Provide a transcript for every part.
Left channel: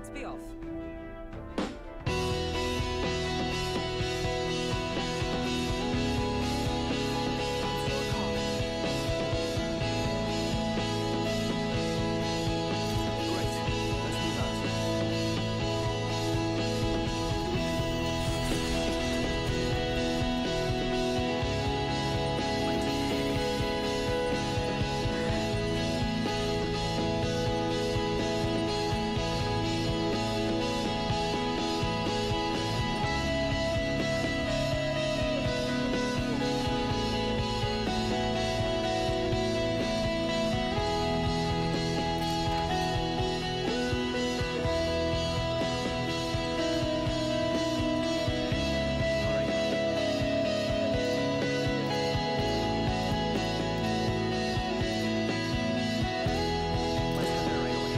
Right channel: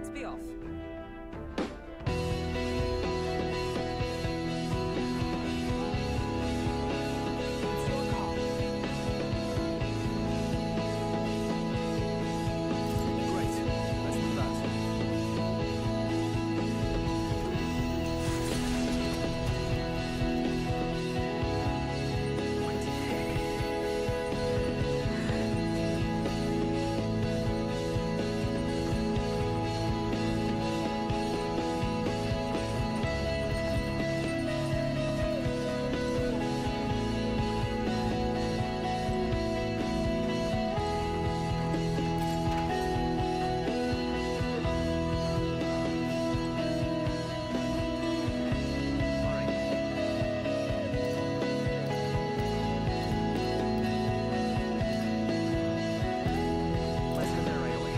Let's be off. It's your call. Great. Let's move out. Let's head there right away.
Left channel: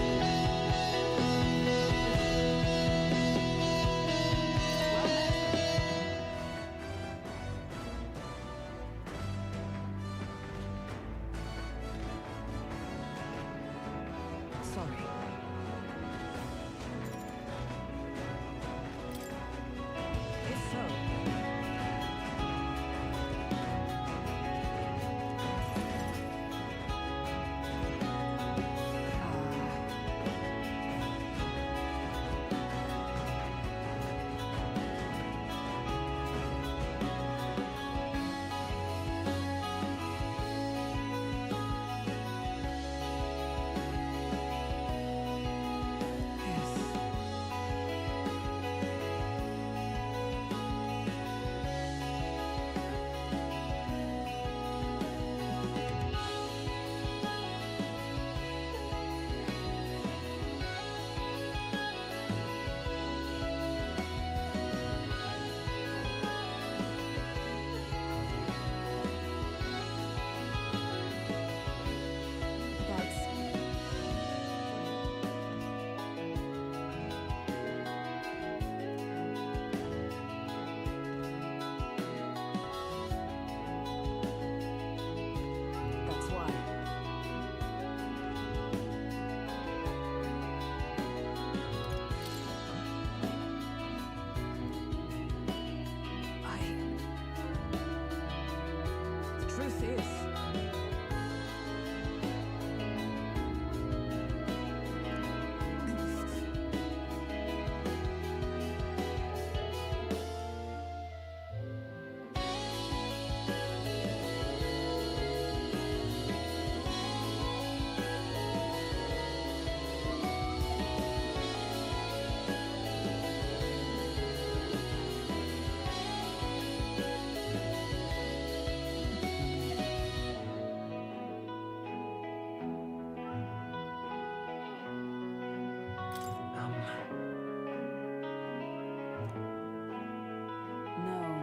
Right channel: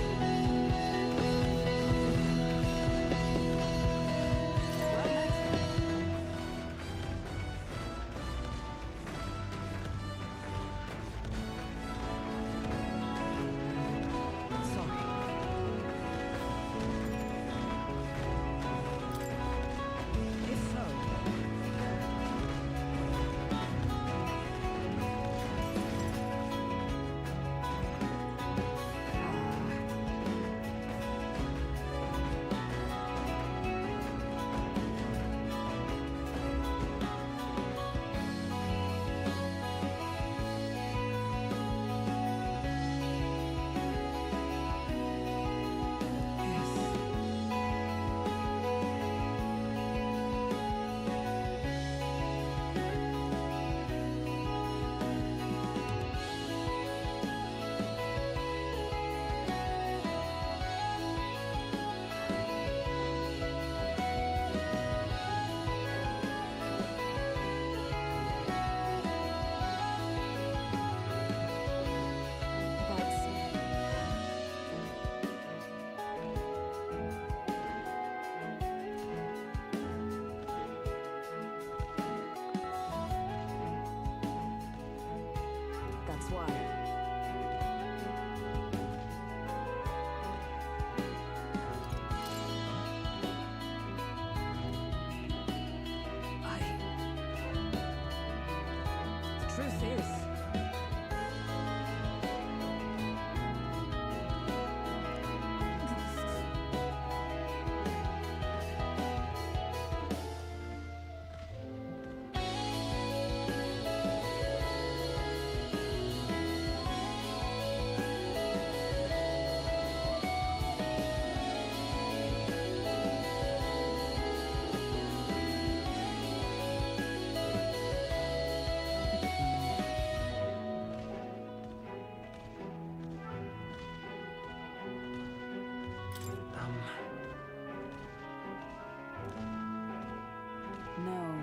Well met. Sorry. If so, yes. But that's why. The truth is, no. No.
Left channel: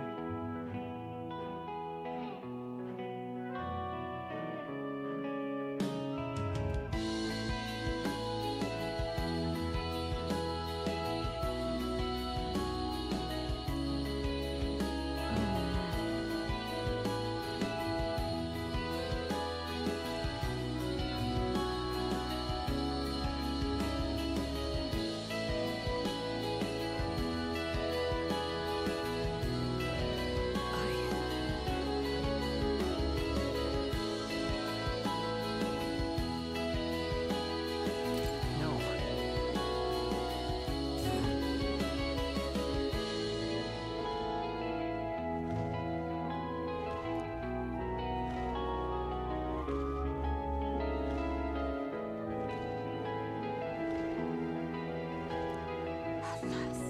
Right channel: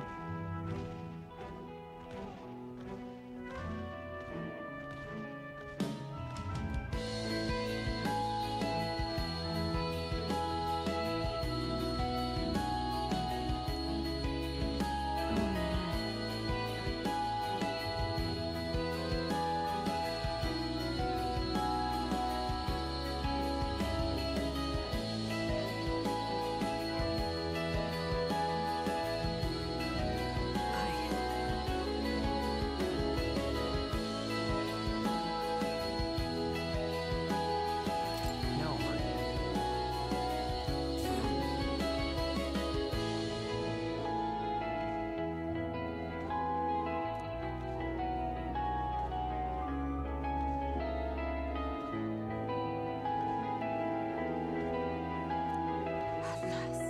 Atlas.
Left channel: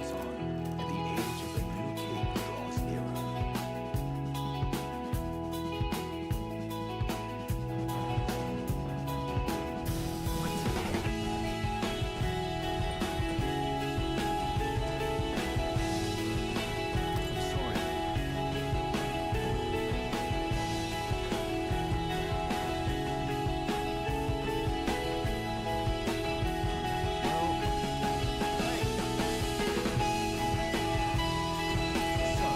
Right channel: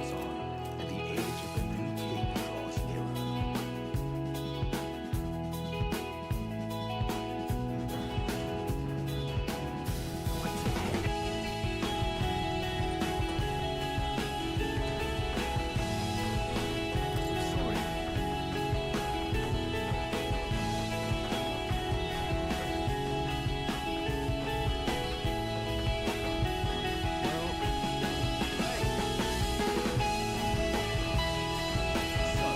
marches on, and the age of a new king draws nearer. What's ahead? I'm sorry. Well, hey. So,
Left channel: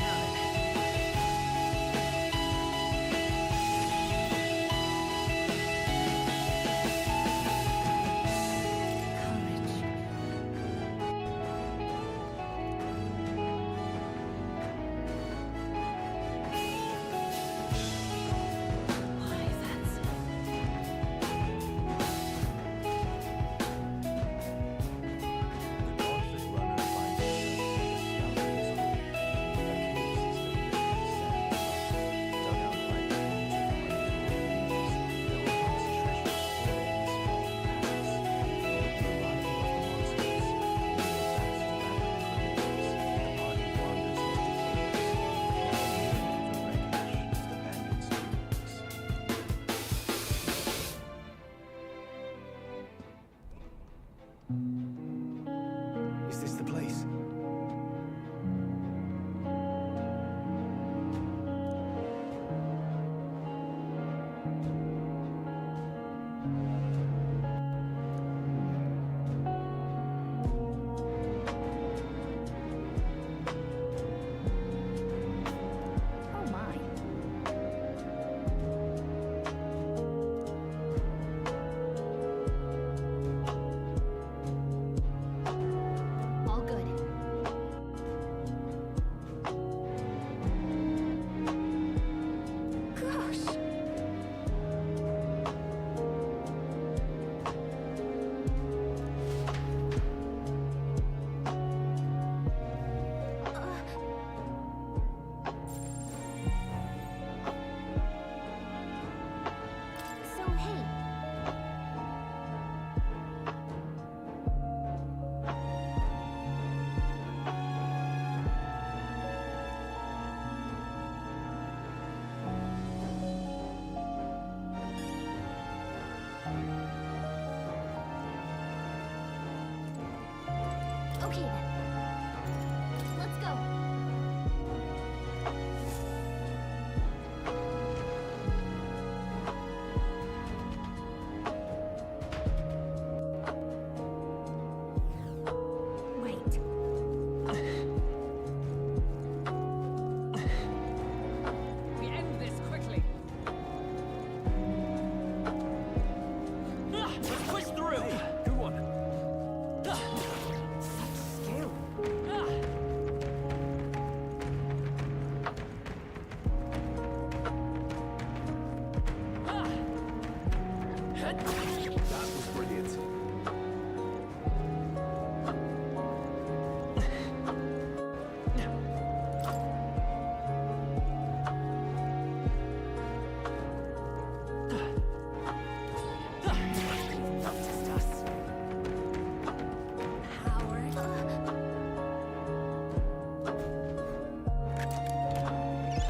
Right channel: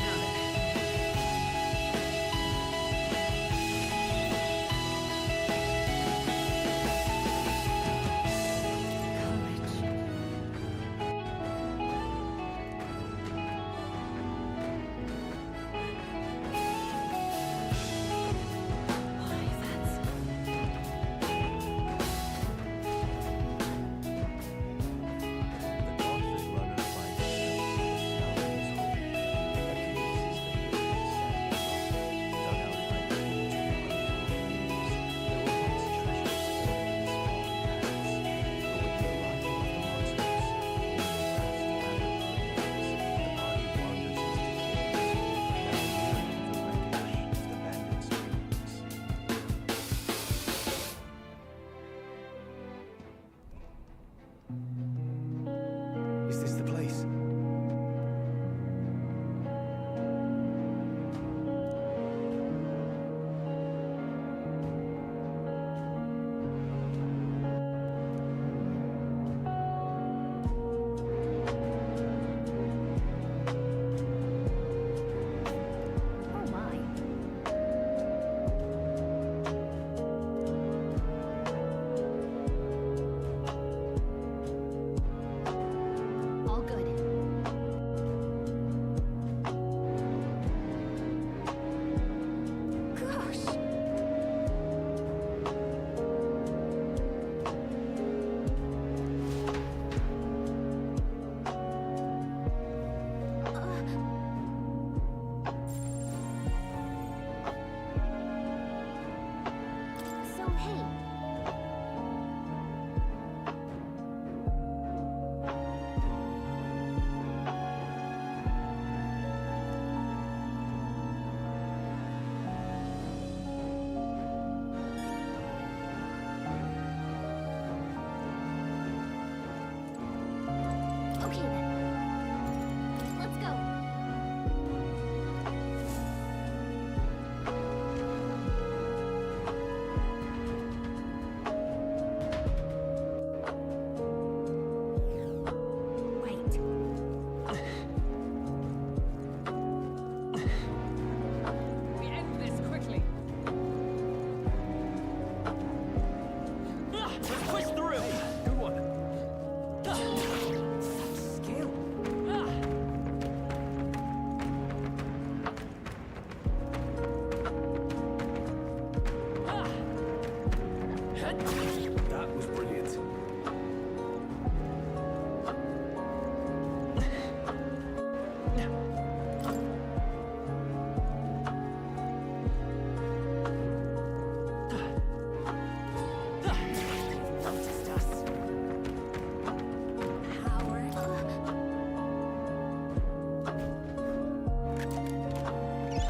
now then. Courage. Why, that's it. The conflict runner finds itself at the Skeleton's home, a cave system built in sand and rock, dug out by millions of untold years. There were once treasures hoarded in these fallen paths, but with the arrival of the monsters, only a vast labyrinth remains. The party wanders into the caves, now merely the wreckage of the bandits' dreams. Is this the place? Oh my. All good. Gosh. So hey. Okay then. Let's go. Wait. We end this quickly. Let's push through! Hey, good one. Such skill. That was brilliant. Just us. Howard.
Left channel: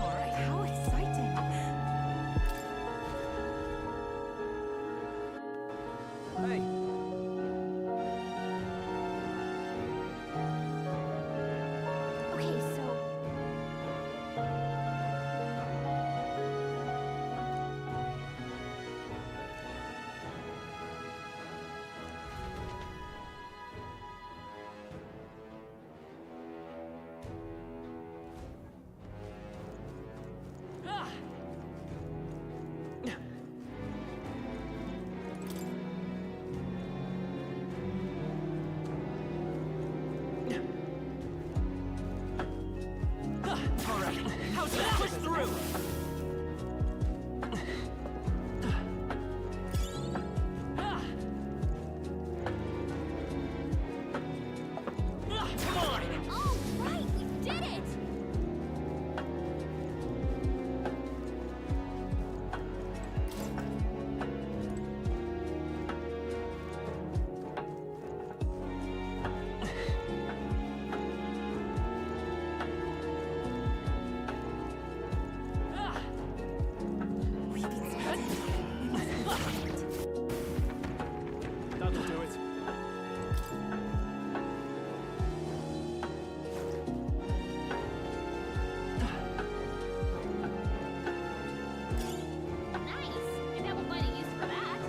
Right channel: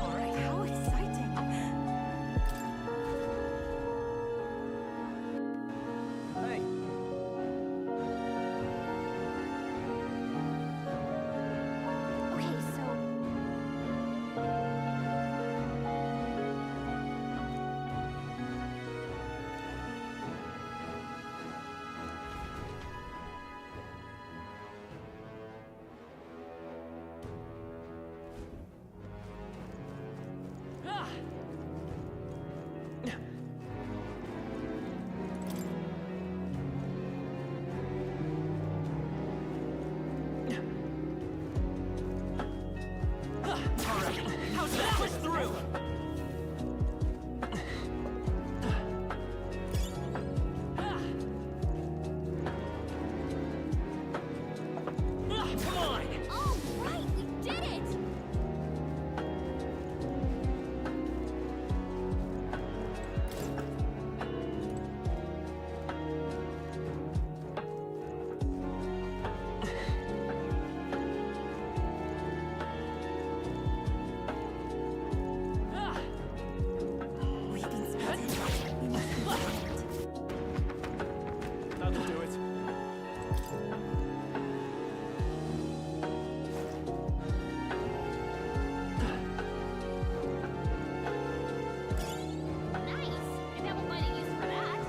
All right, how exciting. Hey, Okay, so That'll do it. Nice! I bet we'll find a use for that.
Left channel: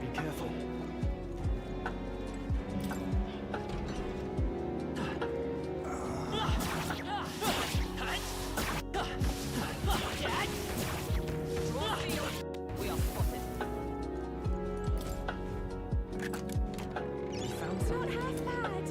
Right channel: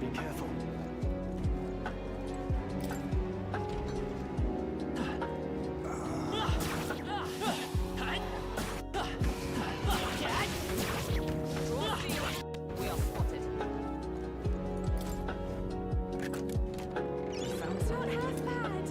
Be careful. We are spotted. We found Not something. half bad.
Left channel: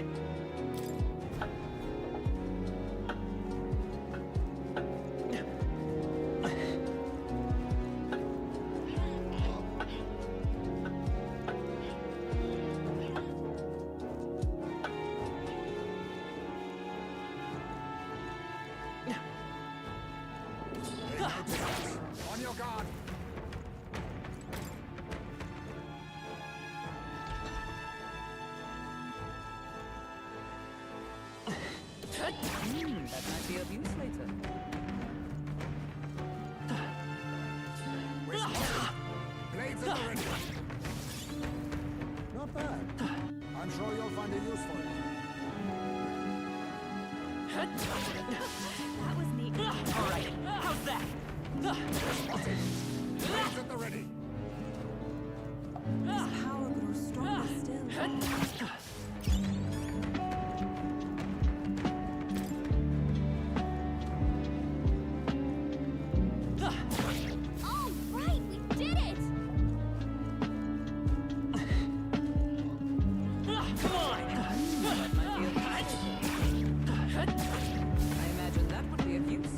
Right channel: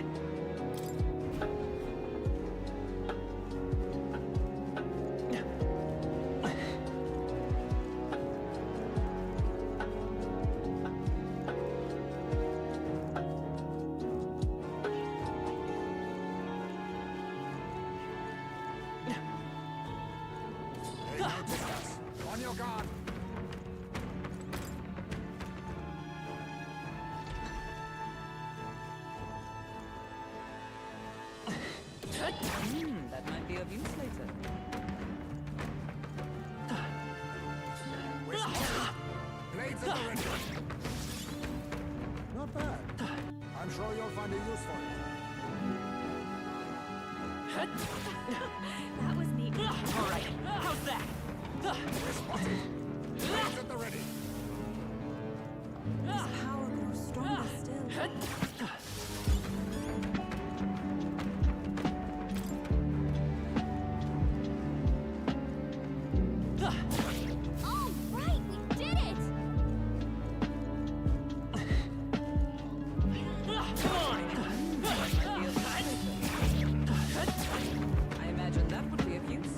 They noticed us. On your guard. That might be of use later. We're spotted. Blades at the ready. Not bad. I'm sure you'll find a use for it. That was neat. All right, how's that? We're spotted. Blades at the ready. His power grows stronger still. All right, we did it! Come on! That might be of use later. I imagine that would be of use.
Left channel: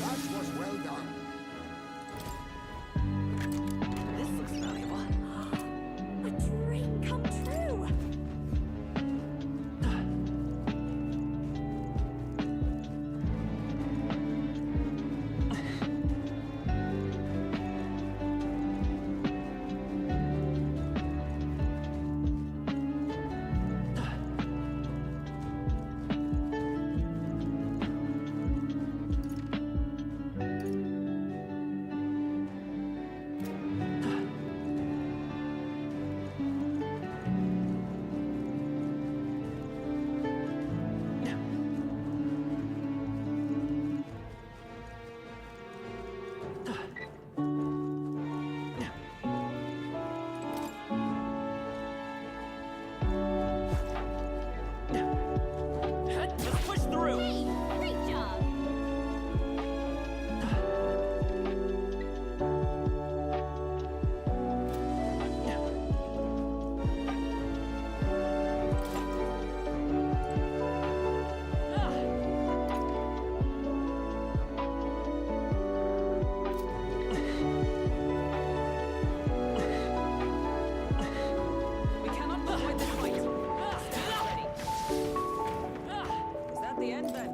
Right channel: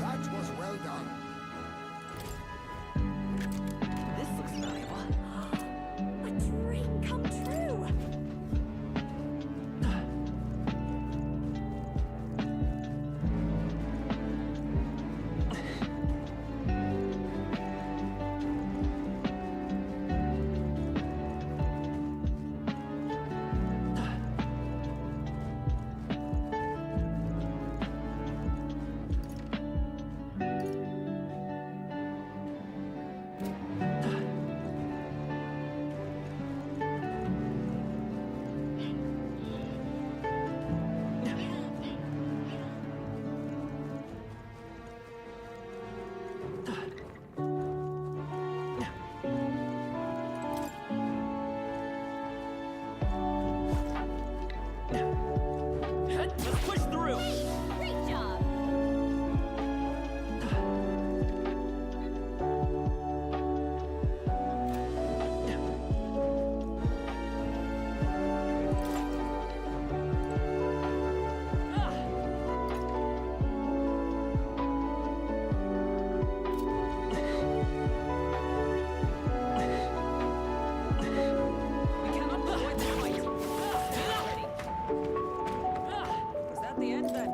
That was well done. This looks valuable. A dream come true! Let's push through! Hey, great job! We cannot avoid this fight. Stand ready. Was that the end then?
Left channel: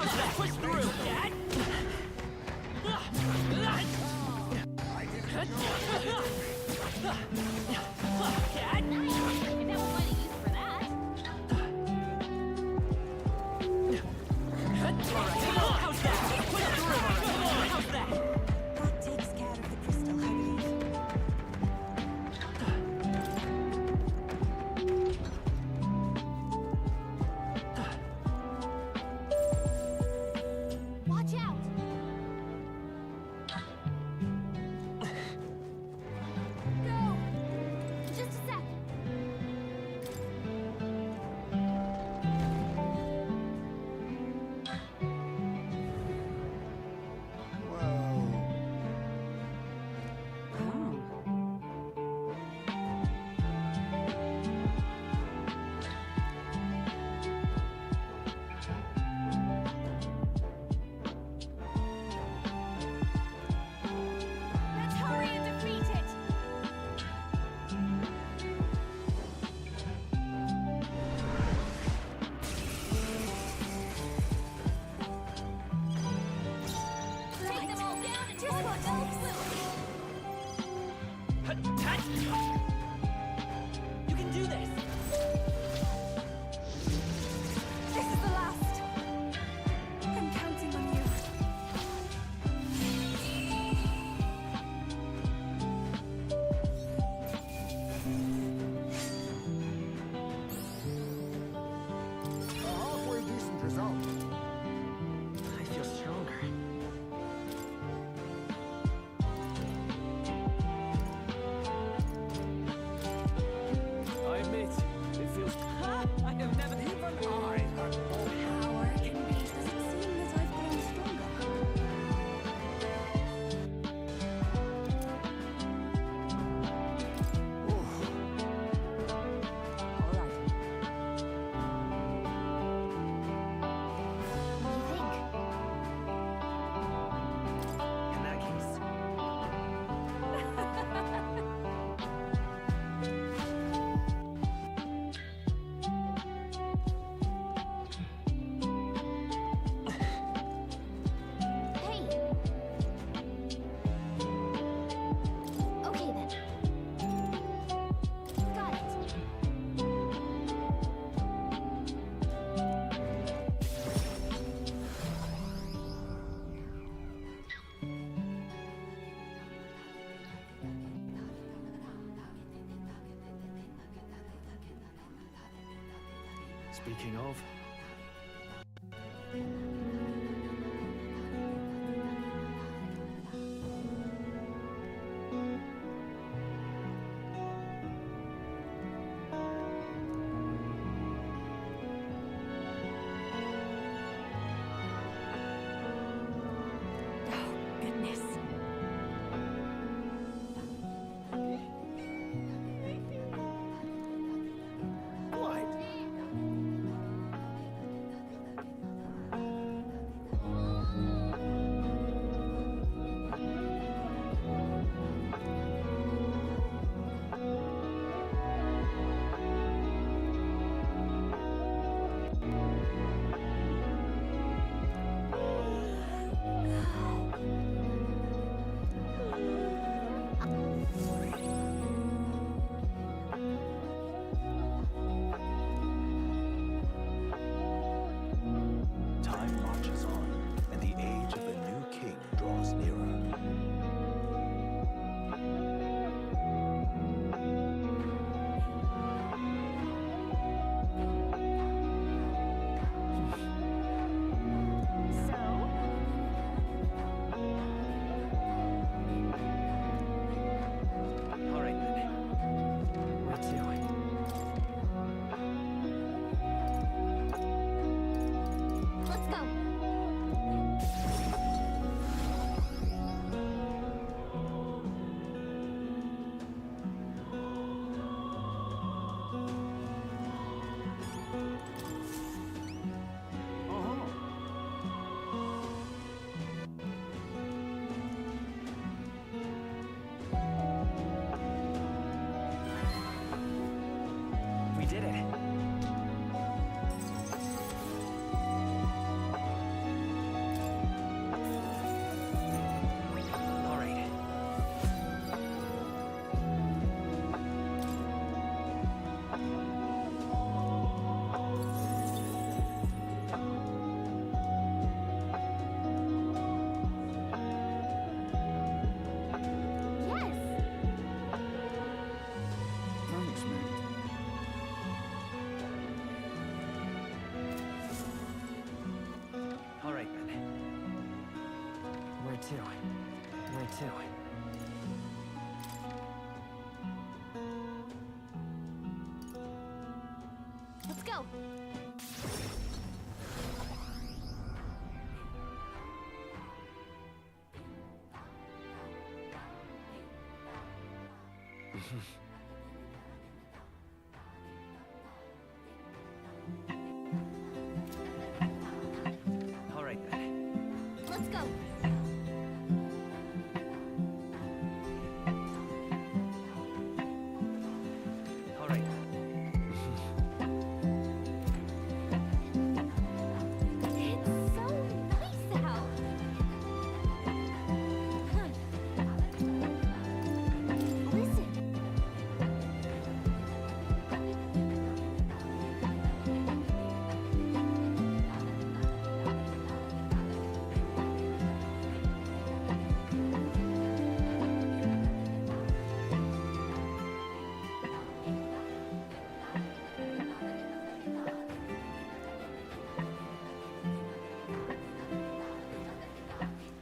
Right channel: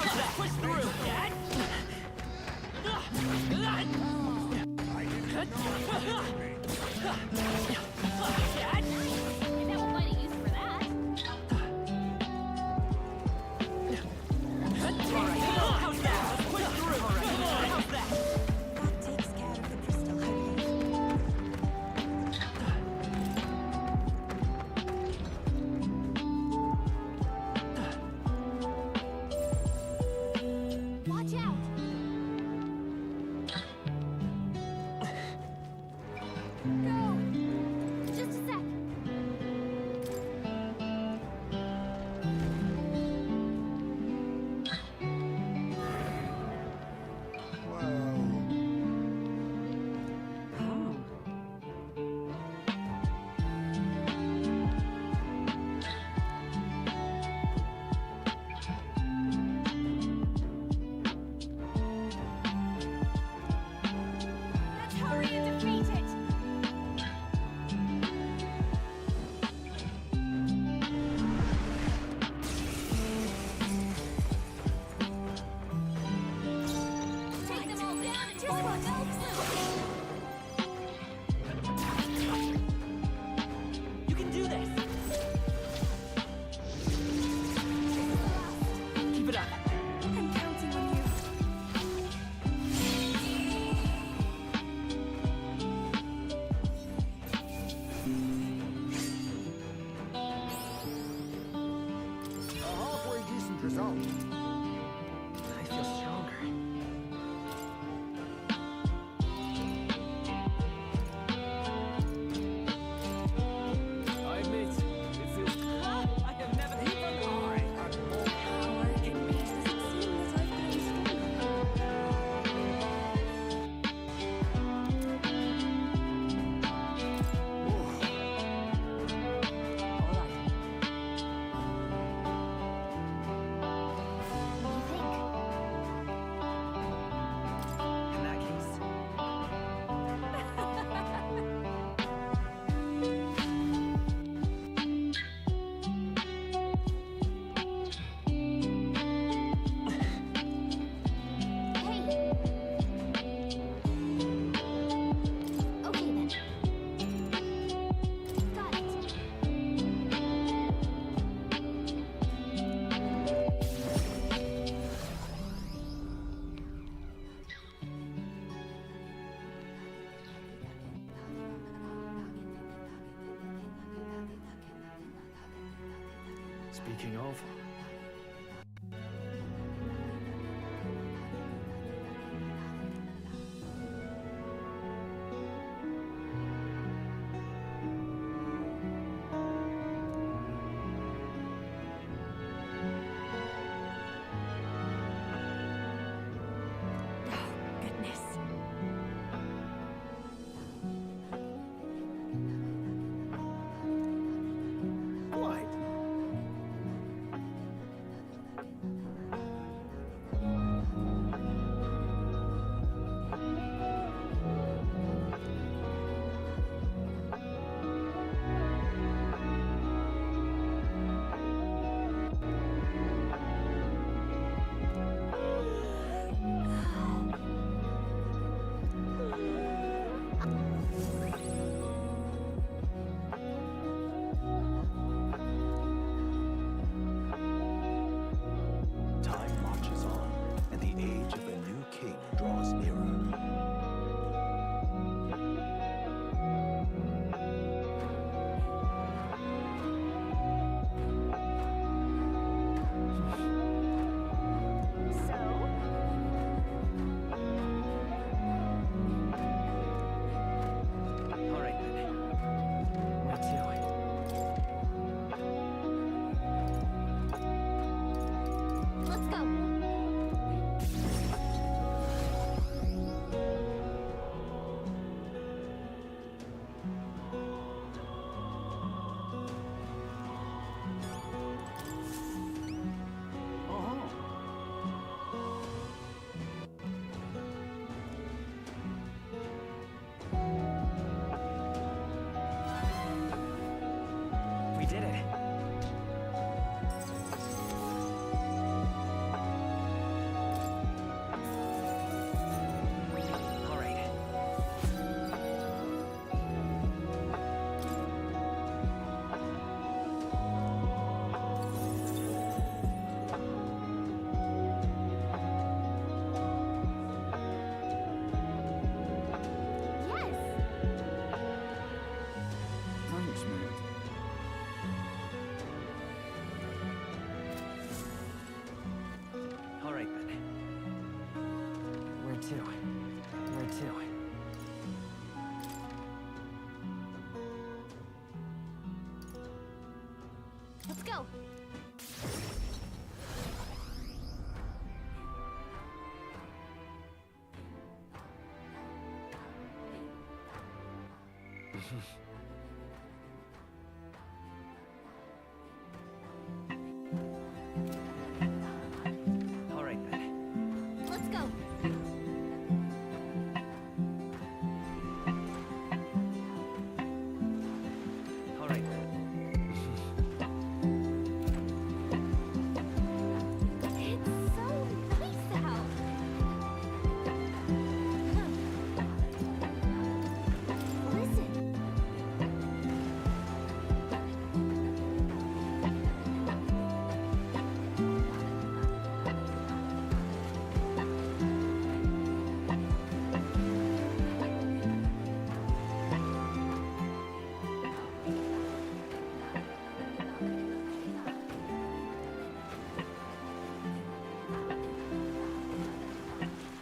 How's that? Push through, Dad! I didn't know it was me. Dad! Nice! If that will find a use for that. Alright, how's that? Let's push through! Come on, how's that? That takes care of the crystal, I believe. Watch out! Go! Just a sec. Well, Oh. Let's hurry and defeat it! Take them all down and just one fell swoop! You can do this! This is the last. Keep it up. I'm counting on you. a halfway decent result. I feel stronger. I admit, it feels... I have never. Even I had more. Power can be. Does it seem that I've grown stronger? Oof. All right. What do you think? In that case... Hey! Okay then. Got it. Speaking of... Oh, goodness. What? Time marches on, and the age of a new king draws nearer. So? All right then. Where to? Let's go. We did it. too. Where to? Let's go. All right then. Let's go. All right then. It's so nice out. Listen.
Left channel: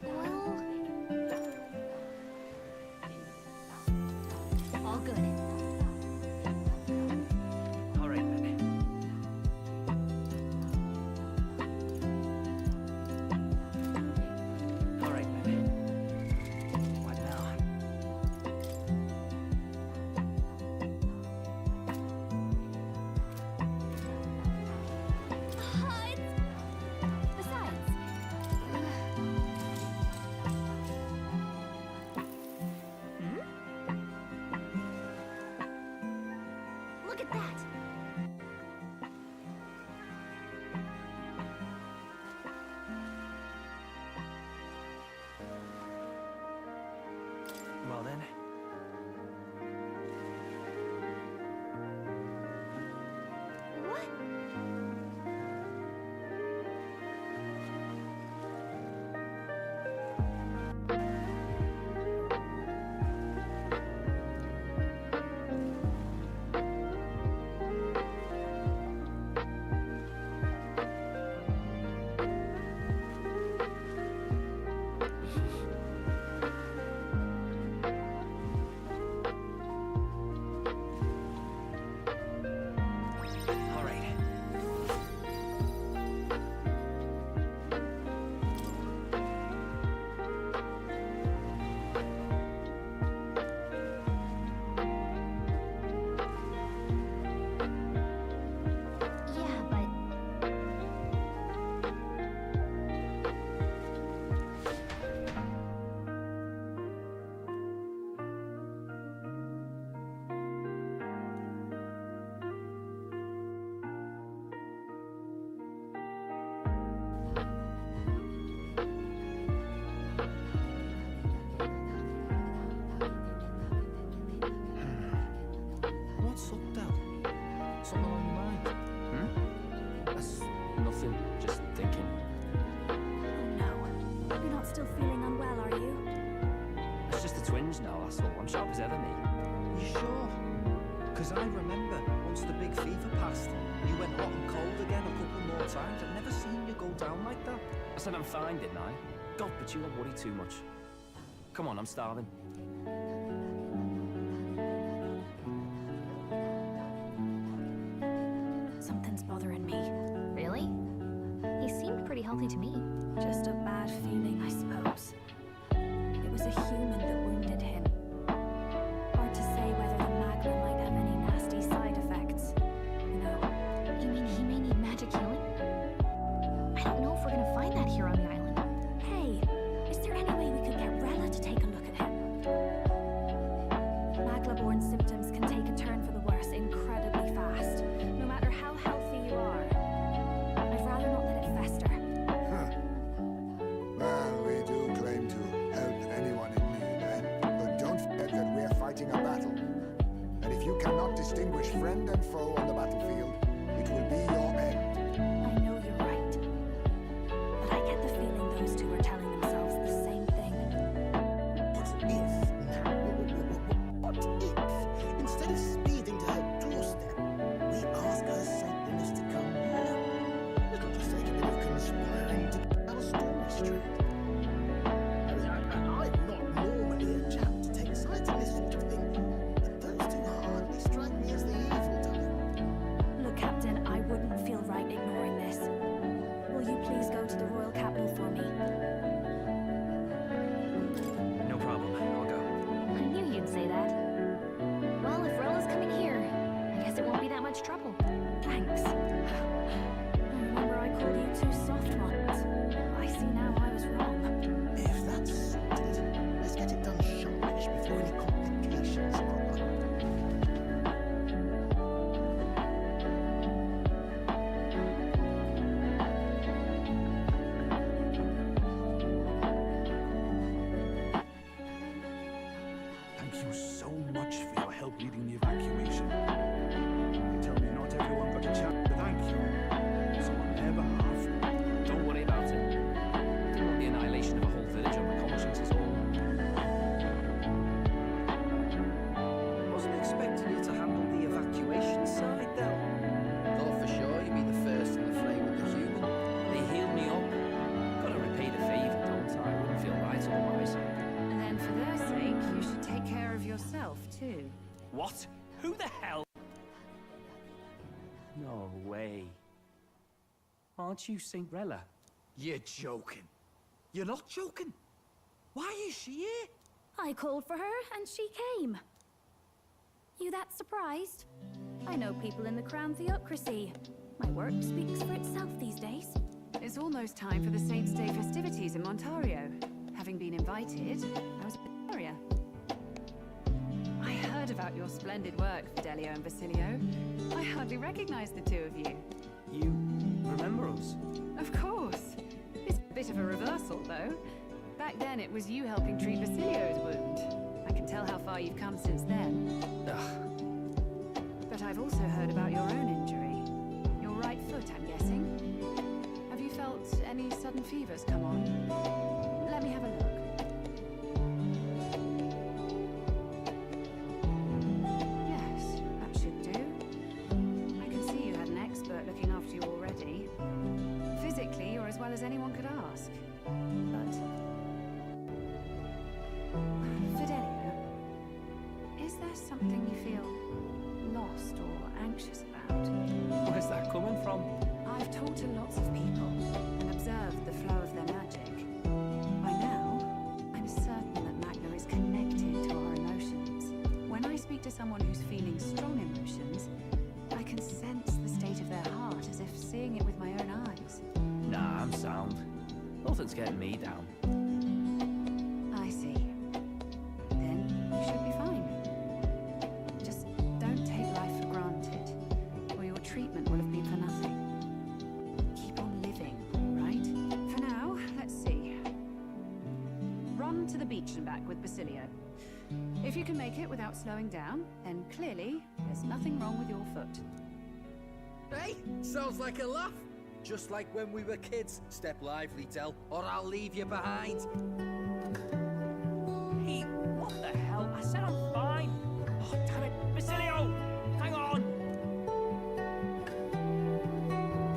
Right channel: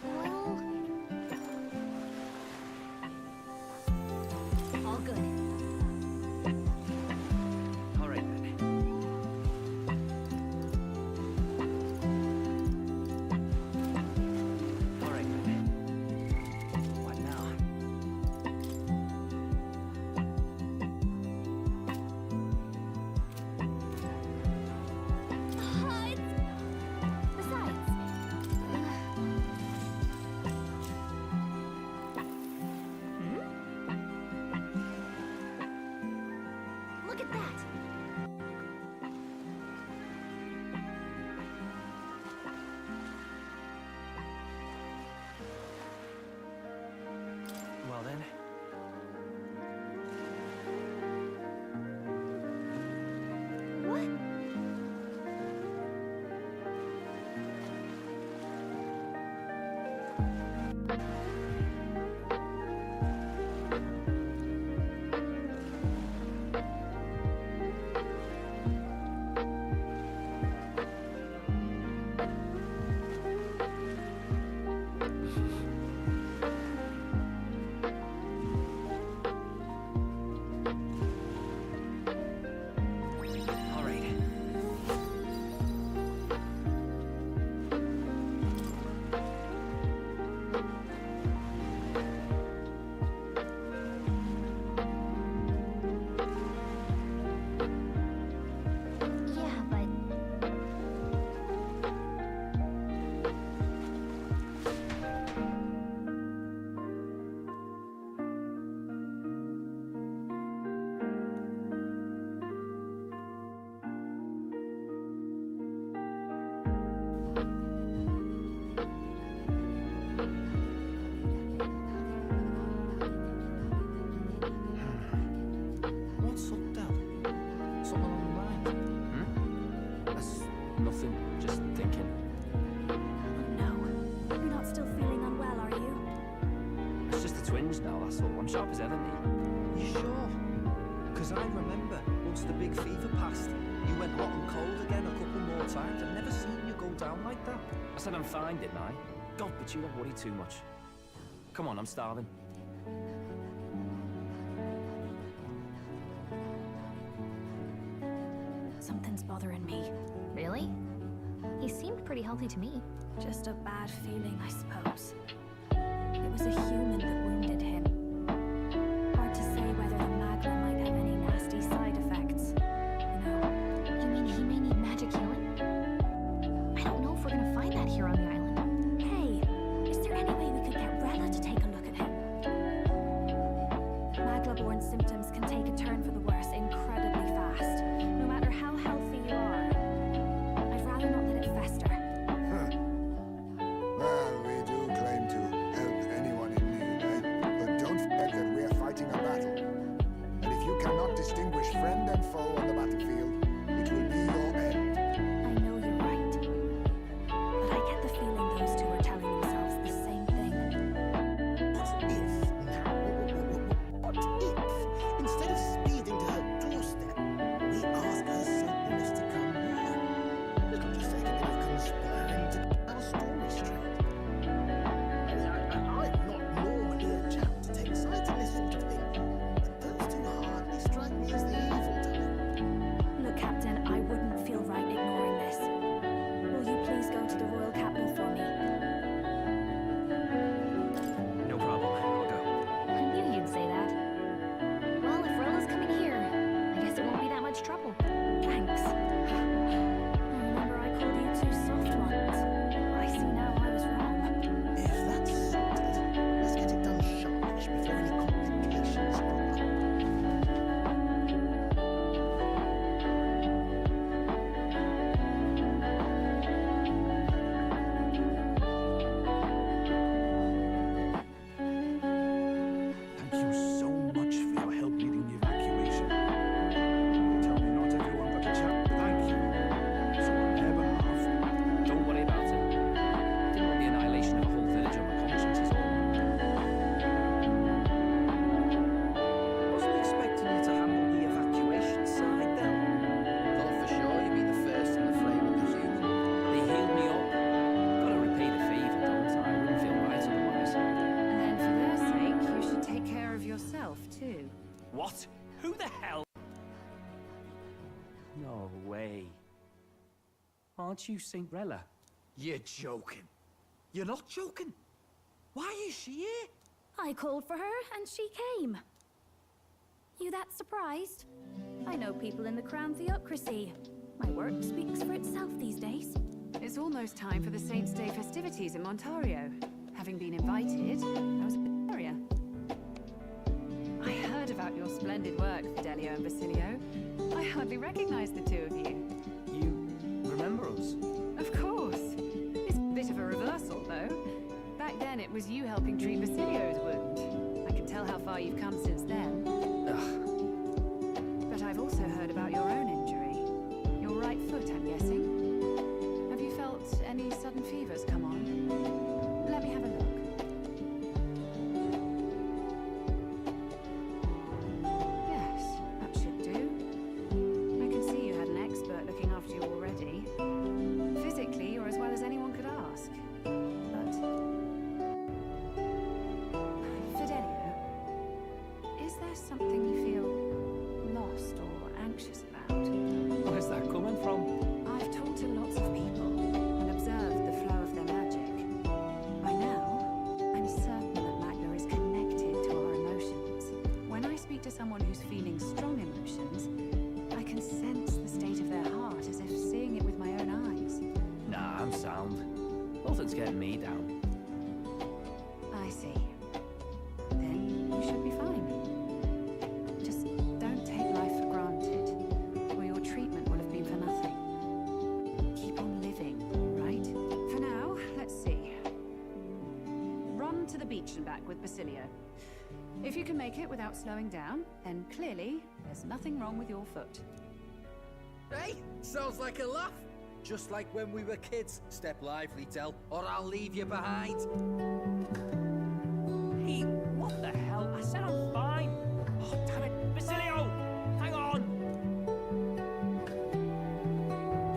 Well, all good. All right then. All right then. What now? Besides, look at that. Well then. What? All right. Yeah, but What's up, Dad? Something on your mind? That's nothing. Just thinking. Oh no. You're not still feeling unwell, are you? It's just the twins now, that's all. I'm sharp as ever, me. You sure? Because I remember once the big fever passed, you went hot and cold again a couple more times. I've never seen you go down like that. I said I'm fine, didn't I? God, but you don't worry too much. Come on, I'm starving. Something's bothering me. really? He seemed pretty healthy to me. Just a bad feeling, I suppose. It was a human that wounded him. Hard to say whether the magma might have any nasty side effects. You know, You mean he may need magic healing? I don't know if we're gonna find that here on the island. hey, is there any way we could get Rella to take a look at him? Magla-borne symptoms can take a turn for the worse incredibly fast, no matter how healthy you are. I'd rather not let it fester. Well, we do claim to help anyone in need, eh? But don't forget that we're fighting a battle. And if you cannot distinguish friend and foe on the battlefield, it will be your end. I know you're right. But I get the feeling those two are telling themselves the same thing. What if now? What if, instead of speeding to her doorstep, we ask her saintliness to come here? It'll just take a bit of conspiring to get our story straight. I mean, I the royal capital for me. No problem. I'll go. I knew you'd say that. Well, if Rolla's coming here, I guess it won't be that much trouble. Thanks. I remember I called you two soft ones. I see now I was wrong. If that's sorted, let's get it done sharpish before any complications crop up. Thank you so much for your help leading the evacuation. They tell me not everyone got a chance to thank you. So on their behalf, Don't worry about it. Didn't want the annihilation of a whole village on my conscience is all. Wasn't expecting you to handle the evacuation side, though. Thought for sure you'd be the first in the fray with the human. They healed me up. Gotta repay the favour, don't I? I wouldn't feel right otherwise. And then for their sake, you should take care of yourself, too. What? Who the hell? No way. Aren't you Saint Rella? You're joking. You're not joking. Why is she here? I called for her and she came. You that surprised? I know people in the Crown theocracy. My work speaks for itself these days. It's almost time for the Saints' Day festivities in Montario. Having been invited, I was in the area. I heard about your splendid work, Fidelio and Basilio. I hardly recognize the two of you. You remember us? Of course. It's a bit of a reversal, though. Back then, it was you helping treat Basilio's wound. I can tell how far you've come since then. Ugh. But I've also heard about your own injury. Your right foot, I'm guessing. Have you felt any sudden fevers come on? Let me have a look. Yes, that should do. I can see you had an expert looking after you already. Physically, you're as well as anyone could ask. But... Fidelio, is there something you feel lost or anxious about? Where's that coming from? I've talked to lots of people and observed the flow of their magic. By now, I'm certain that Magna is connected to our emotions. When I speak to someone who's feeling strong emotions, I can sense the state of their heart as if seeing it with my own eyes. Nah, I'm sound. Nothing's getting me down. I see. Then you should be fine. Just don't take life for granted, or your treatment will have been for nothing. Keep on living, right? For now, let's see. Run to the beach and back with Basilio. If you can make it without slowing down, then clearly there's nothing wrong with your foot. Hey, sounds like a laugh. Just like when we were kids. Step lively, Del, or I'll leave you behind. Hey, what the hell? I said I'm fine. Oh, damn it. Basilio! Hang on!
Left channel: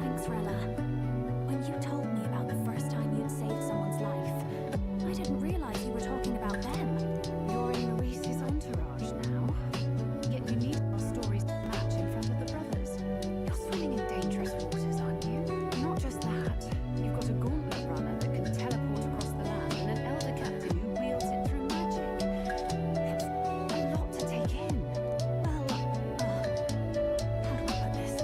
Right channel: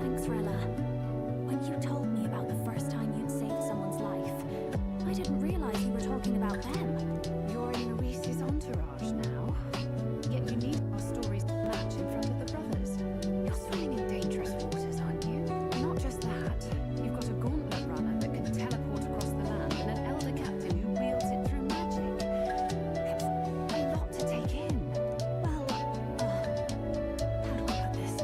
Thanks, Rella. When you told me about the first time you'd saved someone's life, I didn't realize you were talking about them. You're in Maurice's entourage now. Yet you need our stories to match in front of the brothers. You're swimming in dangerous waters, aren't you? Not just that. You've got a gauntlet runner that can teleport across the land and an elder captain who wields it through magic. It's a lot to take in. Well, how do I put this?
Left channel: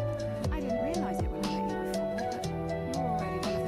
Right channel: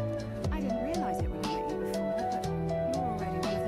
I didn't realize it when I met you before, but you're already one of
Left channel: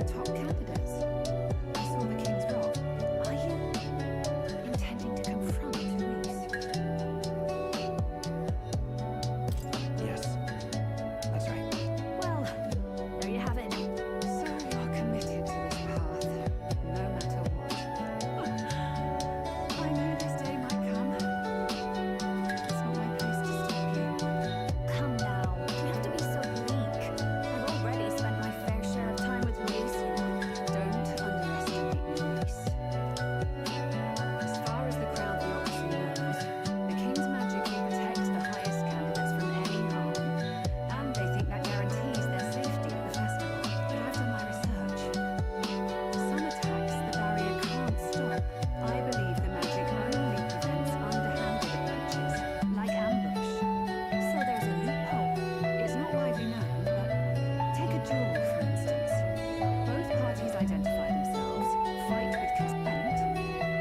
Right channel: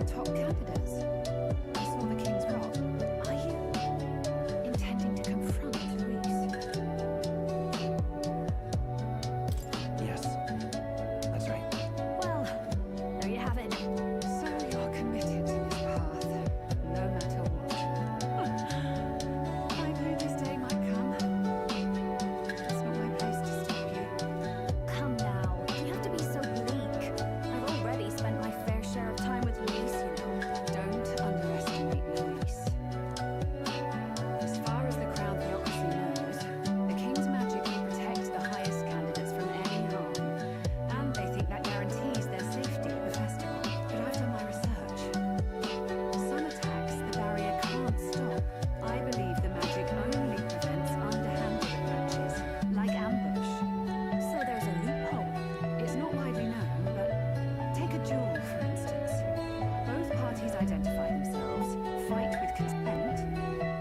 identify themselves, fight with consent,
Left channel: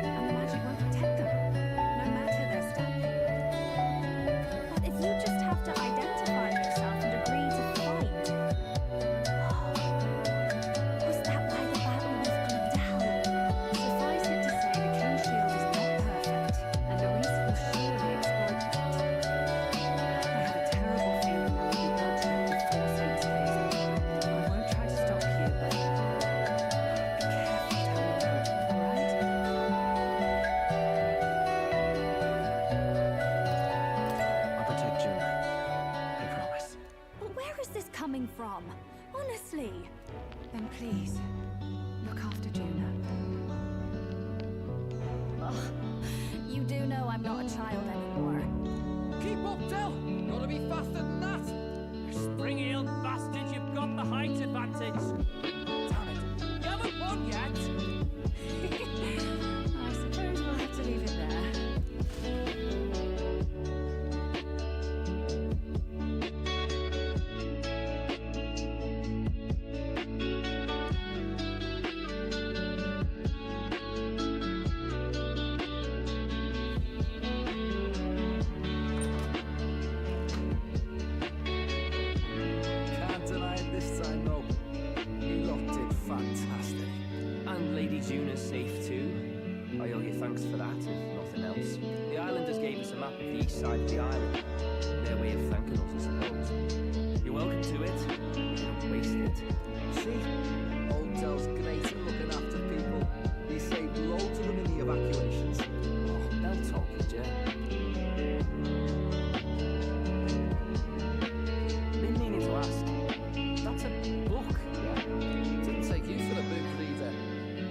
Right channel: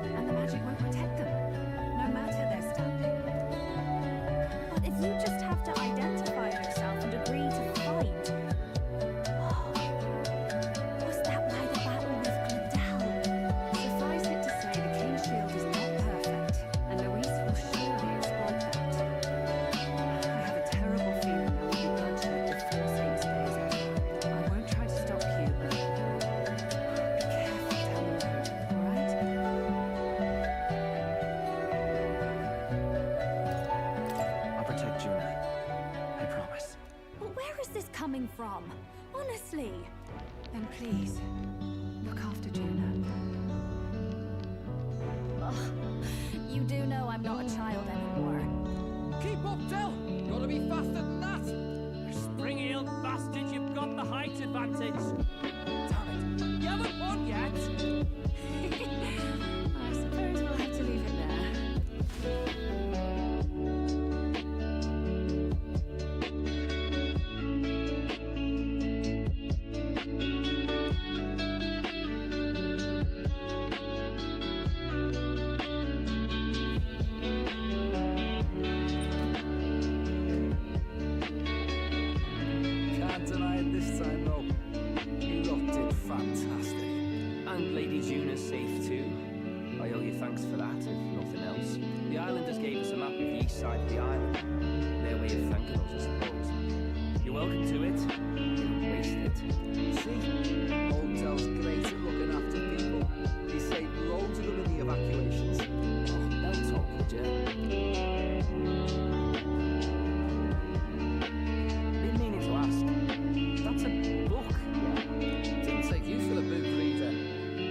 and the magic won't protect them, no matter their standing. But if you just have to identify yourself and agree to fight. Was that why the battle with Glendale? Suffice it to say, the King's Shield is not perfect, and Luis will surely exploit that. I have a terrible feeling there will be bloodshed before Saint's Day is over. I won't try to stop you, but be careful down the road, all right? I'll protect Juna. I promise. But where is this coming from? Honestly. Then please, look after Juna. Ugh. You do know I'm not a child anymore. Keep up, Del! Gotta be faster than that! You spring-heeled bastard, you've got the height advantage. Damn it, you haven't won yet. I suppose we'll have to leave it there. Can't deny it this time, though. You lot did fantastic. And Lady Juna's safe too. I owe you thanks for that, if nothing else. The islanders gave us a map of the east side of the island. Their way of thanking us, I suppose. You're welcome to it. You don't waste it. See? Old Del's great at looking after people. He saved loads of them in the evacuations. Oh, they'll talk, would you? Been meaning to ask. That's a book, yeah? Didn't take you for the book reader.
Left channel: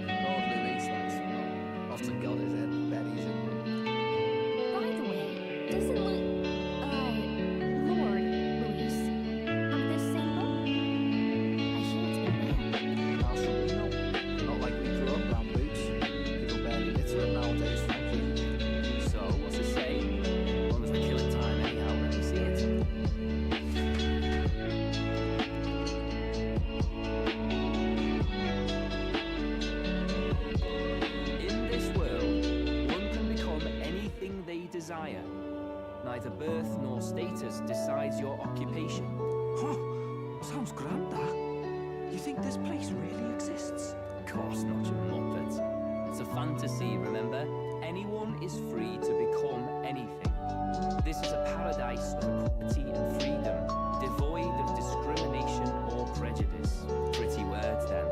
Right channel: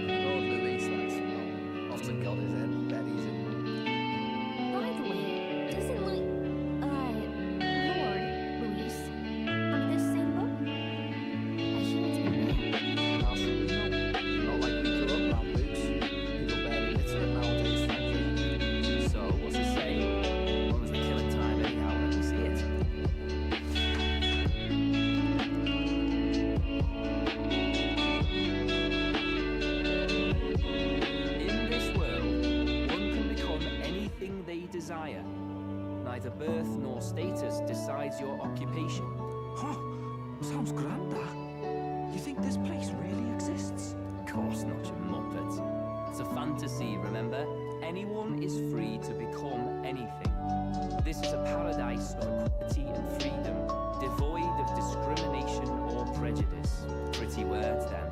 Lord Louis likes to know. Often got his head buried in. By the way, doesn't Lord Luis have this same book? I hear it's been banned. Possibly no. Not like we grew up around books. People barely literate nowadays, frankly. So, what's it say? As long as we're killing time anyhow, let me see it. In this world, one can become anything they desire. Neither birth nor status decides your occupation. Huh? Sounds grand, that. You think this place really exists? Of course not, you muppet. It's a fantasy, remember? Anyone is free to become anything. This is a paradise of equality and freedom, devoid of discrimination or prejudice. Pretty words, then.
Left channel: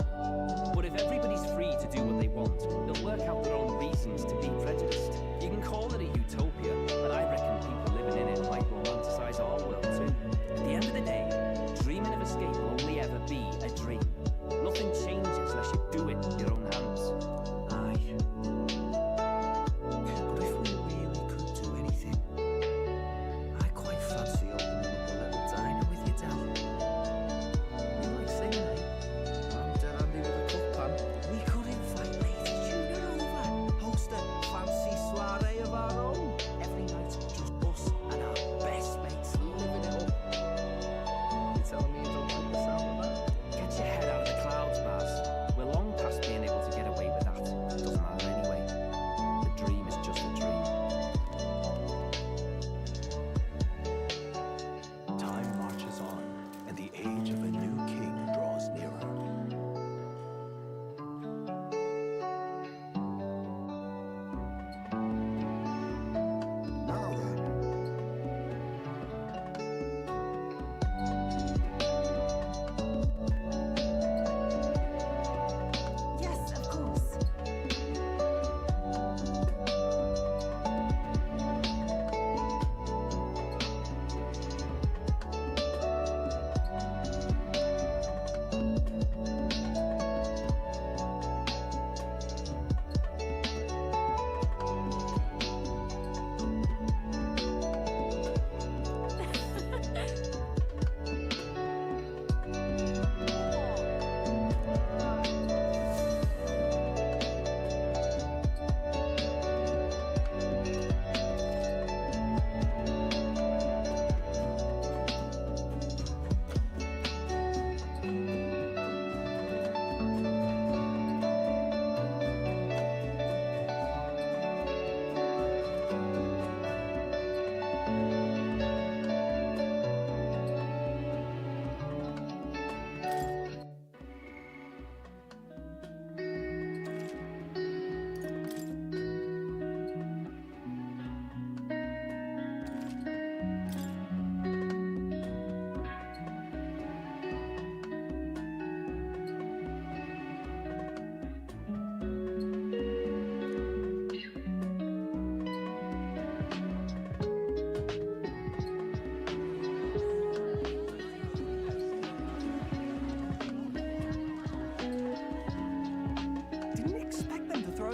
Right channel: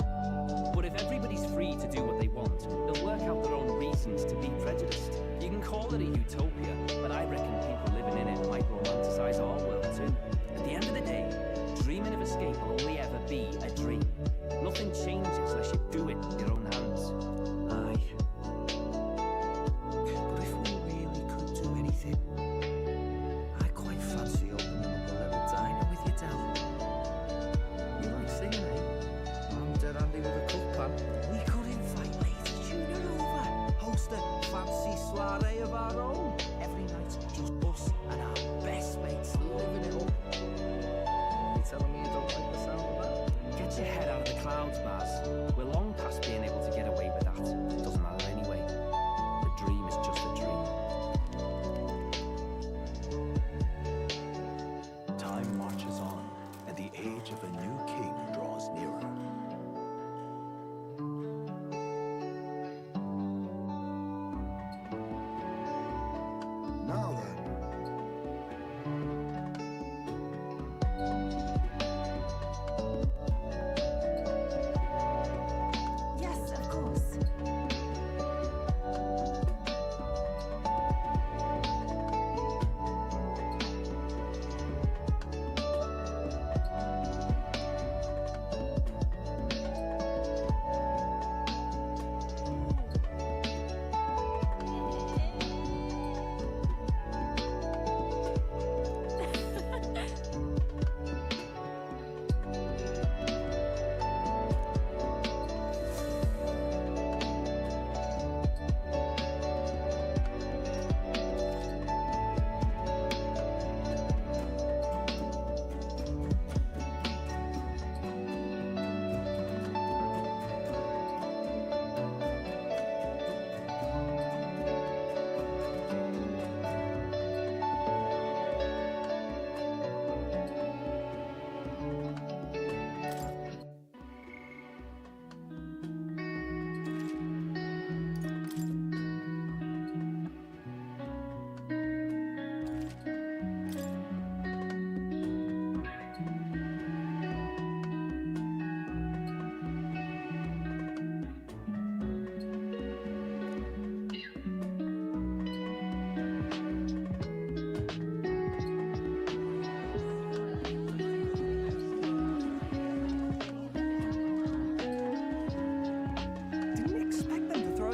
But if everybody's free to do what they want, they'll work out their own reasons to be prejudiced. You can call it a utopia, but I reckon people living in it might romanticize our world too. At the end of the day, dreaming of escape will only ever be a dream. Nothing changes unless you do it with your own hands. Aye. But if we really could do anything, I quite fancy opening up a little diner with you, Del. You like singing, eh? I'm dead handy with a cook pan. We could invite Lady Juna over, host a fancy soiree of our own. Every night, just us and our best mates living it up. You telling me you don't like the sound of that? Get your head out of the clouds, Baz. We're long past being able to get away with that. Doesn't matter anyway. The dream is just a dream. Time marches on, and the age of a new king draws nearer. Now then, Yes, of course.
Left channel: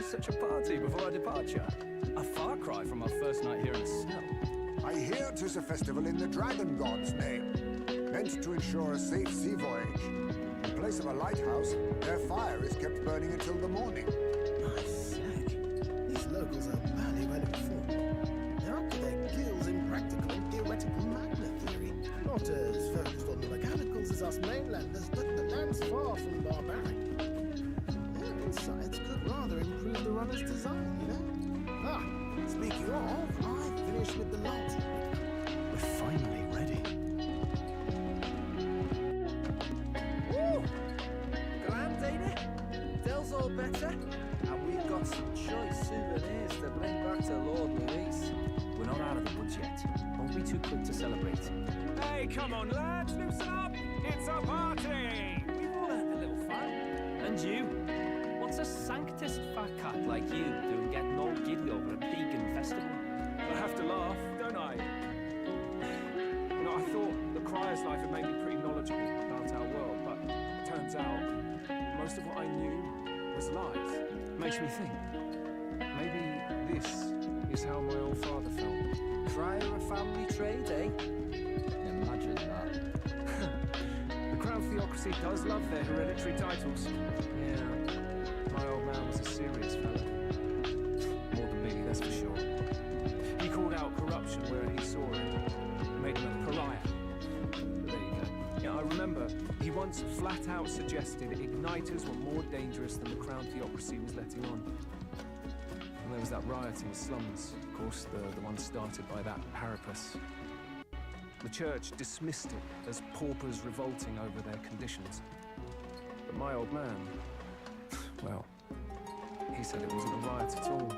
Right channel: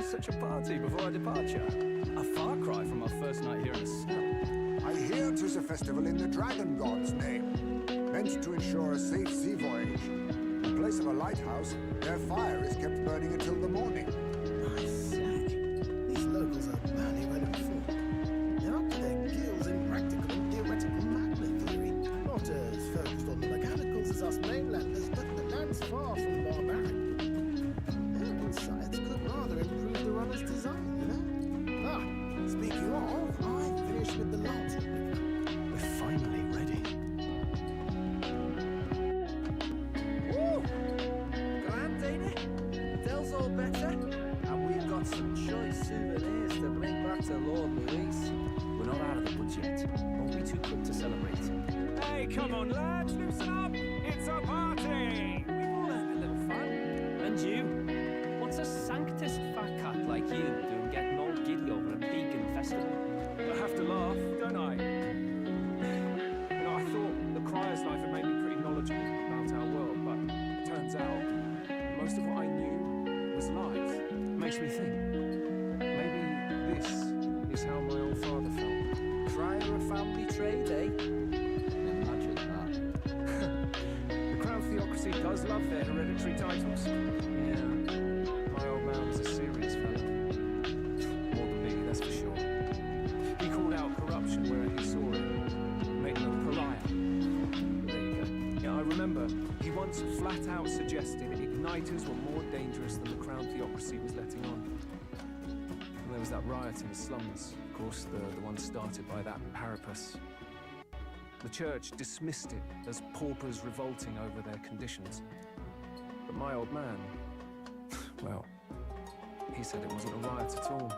was such a party before our departure. A far cry from our first night here in a cell. I hear 'tis a festival in the dragon god's name, meant to ensure a safe sea voyage. In place of a lighthouse, their fire is kept burning until the morning. I say, these locals are badly well informed. They're up to their gills in practical and theoretical magna theory. Not as focused on the mechanicals as us mainlanders, but the land's far from barbaric. Their insights could rather improve the runner's design, you know? Ah, speaking of, I finished with the last replica. We're finally ready. Woo! Grand, ain't it? Dell's all better. And we've got some choice souvenirs to bring back to Lord Luis. We're not out of the woods yet. Don't be too quick to celebrate. Hey, come on, lads, loosen up! It's a party! We've all had a little fun. And you? What's a sanctist fat cat like you doing getting all giddy over a pagan festival? I have to laugh, don't I? You know, I thought the Crier's life had made me pretty knowledgeable about our world, but it turns out most of what I knew was lies. Makes me think, maybe this is how my old father felt. Crier a family trade, eh? Imagine that. The Crown Theocracy does love their hereditary titles. Yeah, my old man was a serious fella. More than me, that's for sure. He called out corruption where he saw it. Made him a pariah. But there you go. Yeah, I remember he once flat out suggested igniters were more dangerous than the Crown Theocracy was letting on. And there was that riot in the slums, of course, the one started by that Parapus. The church dismissed it as paupers revolting over their conditions. But my old man, well, he said it wasn't a riot at all.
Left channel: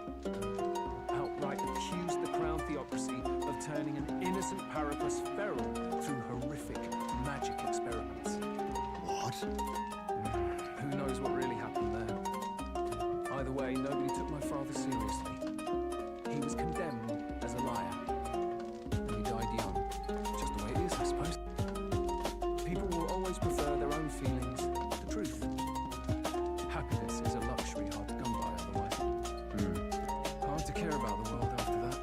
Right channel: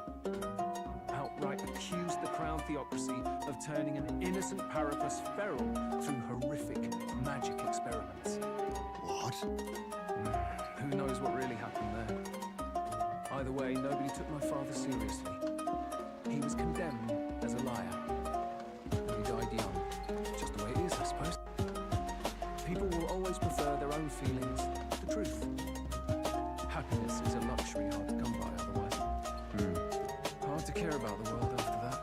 Outright accused the Crown Theocracy of turning an innocent Parapus feral through horrific magic experiments. What? Who knows what really happened there? Either way, nobody took my father seriously. He was condemned as a liar, and he died young. Just the way it is, I suppose. People will always prefer their own feelings to truth. Happiness is a luxury hard to come by otherwise. Hard to care about the world after that.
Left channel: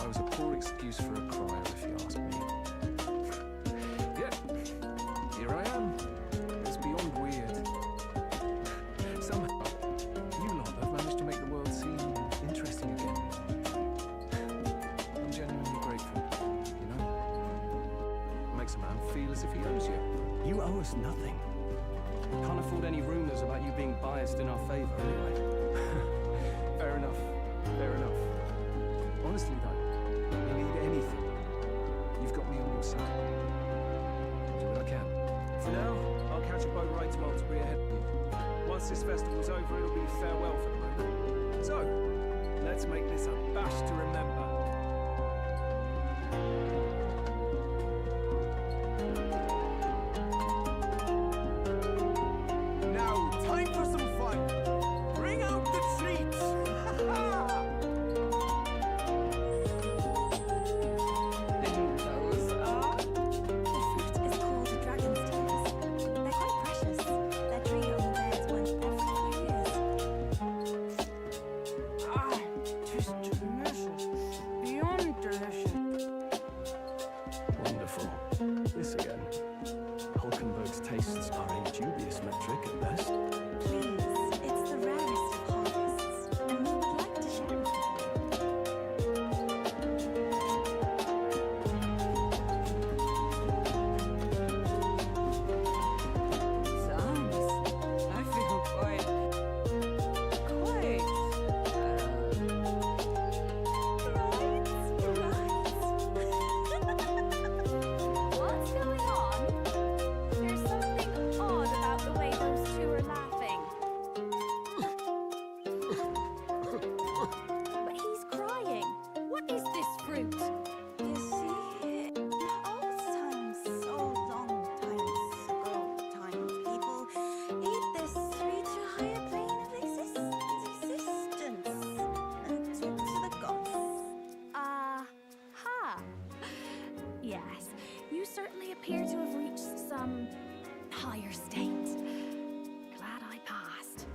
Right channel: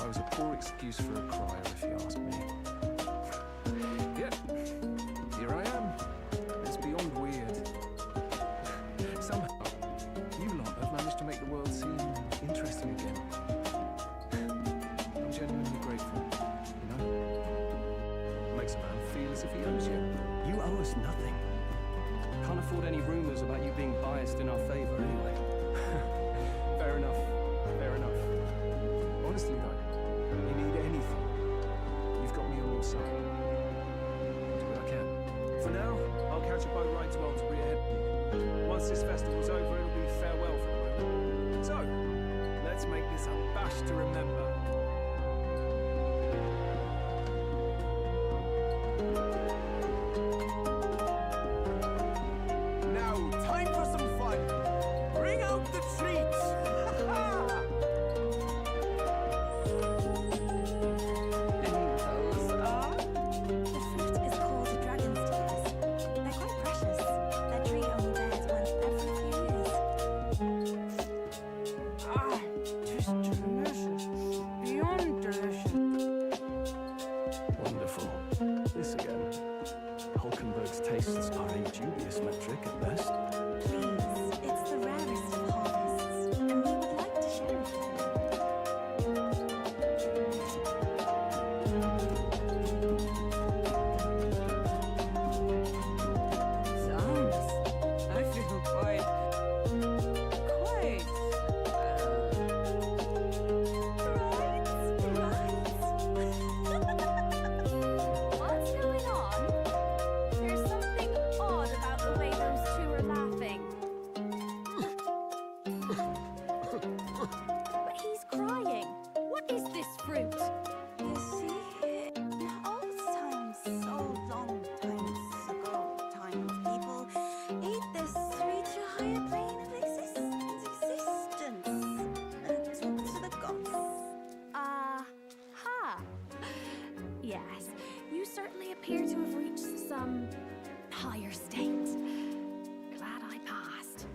I was a poor excuse for a crier, if you ask me. Yet, here I am. It's beyond weird. Somehow, you lot have managed to make the world seem interesting again. I'm genuinely grateful, you know? Makes a man feel as if he owes you. You owe us nothing. Can't afford any rumors about you being biased in our favor anyway. Fair enough. Fair enough. Honestly, though, you need anything, you've got me on your side. I'll do what I can. For now, I'll catch a boat ride to Alderbury ahead of you. Once this festival's over, it'll be farewell for the moment. So, let's make this a bash to remember. Now, time for some fun. Bring out the treats. And those are? The fruit is called dragon's tears. They're quite precious. Their tree only bears one every few years. Ah, just delicious. Beyond delicious. Wonderful. This again. Hulkenberg's tastes are a dubious metric at best. Please, it's the rarest of harvests, and we would like to share it with Sounds. I feel quite. What's going on? There's something odd about the way those two are laughing. But he's crying. What is this fruit? You see, in old times, so long times ago, people ate this to reach a higher plane of existence and talk to the gods. Aha! Yes, you certainly appear to have reached some higher state. Glad I passed.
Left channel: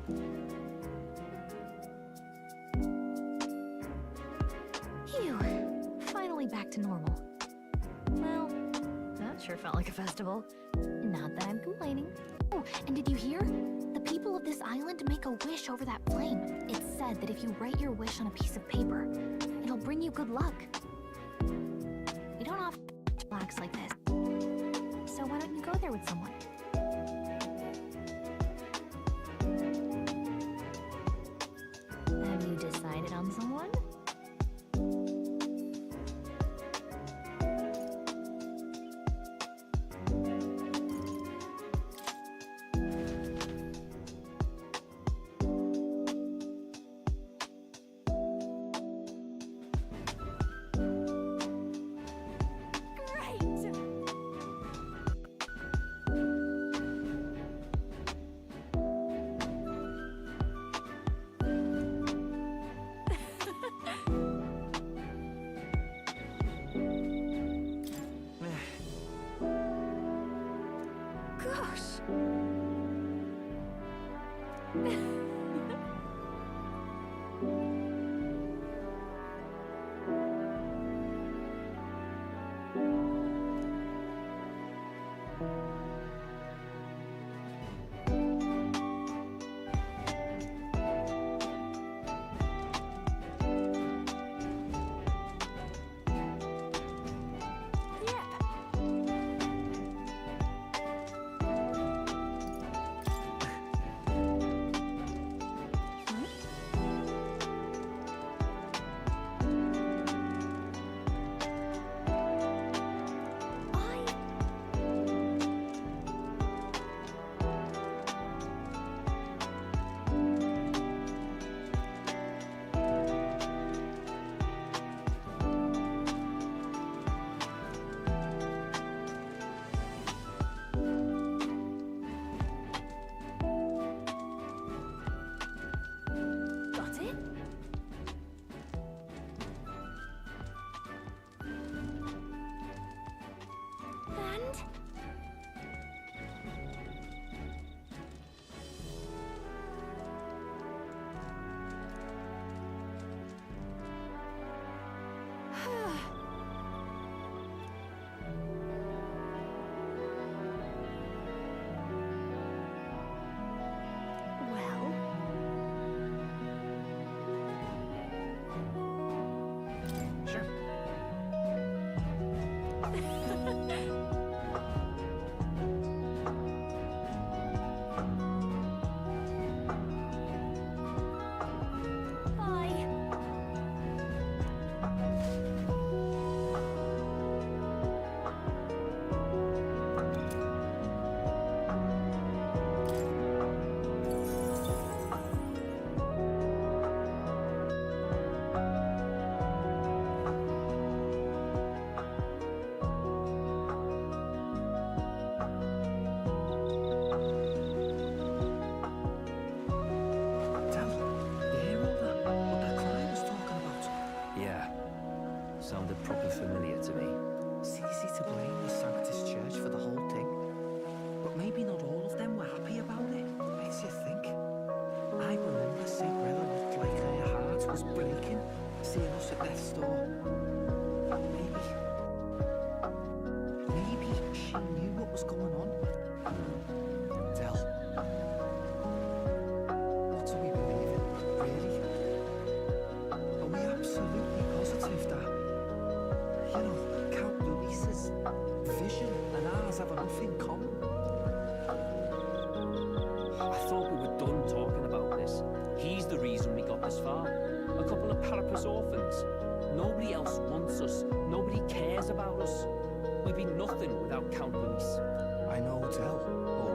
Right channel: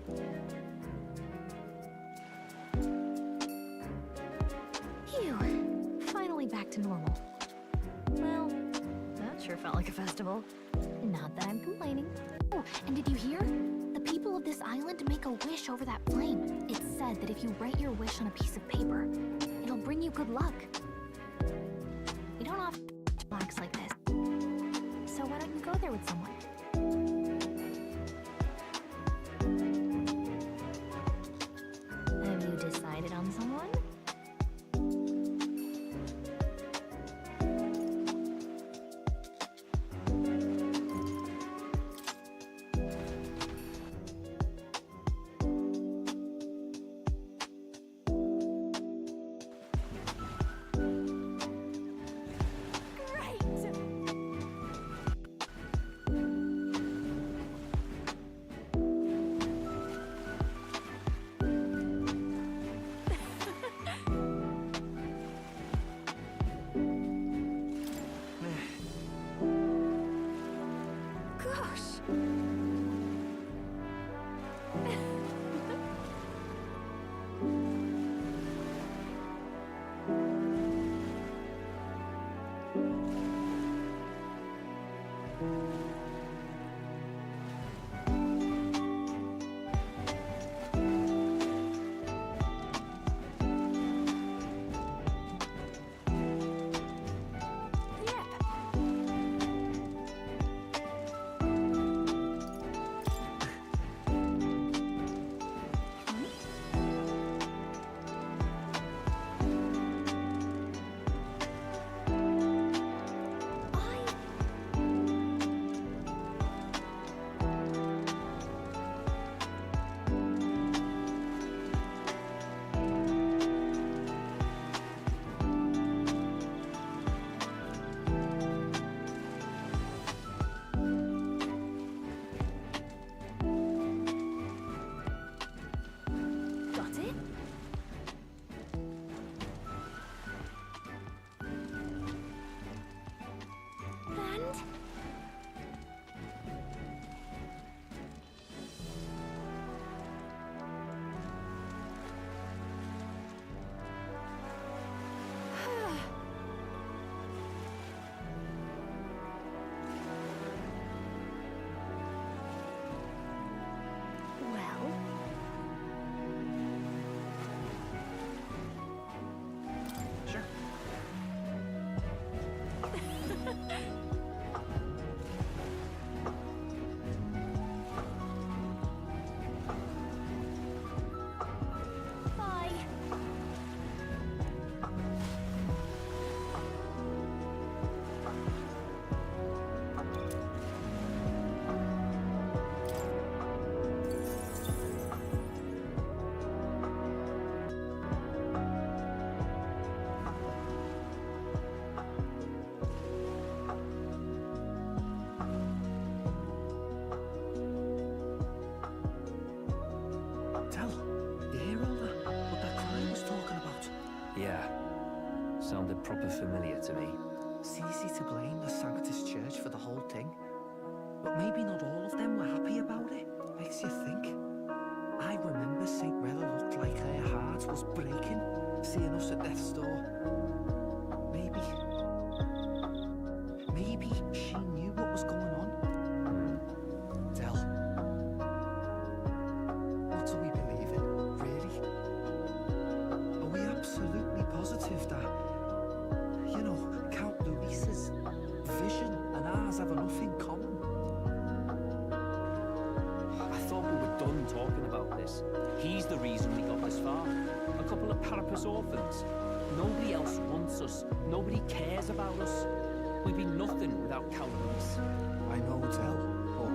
finally back to normal. Well, that sure felt like a festival. Not that I'm complaining. Oh, and did you hear? The people of this island make a wish over that flame. It's said that if you write your wish on a piece of paper, it'll bring you good luck. We don't often relax like this. So why don't you go there with someone? Have you decided on someone? Gosh. Got it? And? Well, Sure. bye. Del, you hear all that? What that cry was talking about? Yeah. Sounded proper familiar to me. It's easy to blame the Sanctus Church for the whole thing. But maybe not all of them were happy about it. Makes you think. I remember St. Rella looked like her heart was breaking, seeing us at death's door. Maybe she knew what was going on. Del, what do we believe in, really? Are we absolutely positive that, you know, Count Luis's vision and ours have enough in common? I thought we were done talking about this. He's the reason we got this far. A couple of Parapus orphans. Nobody else wants us. Nobody cares about us. We'd be nothing without Count Luis. I know, Del, but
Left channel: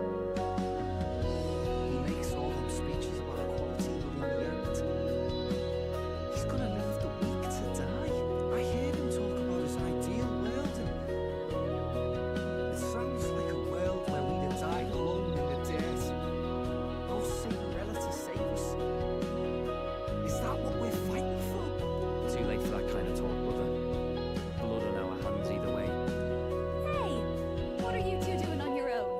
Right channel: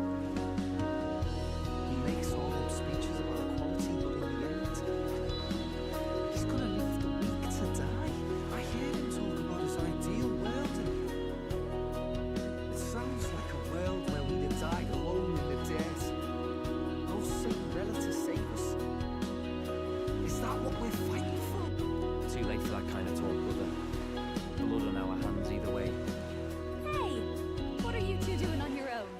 he makes all them speeches about equality, but in the end, he's gonna leave the weak to die. I heard him talk about his ideal world, and it sounds like a world where we'd have died alone in the dirt. No Saint Rella to save us. Is that what we're fighting for? Too late for that kind of talk, brother. Blood on our hands either way. Hey, what are you two doing on your own?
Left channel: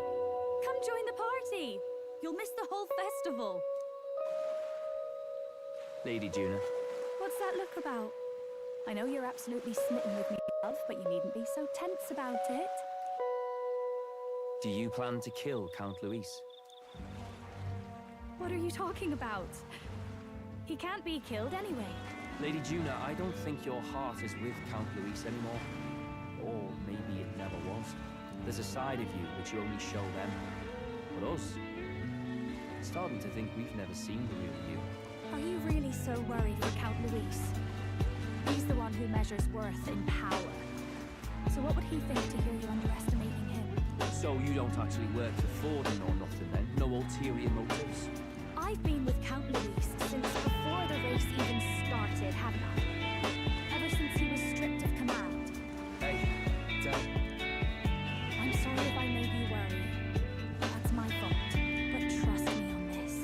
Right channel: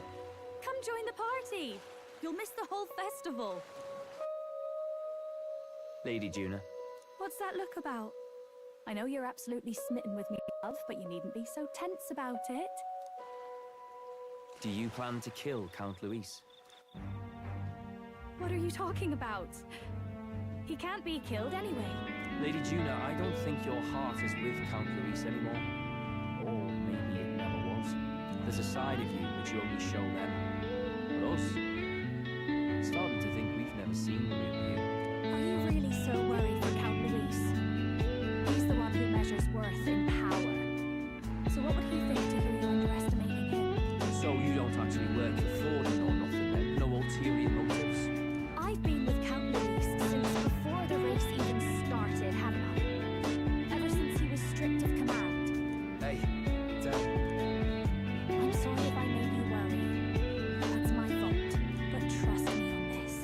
Come join the party. You'll miss the whole festival. Lady Juna. What's that look about? I know you're absolutely smitten with me, love, but you needn't be so tense about it. Do you plan to kill Count Luis? What are you talking about? He can't be killed anyway. Lady Juna, I don't think your heart is with Count Luis anymore. Or maybe it never was. There's a side of you which you only show them. But us, starting to think we've never seen the real you. Are you really so worried for Count Luis? He's the one who measures worth in power. So what would he think to hear you underestimating him? So you don't actually work for Forden or nothing then? No ulterior motives? I've been with Count Luis since before the race even started, haven't I? Ever since he was stripped of command. Hey, Dad. I'm sorry if I made you worry. That's my fault. But trust me on this.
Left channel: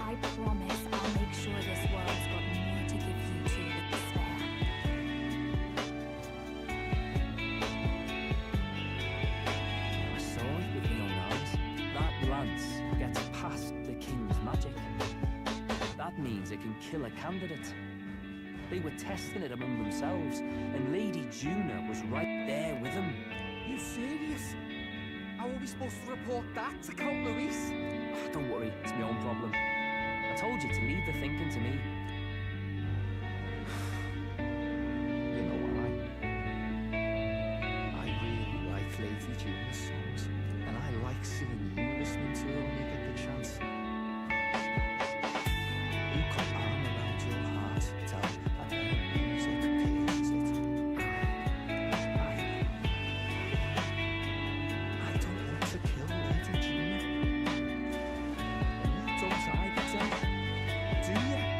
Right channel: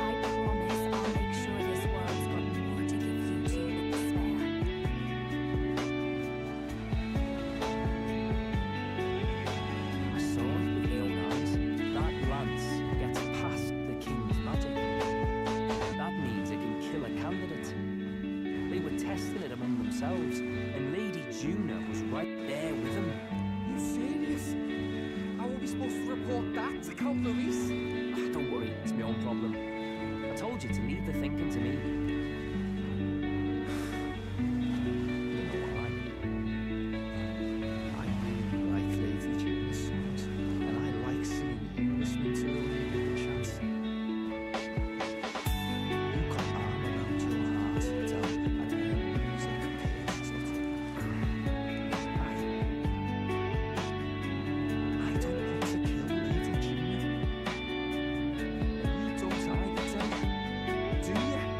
I promise I'll make sure this world's got more to give you two with to spare. I saw it with my own eyes. That lance gets past the king's magic. That means it can kill a candidate. They were testing it among themselves, and Lady Juna was right there with them. You serious? How are we supposed to report that to Count Luis? Ah, don't worry, it's my own problem. I told you to leave the thinking to me. You know what? I really like Lady Juna's songs, and I like seeing you listening to her when you get the chance. You got arm around your heart, Del, and her music pierces it. I don't want to kill Lady Juna. And you don't either, Del, do you? So, good night.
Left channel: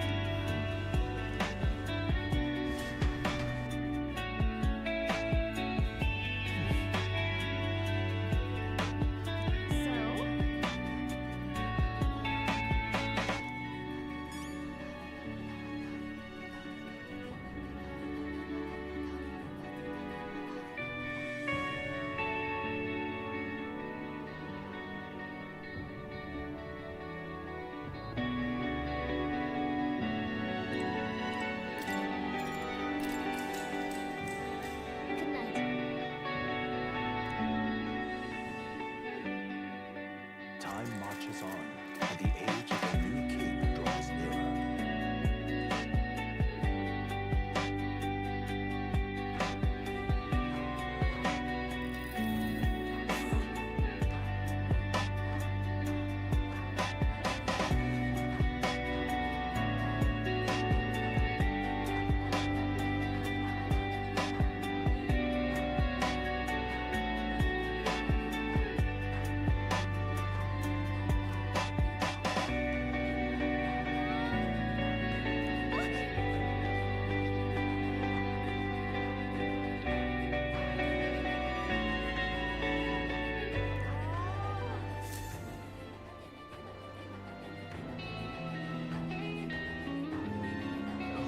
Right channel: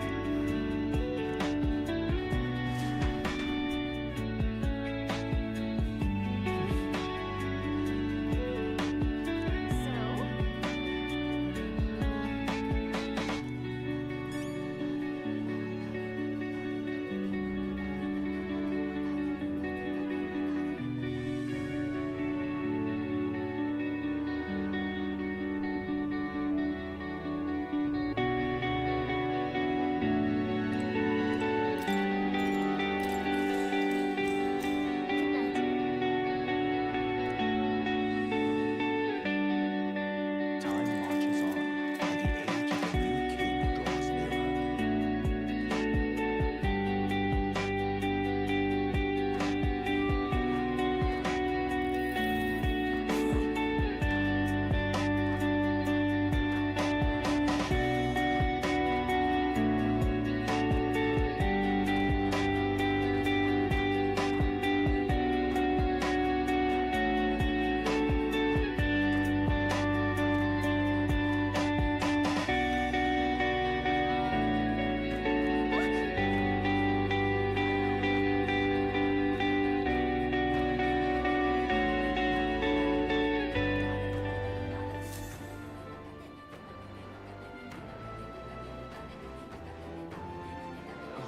Time marches on, and the age of the new king draws nearer.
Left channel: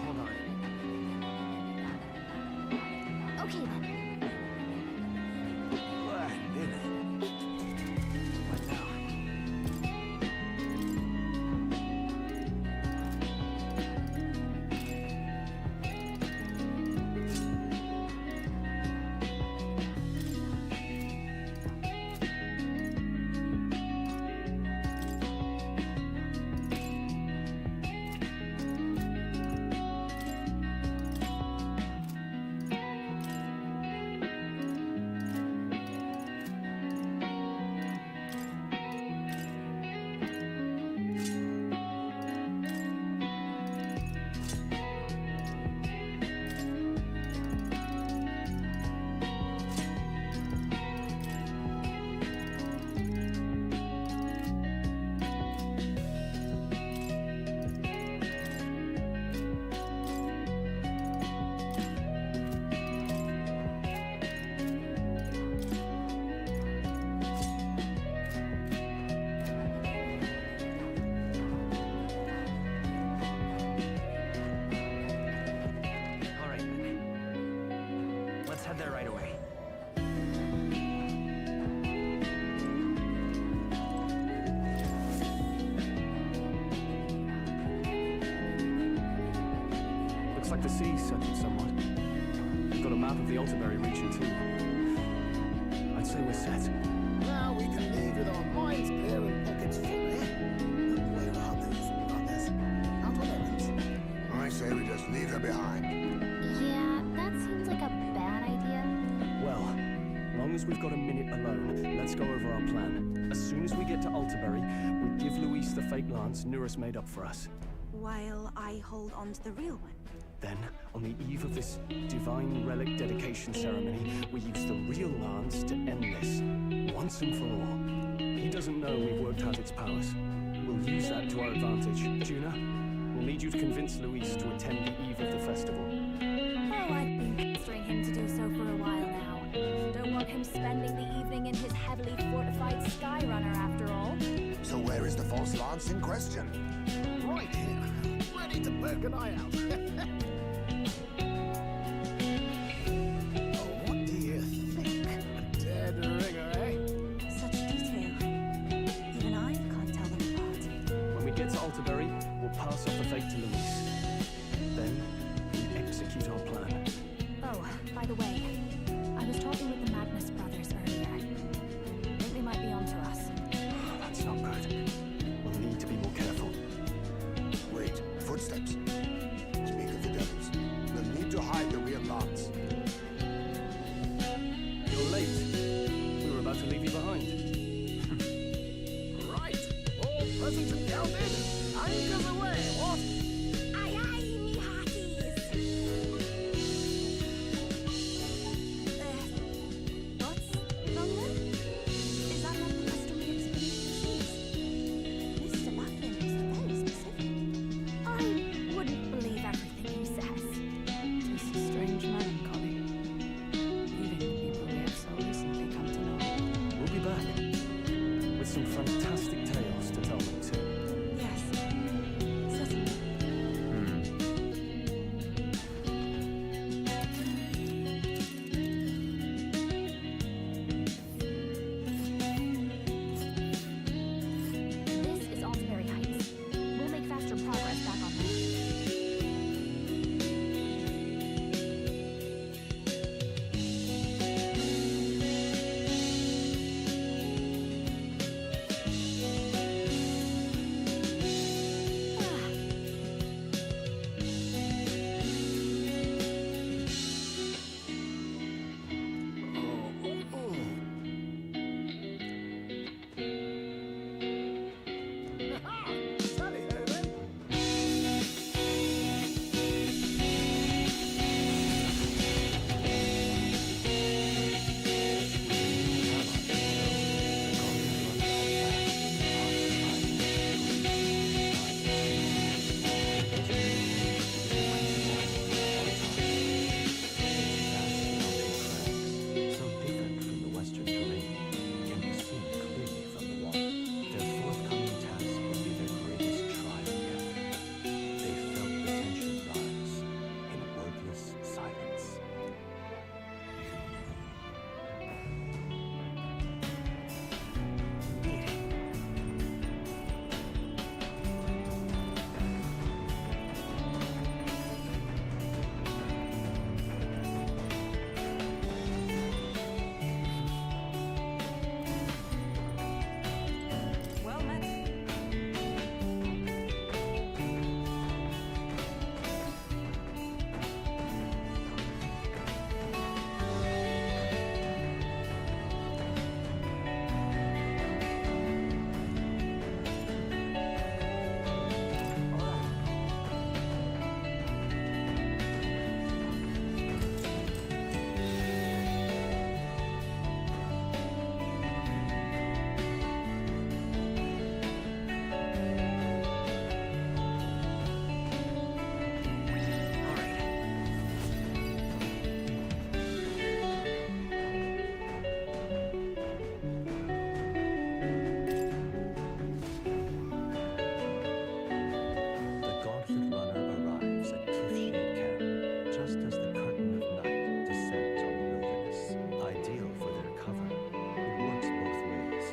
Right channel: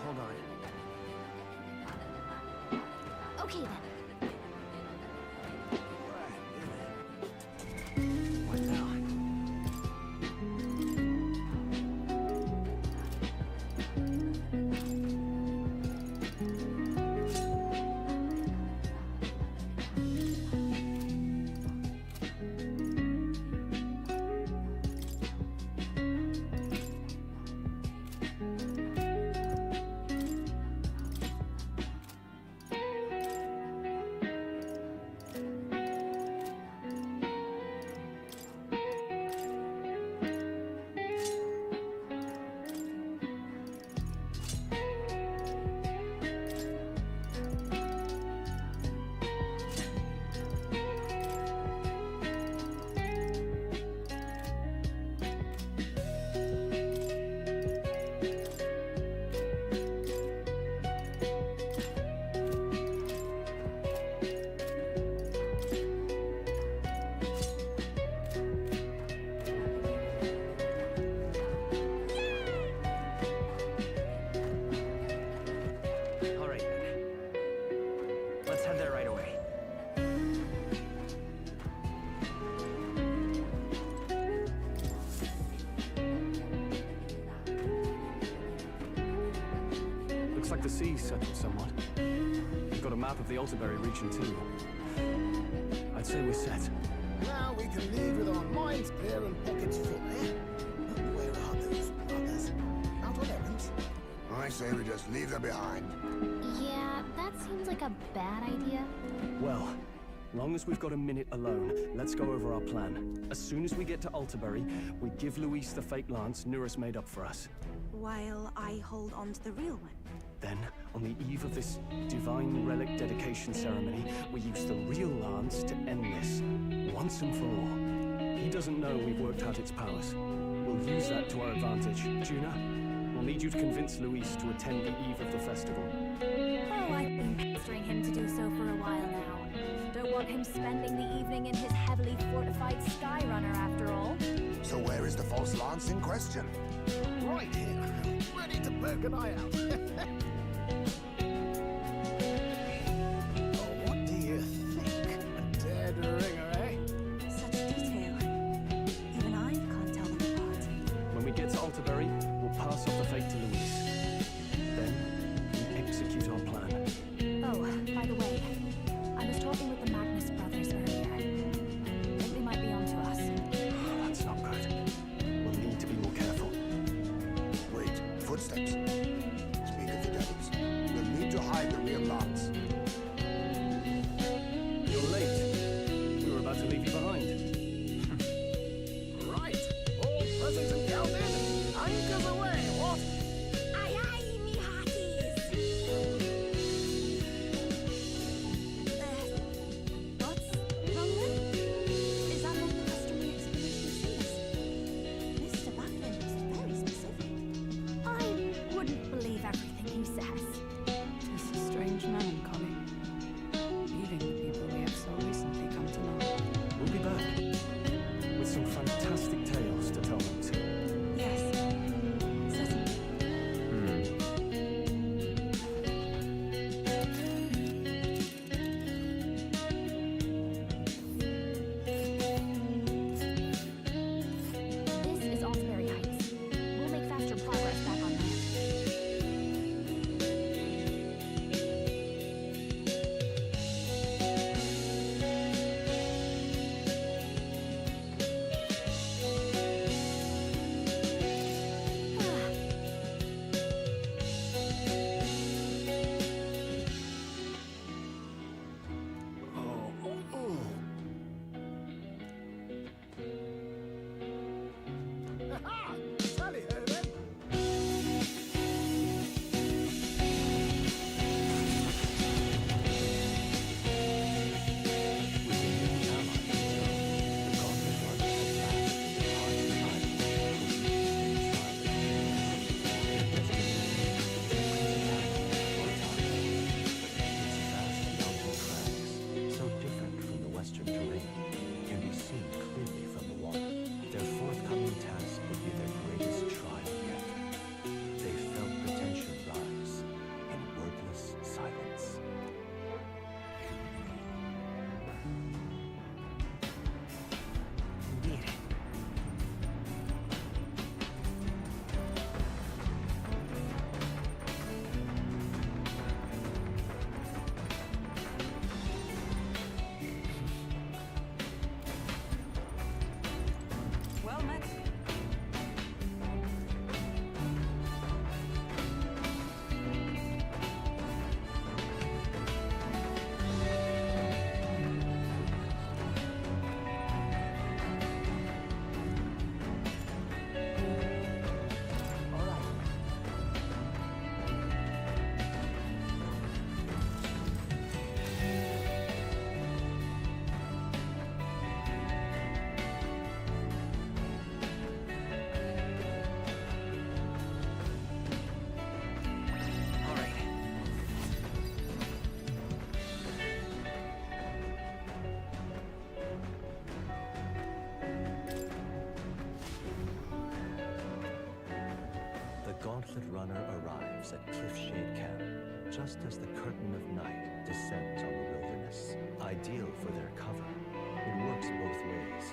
Hold on. Okay then. What now? All right then. Let's head there right away. Looks like the sea's settled somewhat. We've got a map of the Alterberry region too. I'd say we're set. Now we can leave with our minds clear and pockets full, eh? But where are those brothers? Out on errands? I say we just leave them behind. Yeah, that seems like a bad idea. Well, long as we've got a minute alone, let's go over our plan. As soon as we get to Alterberry, we give Luis the fake lance Nurus made up for us. While I hold on to the real one. Then, on the eve of this divine relic dedication ceremony, we use the real lance to end this, once and for all. He doesn't know we've worked out its powers. We'll use that to our advantage. Juna, we'll need you to convince Luis to attend the eve of the festival. Oh, I've been pestering him to do so for a while now. Don't want him spending the evening in his heavily fortified Skyrunner after all. So where is the false lance in question? Right here, ready to poke an eye out. Oh, what do you think? A dead ringer, eh? Such detail. Even I can't tell them apart. When we get to Alterberry, we'll pass off the fake to Luis. Then, we execute our plan. Oh, by the way, I was talking with the Magnus brothers earlier. I think they might be onto us. That's not good. We'll need to be more careful. Wait, footsteps. Speak of the devils. We'll need to hide the real lance. You're late. We were about to leave you behind. Right, all present and counted. Anchors away, what? Aye, aye, me hearties! What's wrong then? Is that not the customary explanation of sins? Mr. Buckland is very specific. I wouldn't believe everything he says. Tis a strange melancholy, leaving the people we have so recently come to know. We'll be back with some fantastic tales to tell them too. Yes, certainly. This is Alterberry Heights. We'll make faster progress back on land. Ah, Ha-ha! Tally-ho then. With a new ally in tow, the Gauntlet Runner at last departs the island for the eastern side of the Union. Their destination is the Principality of Ontario. Its vast mountain crags, so different from the western terrain, can be seen clearly from the water. Their forthcoming task would be their greatest trial yet. They felt the tension rise in wordless silence. Indeed. Well met. All right. All right. The Gauntlet Runner arrives at Cliffshade Camp just as the curtain of night descends on the wilderness. Ideal for their cover, it works both ways,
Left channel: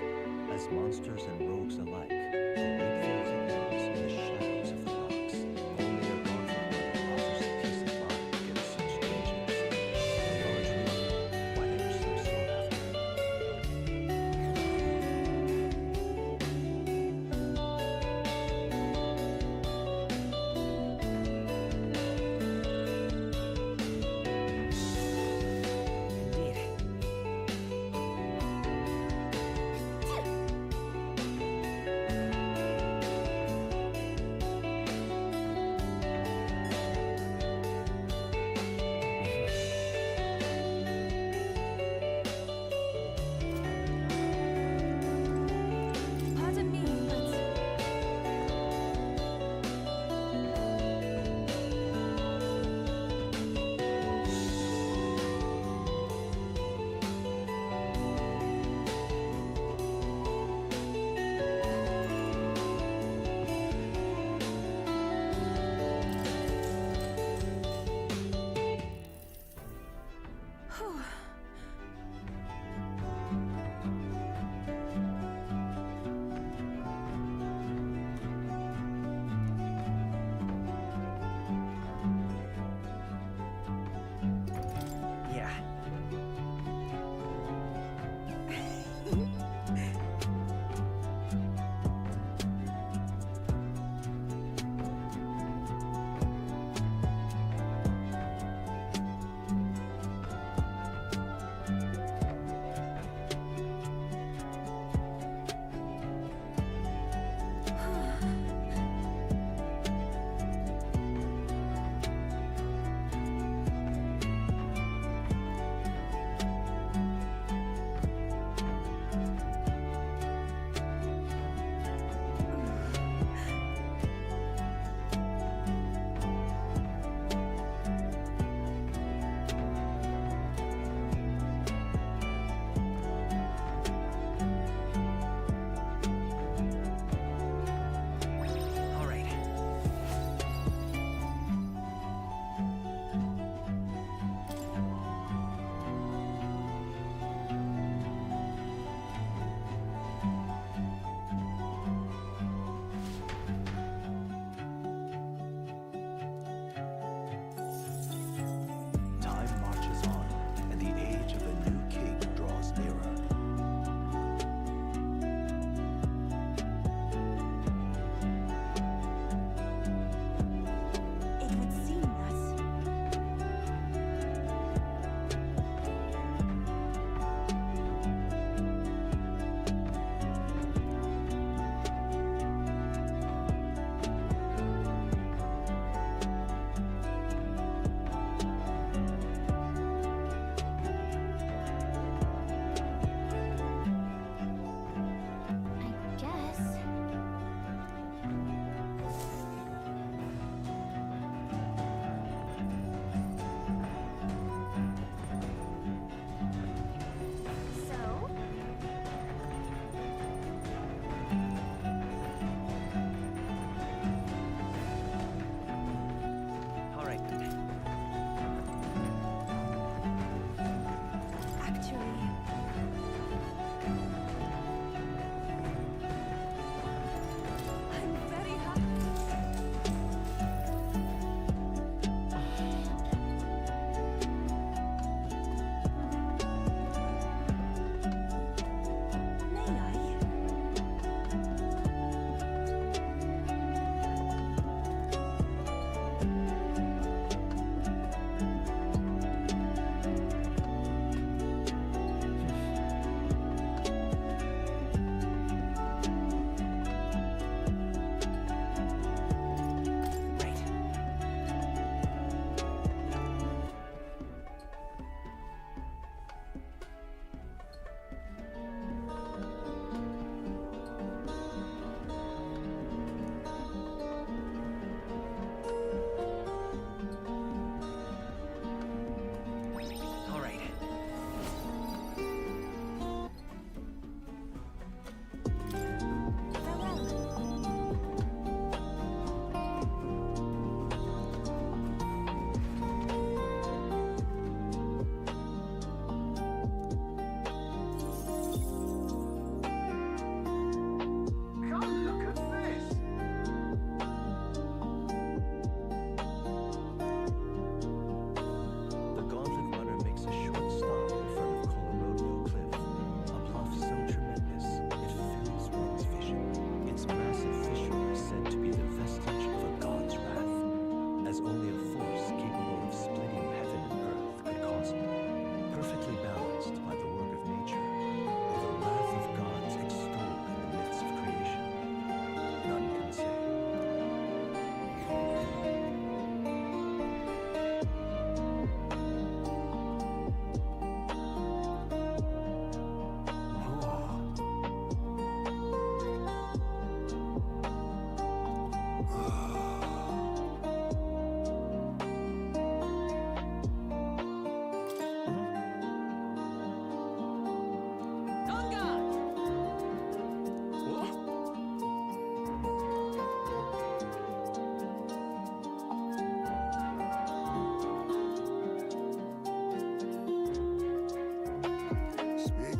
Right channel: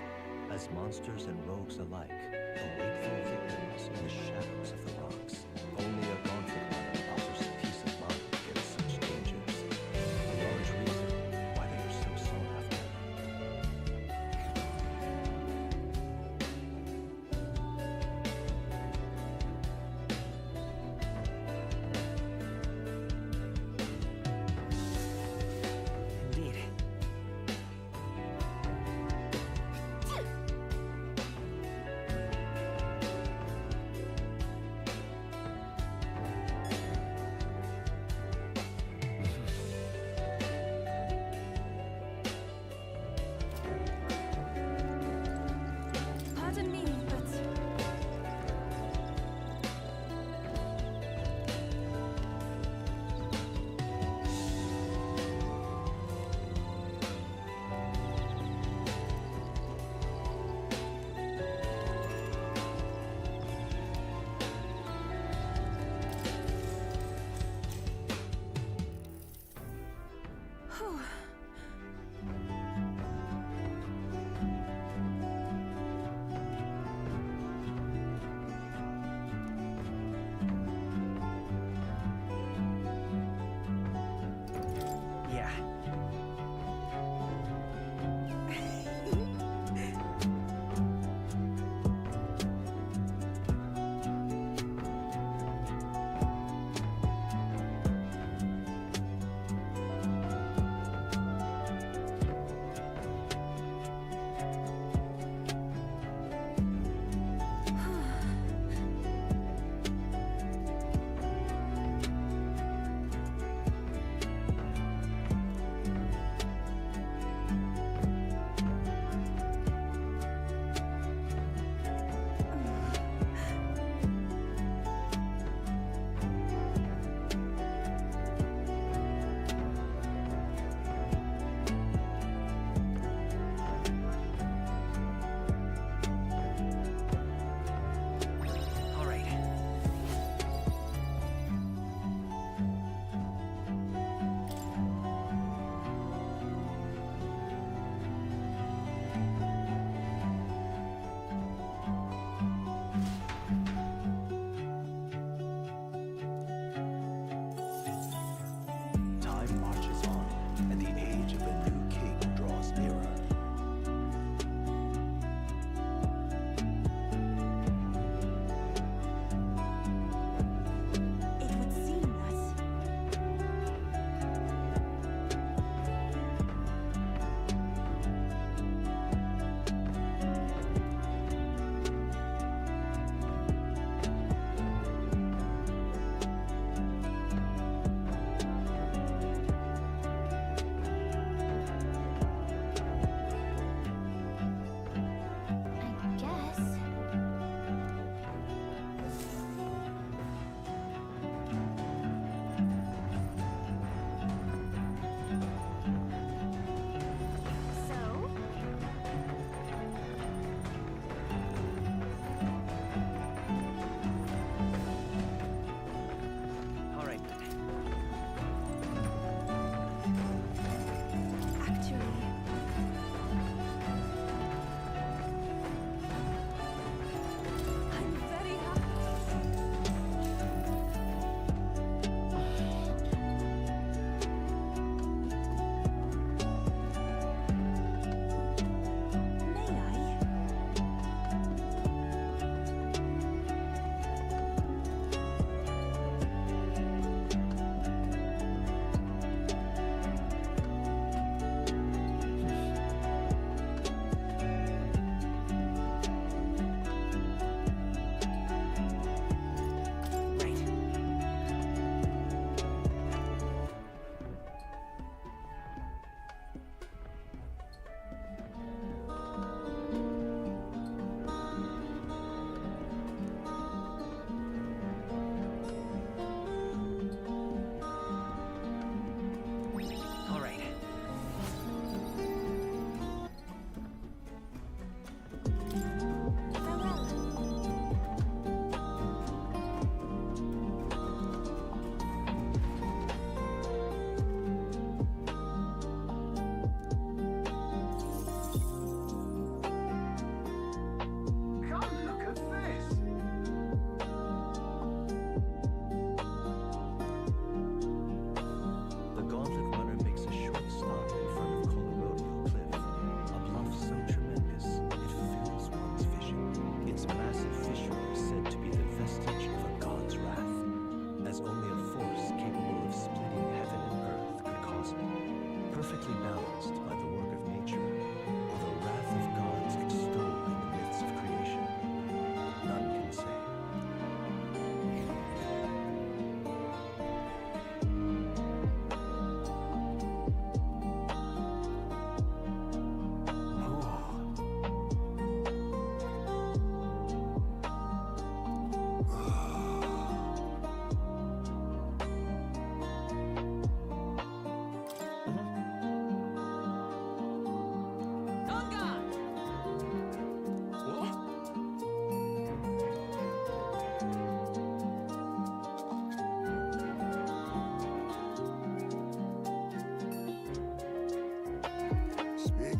as monsters and rogues alike await their victims in the shadows of the rocks. Only a Gauntlet Runner offers peace of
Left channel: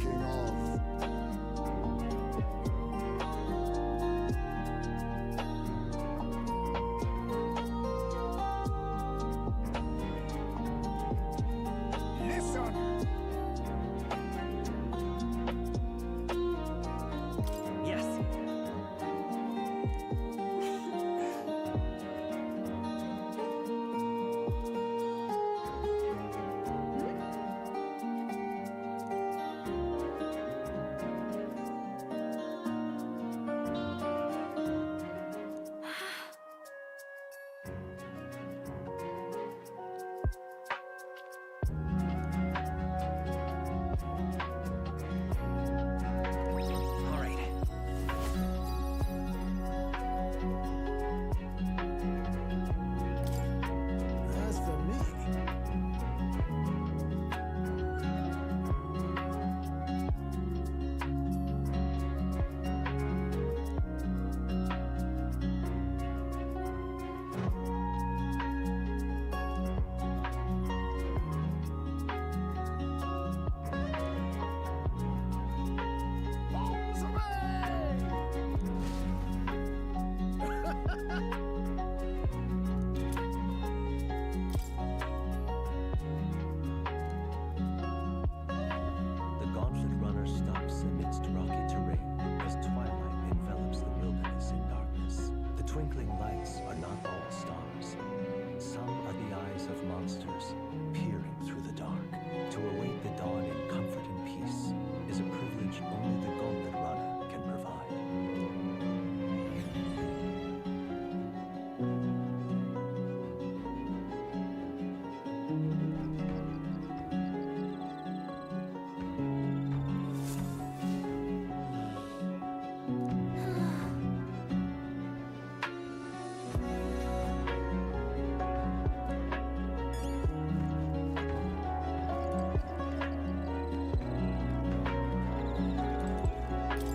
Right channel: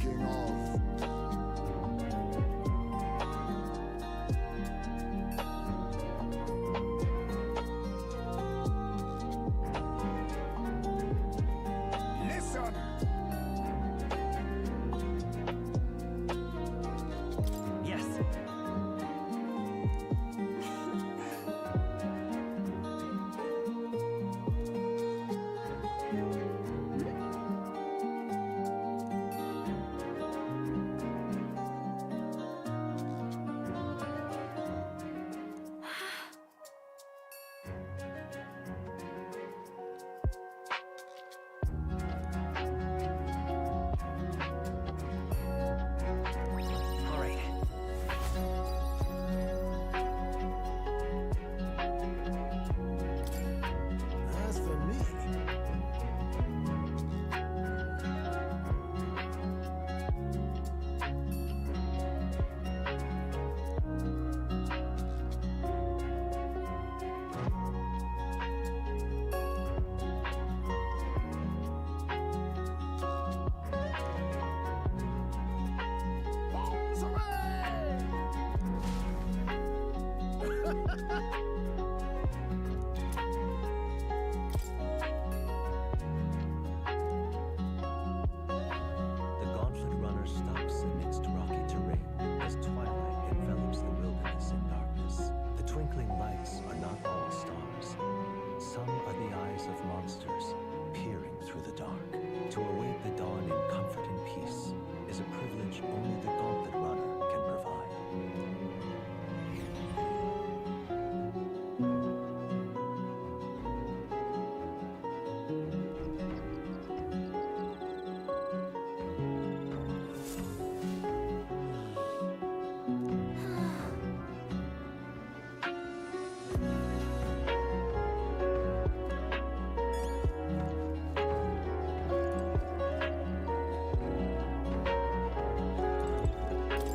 Speaking of, listen! Yes. All right. As for me, bombs away! The gauntlet runner stops amidst rocky terrain as twilight envelops the wilderness in darkness. The twinkling lights are not all stars. Some are the eyes of monsters peering through the dark. To await the dawn in comfort and peace is a privilege only the gauntlet runner can provide.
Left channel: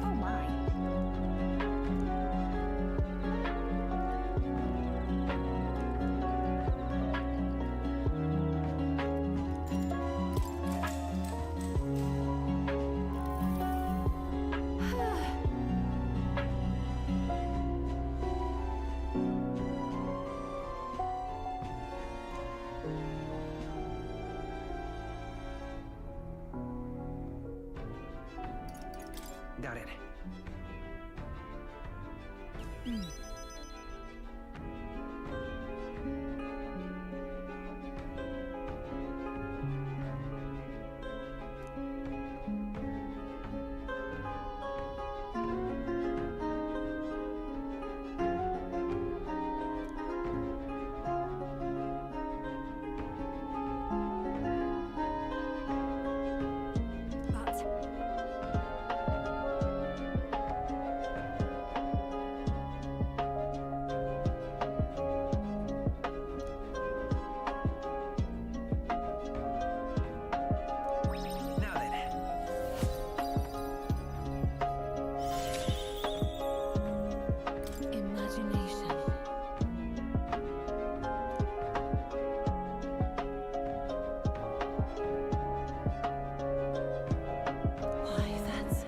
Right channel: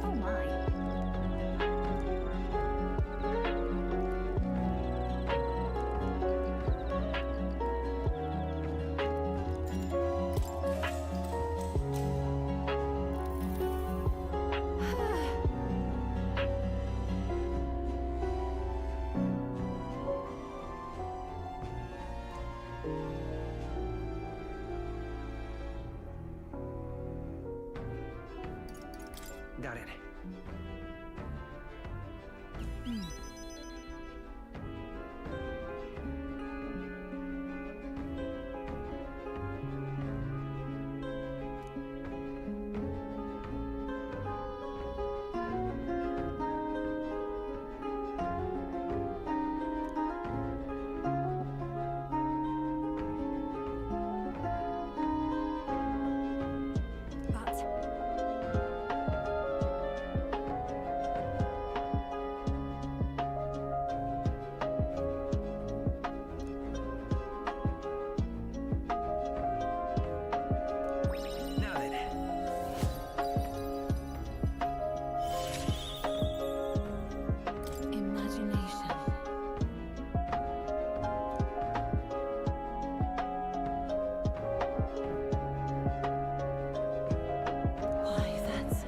Oh my. Got it. But Now then. Imagination. Why, that's...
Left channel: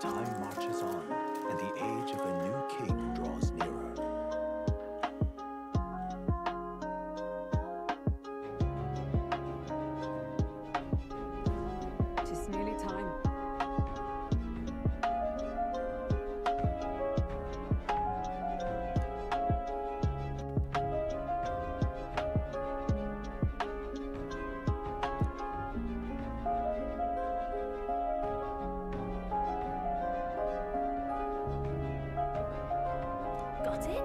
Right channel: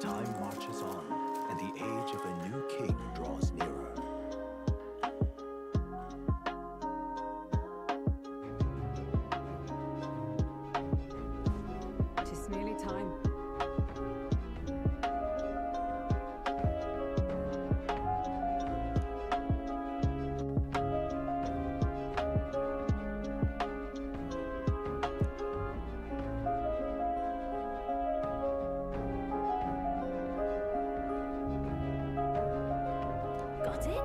Time marches on, and the age of a new king draws nearer. Tis nearly time. got it?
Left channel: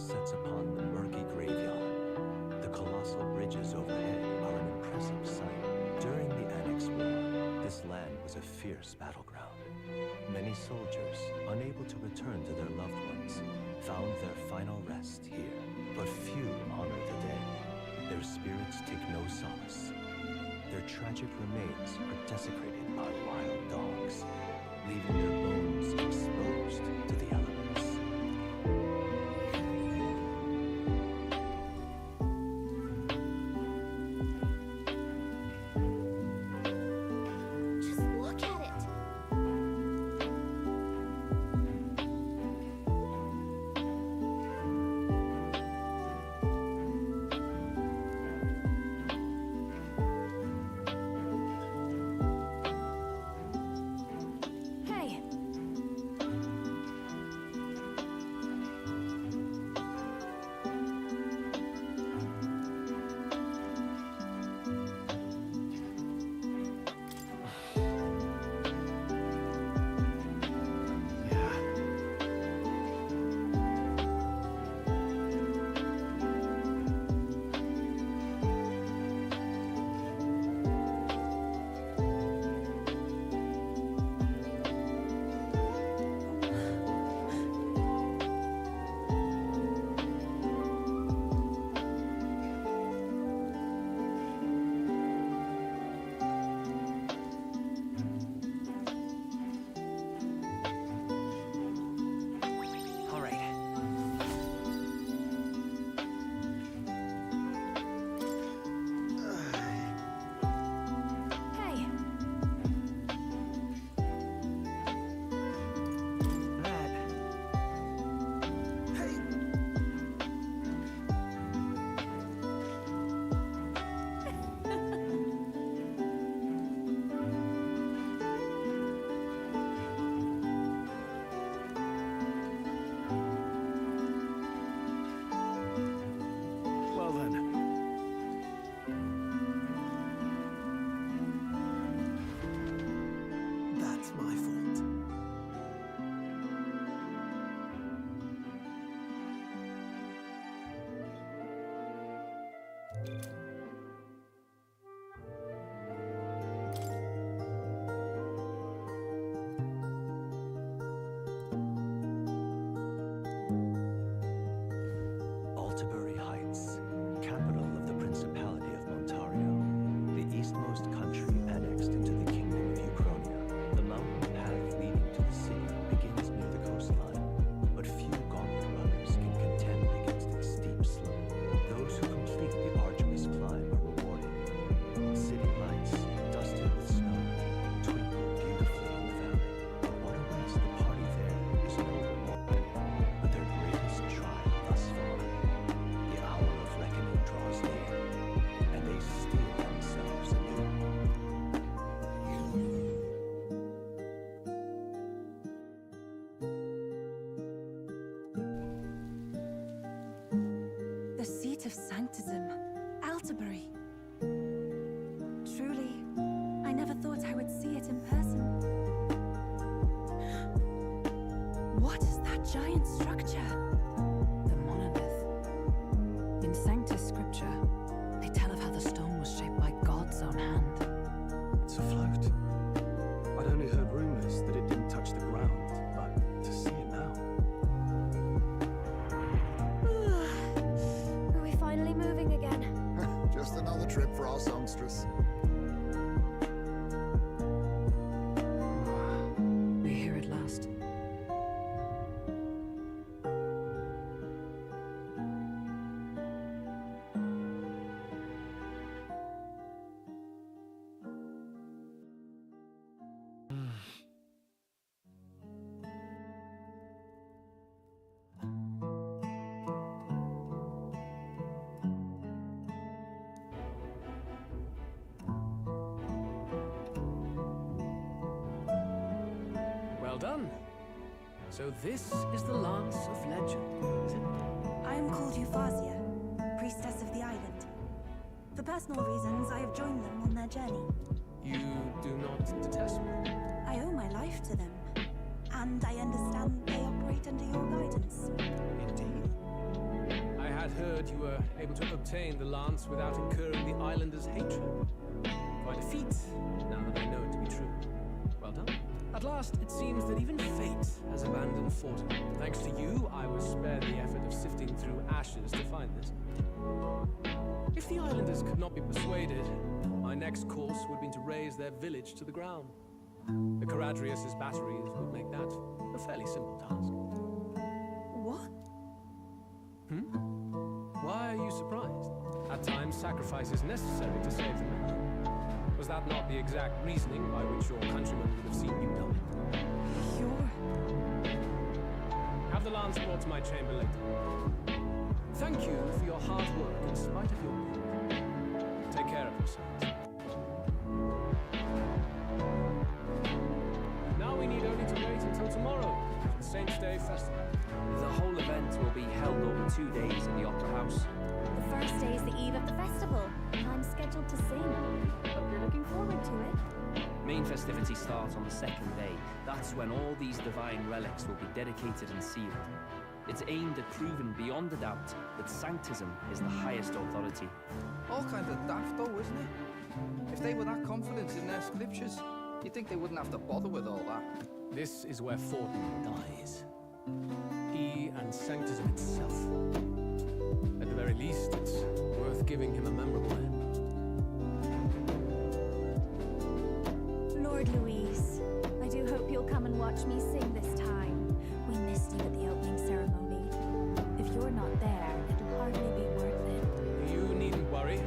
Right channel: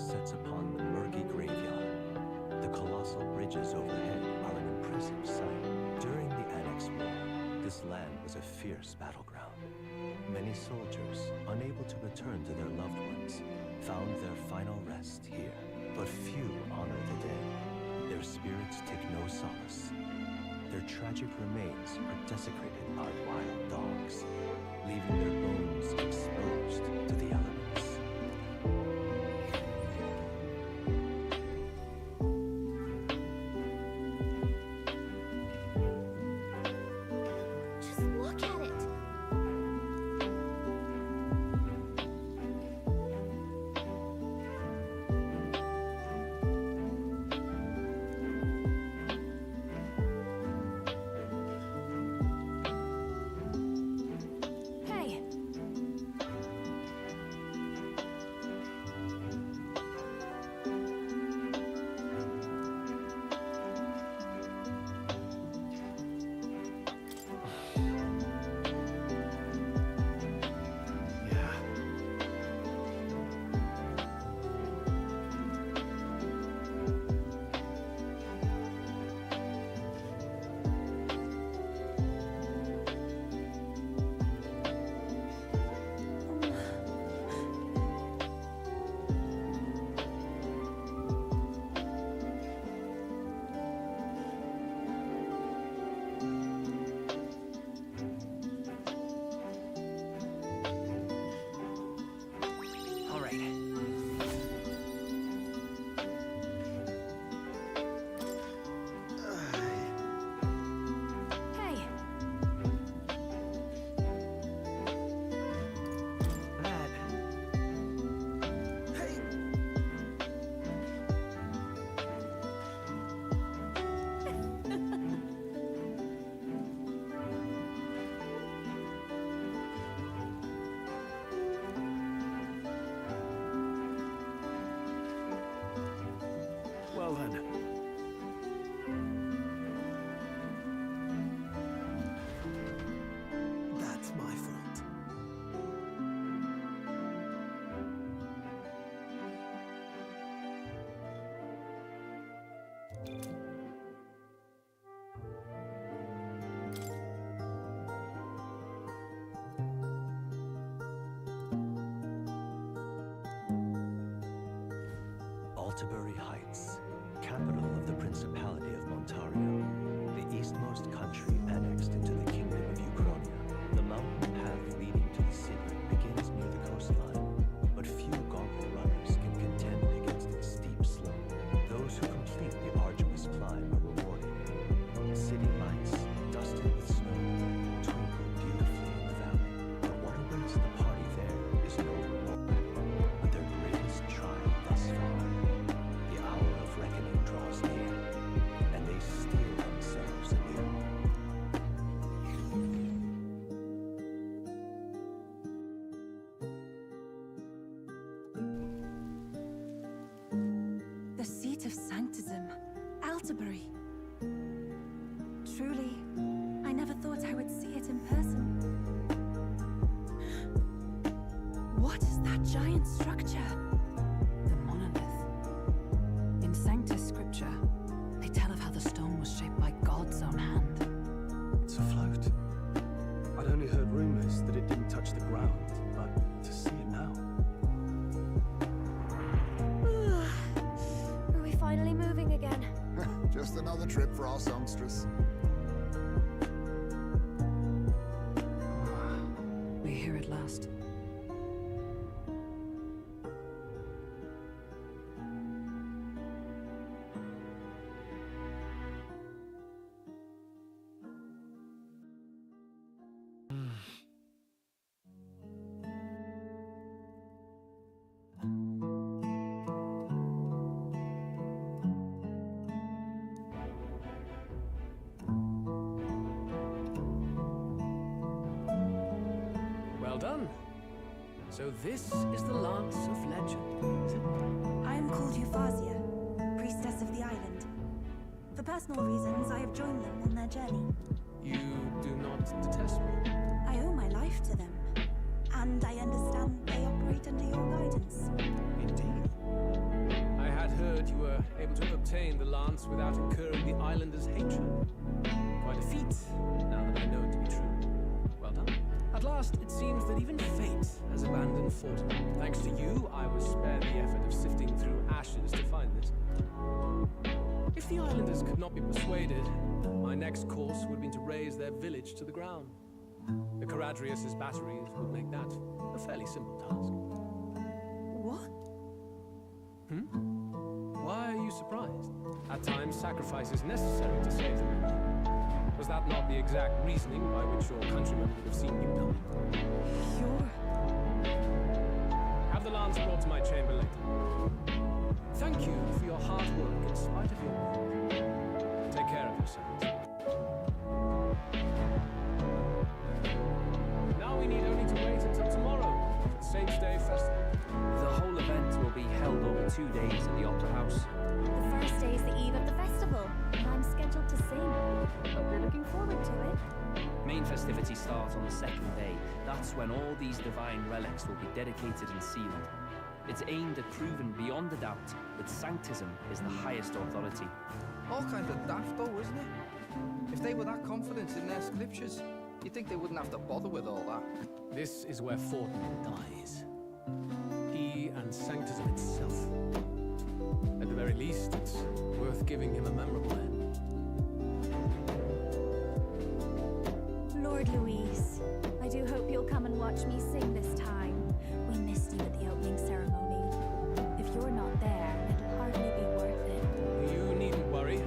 sets upon the murky graveyard. The colossal bridges overhead are an impressive sight. During the Annex War, this land was a fierce battleground. Many soldiers, unable to return to their loved ones, found their final rest here. But few honor the dead. Their spirits take no solace. Their tragic remains are desecrated by wild dogs, leaving their bones exposed to the elements. Just look at it. Hey, Yeah. All right. hey. That. Hey, Well then. that's my fault. Altabury Heights, capital of the Principality of Montario, the eastmost country annexed into the Kingdom of Uchronia. The mountain path leading to the city begins near the coastline, but few gauntlet runners can contend against its steep slope. Those who complete the arduous climb are rewarded. City lights, dusted with snow, twinkle beautifully in the valley. But what awaits the party there is no reward, but their greatest trial thus far. The hour of reckoning draws near, and they steel themselves anew. The seat of sanctism, Altabury. Truly, I never thought I would see it in person. What is that giant structure? The monolith. In Sanctus Scripture, they tell of how the stone was shaped by God's own hand. It's afloat. I'd only heard rumors that it didn't touch the ground, but to see it now. Are we finally moving again? Just another trip for our songstress. We're here at last. Well done. So this is the Lance of Legend, is it? I am called Euphazia, priestess of the island. For personal reasons, I have joined them on their journey. You do not detest me? I owe my life to them, and I understand they operate under your guidance. Indeed. heard you were able to obtain the lance without incurring the islanders' hatred. Quite a feat, now that I know it to be true. Well done. At last, it seems that even fate has abandoned Fortin. Thanks to you, I was spared the effort of sifting through ashes to find this. If the islanders could not be persuaded, my next course would have been to raze their village to the ground. The Caradrius' batteries would make that a fairly simple task. What? Why are you surprised? At times, sacrifice is necessary to save the many. Was that not the exact reasoning by which your countrymen would have seen you die? You're... Have the lance brought to my chamber later. Thank you for your hard work in spite of your wound. Take care of yourselves. Now we need only to wait until tomorrow for the Saints' Day festival. The whole event will be held over 2 days at the Opera House. The first day is the eve of the festival, and I'm scheduled to sing. Hope you're looking forward to it. Main festivities start on the second day. That's when all these divine relics will be dedicated and sealed. It's aimed at proving beyond a doubt that Sanctism is the highest authority. All kind of daft though, isn't it? If they were that confident in their scriptures, you'd think they wouldn't have to bother with all that. This is where Fortin dies. He and Sanctism itself. At the very least, it's worth giving him a memorable end. Lord Louise, I do hope you'll come and watch me sing this time. We missed you at the opening ceremony. If you're not there, it'll hardly be worth it. You needn't worry.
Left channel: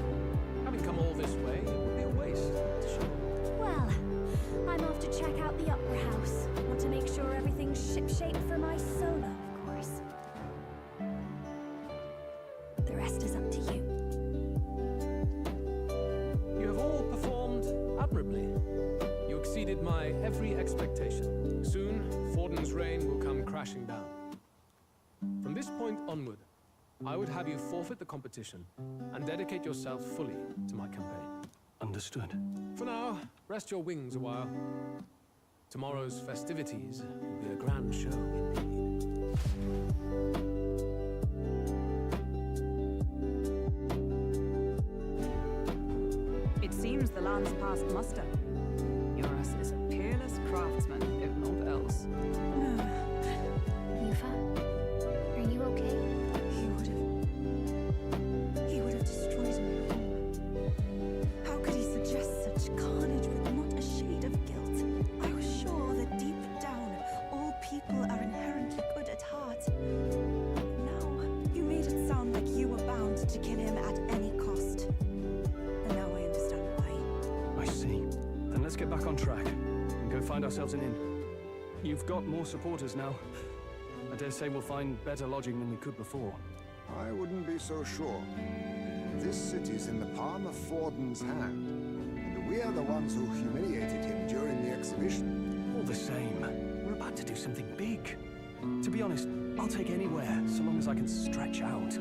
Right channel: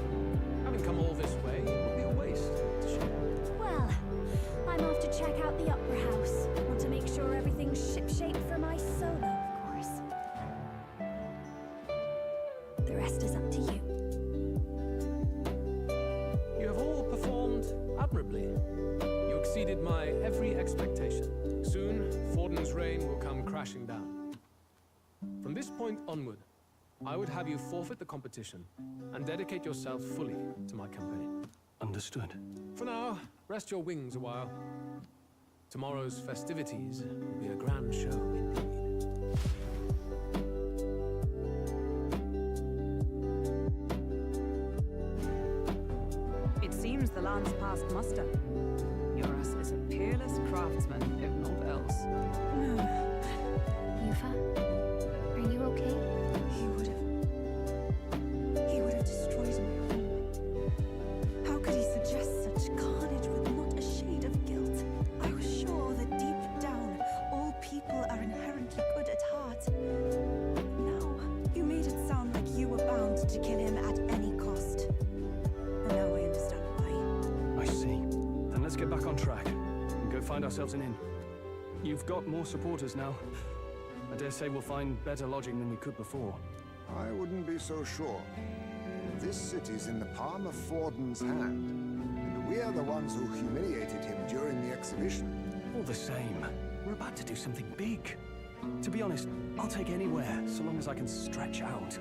Having come all this way, it would be a waste not to show. Well, I'm off to check out the Opera House. Want to make sure everything's shipshape for my solo, of course. The rest is up to you. You have all performed admirably. You exceeded my every expectation. Soon, Fortin's reign will come crashing down. From this point onward, I would have you forfeit the competition and dedicate yourself fully to my campaign. Understood. For now, rest your wings a while. Tomorrow's festivities will be a grand show indeed. It seems the land's passed muster. Eurus is a peerless craftsman, if not else. Yufa, are you okay? He would have destroyed my home. How could he suggest such carnage with not a shade of guilt? I was sure that deep down, all people are inherently good at heart. Now, you made it sound like you were bound to kill him at any cost. And now I understand why. I see. Then let's get back on track and go find ourselves an inn. You've got more supporters now. I dare say we'll find better lodging than we could before. I wouldn't be so sure. This city's in the palm of Fortin's hand, and we're the ones who humiliated him during the exhibition. All the same, we're about to do something big. To be honest, I'll take anywhere, so long as I can stretch out.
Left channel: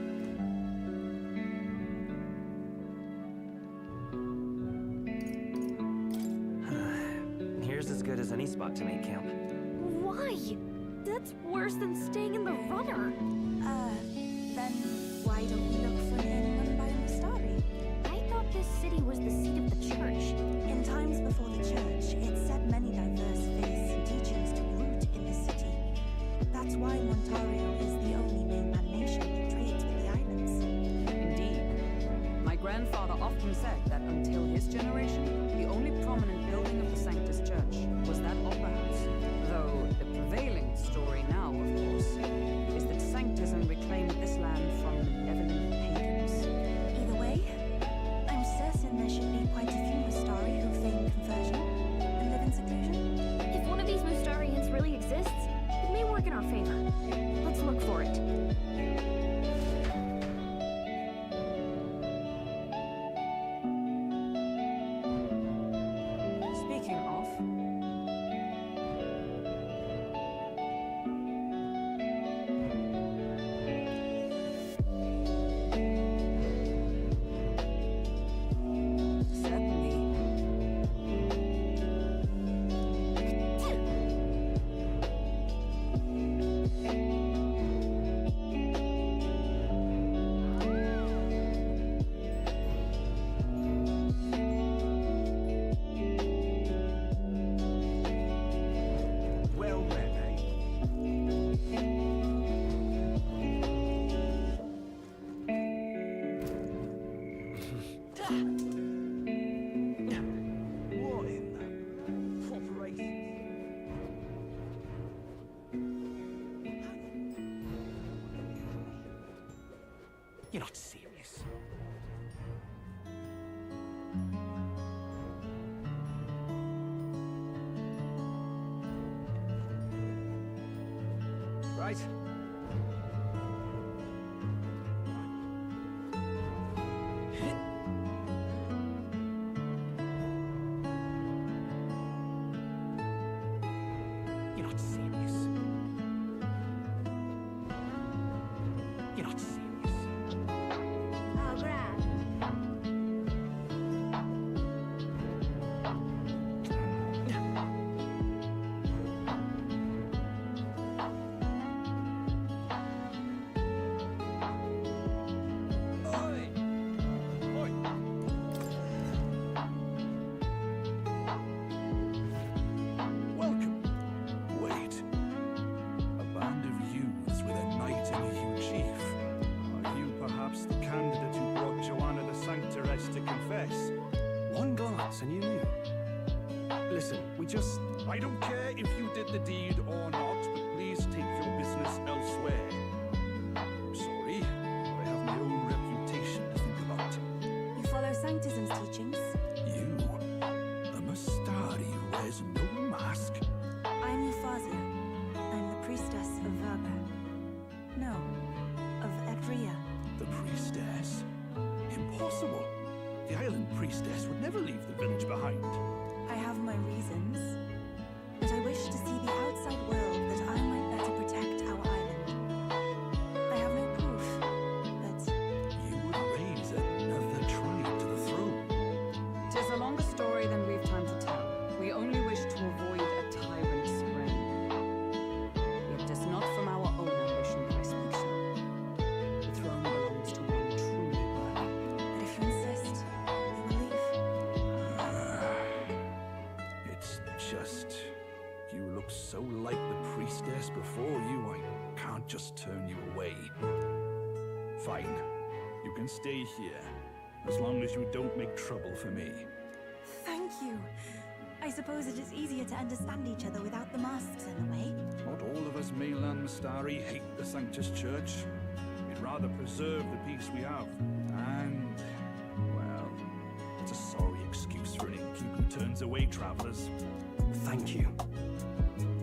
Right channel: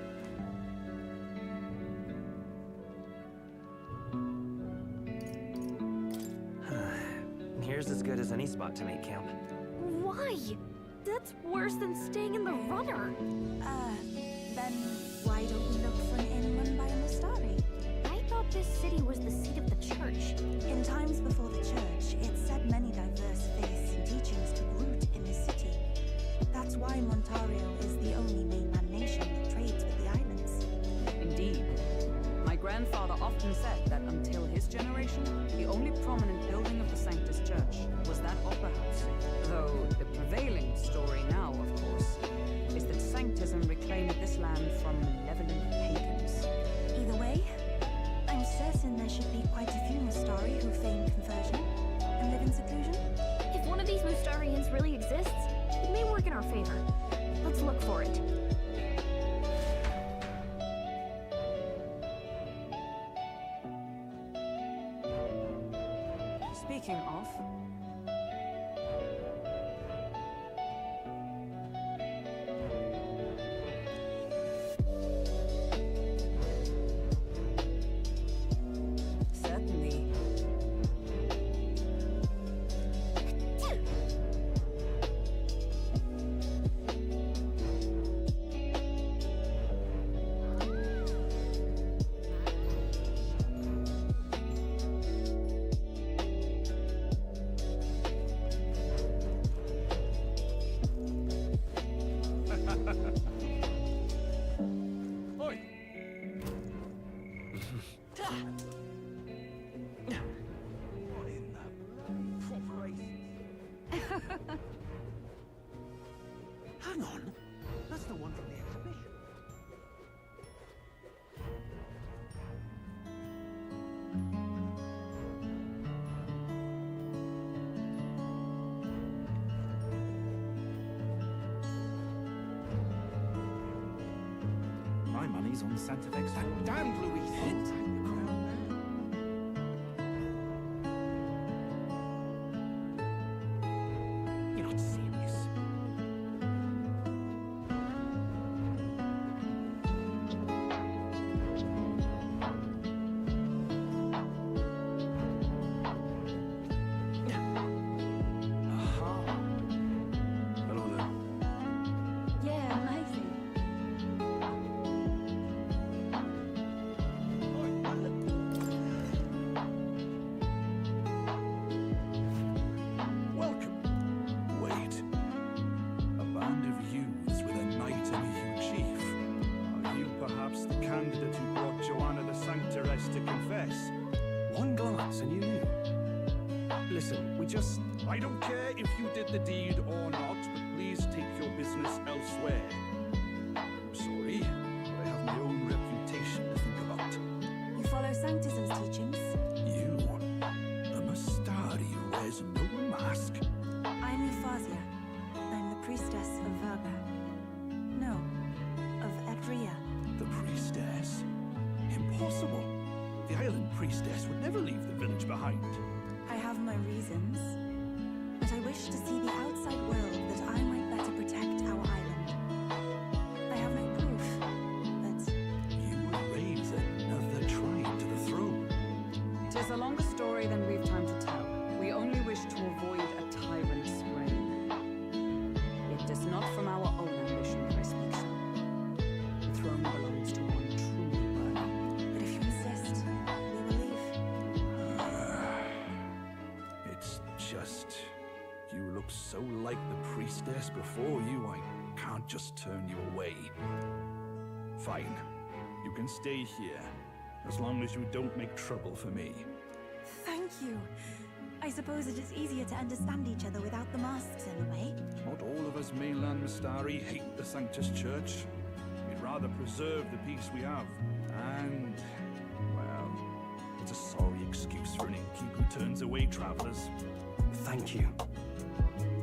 Here's as good as any spot to make camp. Why? That's worse than staying in the runner. Then why don't we look for an inn run by a Mustari? I thought this city was the seat of the church. In times before the church, it said many diverse faiths and teachings took root in this city. That's why Montario is the only mainland nation that trades with the islands. Indeed. My grandfather often said that until his generation, the only prominent building of the Sanctus Church was that opera house. Though the prevailing story now, of course, is that Sanctism reclaimed this land from malevolent pagans. Either way, I'm certain there should be quite a few Mustari who feign conversion and live in seclusion. If one of these Mustarians really exists, it may work in our favor. Let's look for it. Speaking of... Certainly. You're not serious. Right. My money's on Santa Lex. That damn Louis hint. You're not serious. You're not serious. Yeah, I see. Welcome. Wait. A band of youths with a knight and a huge chief. Are you perhaps the candidate who brought Joanna the Sanctoress to confess? One glance and you knew. Listen, we just... I don't care if you did the deed or not, but please take your business elsewhere. I'm sorry, but I have my own reputation to think about. You follow Sanctism's teachings? You, a Mastari who wears no mask. I'm Euphrasia. I'm the priestess of Verga. No, of Edria. The priestess? Impossible. The island priestess would never leave the village behind. I have my reasons, but I wish to see the outside world that I might better protect our island. I have no proof, but You would raise another tribe to the throne. 'Tis a longer story than we've time to tell. We only wish to avoid a tyrant's reign. Yet 'tis not from our own ambition that I speak so. The throne belongs to one truly worthy. but if you insist, we will leave. It's just... You look so like the priestess before you, I can't just turn you away. Fine. You can stay here, as long as you don't make trouble for me. Thank you. I suppose it is easier to understand each other without the masks in the way. Not all of us mainland Mastari hate the Sanctus Church. We'd rather preserve the peace we have. And, well, it's a sorry excuse for an innkeep who turns away travelers. Thank you.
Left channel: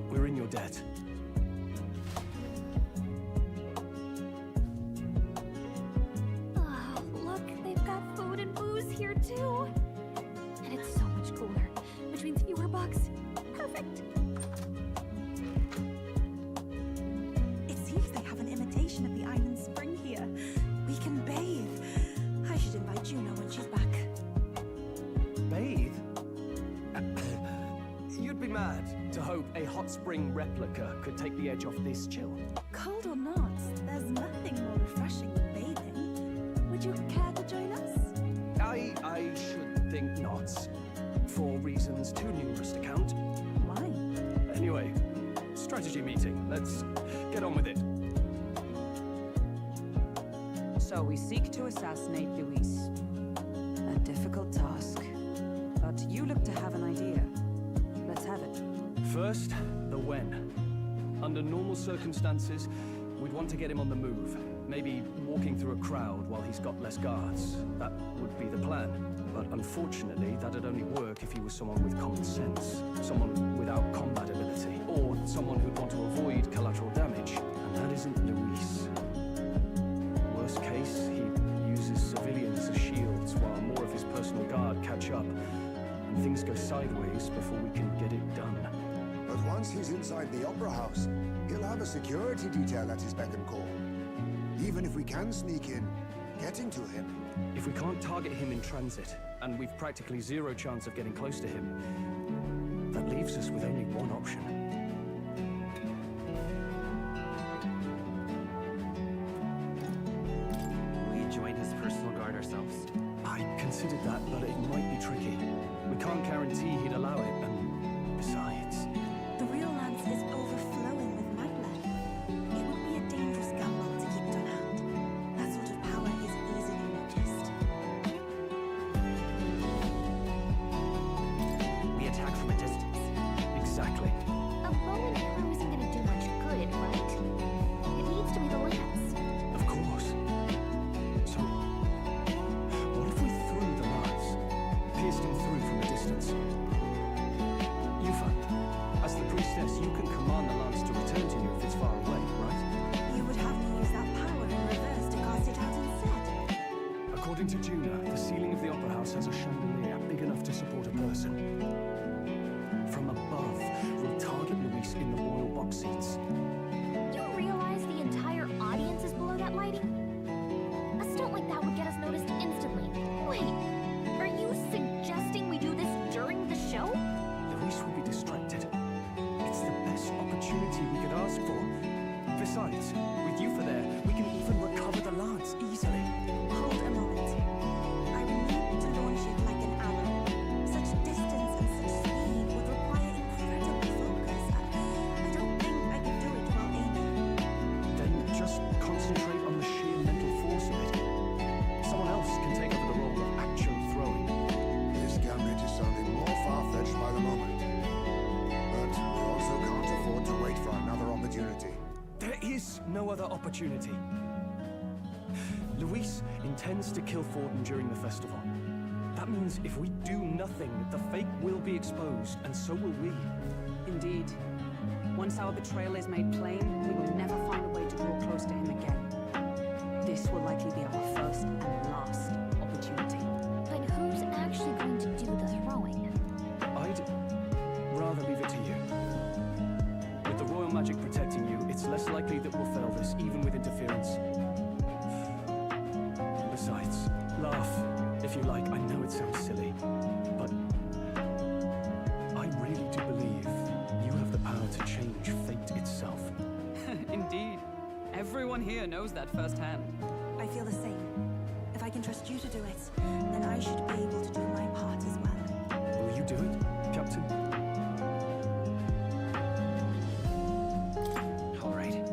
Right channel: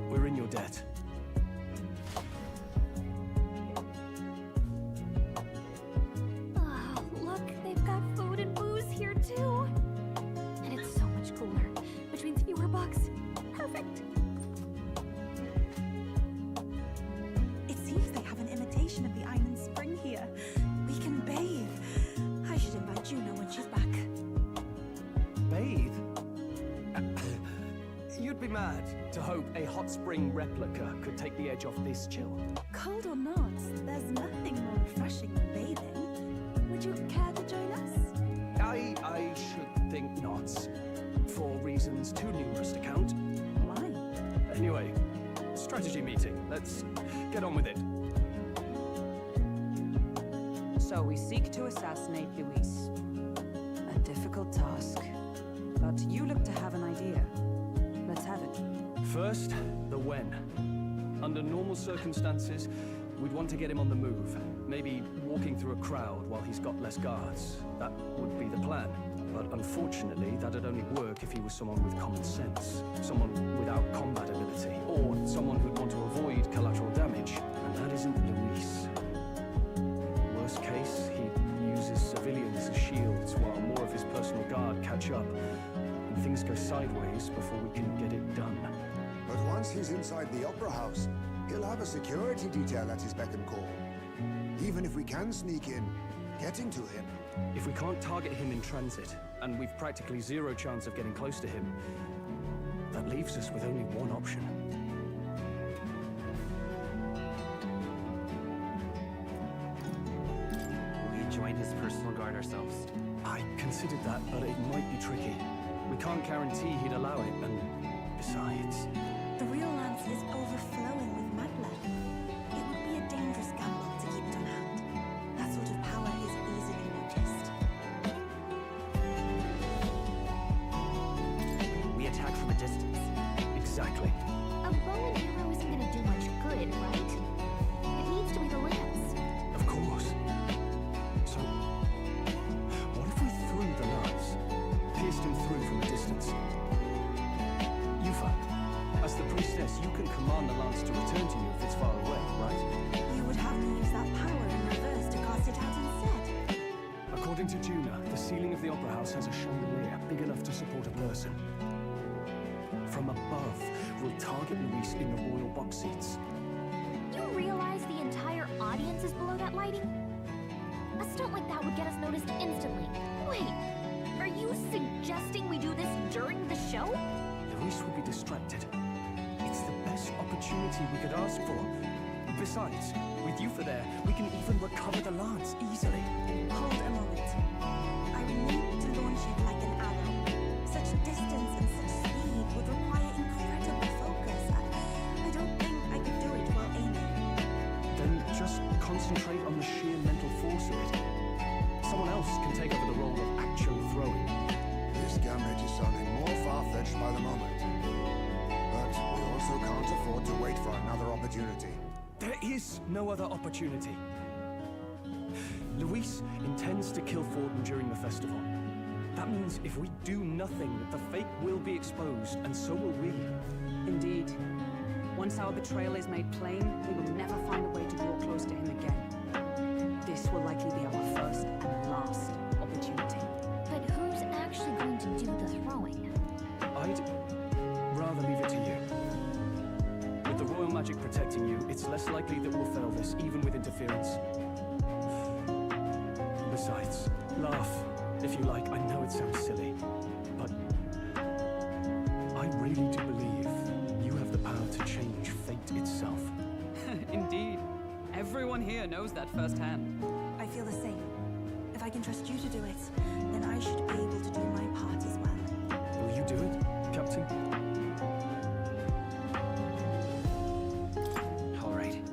We're in your debt. Oh, look, they've got food and booze here too. And it's so much cooler. Which means fewer bugs. Perfect. It seems they have an imitation of the island spring here. We can bathe. I should invite Juno when she's back. Bathe? You'd be mad to hope a hot spring replica could take the edge off this chill. Cold or not, there's nothing more refreshing than bathing. Would you care to join us? I should think not. For reasons too numerous to count. Why? Anyway, strategy meeting. Let's get on with it. So we seek to assassinate Luis. A difficult task. But you look to have an idea. Let's have it. First, the when. Under normal circumstances, we'd want to get him on the move. Maybe walking through a crowd while he's got less guards. That would be the plan. But unfortunately, that'd only work if he was someone with common sense. Someone without combat ability. Or someone who'd want to avoid collateral damage. And that isn't Luis. Worst case, he uses civilians as shields while more of his personal guard catch up. And things go sideways before we can get it done. But once he's inside the Opera House, he'll have a security detail at his beck and call. Even if we can sneak in, getting to him. If we can't target him in transit, and we've practically zero chance of getting close to him, that leaves us with only one option. We join his personal guard ourselves. I considered that, but it might be tricky. We can't guarantee he'd allow it, and besides... The real lance is overflowing with madlead. It would be a dangerous gamble to keep it on hand. That sort of power is easily noticed. We attack from a distance. Exactly. A bow and arrow isn't gonna do much good, right? It needs to be the lance. Of course. According to Juna, the ceiling of the Opera House has a chandelier big enough to support a person. From above, we'll target Luis in the royal box seats. You realize the entire audience is below that lighting? A stunt like that would get us noticed instantly. Wait, are you suggesting we do this during the show? Luis will be distracted. It's the best opportunity we could ask for. Besides, with you for there, we can even recover the lance easily. Hold a moment. I would need to launch it like an arrow. Such distance and such speed would require incredible focus. I don't think I could do it while aiming. Then just concentrate on the sheer mental force of it. Someone else can take over the role of actually throwing. This gambit is sounding more far-fetched by the moment. But we also can't afford to wait for another opportunity. There is no other opportunity. Luis intends to kill Forden during the festival. That means if we do nothing, the fake will be exposed, and so will we. Indeed. Once our betrayal is made plain, we will never find a way to draw close to him again. This will likely be our first and last opportunity. But who's actually going to do the throwing? I'd rather leave it to you. With the royal magic protecting you, it's less likely that we'll fail this, even with interference. Besides, laugh, if you like. I know it sounds silly, but I really do believe you have the power to change fate itself. Indeed. Everyone here knows that firsthand. I feel the same. If I can trust you to do it, then I should be able to do my part as well. Will you do it, Captain? All right.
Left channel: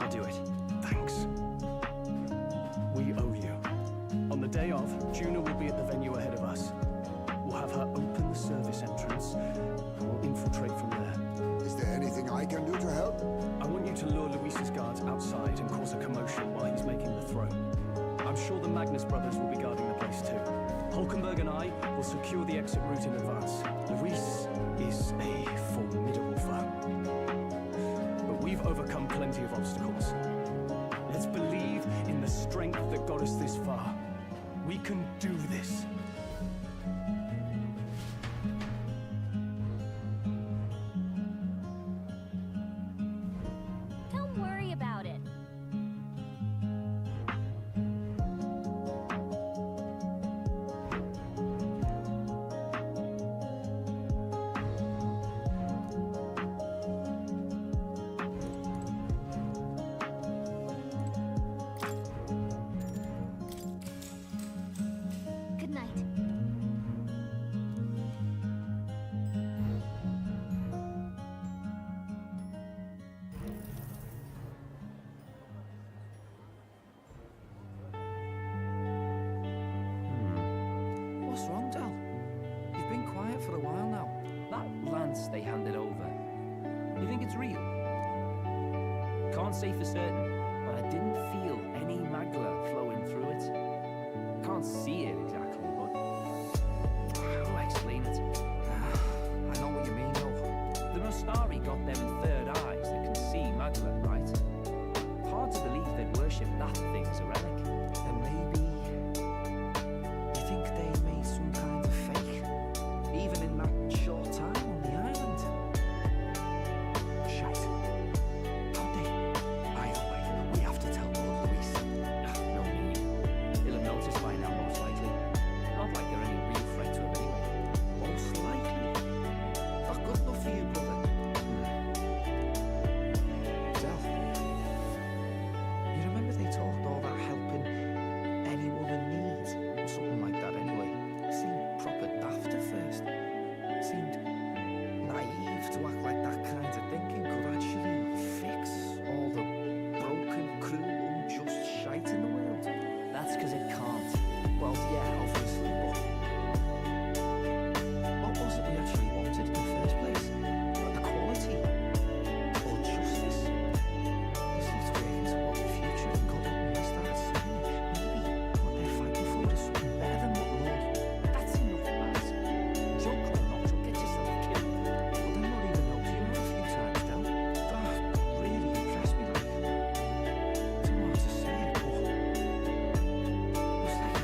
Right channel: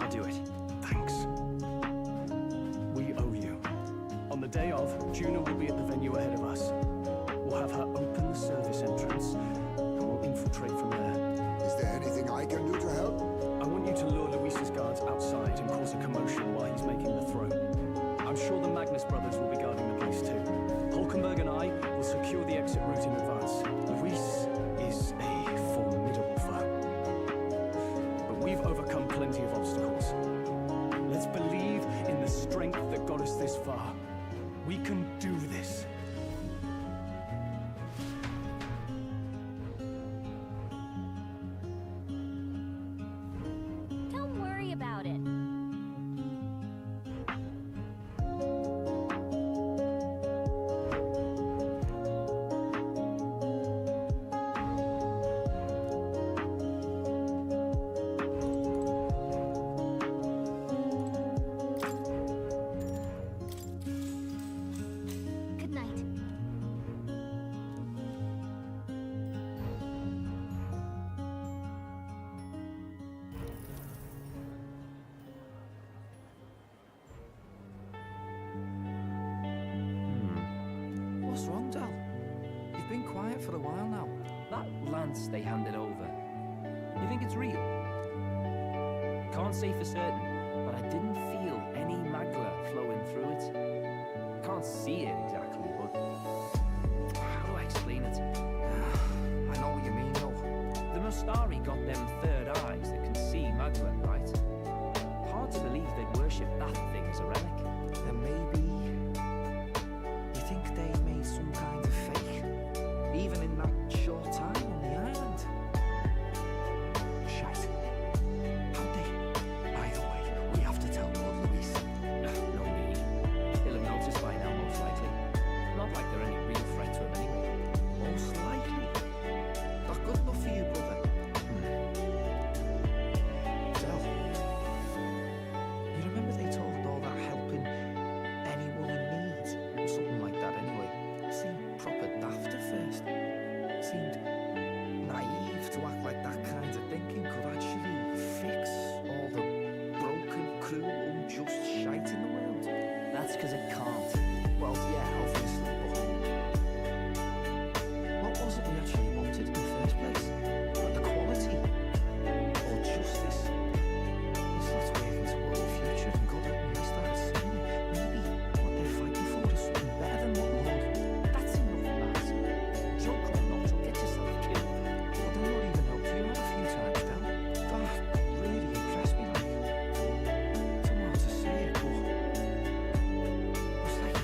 I'll do it. Thanks. We owe you. On the day of, Juna will be at the venue ahead of us. We'll have her open the service entrance, and we'll infiltrate from there. Is there anything I can do to help? I want you to lure Luis's guards outside and cause a commotion while he's making the throw. I'm sure the Magnus brothers will be guarding the place too. Hulkenberg and I will secure the exit route in advance. Luis is a formidable foe. But we've overcome plenty of obstacles. Let's believe in the strength that got us this far. We can do this. Don't worry about it. Good night. What's wrong, Del? You've been quiet for a while now. That lance they handed over, you think it's real? Can't say for certain, but I didn't feel any magla flowing through it. Can't see it exactly, but how do I explain it? I know what you mean, though. The Mustari got them third eyes that can see magla, right? Hard to believe they'd worship that thing as a relic. Then maybe... You think they made some kind of fake? Even in that short time on the island? Shite. How'd they? By the way, we have to tell Lord Luis. No need. He'll have noticed by now, most likely. Not like they're any real threat to him anyway. Most likely. Not good enough for you, brother. Del, you remember they talked all that helping anyone in need? Or something like that anyway. Seemed proper daft at first. Seemed naive to act like that kind of thinking could actually fix all the broken, cruel, unjust shite in the world. That's because it can't. Well, yeah, obviously, but what was it we actually wanted in the first place? Equality? Or justice? This lot's working towards the future, and God help me, I started seeing it. Maybe what they're fighting for is something better than what Lord... That's enough, Baz. Joke or not, you'll get yourself killed. But then Lord even helped you out a few times, Del. That really impressed me, like... I don't know how to say it, but... It was like a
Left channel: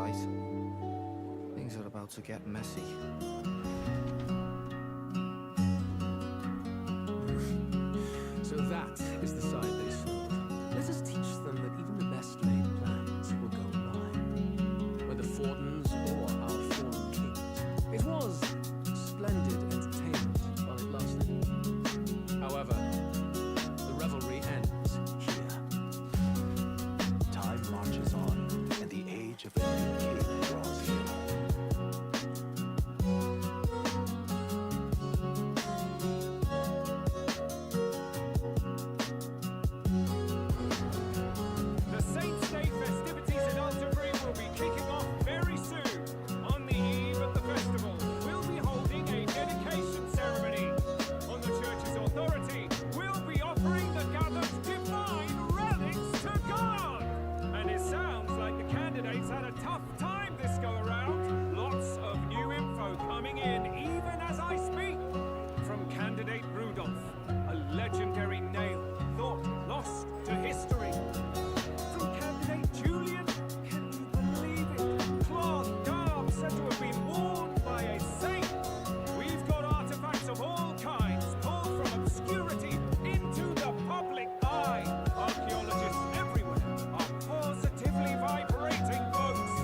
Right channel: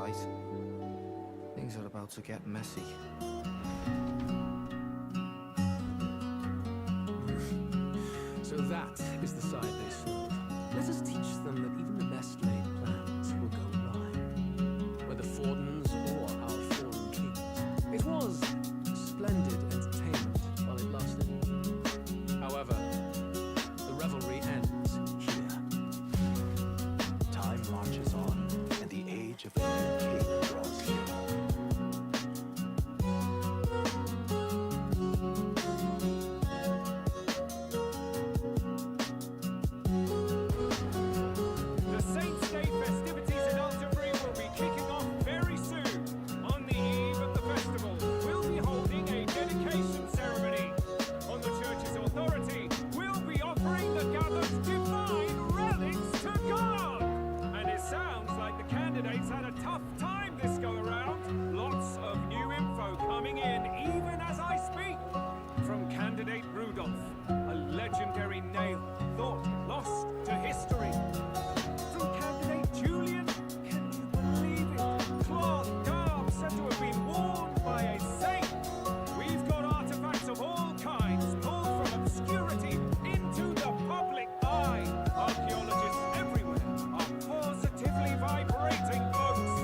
right. Things are about to get messy. So that is the side they serve. Let us teach them that even the best laid plans will go awry. Whether Fordens or our fallen kings. It was splendid entertainment while it lasted. However, the revelry ends here. Time marches on, and the age of a new king draws nearer. The Saints' Day festivities in Alderbury will be kicking off very soon. On the eve of the festival, we'll be holding a dedication ceremony. On the church's authority, we'll be offering the gathered divine relics to God. And it sounds like the candidates had a tough time this go around. Lots of new info coming in even as I speak. From candidate Rudolph, a legendary nail thought lost to history. From candidate Julian, can you believe it? Cloth garb said to have been worn by a saint. We've got artifacts of all kinds pulled from obscurity into the public eye. Archaeologists everywhere are positively vibrating, folks.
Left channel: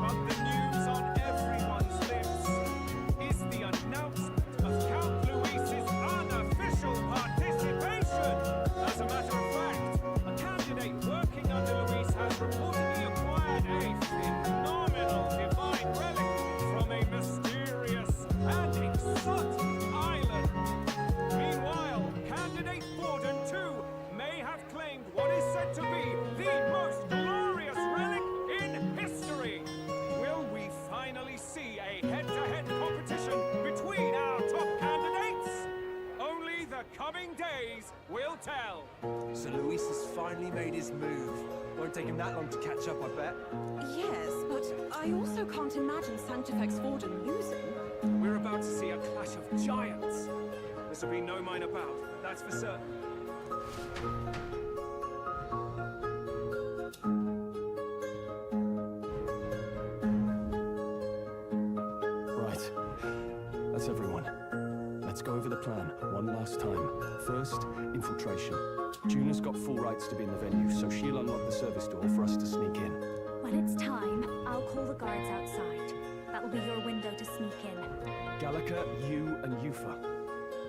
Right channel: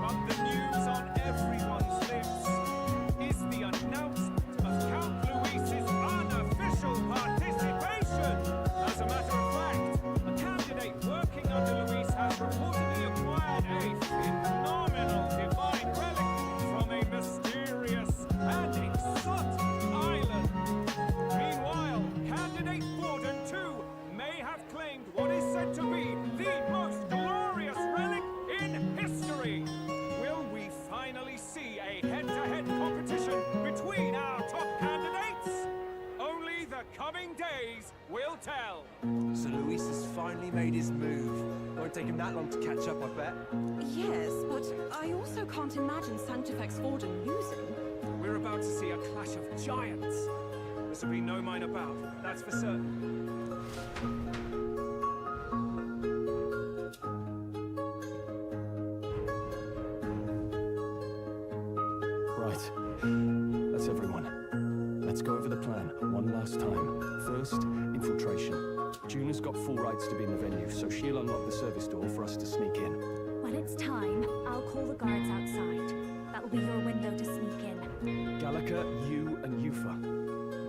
But the news on everyone's lips is the announcement of Count Luis's unofficial participation. As a matter of fact, a candidate working under Luis has reportedly acquired a phenomenal divine relic from a mysterious and exotic island. Meanwhile, candidate Borden too may have claimed what is said to be the most glorious relic in history. Will we finally see a head-to-head competition between our top candidates? Only the coming days will tell. So Luis has finally made his move. Won't take him that long to catch up, I bet. Yes, but I also can't imagine Sanctifex Forden losing. We're about to see a clash of giants. This will be no minor bout, that's for certain. Right. That's everyone. Let's go over the plan one last time. First, infiltration. Juna's got full rights to be in the venue, so she'll unlock the service door for us to sneak in. When it's time, I'll call the guards outside. That'll be your window to sneak in. Gallica, you, and Yufa.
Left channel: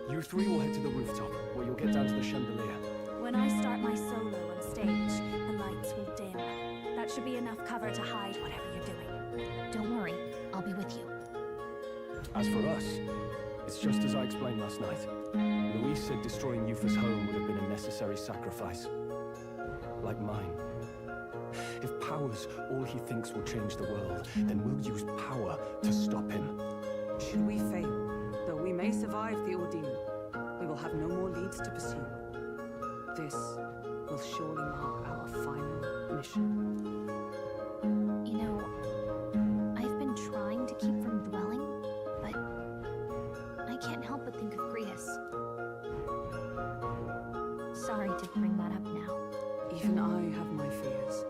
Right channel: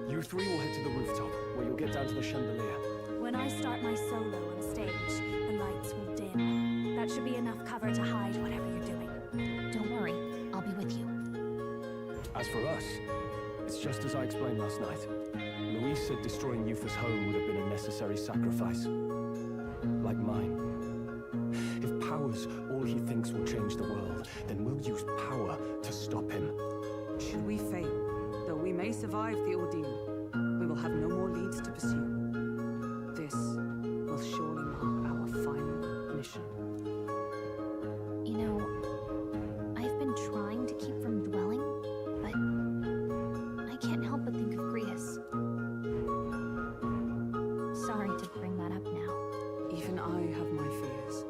You three will head to the rooftop, where you'll get down to the chandelier. When I start my solo on stage, the lights will dim. That should be enough cover to hide whatever you're doing. Don't worry, I'll be with you. As for us, it's just as I explained last night. Luis said destroying Yufa's home would have been a necessary sacrifice. Like mine. If power's all he thinks will change the world, then we'll use power to stop him. Should we fail, though we may survive the ordeal, we will have no more leads to pursue. This will surely mark our final mission. You know, I've been trying to keep from dwelling, but I can't help but think of Grius. Sorry to bring that up now. Even I have my fears.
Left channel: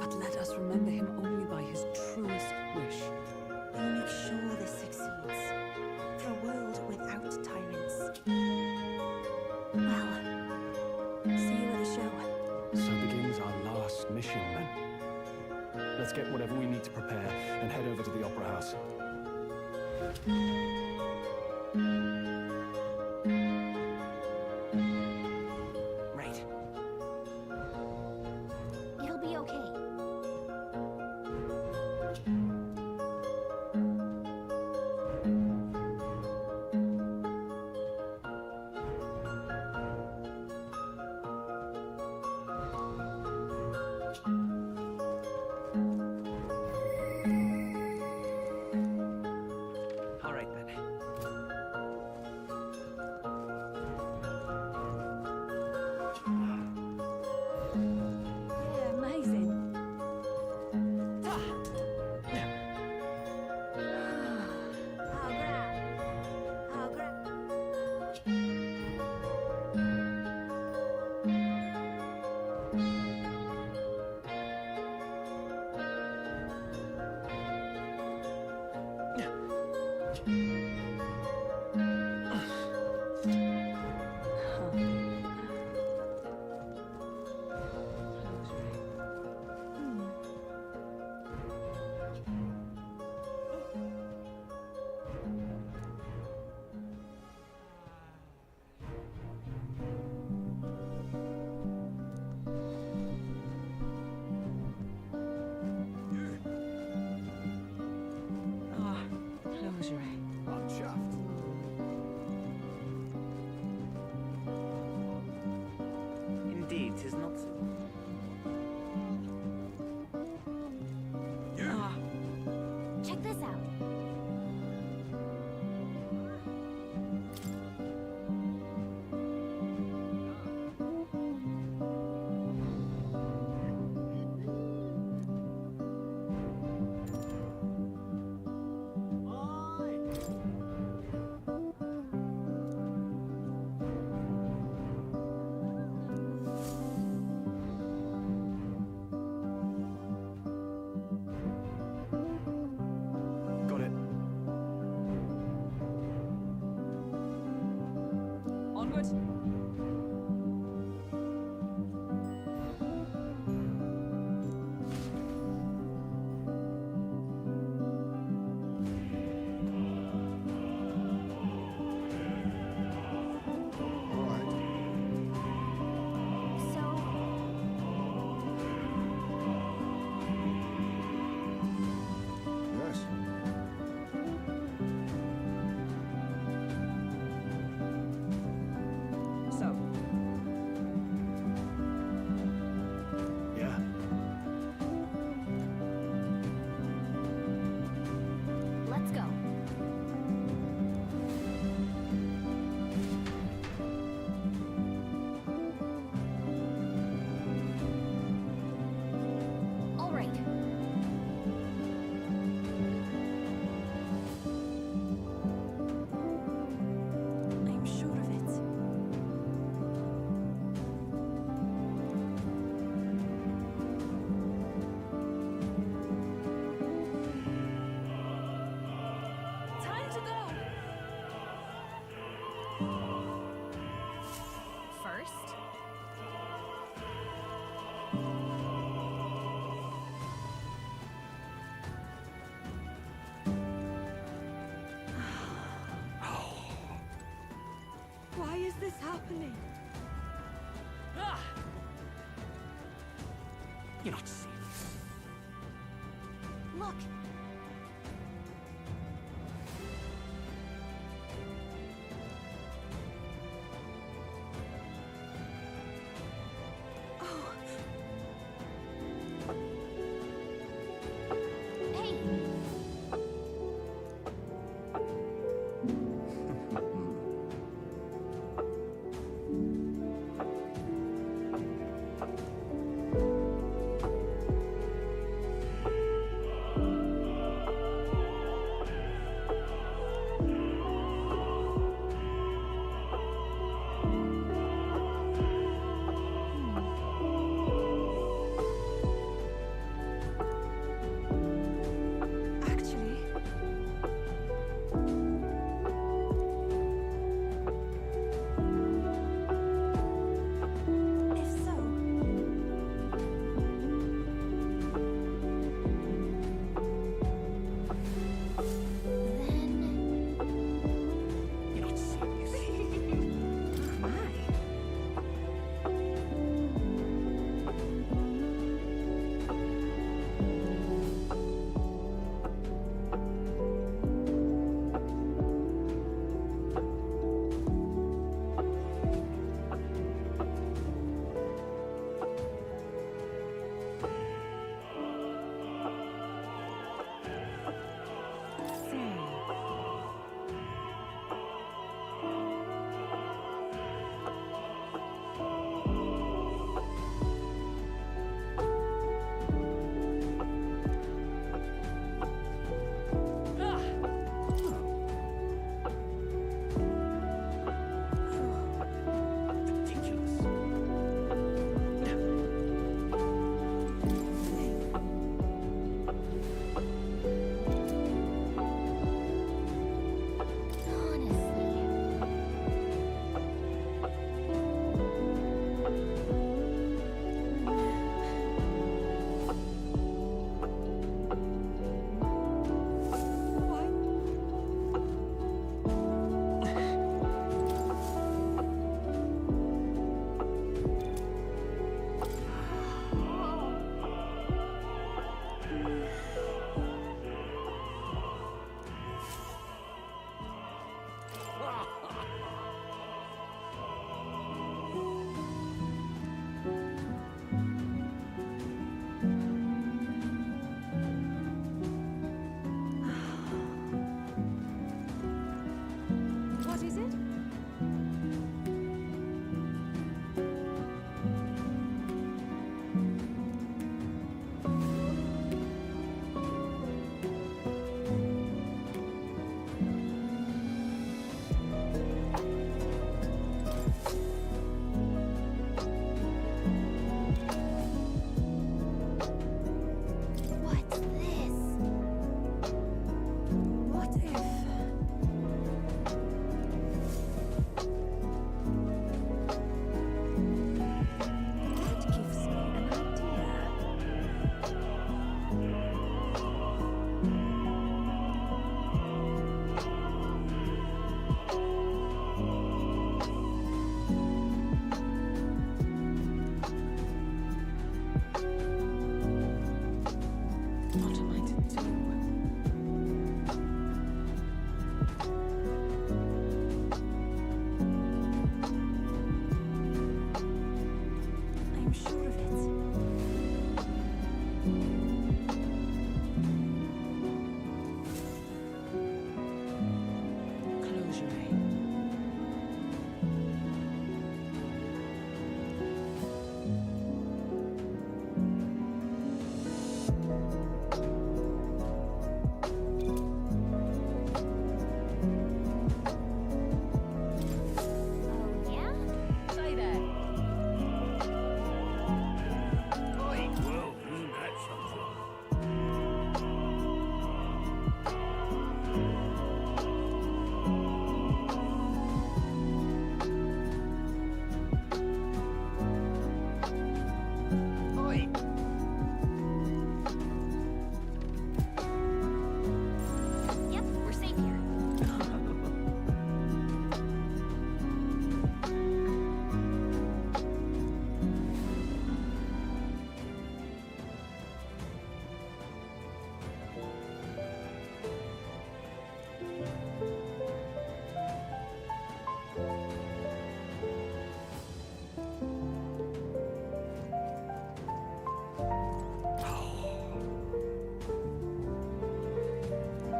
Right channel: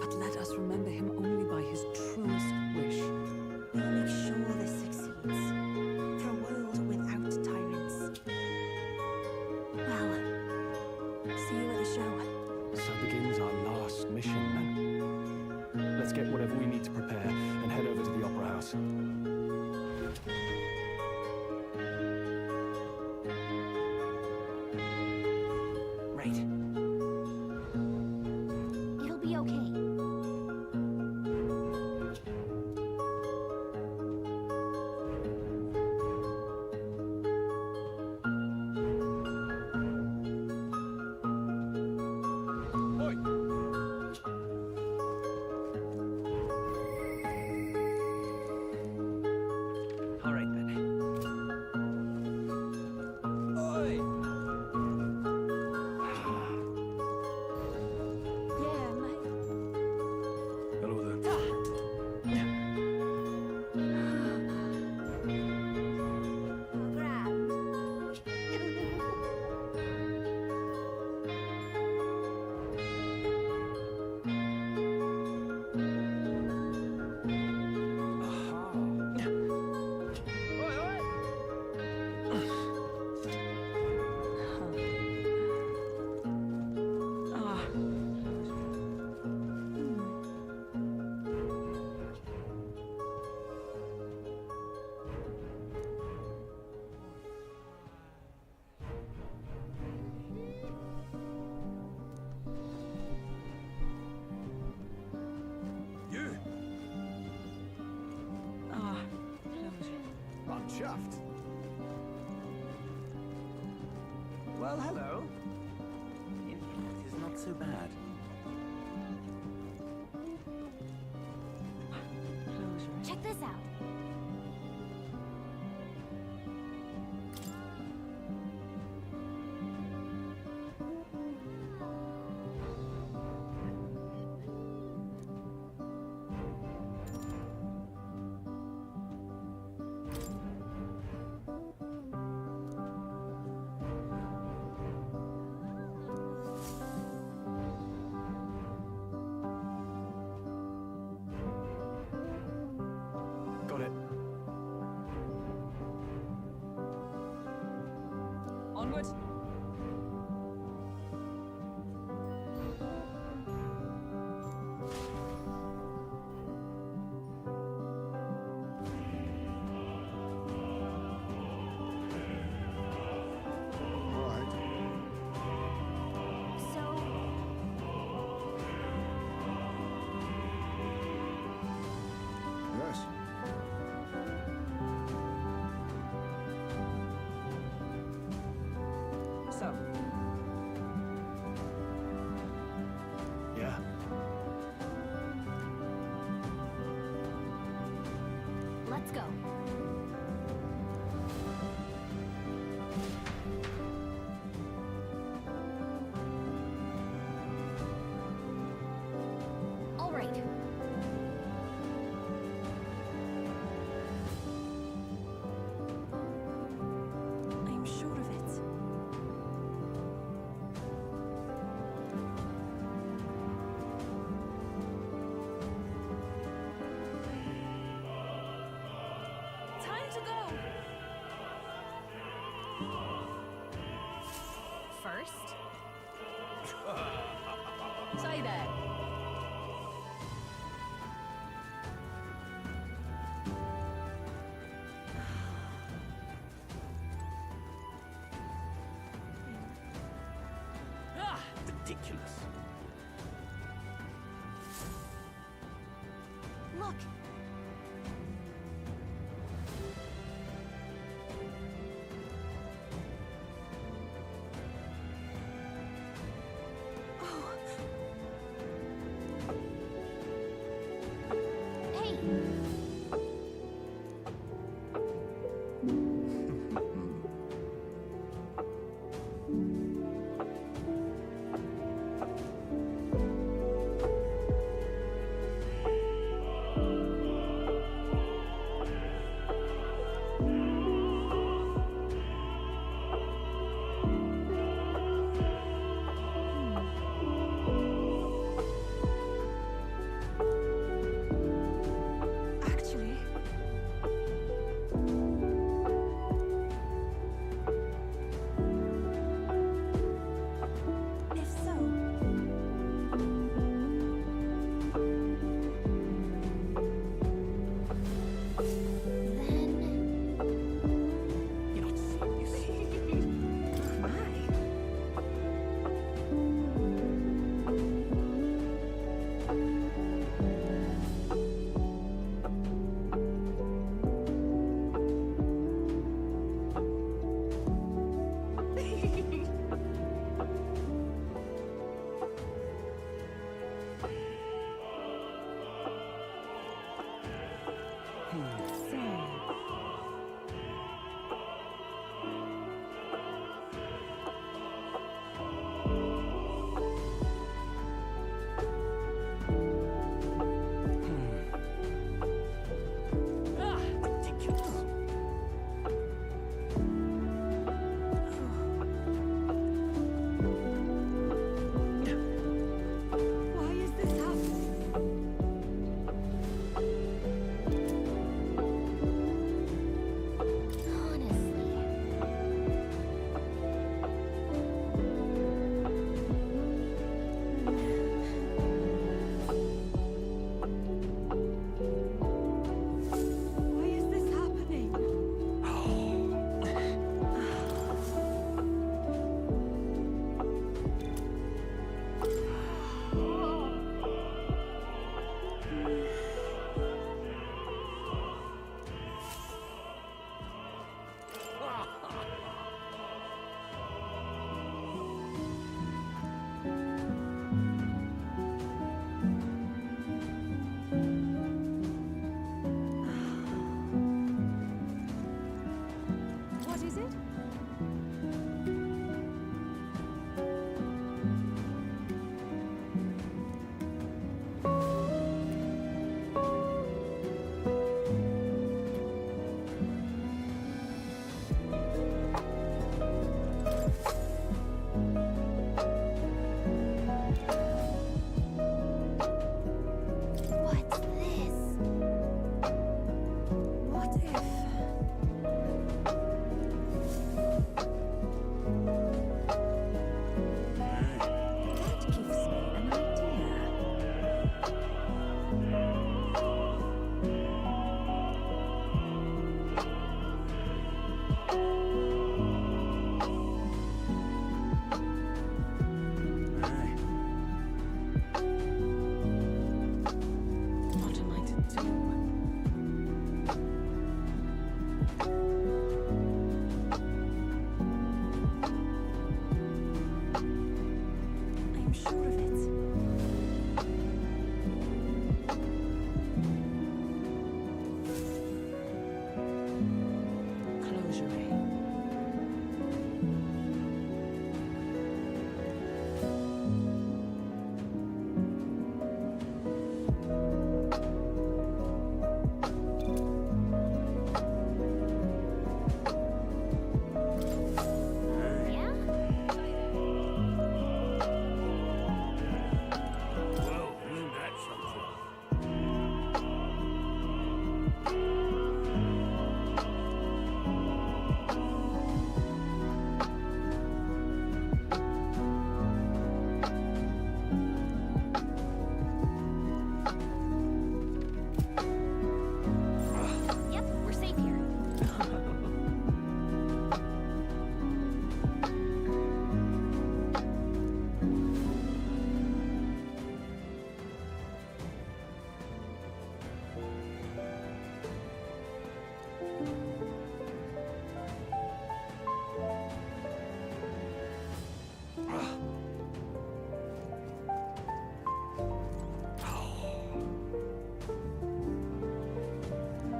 But let us remember him only by his truest wish. We'll make sure this succeeds. For a world without tyrants. Well, see you at the show. So begins our last mission, then. Let's get whatever we need to prepare and head over to the Opera House. Right. It'll be okay. craft. Well, hello. Indeed, 'tis not so bad. Check this out. Got it. Onward. All right. So, Yes. So, Yeah. let's go. All right. I'm sure of it. Time to go! First, say that. Why is this happening? Ah, ridiculous. You're not safe. Look. What if? That gives me an idea. What am I to do? I am sure of it. Closure, eh? Yeah? Say that. Well, isn't that something? Yep, we're safe here.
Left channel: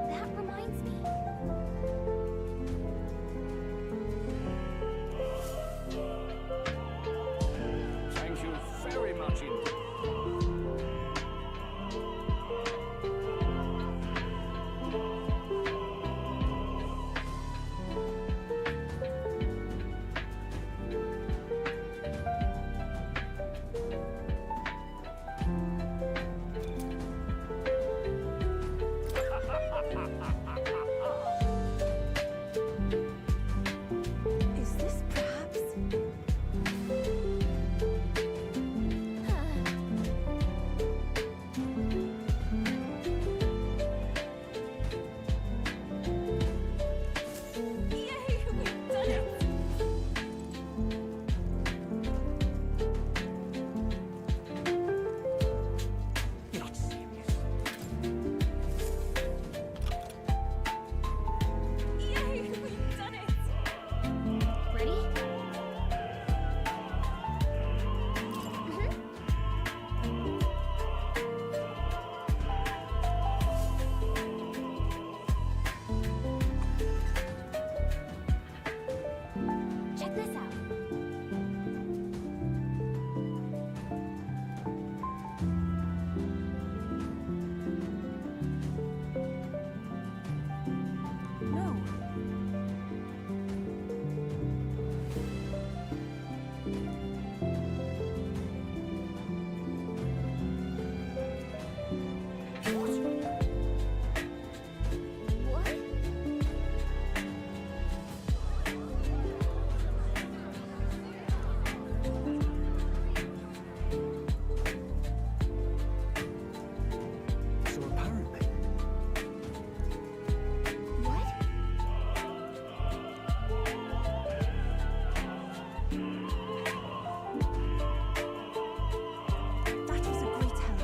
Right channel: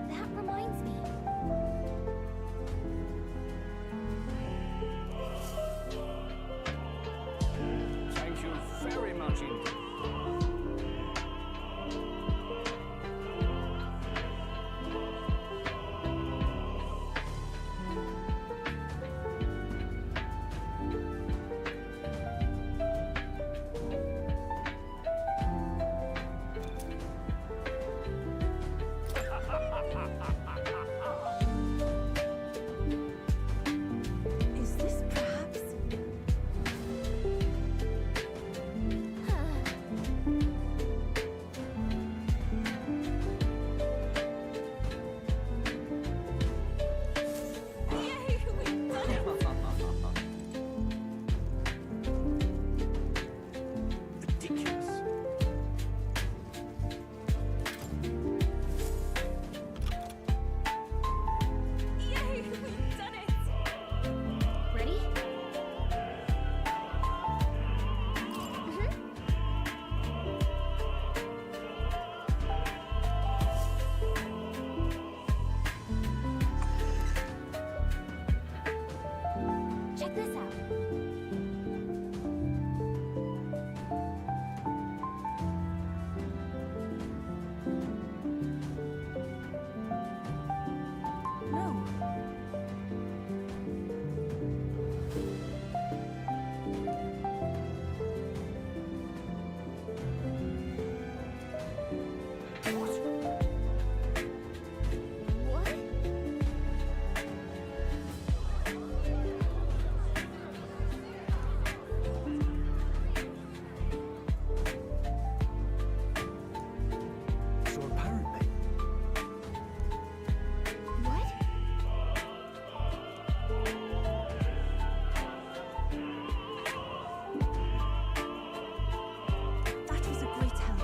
That reminds me. Thank you very much indeed. Is this perhaps? Yay, we've done it! Yay, we've done it! Ready? Check this out. No. What? So apparently, What? That was a great help.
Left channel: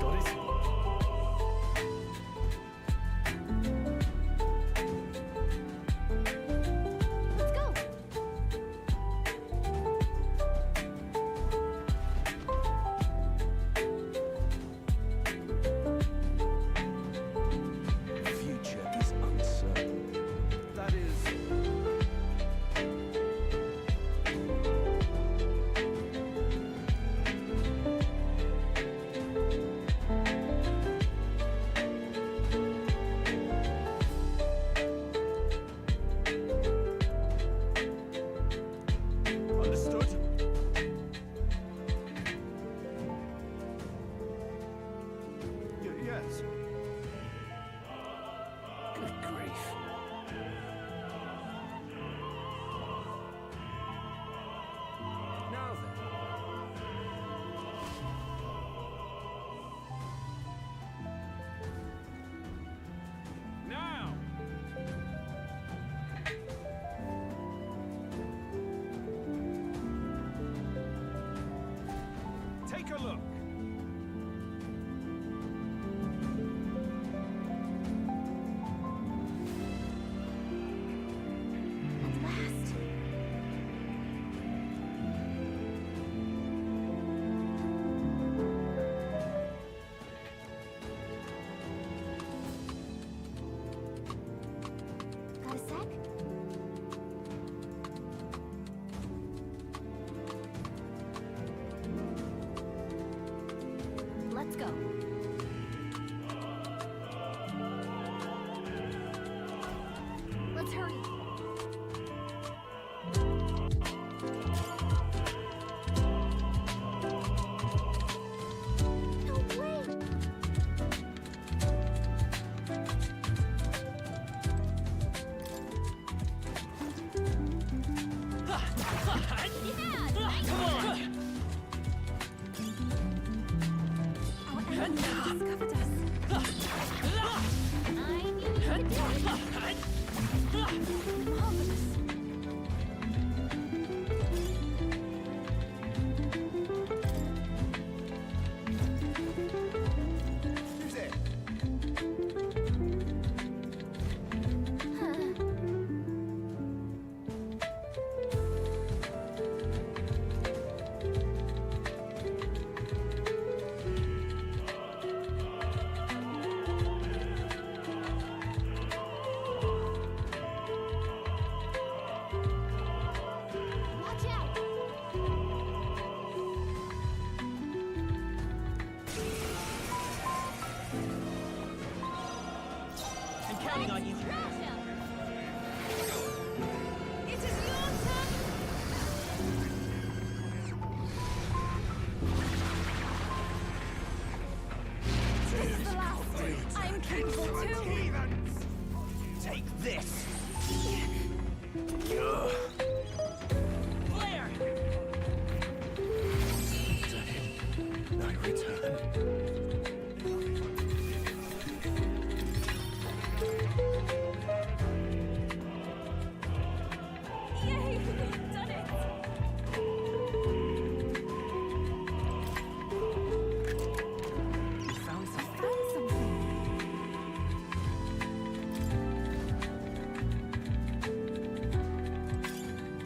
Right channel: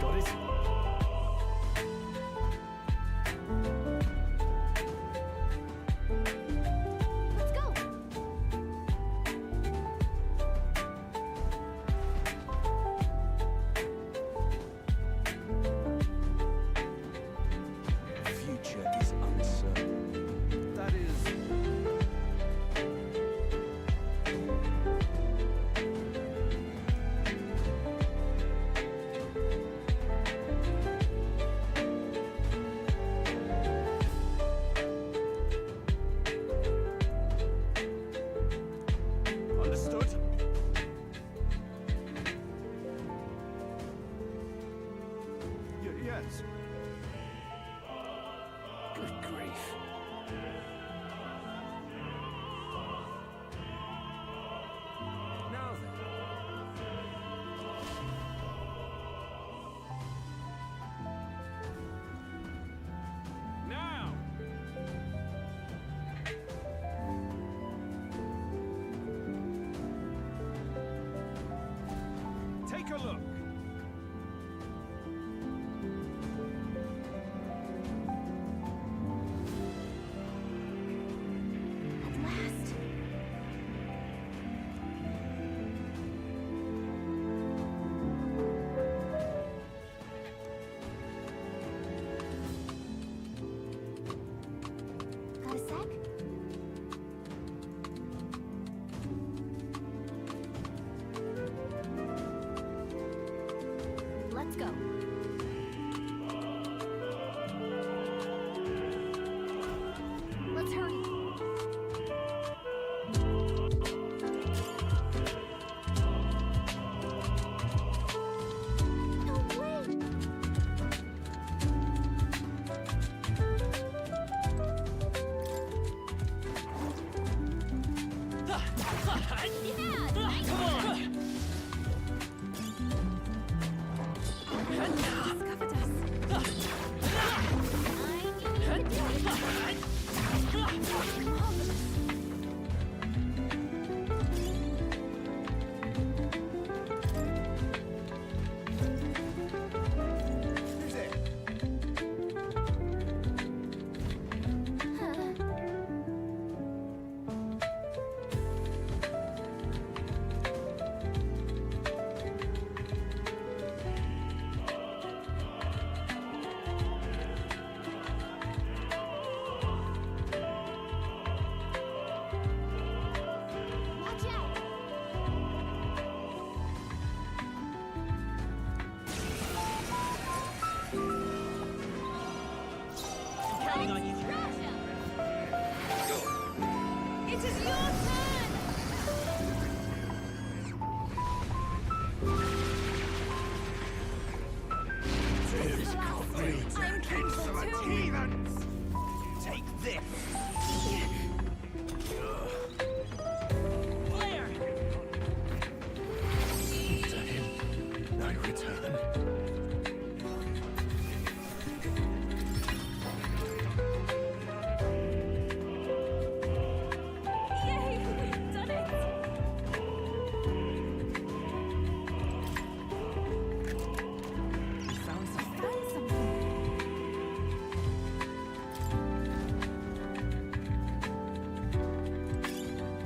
got it? Let's go. The future is uncertain. That is. Understood? Yes. take a look. At last. Got a sec? Let's go. Let's hurry. No way! Yeah, nice. Come on! Our enemy discovered us. I knew you could do it. Marvelous. Who's it? Watch out! I'm counting on you. Crash him! It is your turn! This is the last. I'm capable too. Heathens! Take this! Blair! To him, I return. Yay! We've done it! We found something. Found something.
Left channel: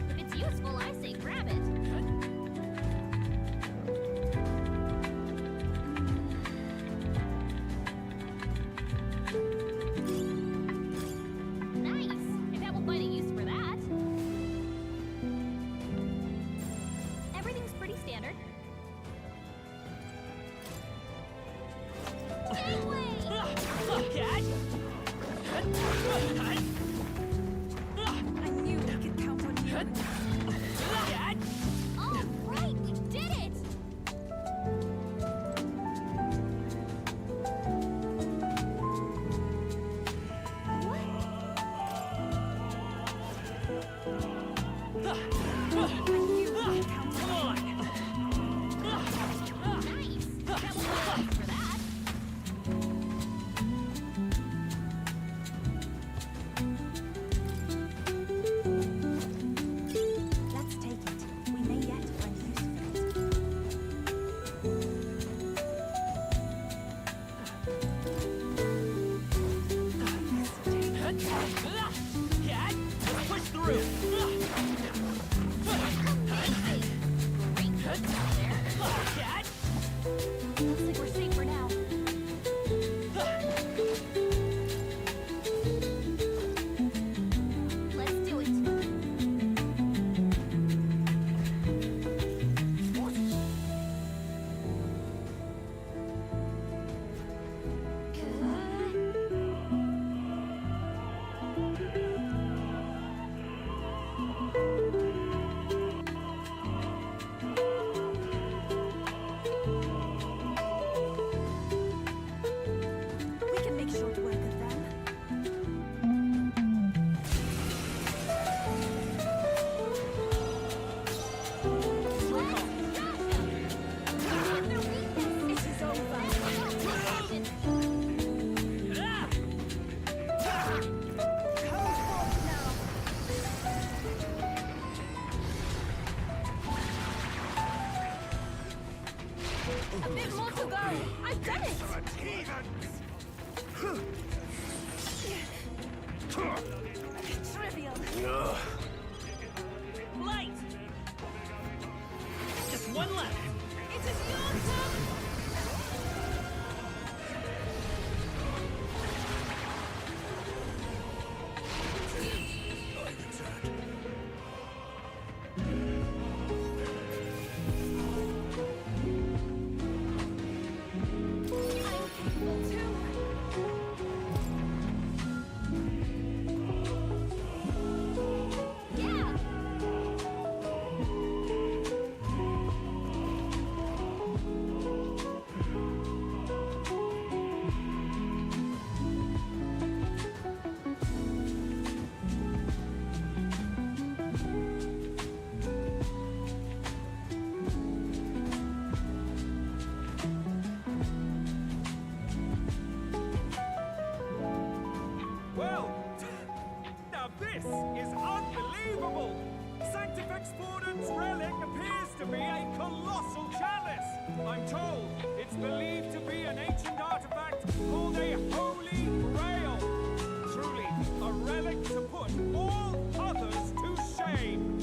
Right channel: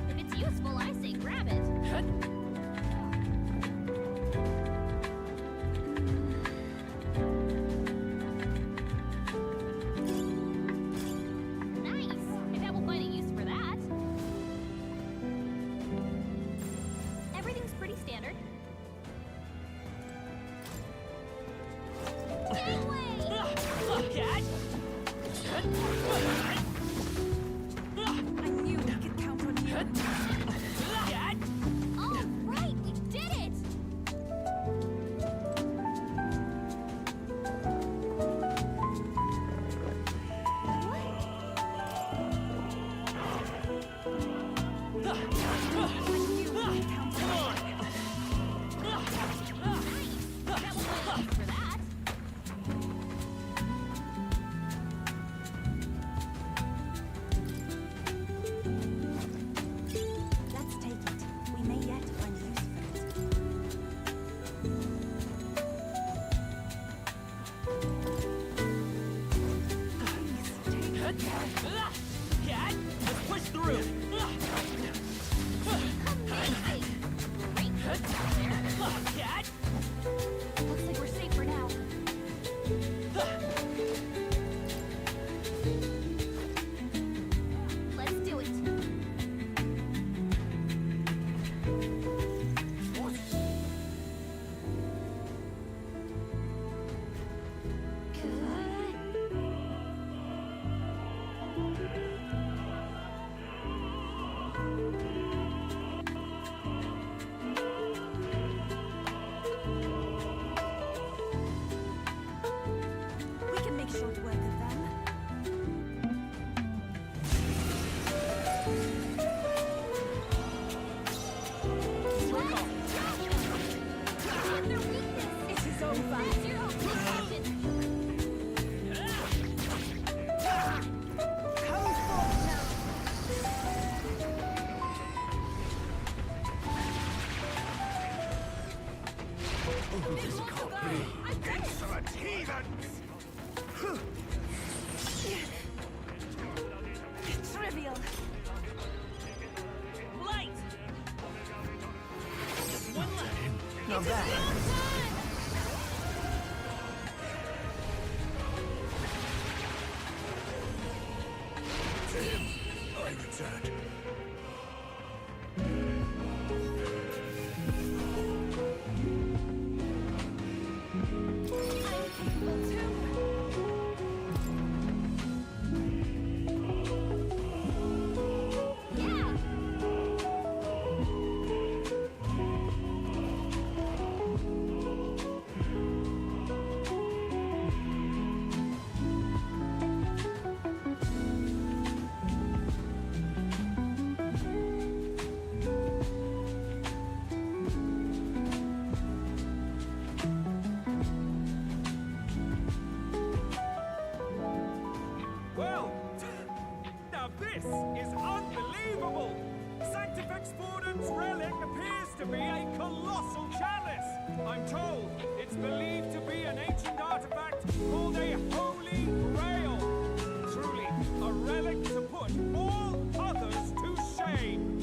If it's useful, I say grab it. Nice. I bet we'll find a use for that. Everything's pretty standard. Gangway! I knew we could count on you. All right, we did it! What? I knew we could count on you. Nice! That will be use for that. Let's take it. We may yet find use for it. Please, take it. Let's push through! Amazing! Great work out there. Looks like we're safe for now. Let's do it. Trivial. Light! Just one left. It is your time! I returned. I'm capable too. Yeah! Well, now this is unbelievable! Sanctifex Spordent's relic appears to be a colossal chalice. I'm told it's believed to be an ancient artifact called a Holy Grail. Truly, a relic to put all others to shame.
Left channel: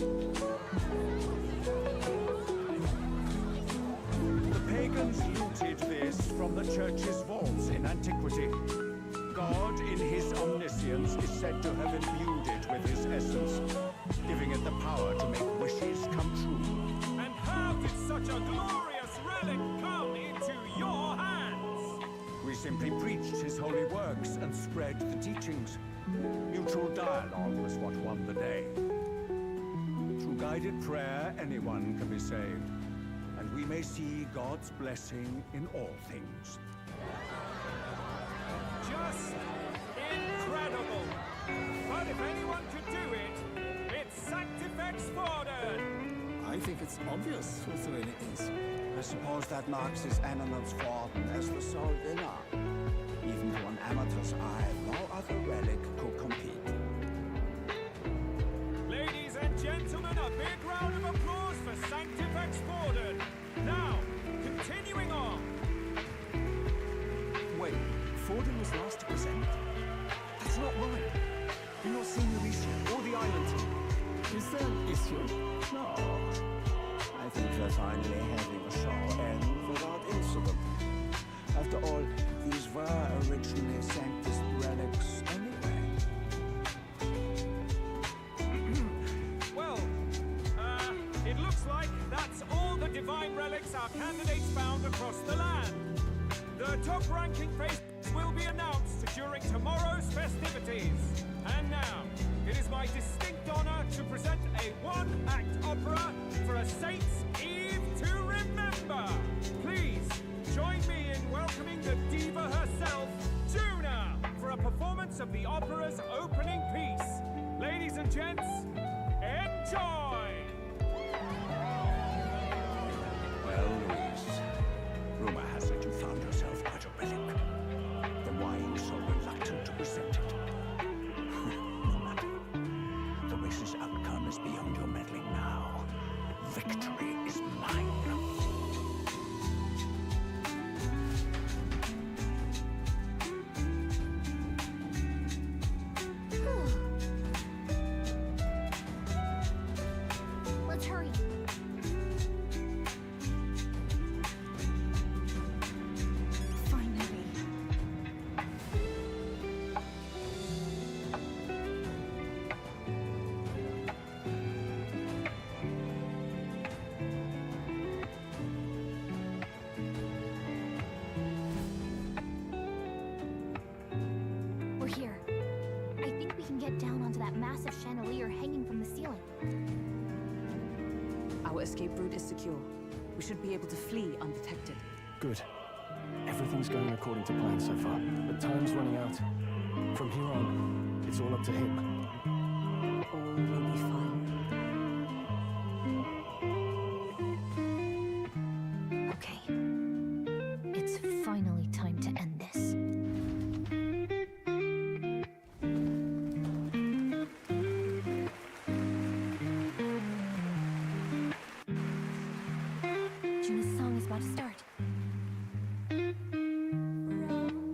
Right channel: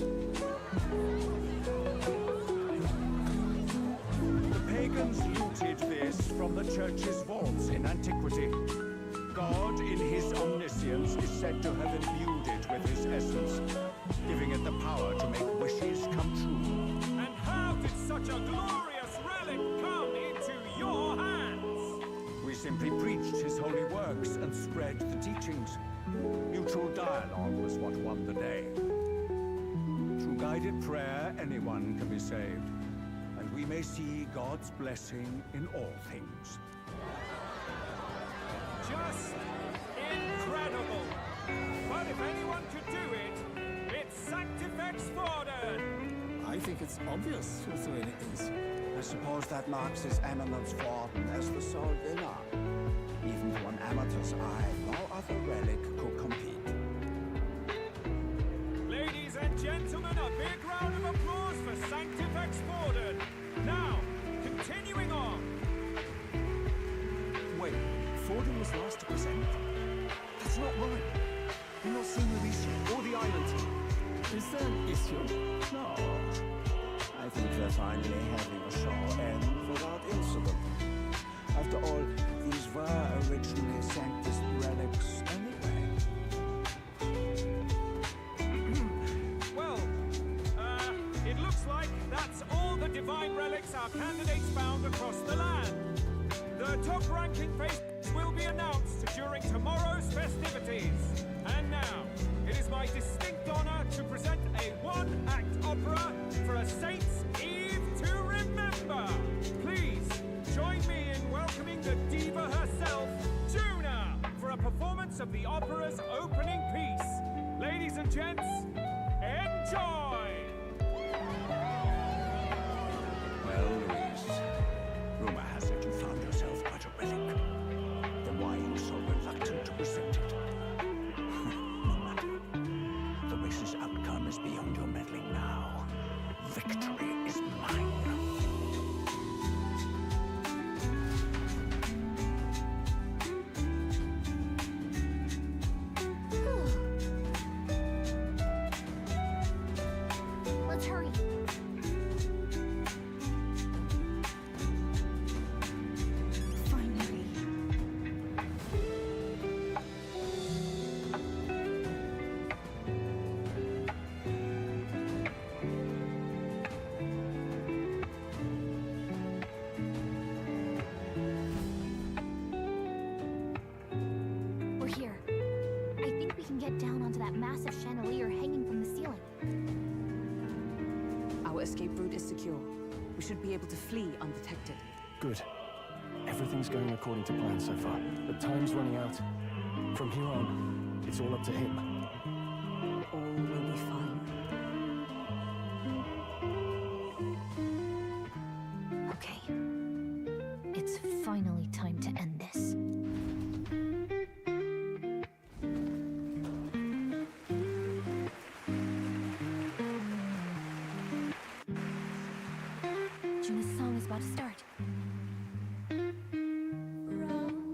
The pagans looted this from the church's vaults in antiquity. God, in his omniscience, is said to have imbued it with his essence, giving it the power to make wishes come true. And how did such a glorious relic come into your hands? We simply preached his holy works and spread the teachings. Mutual dialogue was what won the day. Through guided prayer, anyone can be saved, and we may see God's blessing in all things. Just incredible! But if anyone could do it, it's Sanctifex Sporden! I think it's obvious whose doing it is. I suppose that marks his eminence Forden as the sole winner. Even to an amateur's eye, no other relic could compete. Ladies and gentlemen, a big round of applause for Sanctifex Sporden! Now, continuing on. Wait, Forden was last to present? That's not right. You've not seen the issue or the island team. Is there an issue? No. I think we're finally having a show end without incident. After all, these were originally Sanctus relics anyway. Well, it looks like that's all the divine relics our candidates found across the land. The top-ranking favorites will be announced during tomorrow's festivities. And now, it is my distinct honor to present a one-act opera for a Saint's Eve to remember. Please, join me in welcoming the diva herself, Juna, for a performance of the opera's opening piece. Ladies and gents, enjoy! Well, Louise, rumor has it you found yourself quite a relic. Then why are you so reluctant to present it? No matter. The race's outcome is beyond your meddling now. Victory is mine. Let's hurry. Finally. We're here. I think we can get down onto that massive chandelier hanging from the ceiling. Our escape route is secure. We should be able to flee undetected. Good. Everything's going according to plan so far, but time's running out. From here on, it's all up to him. All will be fine. Okay. It's finally time to end this. Juna's song is about to start. Round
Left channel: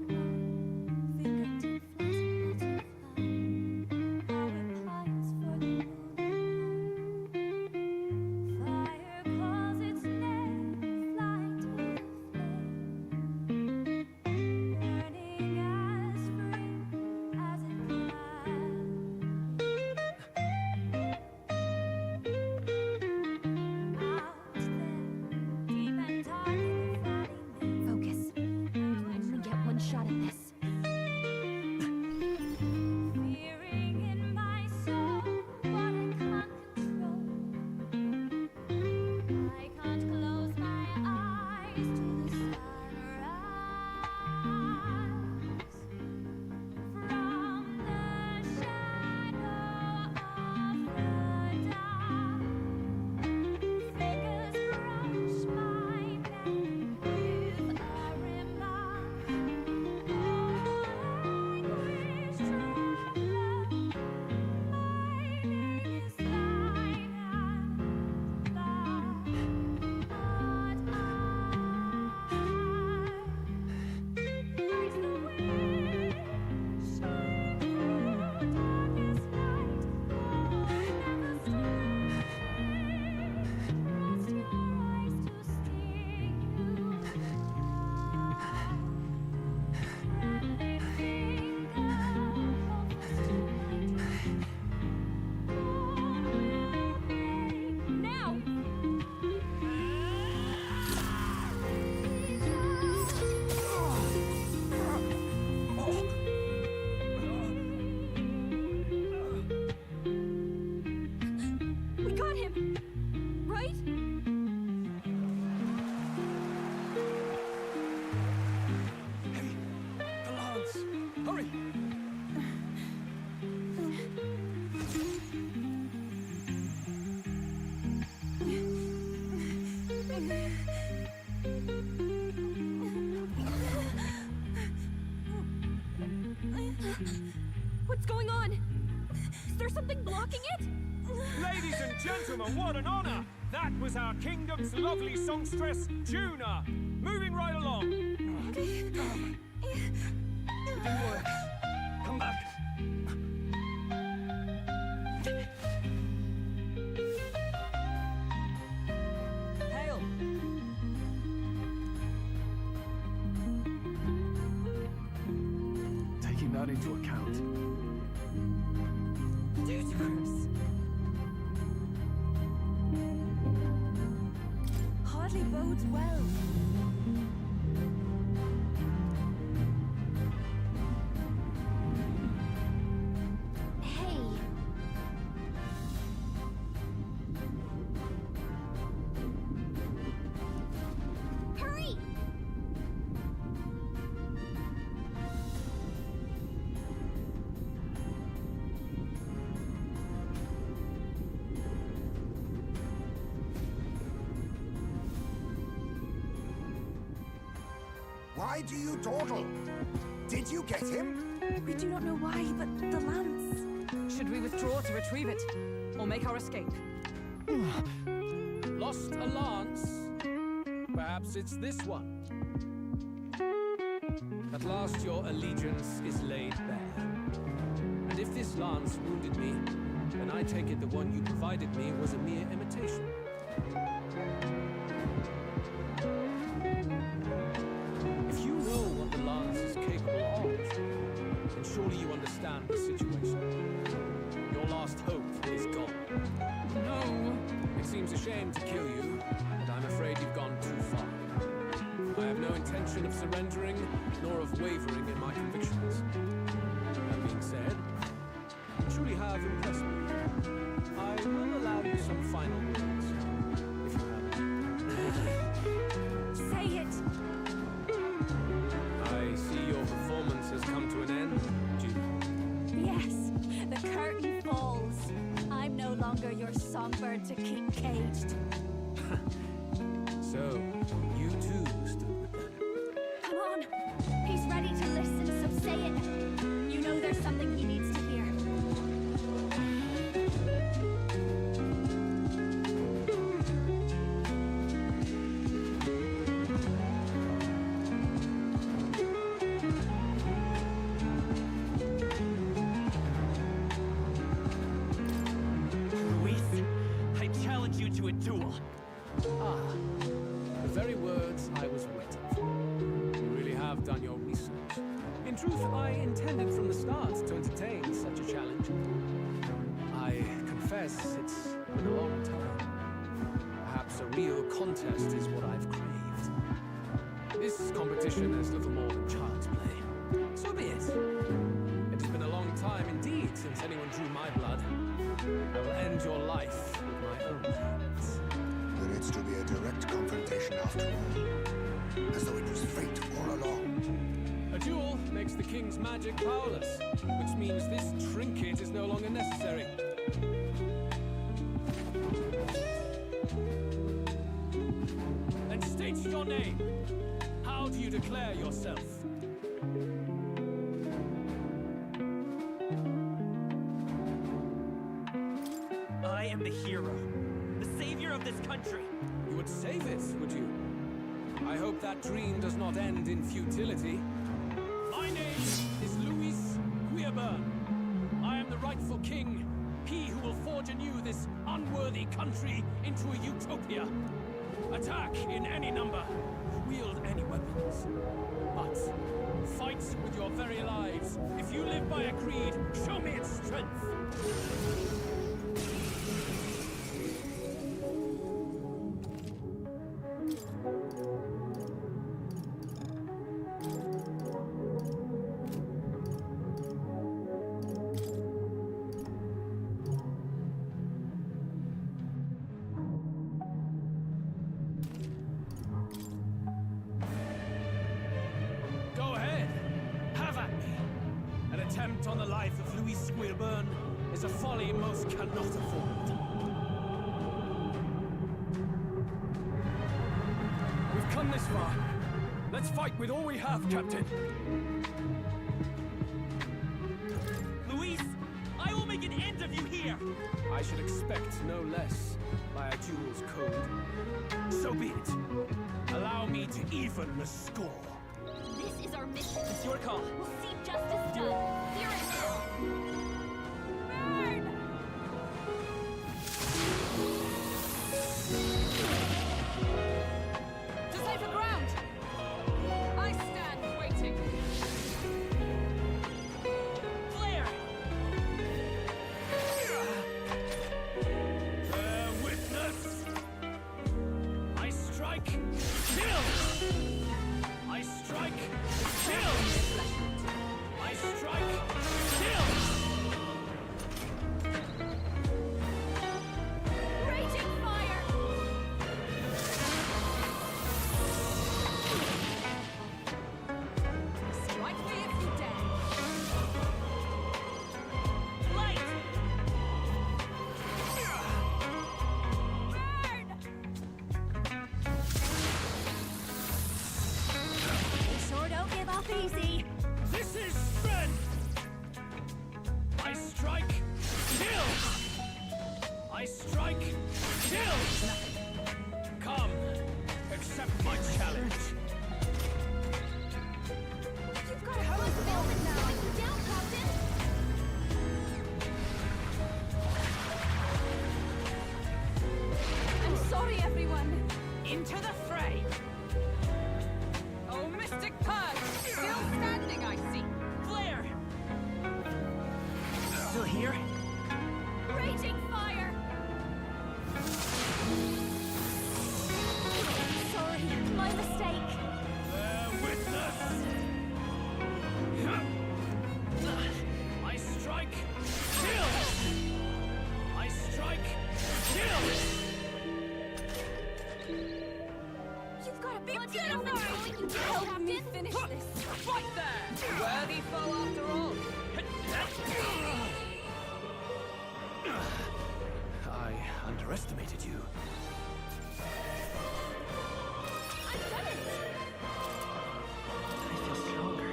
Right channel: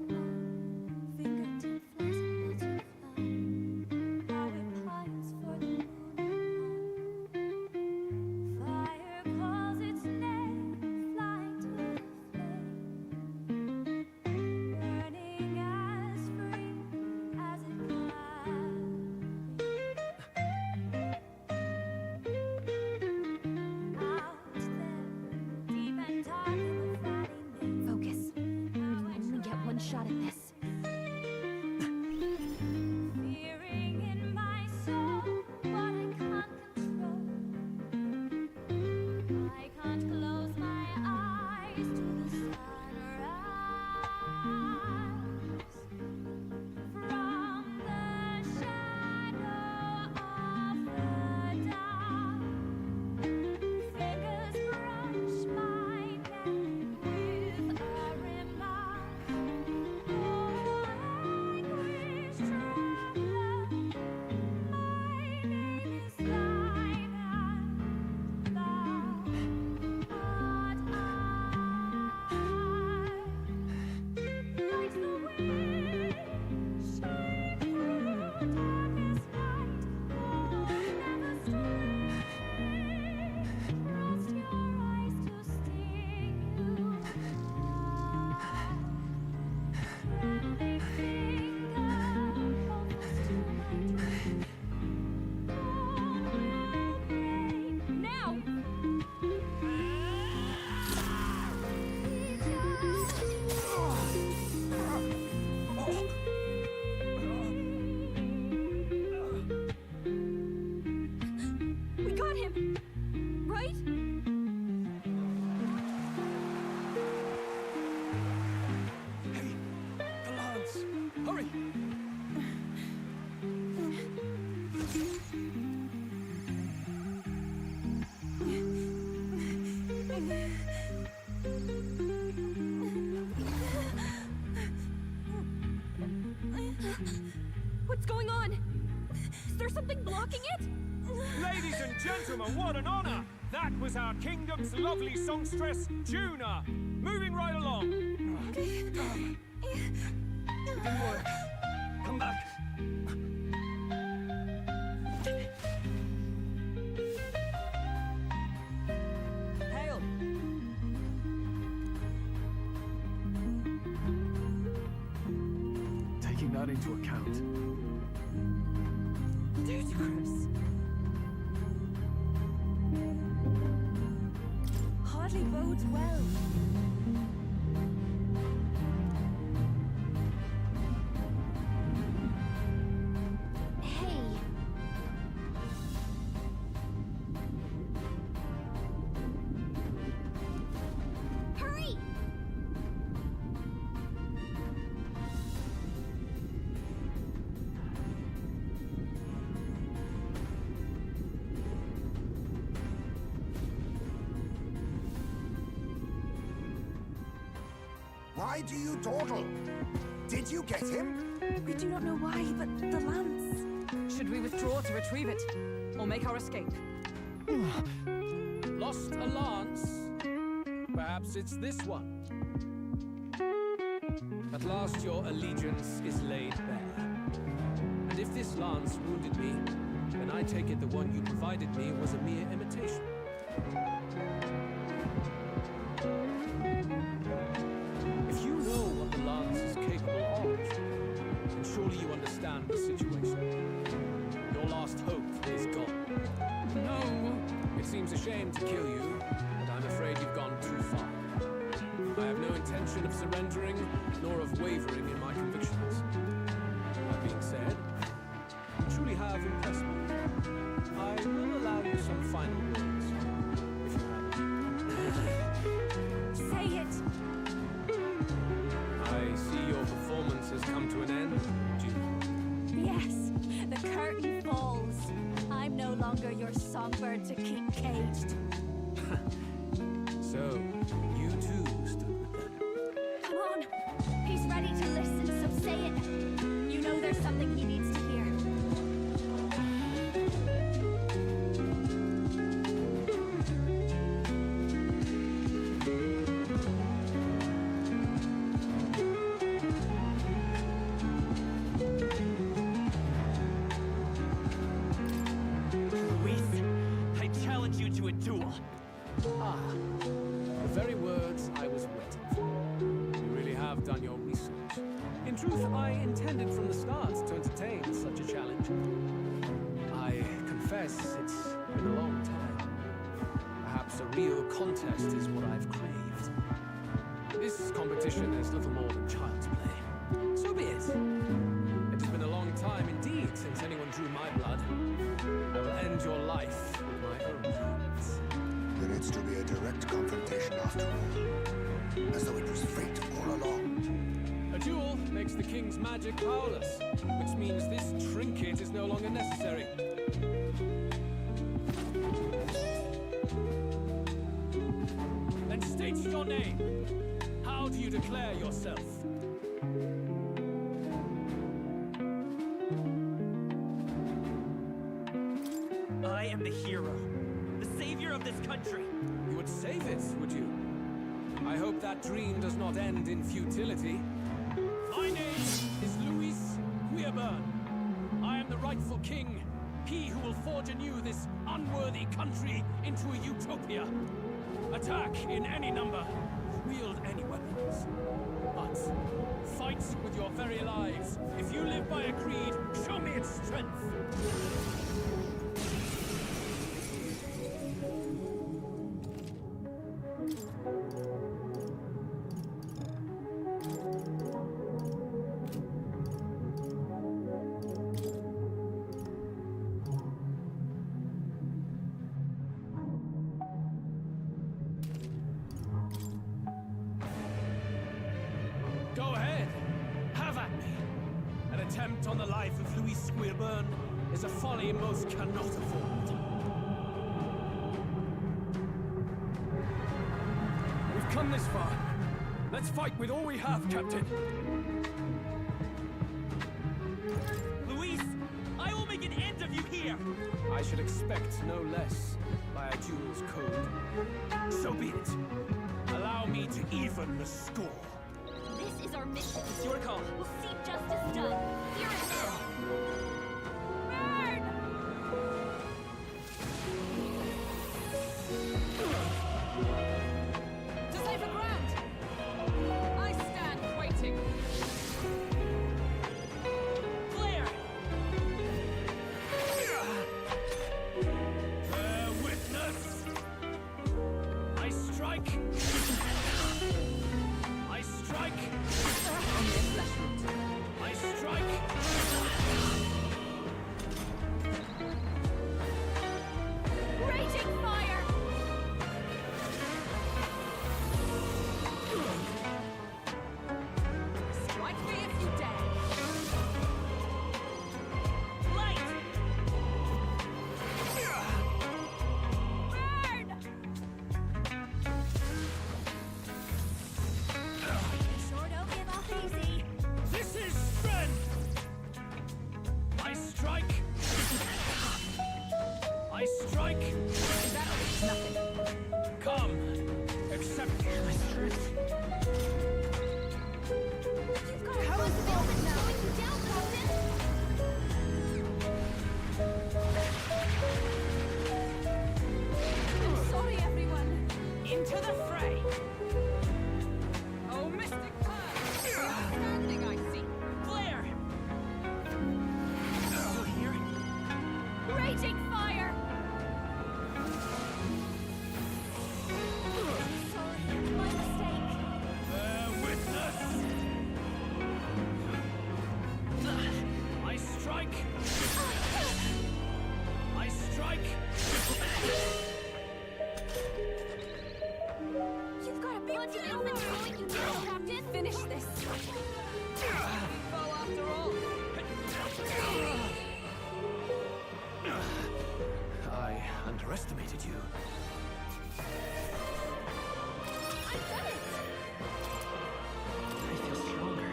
What's going on? Is there something blocking it? Ladies and gentlemen, what an honor! That was our kingdom's lovely songstress, Juna. Moving right along. It didn't work. Come back. Hail! Taking that into account, Ludicrous. Hardly bodes well. Hey. Hurry! Why do you dawdle? Did you get him? We do not know why, but the lance. Should we withdraw to retrieve it? Or make our escape? Lost a lance? Perhaps it's this one. At last your allegiance is laid bare. And if this lance wounded me, then I take it the one you provided me was a mere imitation. If you know what the lance is capable of, then surely you understand the situation. Your last hope is gone. No! It seems a shame to kill you, but I'm afraid you've gone too far. I have no intention of surrendering, nor of wavering in my convictions. That being said, you truly have impressed me. I will allow you some final words, if you have any. Say it! I see your performance has come to an end, Juno. Yes, the curtain falls. I'm no longer your songbird to keep caged. So, you too stood with them. Come on! He's ready to listen, so say it. You know there's something he needs to hear. Luis, I challenge you to a duel. Ah, the very words I was waiting for. You really have done your research. In truth, I intended from the start to entertain such a challenge. I confess it's been a long time. Perhaps a real contest is what I've craved. This competition is little more than child's play. So be it. It has been a long time indeed since anyone drew my blood. I will end your life with my own hands. Then it's to be a direct confrontation after all. As though it was fate all along. A duel makes the king's magic powerless, which means this trinket is no longer necessary. Then state your name. How do you declare yourself? I am the hero, the savior of this country. You would save it, would you? I hope that dream does not end in futility. My name is Luis Guiaburn. I am the rightful king, he who will forge anew this unworthy country into a utopia. Attack in any number, wield any weapons. But fight with your very lives. If you live by a creed, show me its strength. Go ahead. Have at me. An attempt on the life of Louis Squeerburn is a folly most cannot afford. We've come this far. Let's fight with all we have, Captain. make an end of you here! I should expect no less by a duel's code. So be it. Allow me to even the score. This is our mission. It's your call. We'll see justice done. Here and now. Burn! To safer ground! I stand waiting. Flare! Bear witness! I strike, kill! I strike, kill! I strike, kill! Raging fire! Strike me if you dare. Light! They sure don't give up easy. This is strength! I strike, kill! I strike, kill! Nothing. Come, accept my challenge. You've got a close ailment now. Put you down, Captain. I'm sorry, everyone. Into the fray. Oh, Mystic Pearl! Still standing, I see. Flare! Still here? Raging fire! Sorry, my mistake. Bear witness! I strike, kill! I strike, kill! You've got a big deal that's slowing you down, Captain. Finish this. Right there. Worthy foe after all. I underestimated you. I've done it! I feel stronger.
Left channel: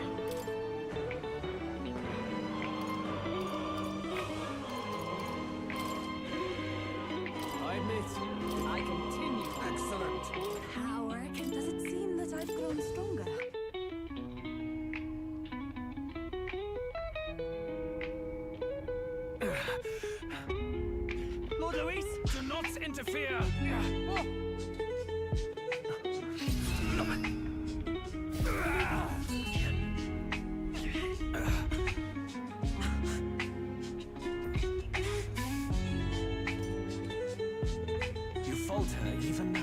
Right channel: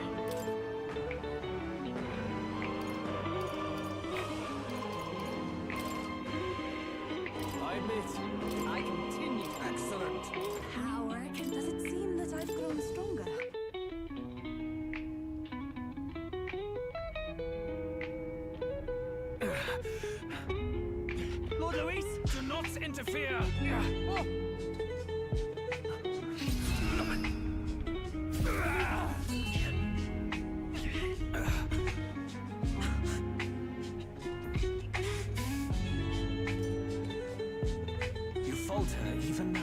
I admit, I continue. excellent. How, and does it seem that I've grown stronger? Lord Luis, do not interfere! You falter even now.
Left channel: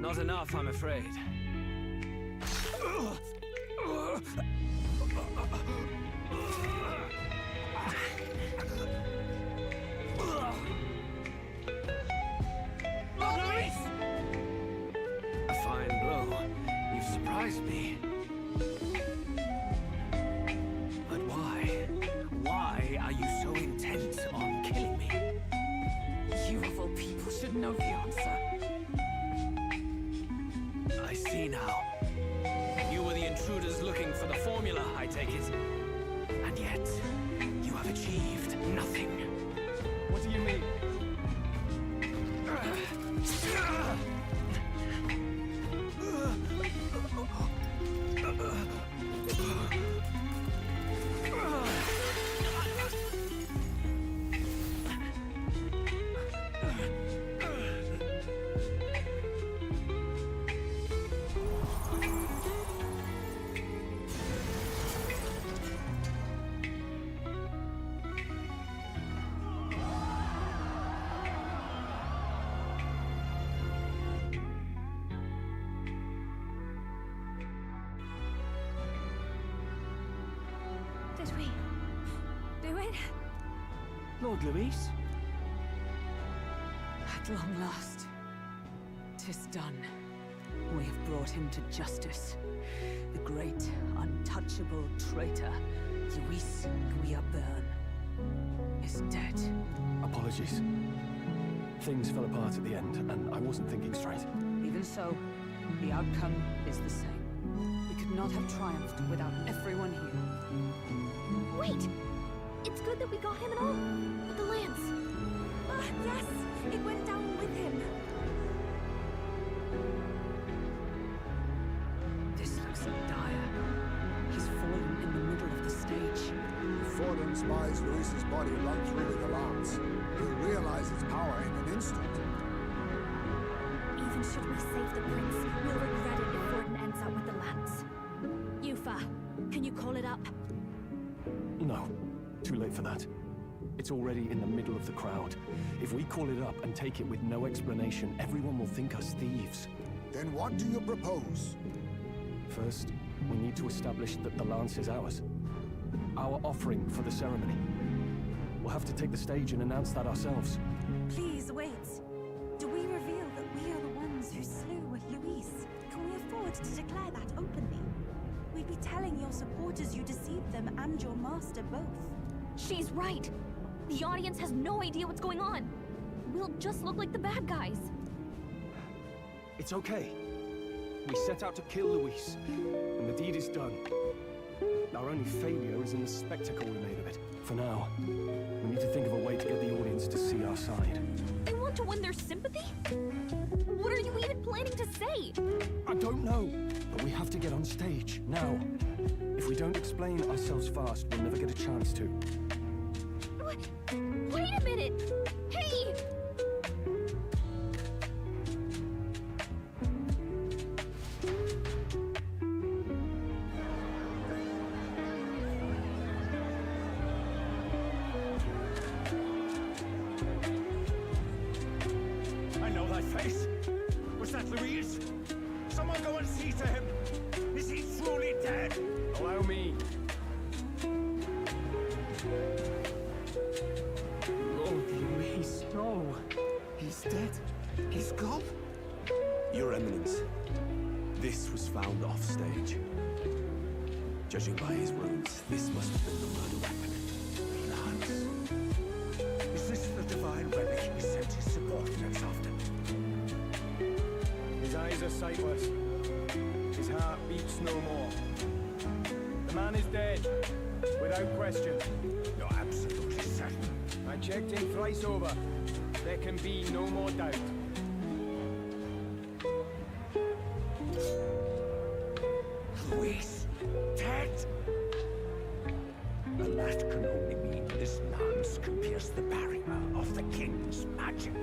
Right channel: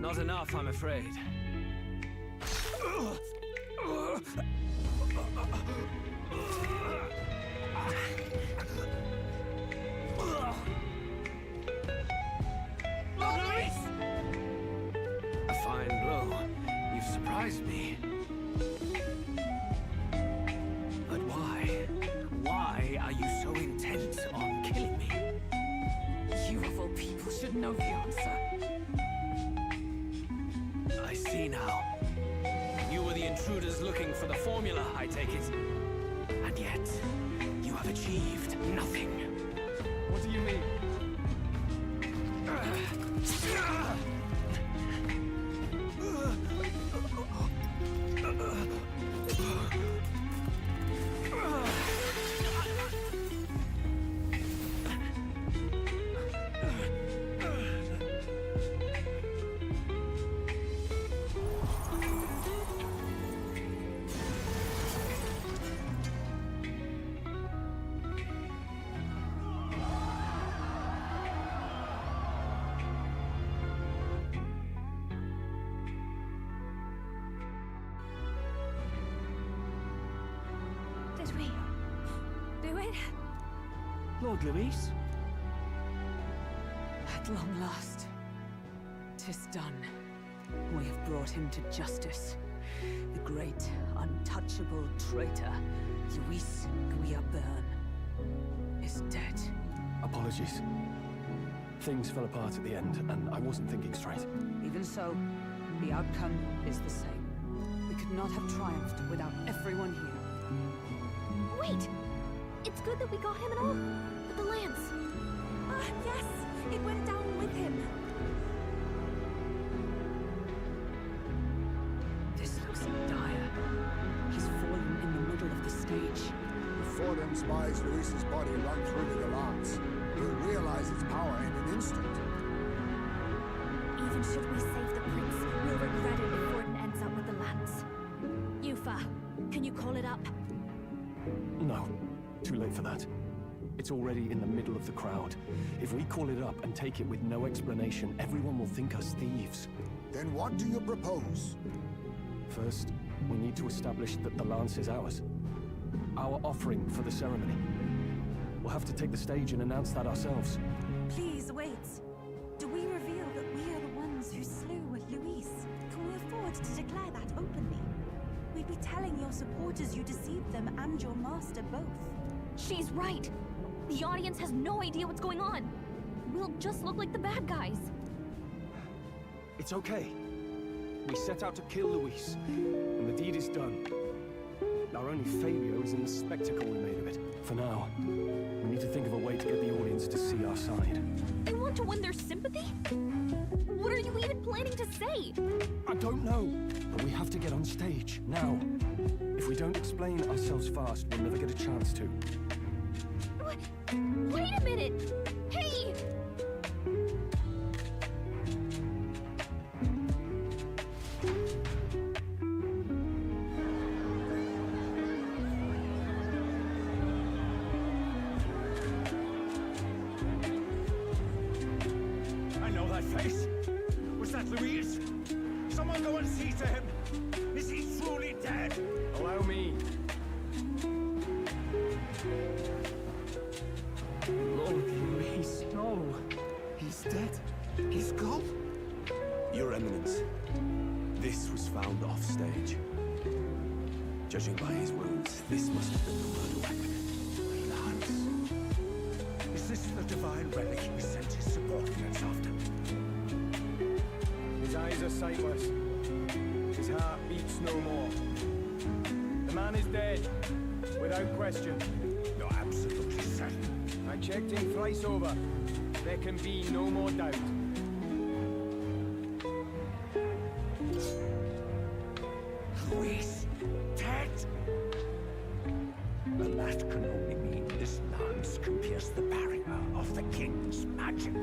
Not enough, I'm afraid. Lord Luis! A fine blow. You've surprised me. But why? Why are you so intent on killing me? You of all people should know the answer. I see now. You were the intruders looking for the formula, I take it. And yet, you have achieved nothing. What do you mean? Did we do it? Lord Luis? At long last, 'tis done. We have brought him to justice. The great, untouchable traitor, Luis Guillaburn, is dead. Apologies. Things fell apart at the end, and I wasn't thinking straight. Even so, the outcome is the same. We could not have triumphed without everyone here. Wait! It's good that we got him and all, but the lance. Ah, yes! It went down with him. This looks dire. He's fallen in the middle of the stage. If Fordham spies Luis's body run through with the lance, he'll realize its power in an instant. Even should we save the prince, we'll regret it if Forden ends up with the lance. Yufa, can you call it up? No. Too late for that. It's already in the middle of the crowd. If we call it up and take it with no explanation, everyone will think us thieves. Then what do you propose? First, we need to establish that the lance is ours. Our offering for the ceremony. We'll have to take the stage and announce that ourselves. Please wait. Do we reveal that we are the ones who slew Luis? Can we afford to declare that openly? We'd be telling your supporters you deceived them and your master both. She's right! The audience has no idea what's going on! We'll just look like the bad guys. It's okay. We set out to kill Luis, and the deed is done. Our only failure is in the spectacle we made of it. For now, we need to think of a way to get the audience to see our side. You want to win their sympathy? What are you even planning to say? I don't know, but we have to get on stage, now. If we don't explain ourselves fast, we'll never get a chance to. Wait a minute! Hey! I know that face. Was that Luis? Someone go and see to him. Is he truly dead? Allow me. Lord Luis, no. He's dead. He's gone. Your Eminence, this was found off stage. Judging by his wounds, this must have been the murder weapon. Lance. Is this the divine relic he sent his subordinates after? His eyes are sightless. His heart beats no more. The man is dead, without question. You're absolutely certain. I checked him thrice over. There can be no more doubt. Luis, dead? And that can only mean this lance can pierce the barrier of the king's magic.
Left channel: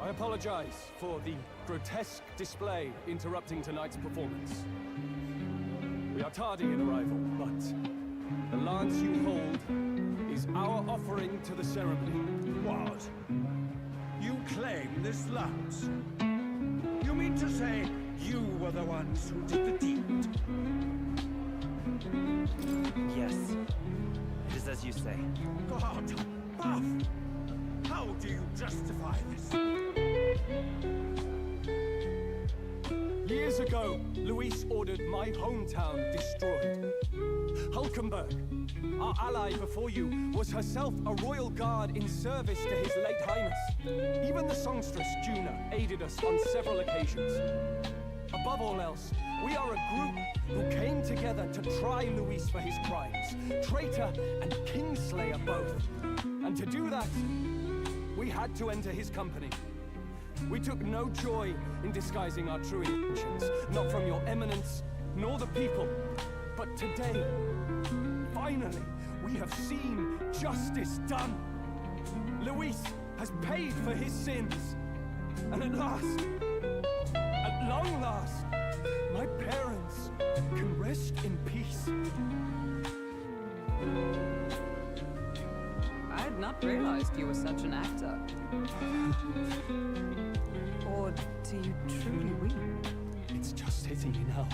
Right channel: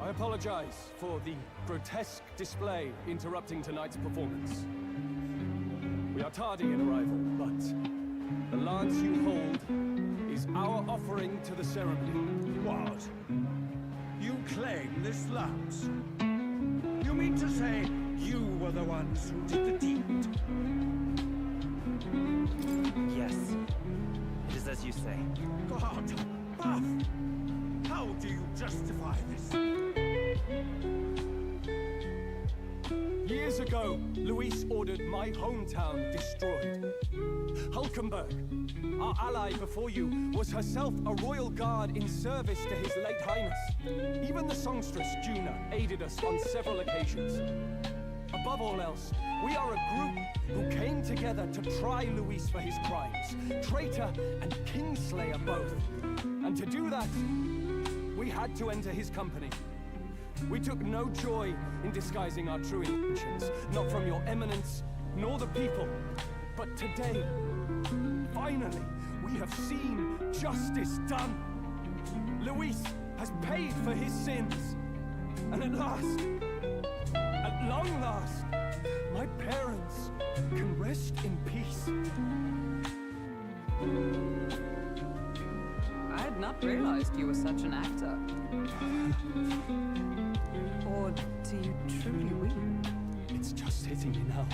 I apologize for the grotesque display interrupting tonight's performance. We are tardy in arrival, but the lance you hold is our offering to the ceremony. What? You claim this lance? You mean to say you were the ones who did the deed? Yes. It is as you say. God, Buff! How do you justify this? Years ago, Luis ordered my hometown destroyed. Hulkenberg, our ally before you, was herself a royal guard in service to his late highness. Even the songstress, Juna, aided us on several occasions. Above all else, we are a group who came together to try Luis for his crimes, traitor and kingslayer both. And to do that, we had to enter his company. We took no joy in disguising our true intentions, not from your eminence, nor the people. But today, finally, we have seen justice done. Luis has paid for his sins. And at last, at long last, my parents can rest in peace. I had not realized you were such an actor. Or do you truly weep? It's just hitting me now.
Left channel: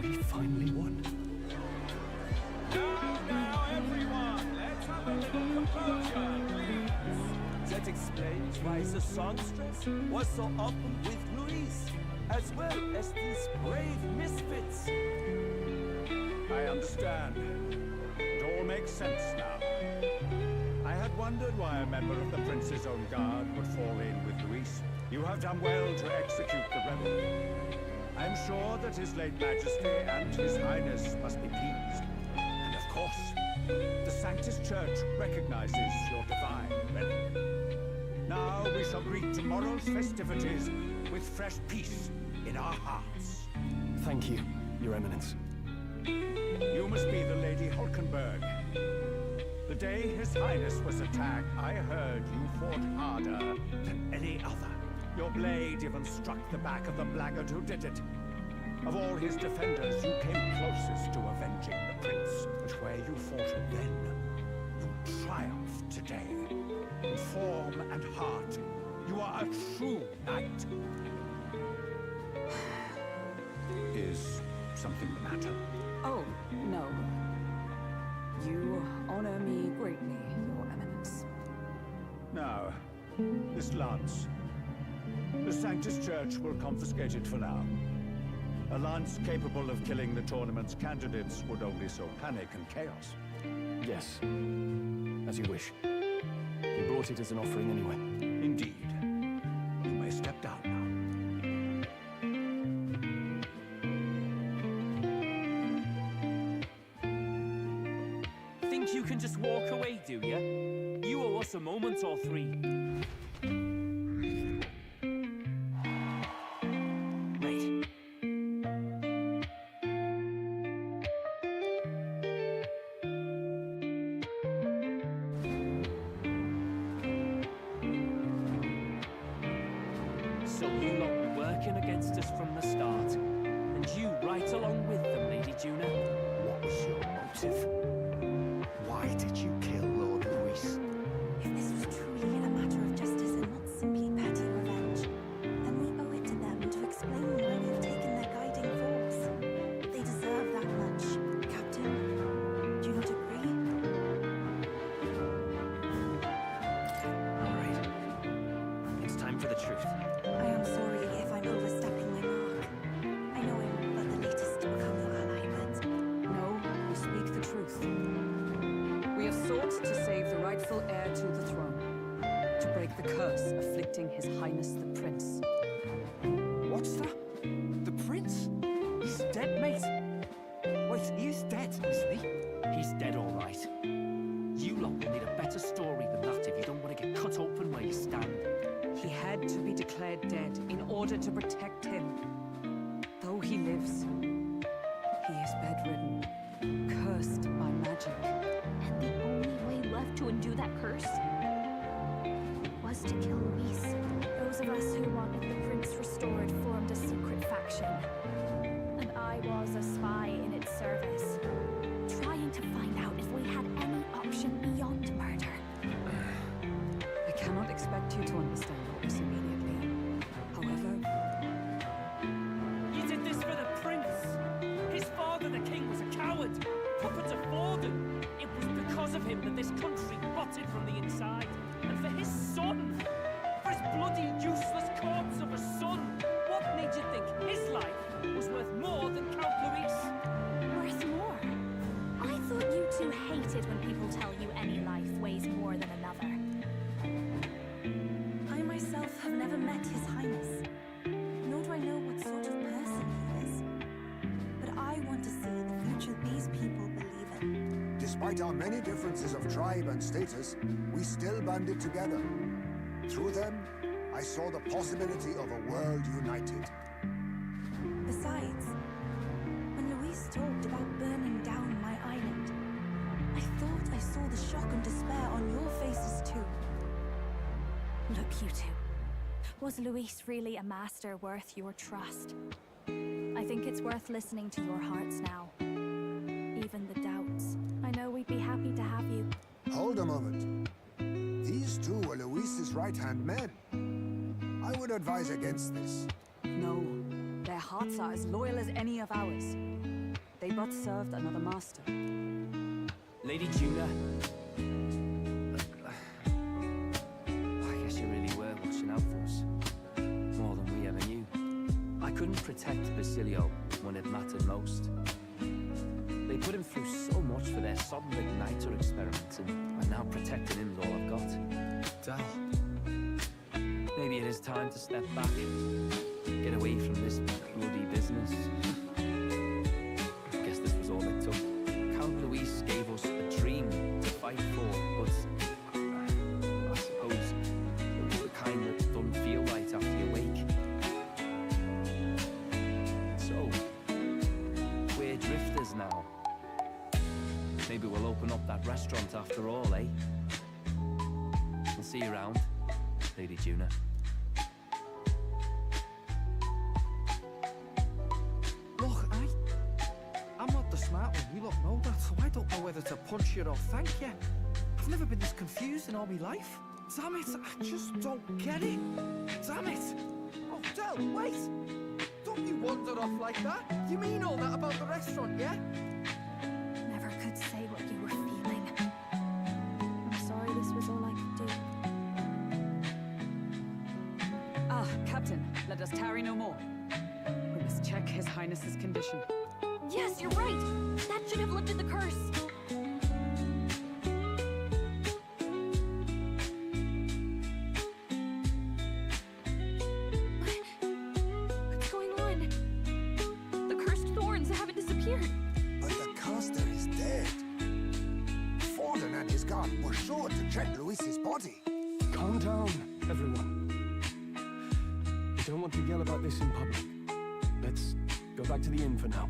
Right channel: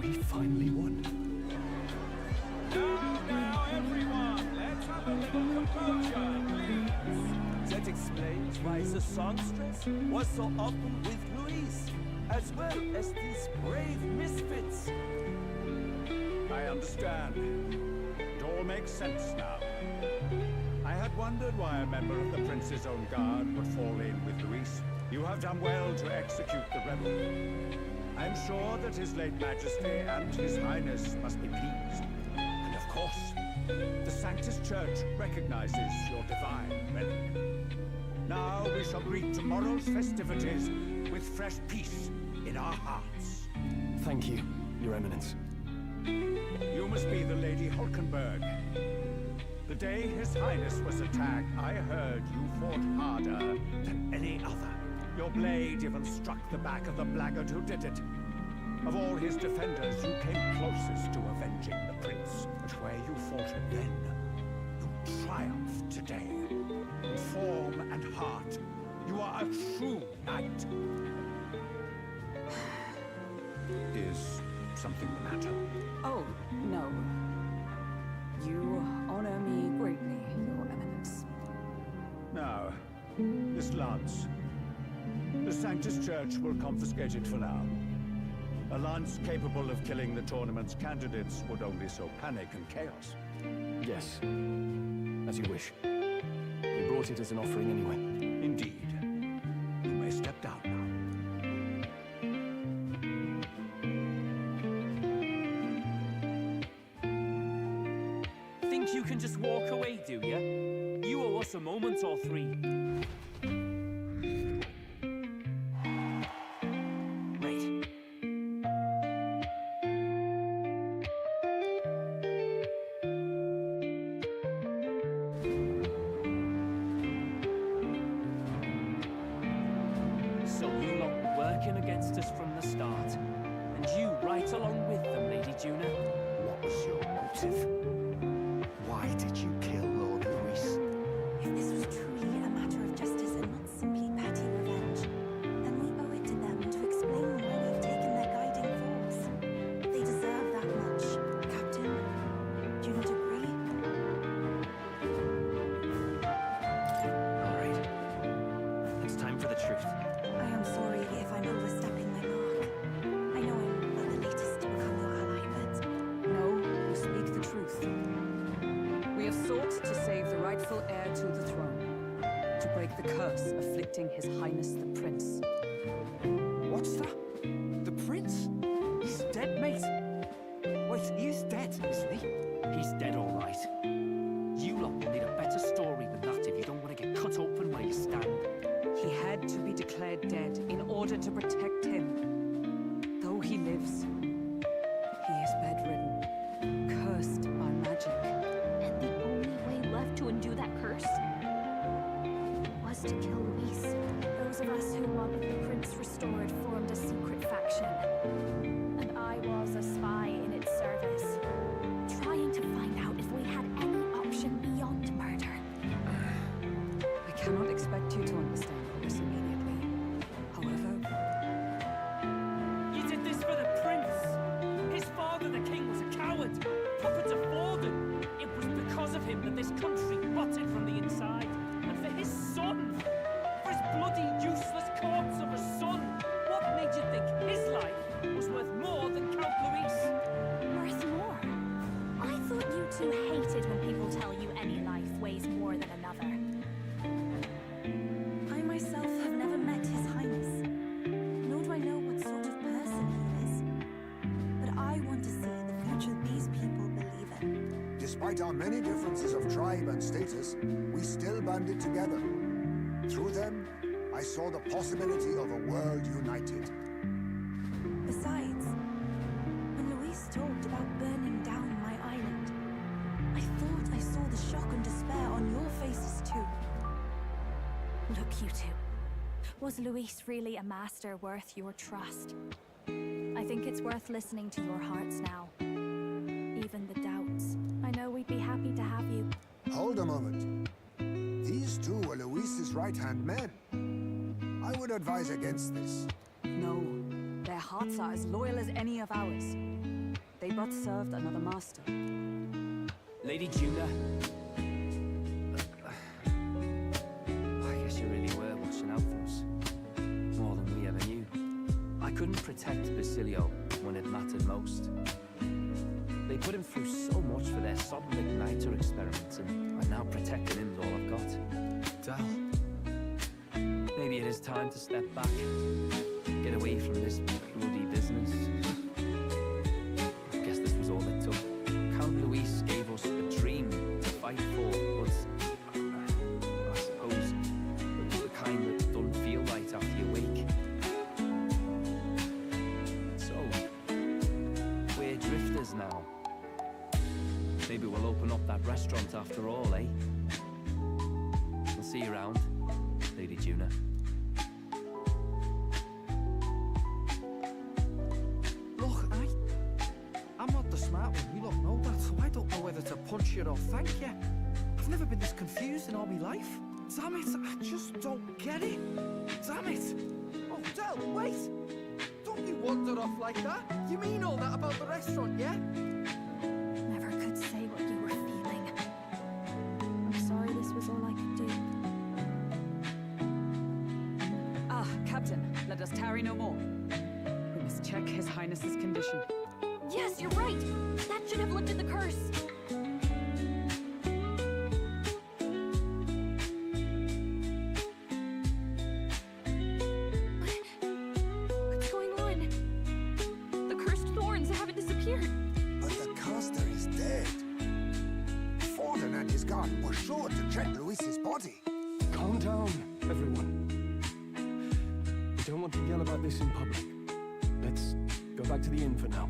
We finally won. Now, everyone, let's have a little composure, please. That explains why the songstress was so often with Louise, as well as these brave misfits. I understand. It all makes sense now. I had wondered why a member of the Prince's own guard would fall in with Luis. You have done well to execute the rebel. I am sure that His late Majesty and His Highness must be pleased. And of course, the Sanctus Church recognizes your divine relic. Now we shall greet tomorrow's festivities with fresh peace in our hearts. Thank you, Your Eminence. You must be the Lady Hulkenberg. The day His Highness was attacked, I heard you fought harder than any other. Your blade even struck the back of the blackguard who did it. Of all his defenders, you came closest to avenging the prince. But where you faltered then, you triumphed today. In form and heart, you are a true knight. Is something the matter? Oh, no. You honor me greatly, Your Eminence. Now, this lance. The Sanctus Church will confiscate it for now. A lance capable of killing the tournament's candidates would only sow panic and chaos. Yes, as you wish. We brought it as an offering anyway. Indeed. You may step down now. Think you can just walk away, do you? You owe us a moment or three. So you lot were working against us from the start, and you right along with them, Lady Juna. What was your motive? Why did you kill Lord Louis? If this was truly a matter of justice and not simply petty revenge, then we owe it to them to explain why we've taken their guiding force. They deserve that much. Captain, do you not agree? All right. It's time for the truth. I am sorry if I'm overstepping my mark. I know I'm but the latest to become your ally, but... No, you speak the truth. We have sought to save the rightful heir to the throne, to break the curse afflicting His Highness the Prince. What's that? The prince? He's dead, mate. Wait, he is dead, isn't he? He's dead, all right. You lot will need a better story than that if you don't want to get cut open where you stand. He had to be declared dead in order to protect him. Though he lives, he is bedridden, cursed by magic. And the only way left to undo that curse was to kill Luis. Those of us who wanted the prince restored formed a secret faction. And I was a spy in its service, trying to find out if we had any option beyond murder. I cannot expect you to understand all this immediately. However... You did this for the prince! His father, the king, was a coward! Puppet of Forden! It was because of him that this country rotted from the inside. And for his son! For his bloody, useless corpse of a son! What made you think his life was worth more than Count Luis? Worth more? I thought you two hated when people tell you any life weighs more than another. I myself have never met His Highness, nor do I know what sort of person he is. But I want to see the future these people believe in. Despite our many differences of tribe and status, we still banded together. Through them, I saw the possibility of a world united. Besides, when Louise talked about burning down my island, I thought I saw the shock and despair on your faces too. Look, you two. Was Luis really a master worth your trust? I think it's worth listening to your hearts now. Even the doubts. I know we'd be happy to have you. Hold a moment. These two were Luis's right-hand men. I would advise against this. No, their hearts are as loyal as any of ours. They but served another master. Lady Juna. I guess you really were couldn't protect Basilio when it mattered most. They put him through so much for their sodden igniter experiments, and I'm now protecting him's all I've got. Dal. Maybe it is time to step back, get away from this bloody business. I guess this was all it took. Count Luis gave us a dream to fight for, but I suppose it was the kind that doesn't feel right after you wake. So, we're drifters now. Maybe we'll open up that restaurant after all, eh? We'll see you around, Lady Juna. Look, I'm not the smart one, you lot know that, so I don't know whether to punch you or thank you. I've never been this confused in all my life. Damn it, I just don't get it. Damn it. Oh, Del, wait. Don't you wander off like that. You mean all that about the restaurant, yeah? Never could say what you were feeling. I'm sorry this was all I could do. Ah, Captain, let us tarry no more. We must check His Highness's condition. Yes, you're right. That should have lifted the curse. What's going on? The cursed thorns haven't disappeared. But the caster is dead. Forden and his guard were sure to check Luis's body. Calm down, everyone. We don't want to yell about this in public. Let's go back to the inn for now.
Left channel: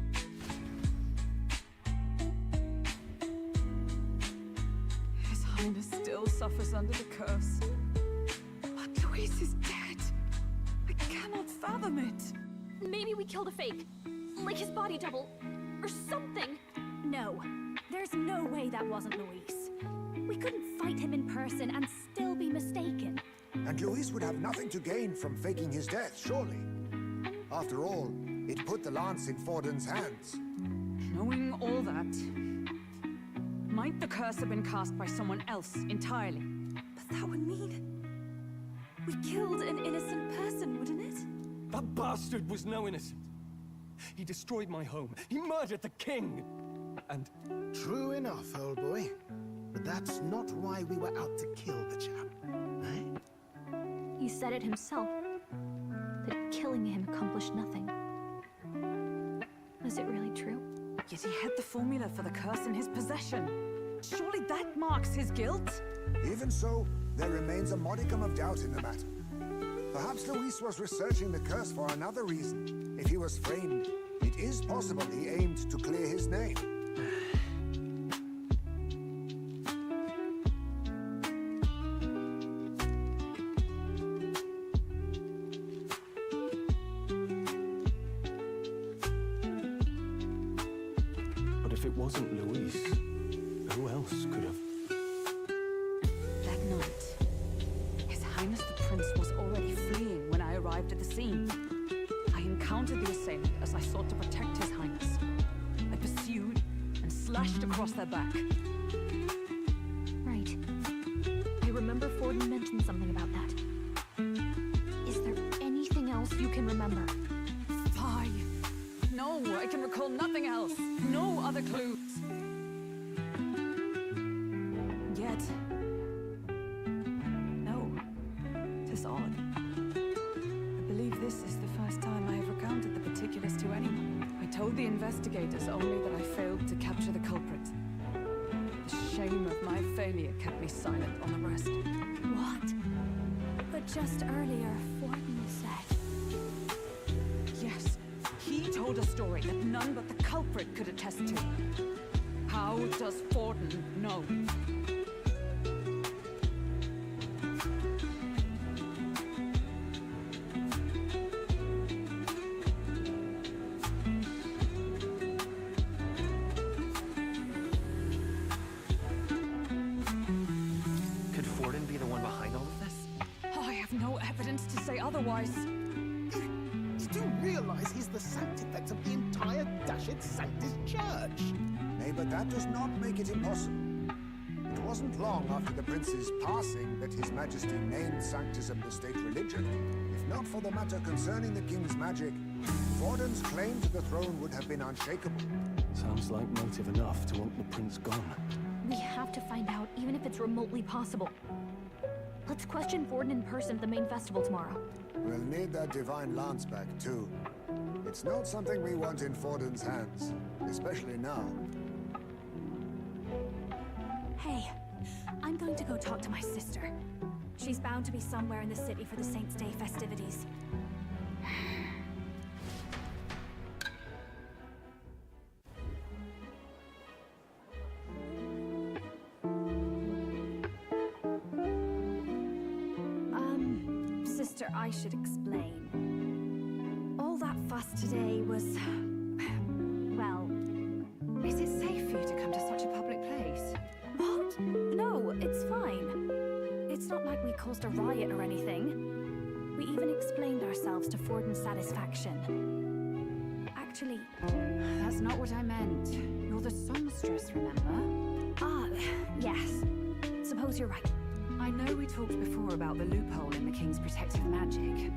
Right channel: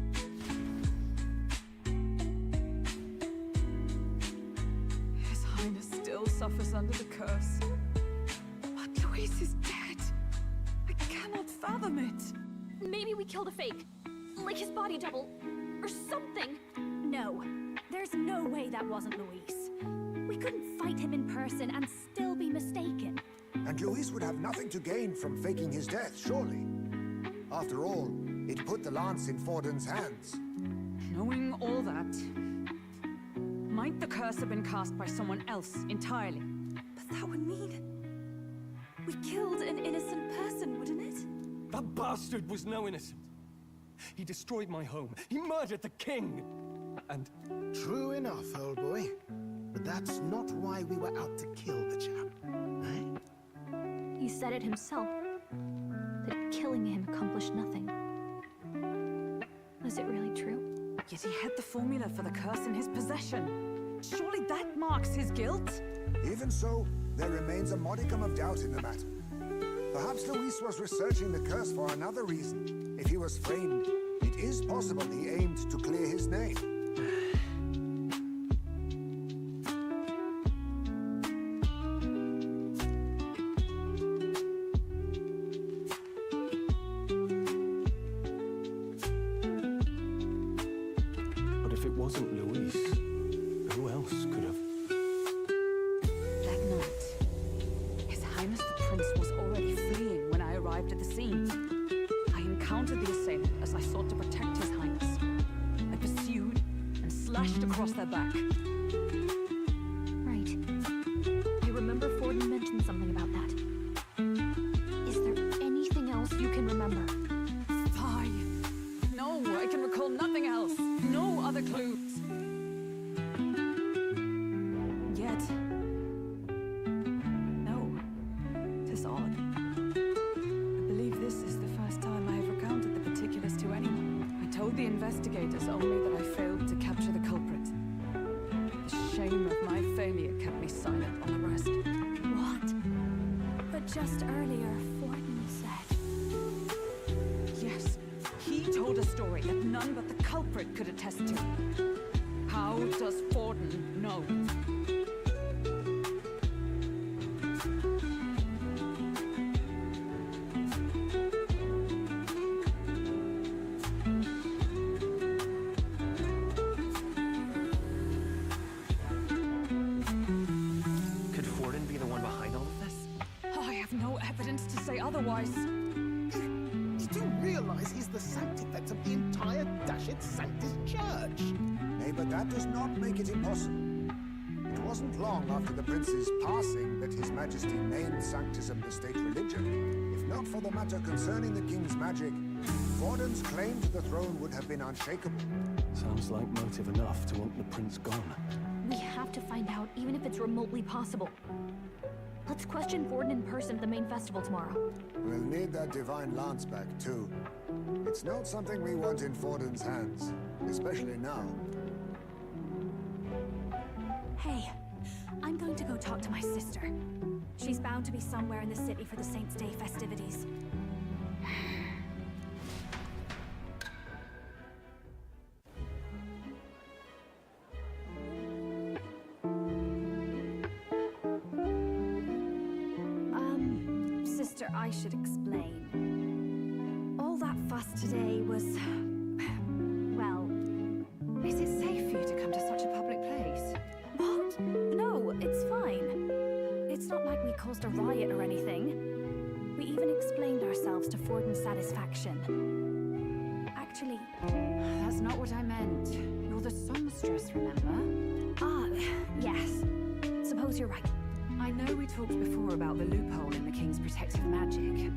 His Highness still suffers under the curse. But Luis is dead. I cannot fathom it. Maybe we killed a fake. Like his body double. Or something. No, there's no way that wasn't Luis. We couldn't fight him in person and still be mistaken. And Luis would have nothing to gain from faking his death, surely. After all, it put the lance in Forden's hands. Knowing all that, might the curse have been cast by someone else entirely? But that would mean we killed an innocent person, wouldn't it? That bastard was no innocent. He destroyed my home. He murdered the king. And... True enough, old boy. But that's not why we were out to kill the chap, eh? He said it himself. That killing him accomplished nothing. Was it really true? Yet he had the formula for the curse in his possession. Surely that marks his guilt? Even so, there remains a modicum of doubt in the matter. Perhaps Luis was researching the curse for another reason. If he was framed, it is possible he aimed to clear his name. But if it wasn't Luis, who else could have... That night, His Highness the Prince was already fleeing when I arrived at the scene. I encountered the assailant as I sought to protect His Highness. I pursued and slashed across their back. Right. I remember Forden mentioned something about that. Is there anything else you can remember? Fie! No, I can recall nothing else. No other clues. Yet... no. 'Tis odd. I believe this is the first time I have recounted the particulars to anyone. I told the investigators only that I failed to capture the culprit. The shame of my failure kept me silent on the rest. What? But just earlier, Forden said... Yes, he told a story that none but the culprit could attest to. How does Forden know? Could Forden be the one behind all of this? I have no evidence to say otherwise. You do realize he's the sanctifex of the entire Dashit Sanctus Church? Nay, but that does not make it impossible. It wasn't long after the prince's passing that His Majesty named Sanctism the state religion. If not for the matter concerning the king's magic, Forden's claim to the throne would have been unshakable. Sounds like motive enough to want the prince gone. We have to find out, even if it's remotely possible. Let's question Forden in person at the main festival tomorrow. We'll need that divine lance back, too. It's not something we want in Forden's hands, especially now. Hey, I'm going to go talk to my sister. She's bound to be somewhere in the city for the Saints' Day festivities. Sister, I should explain. All that fuss today was... well... Is it safe for you to come to such a public place? What? No, it's fine. It's not like we caused a riot or anything. We even explained ourselves to Forden's satisfaction. Actually... That's not what I meant. You're the songstress, remember? Ah, yes. Suppose you're right. I know we talked before about the loophole in the king's protective magic,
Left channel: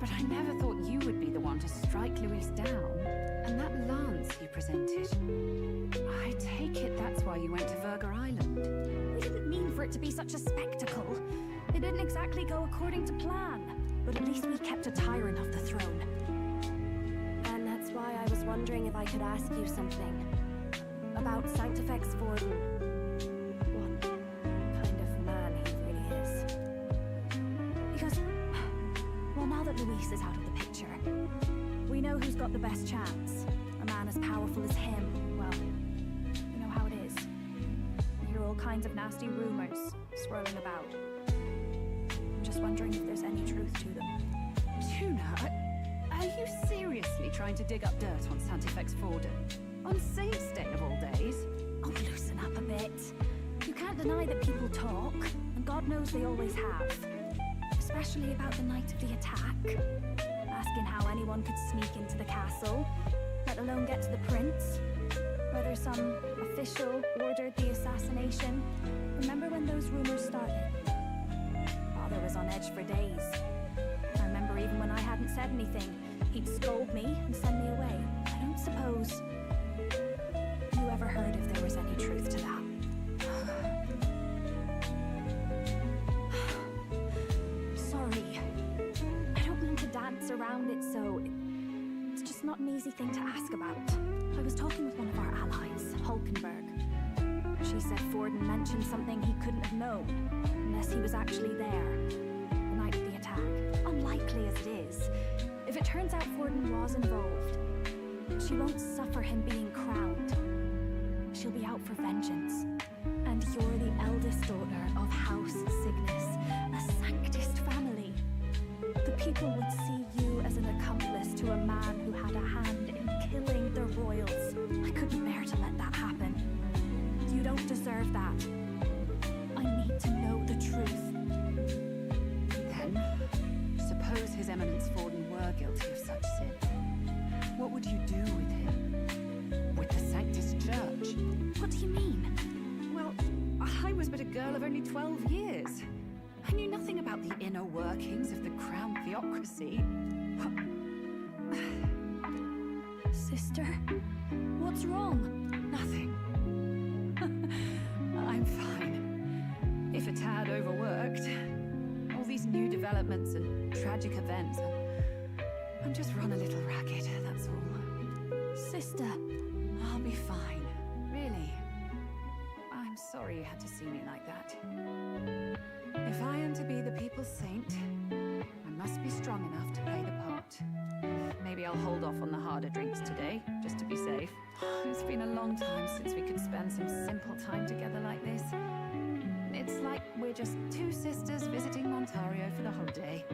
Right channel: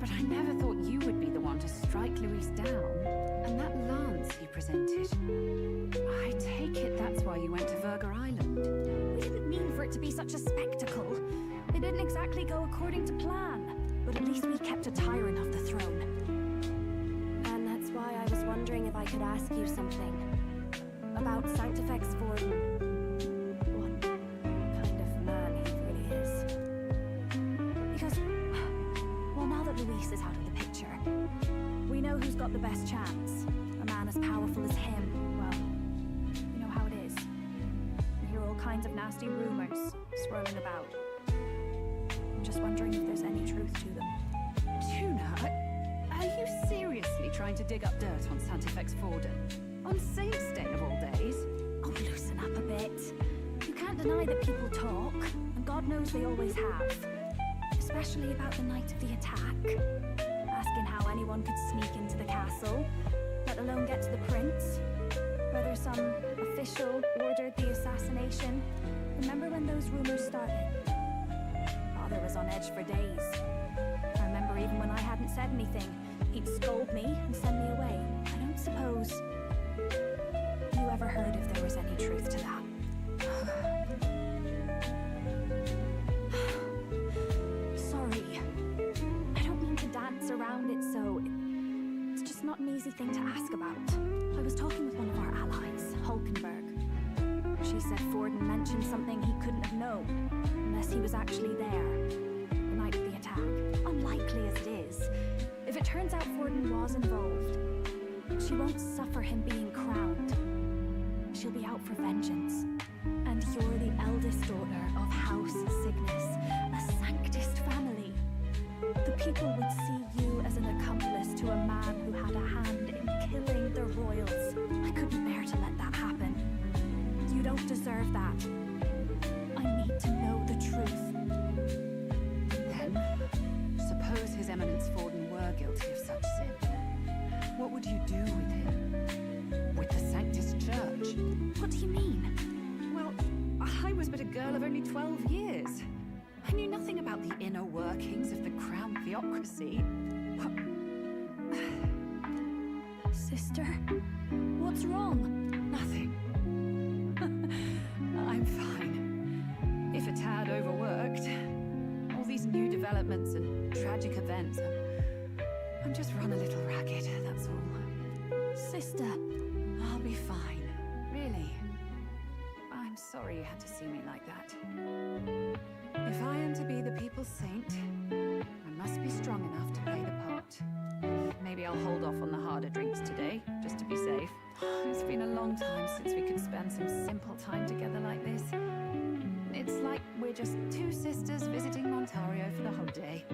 but I never thought you would be the one to strike Luis down. And that lance he presented, I take it that's why you went to Verga Island. We didn't mean for it to be such a spectacle. It didn't exactly go according to plan, but at least we kept a tyrant off the throne. And that's why I was wondering if I could ask you something. About Sanctifex Forden. Luis is out of the picture. We know who's got the best chance. A man as powerful as him. Well, you know how it is. You hear all kinds of nasty rumors swirling about. I'm just wondering if there's any truth to them. Tuna, are you seriously trying to dig up dirt on Sanctifex Forden? On Saints' Day of all days? Oh, loosen up a bit. You can't deny that people talk, and God knows they always have. Especially about the night of the attack. Asking how anyone could sneak into the castle, let alone get to the prince. Whether some official ordered the assassination. Remember when those rumors started? Father was on edge for days. I remember even when I hadn't said anything, he'd scold me and send me away. I don't suppose you ever heard if there was any truth to that. Around it, so it's just not an easy thing to ask about. I was talking with one of our allies, Hulkenberg. She said Forden mentioned something he couldn't have known, unless he was actually there, the night of the attack. Unlikely as it is, if it turns out Forden was involved, she won't suffer him being crowned. She'll be out for vengeance. And you're the eldest daughter of House Cygnus, a Sanctist family. The people would see you as an accomplice to a man who had a hand in killing the royals. I couldn't bear to let that happen. You don't deserve that. I need to know the truth. Then, suppose His Eminence Forden were guilty of such sin. What would you do with him? With the Sanctist Church? What do you mean? Well, I was but a girl of only 12 years. I knew nothing about the inner workings of the crown theocracy. Sister, what's wrong? Nothing. I'm fine. If a tad overworked. All these new developments and tragic events. I'm just run a little ragged, that's all. Sister. I'll be fine. Really. I'm sorry you had to see me like that. If I am to be the people's saint, I must be strong enough to play the part. Maybe I'll hold off on the harder drinks today, just to be safe. It's been a long time since we could spend some simple time together like this. It's like we're just two sisters visiting Montario for the holiday.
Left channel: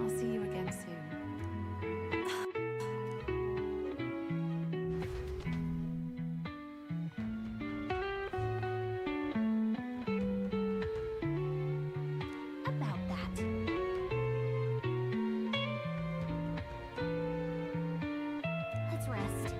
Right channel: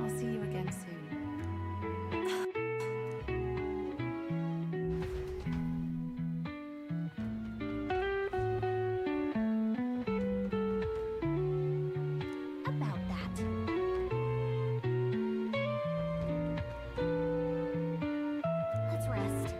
I'll see you again soon. Let's rest.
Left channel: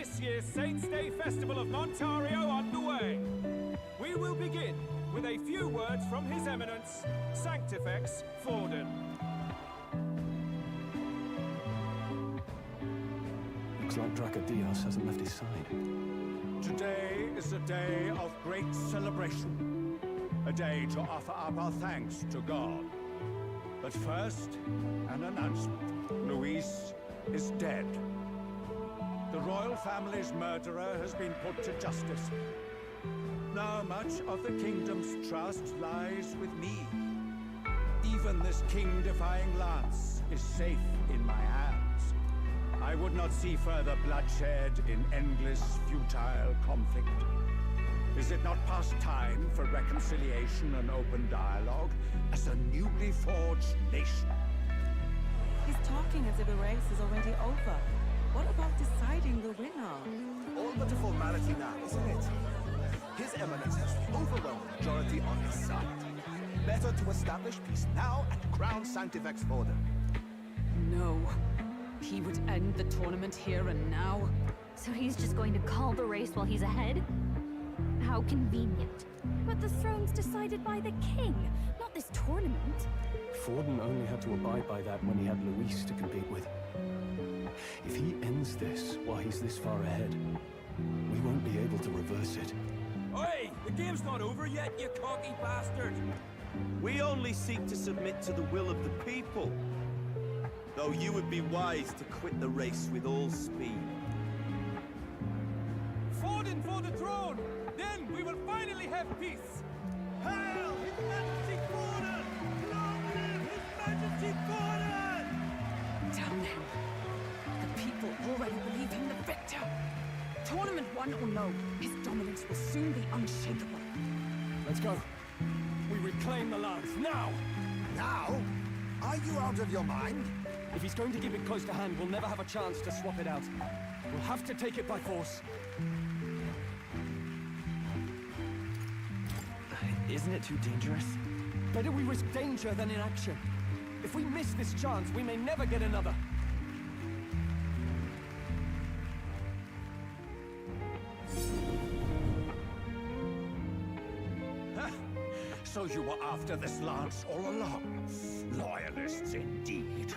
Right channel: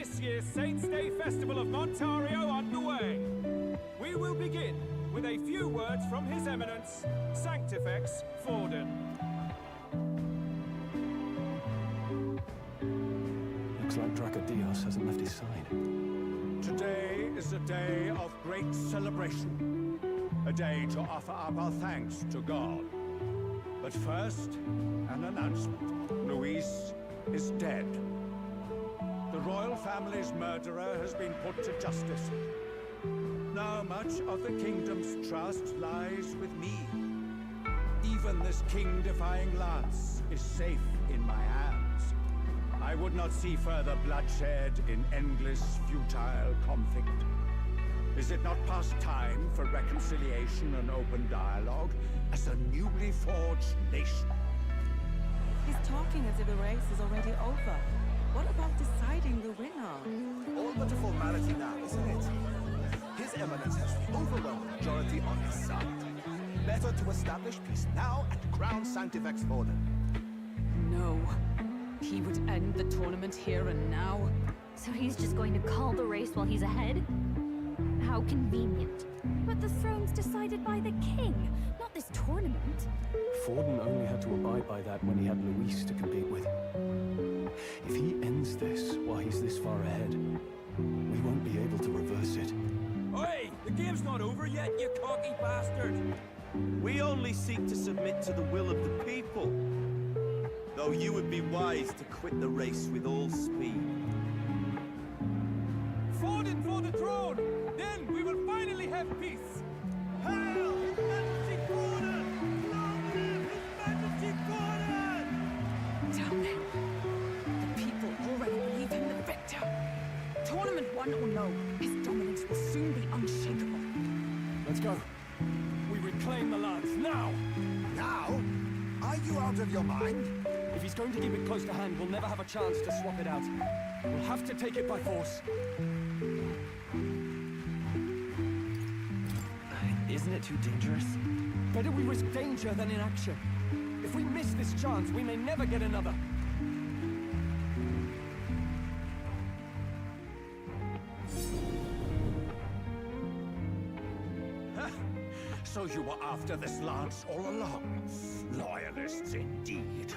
this year's Saints' Day Festival of Montario underway. We will begin with a few words from His Eminence, Sanctifex Forden. Looks like Dracodios hasn't left his side. Today is a day of great celebration. A day to offer up our thanks to God. But first, an announcement. Luis is dead. The royal family's murderer has been put to justice. Now much of the kingdom's trust lies with me. Even this king-defying lance is safe in my hands. I would not see further bloodshed in endless, futile conflict. Is it not past time for reconciliation and open dialogue as a newly forged nation? He's talking as if the race is already over. What about deciding the winner? All but a formality now, isn't it? His Eminence has the overwhelming majority on his side. Better to establish peace now and crown Sanctifex Forden. No. He would end the tournament here and now. So he's just going to call the race while he's ahead? How convenient. But the throne's decided by the king, not this tournament. Forden only had to abide by that when he had Luis to compete with. If he ends this while he's this far ahead, we won't be able to reverse it. Oi! The game's not over yet, you cocky bastard! We only seek to submit to the will of the people. Though you would be wise to quit the race with all speed. Forden for the throne! Then we will finally have peace! Hail His Majesty Forden! Long live His Majesty Forden! Damn him. The people already believe him the victor. Tournament won or no, his dominance will soon be unshakable. Let's go. We reclaim the lance, now! Now? Are you out of your mind? If he's going to keep it close to hand, we'll never have a chance to swap it out. We'll have to take it by force. Isn't it too dangerous? Better we risk danger than inaction. If we miss this chance, we may never get another. So you were after this lance all along? Loyalists indeed.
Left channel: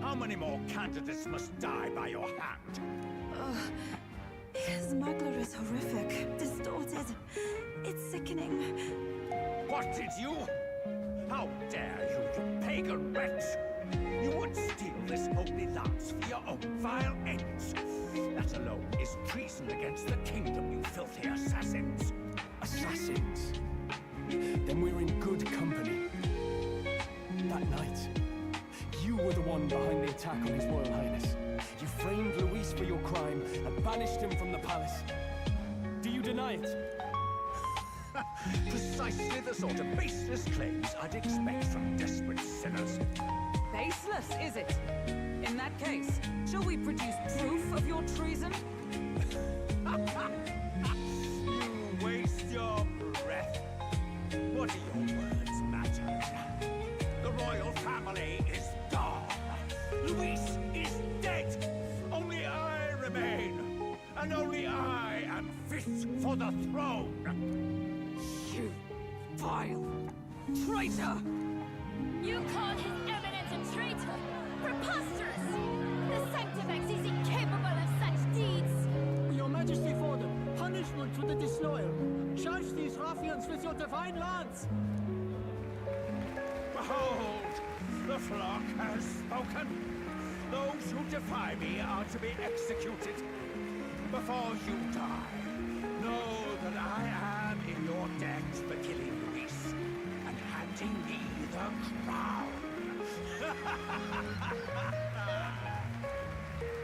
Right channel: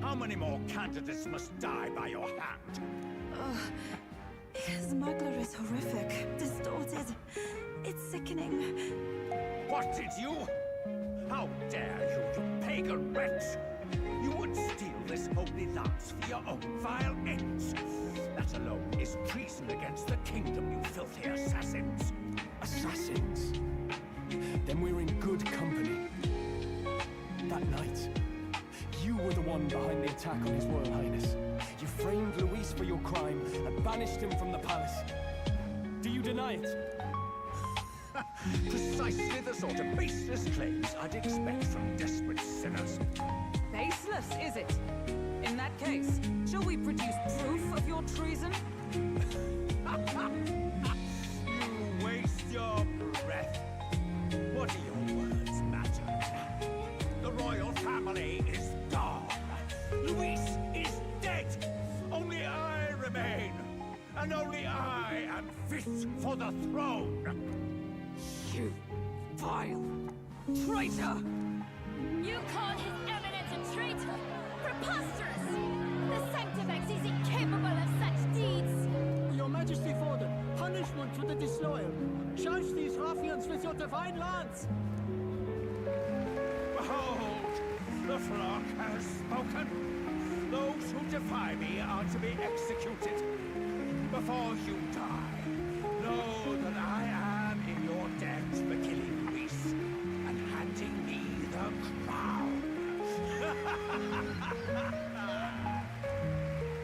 How many more candidates must die by your hand? His smuggler is horrific, distorted. It's sickening. What did you? How dare you, you pagan wretch! You would steal this holy lance for your own vile ends. That alone is treason against the kingdom, you filthy assassins. Assassins? Then we're in good company. That night, you were the one behind the attack on His Royal Highness. You framed Luis for your crime and banished him from the palace. Do you deny it? Precisely the sort of baseless claims I'd expect from desperate sinners. Baseless, is it? In that case, shall we produce proof of your treason? You waste your breath. What do your words matter now? The royal family is gone. Luis is dead. Only I remain. And only I am fit for the throne. You vile traitor! You call His Eminence a traitor? Preposterous! The Sanctifex is incapable of such deeds! Your Majesty Forden, punishment to the disloyal. Charge these ruffians with your divine lance! Behold, the flock has spoken. Those who defy me are to be executed. Before you die, know that I am in your debt for killing Luis and handing me the crown.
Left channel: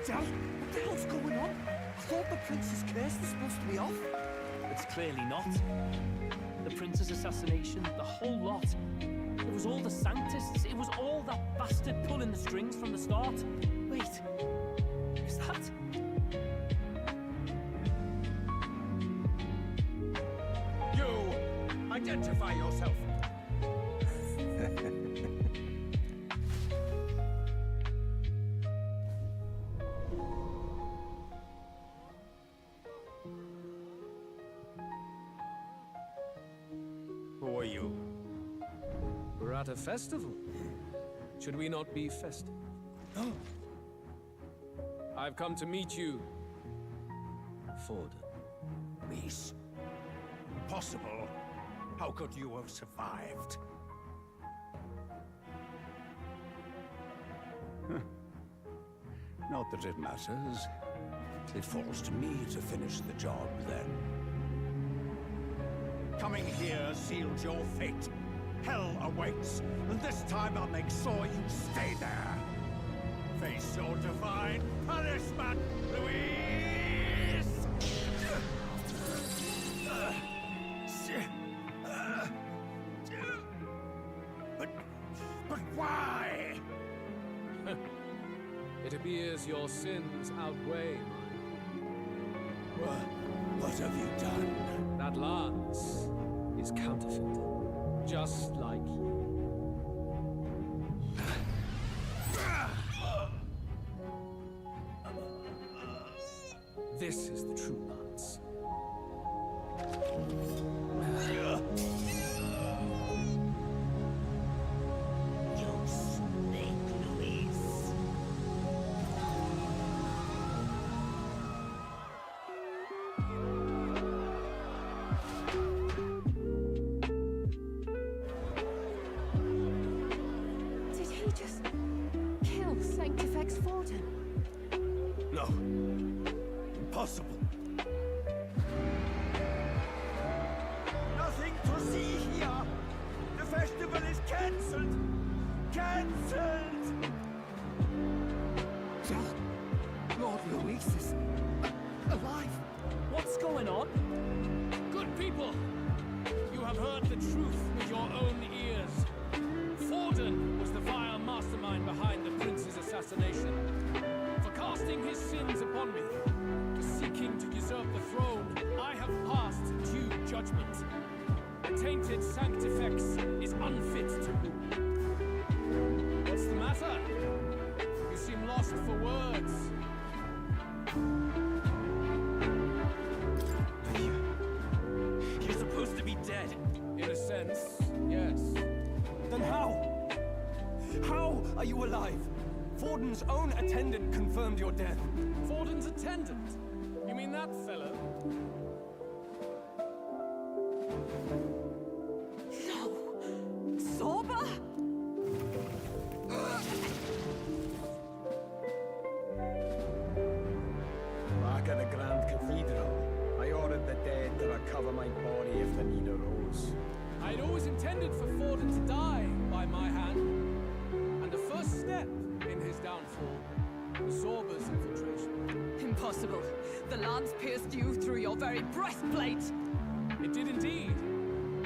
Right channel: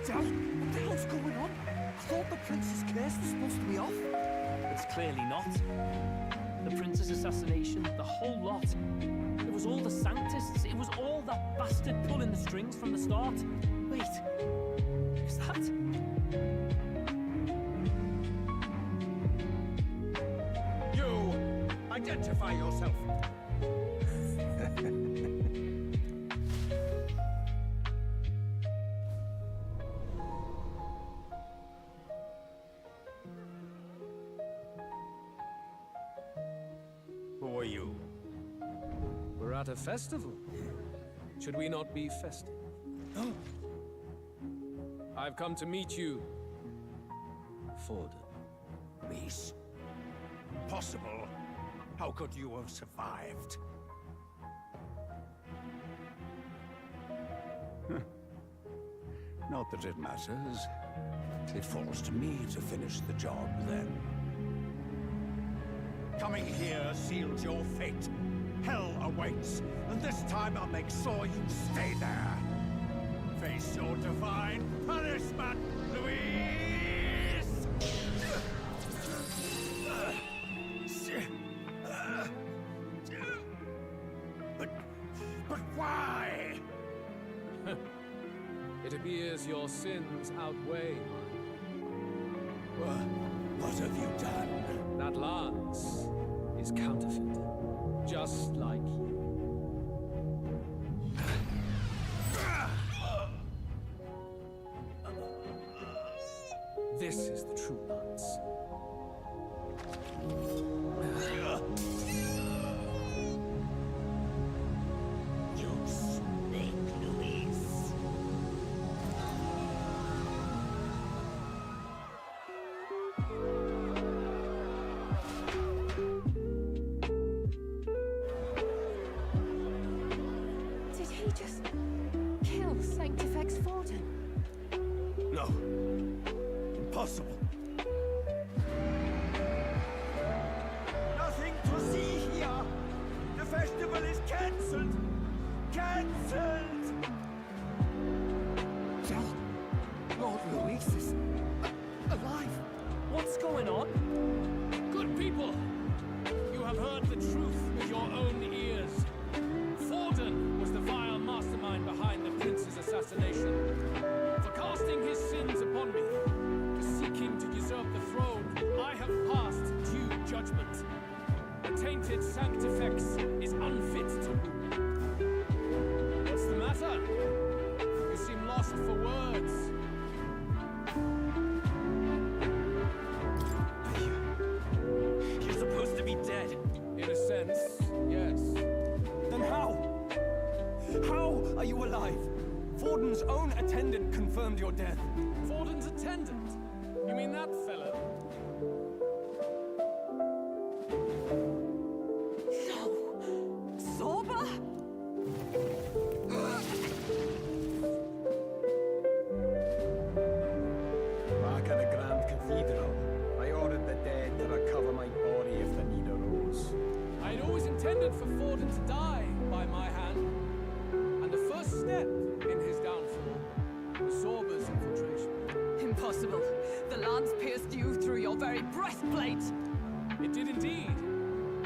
Dad, what the hell's going on? I thought the prince's curse was supposed to be off. It's clearly not. The prince's assassination, the whole lot. It was all the Sanctists. It was all that bastard pulling the strings from the start. Wait, is that... You! Identify yourself! for you? We're at a festival. Should we not be festive? Oh. I've come to meet you, Forden. Reese? Impossible. How could you have survived? Not that it matters. It falls to me to finish the job, then. Coming here sealed your fate. Hell awaits, and this time I'll make sure you stay there. Face your divine punishment, Louise! But why? It appears your sins outweigh mine. What have you done? That lance is counterfeit, just like you. This is the true lance. You snake, Louise. Did he just kill Sanctifex Forden? No. Impossible. Nothing to see here. The festival is cancelled. Cancelled. Lord Luis is alive. What's going on? Good people, you have heard the truth with your own ears. Forden was the vile mastermind behind the prince's assassination. For casting his sins upon me, for seeking to usurp the throne, I have passed due judgment. The tainted Sanctifex is unfit to rule. What's the matter? You seem lost for words. You're supposed to be dead. In a sense, yes. Then how? How are you alive? Forden's own attendant confirmed your death. Forden's attendant? You mean that fellow? No! Zorba? Back at the Grand Cathedral, I ordered the dead to recover my body if the need arose. I'd always intended for Forden to die by my hand. And the first step in his downfall was Zorba's infiltration. Impossible. The lance pierced you through your very breastplate. It did indeed.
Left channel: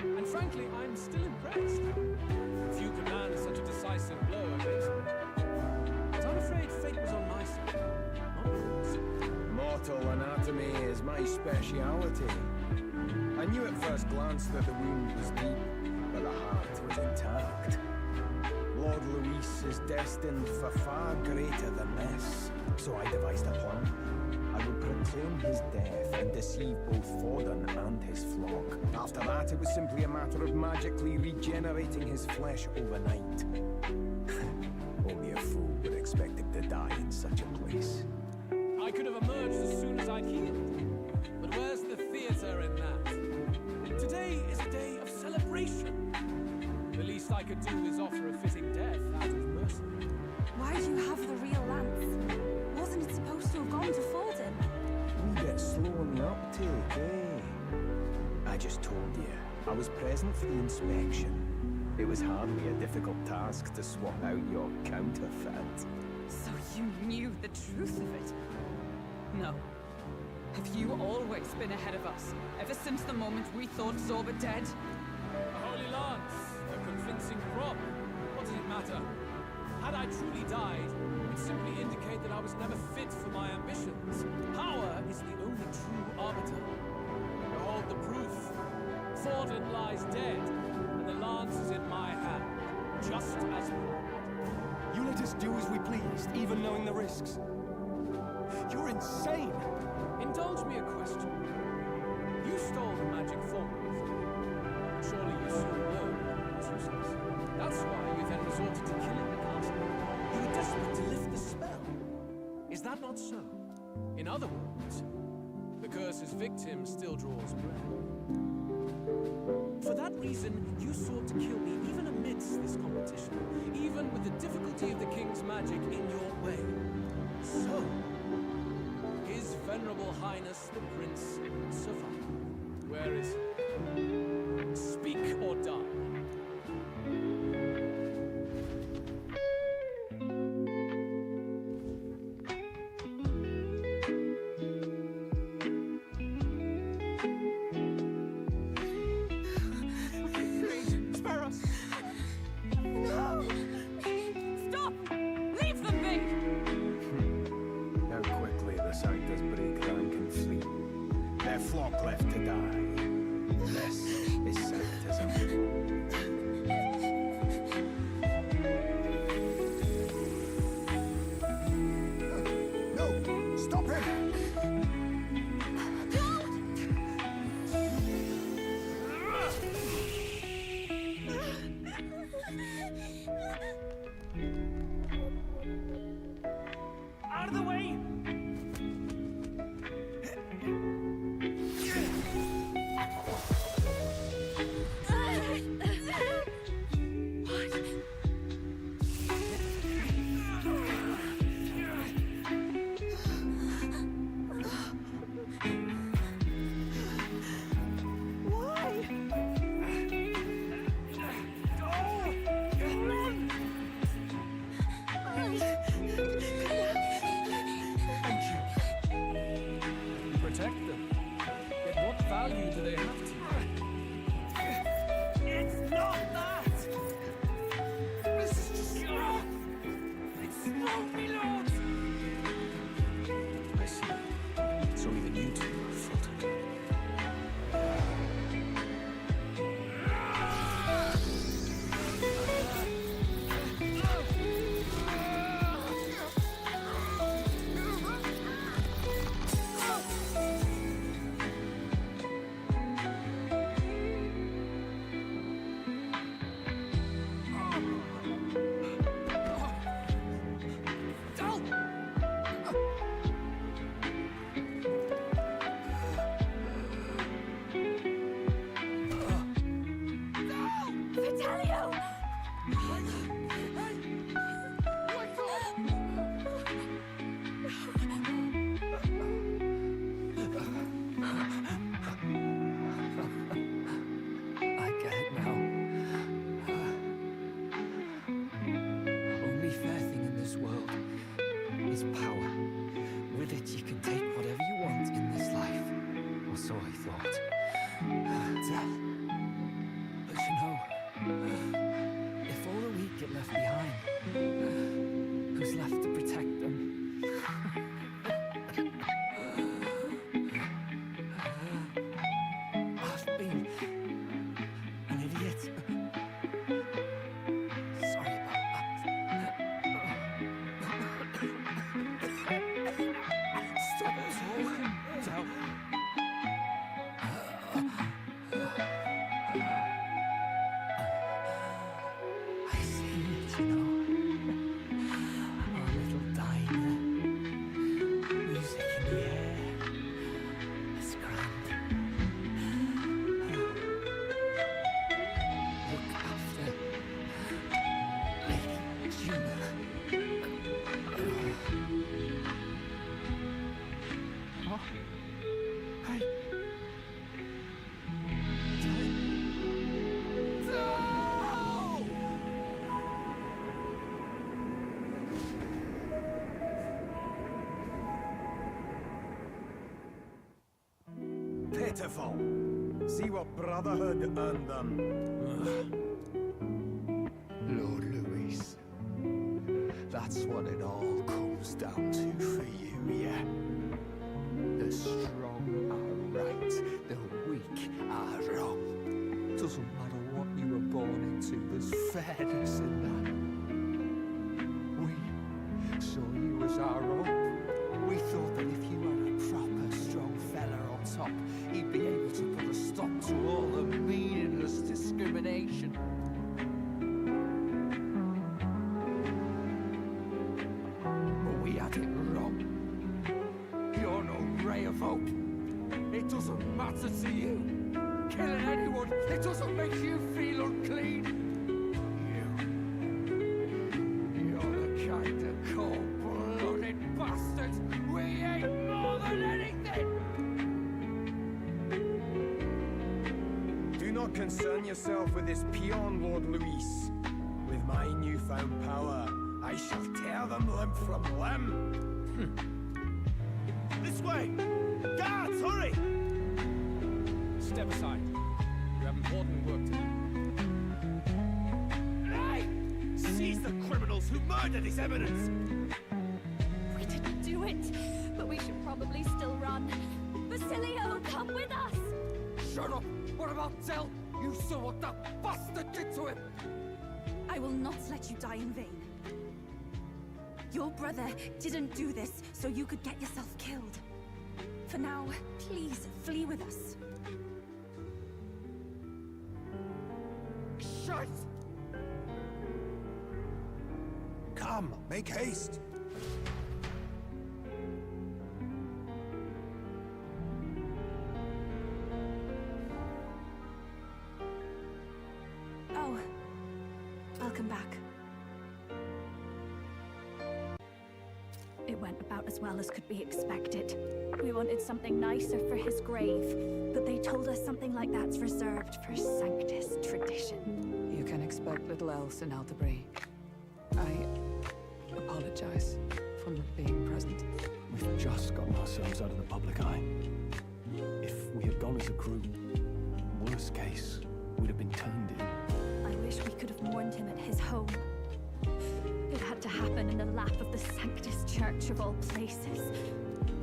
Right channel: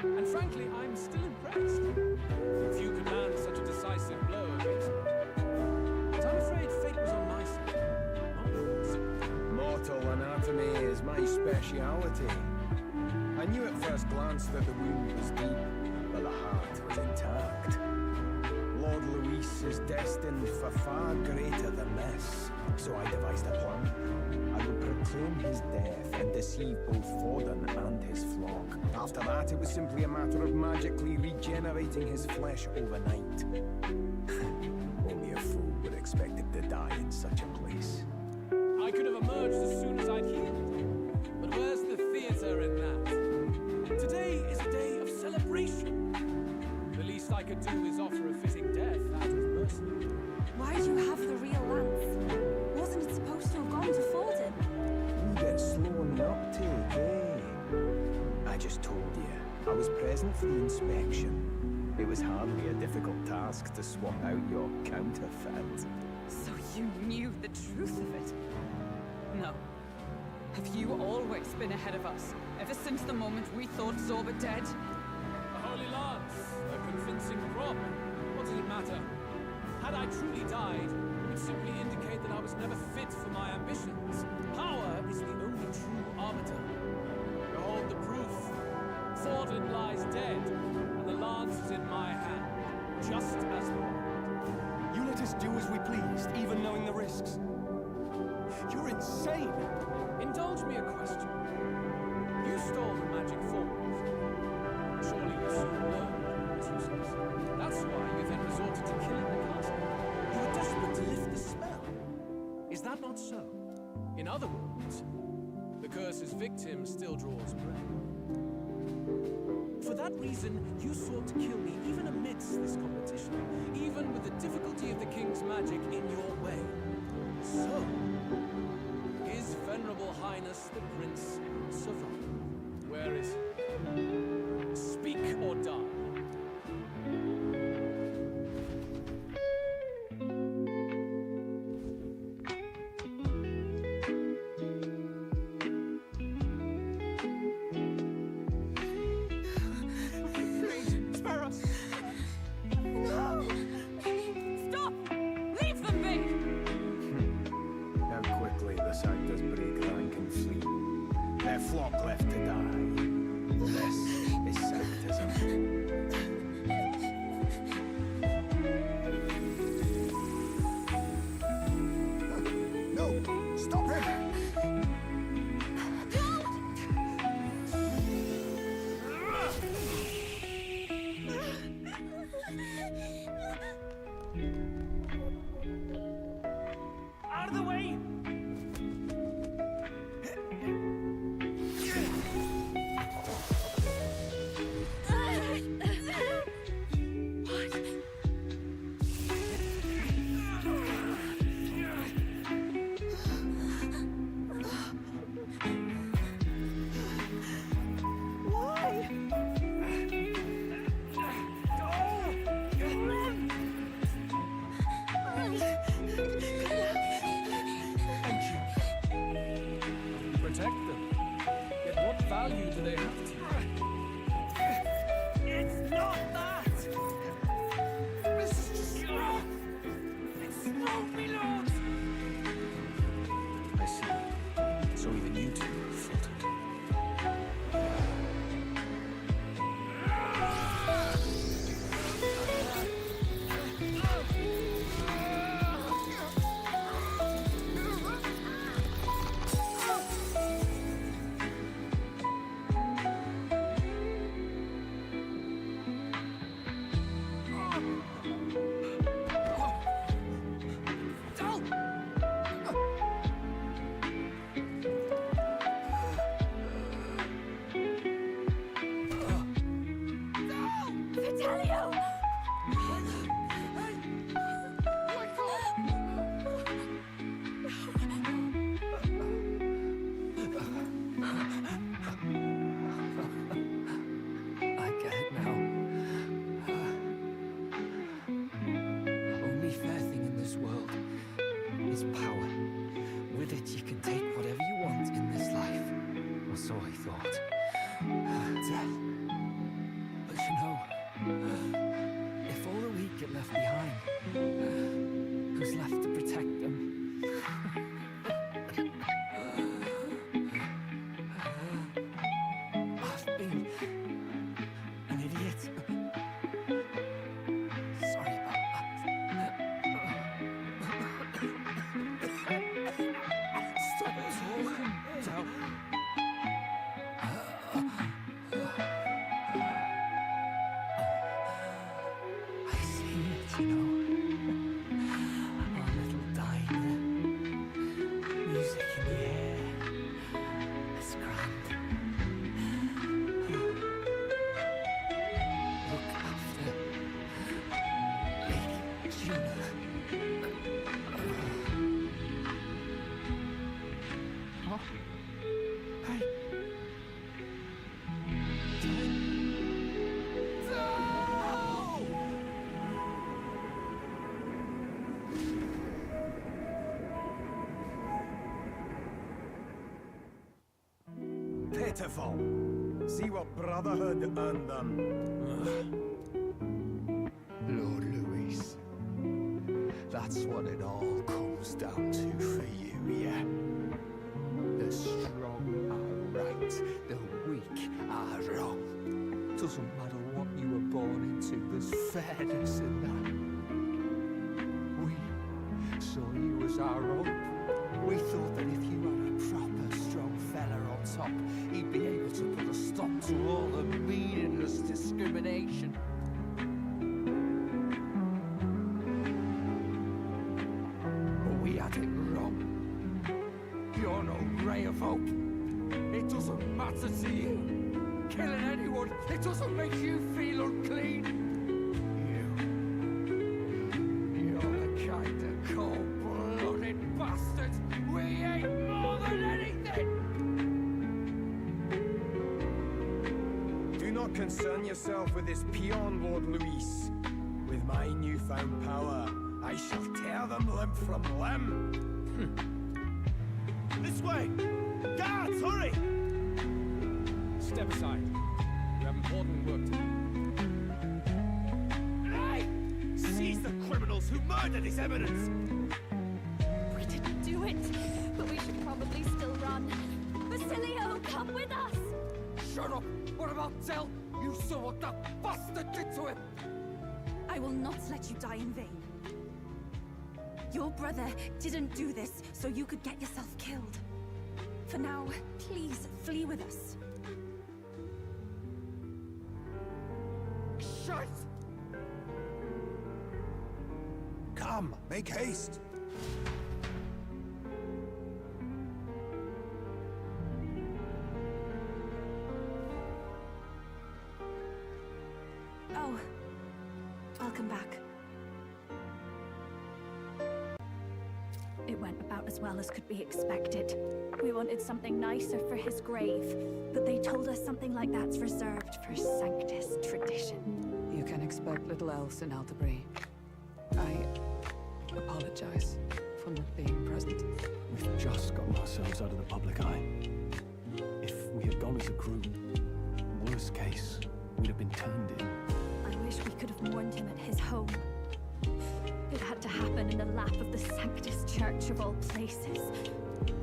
And frankly, I'm still impressed. Few could land such a decisive blow against me. But I'm afraid fate was on my side. Not yours. Mortal anatomy is my speciality. I knew at first glance that the wound was deep, but the heart was intact. Lord Luis is destined for far greater than this, so I devised a plan. I would proclaim his death and deceive both Forden and his flock. After that, it was simply a matter of magically regenerating his flesh overnight. Only a fool would expect him to die in such a place. I could have emerged as soon as I'd healed. But where's the theater in that? Today is a day of celebration. The least I could do is offer a fitting death out of mercy. Why do you have the real lance? Wasn't it supposed to have gone to Forden? Wee bit slow on the uptake, eh? I just told you, I was present for the inspection. It was hardly a difficult task to swap out your counterfeit. So you knew the truth of it? No. Have you always been ahead of us, ever since the moment we thought Zorba dead? A holy lance, a convincing prop. What does it matter? Had I truly died, it would simply indicate that I was never fit for my ambitions. Power is the only true arbiter. Behold the proof. Forden lies dead, and the lance is in my hand, just as planned. You let us do as we pleased, even knowing the risks. You're insane! Indulge me a question. You stole the magic formula from me. Surely you soon learned that it was useless. That's why you then resorted to killing the castle. You were desperate to lift the spell. Is that not so? In other words, the curse's victim still draws breath. For that reason, you sought to kill me even amidst this competition, even with the difficulty of the king's magic in your way. So, His Venerable Highness the Prince survived. Where is he? Speak or die. Spare us! No! Stop! Leave them be! How quickly the Sanctus break rank and flee. Their flock left to die. This is Sanctism. No! Stop him! Out of the way! Why? Thank you. You protect them. Yet what value do they have to you? It's not that! This is just... It's smoke, me lord! I see. So even you two are faltered. Vitelio! I get it now. Only fair thing in this world is power. With it, you can take whatever you want in this life. Or so I thought. But you know, if all the weak get left behind, who's left to protect them? I've been an idiot. Sorry about that. Stop talking, Del. I see it, you know. Our little diner. Music in the air. It's grand. Look after Lady Juna. Oh. Hey. Pitiful. See what brotherhood earned them. Lord Louis, that's what it all comes down to for you, yeah? The strong are right, the weak are wrong. Doesn't matter what you were born into, there's fairness in that. We saw you as our own. We thought that if you were a proper strong fella on top, he'd be able to put a stop to all the meaningless discrimination. But we had it wrong. You're no ray of hope. It doesn't matter to you. Killing anyone, it doesn't make you feel unclean. You're the kind of cold-blooded bastards we hate more than anything! Do not concern yourself with this peon, Lord Luis. With my newfound power, I shall tear them limb from limb. This way! Guards, hurry! Step aside. You have important work to do. Hey! Seize the criminals who murdered his evidence! We didn't do it, but we should probably still run. Basilio, come with us! Shut up! What about Del? You saw what that bastard did to him! I will not let you die in vain. Your brother didn't do this so you could get yourself killed. For now, please flee with us. Shite! Come, make haste. Oh, welcome back. It went about as well as could be expected. We wanted something nicer for his grave, but they told us something like that's reserved for Sanctus tradition. You can expect little else in Altabri. I apologize for not being present. We've just gotten ourselves out of the public eye. If we had gone as a group, worst case, we'd have been turned in. I wish we could have mourned him at his home. It had to happen in the lap of the Sanctus Church of all places.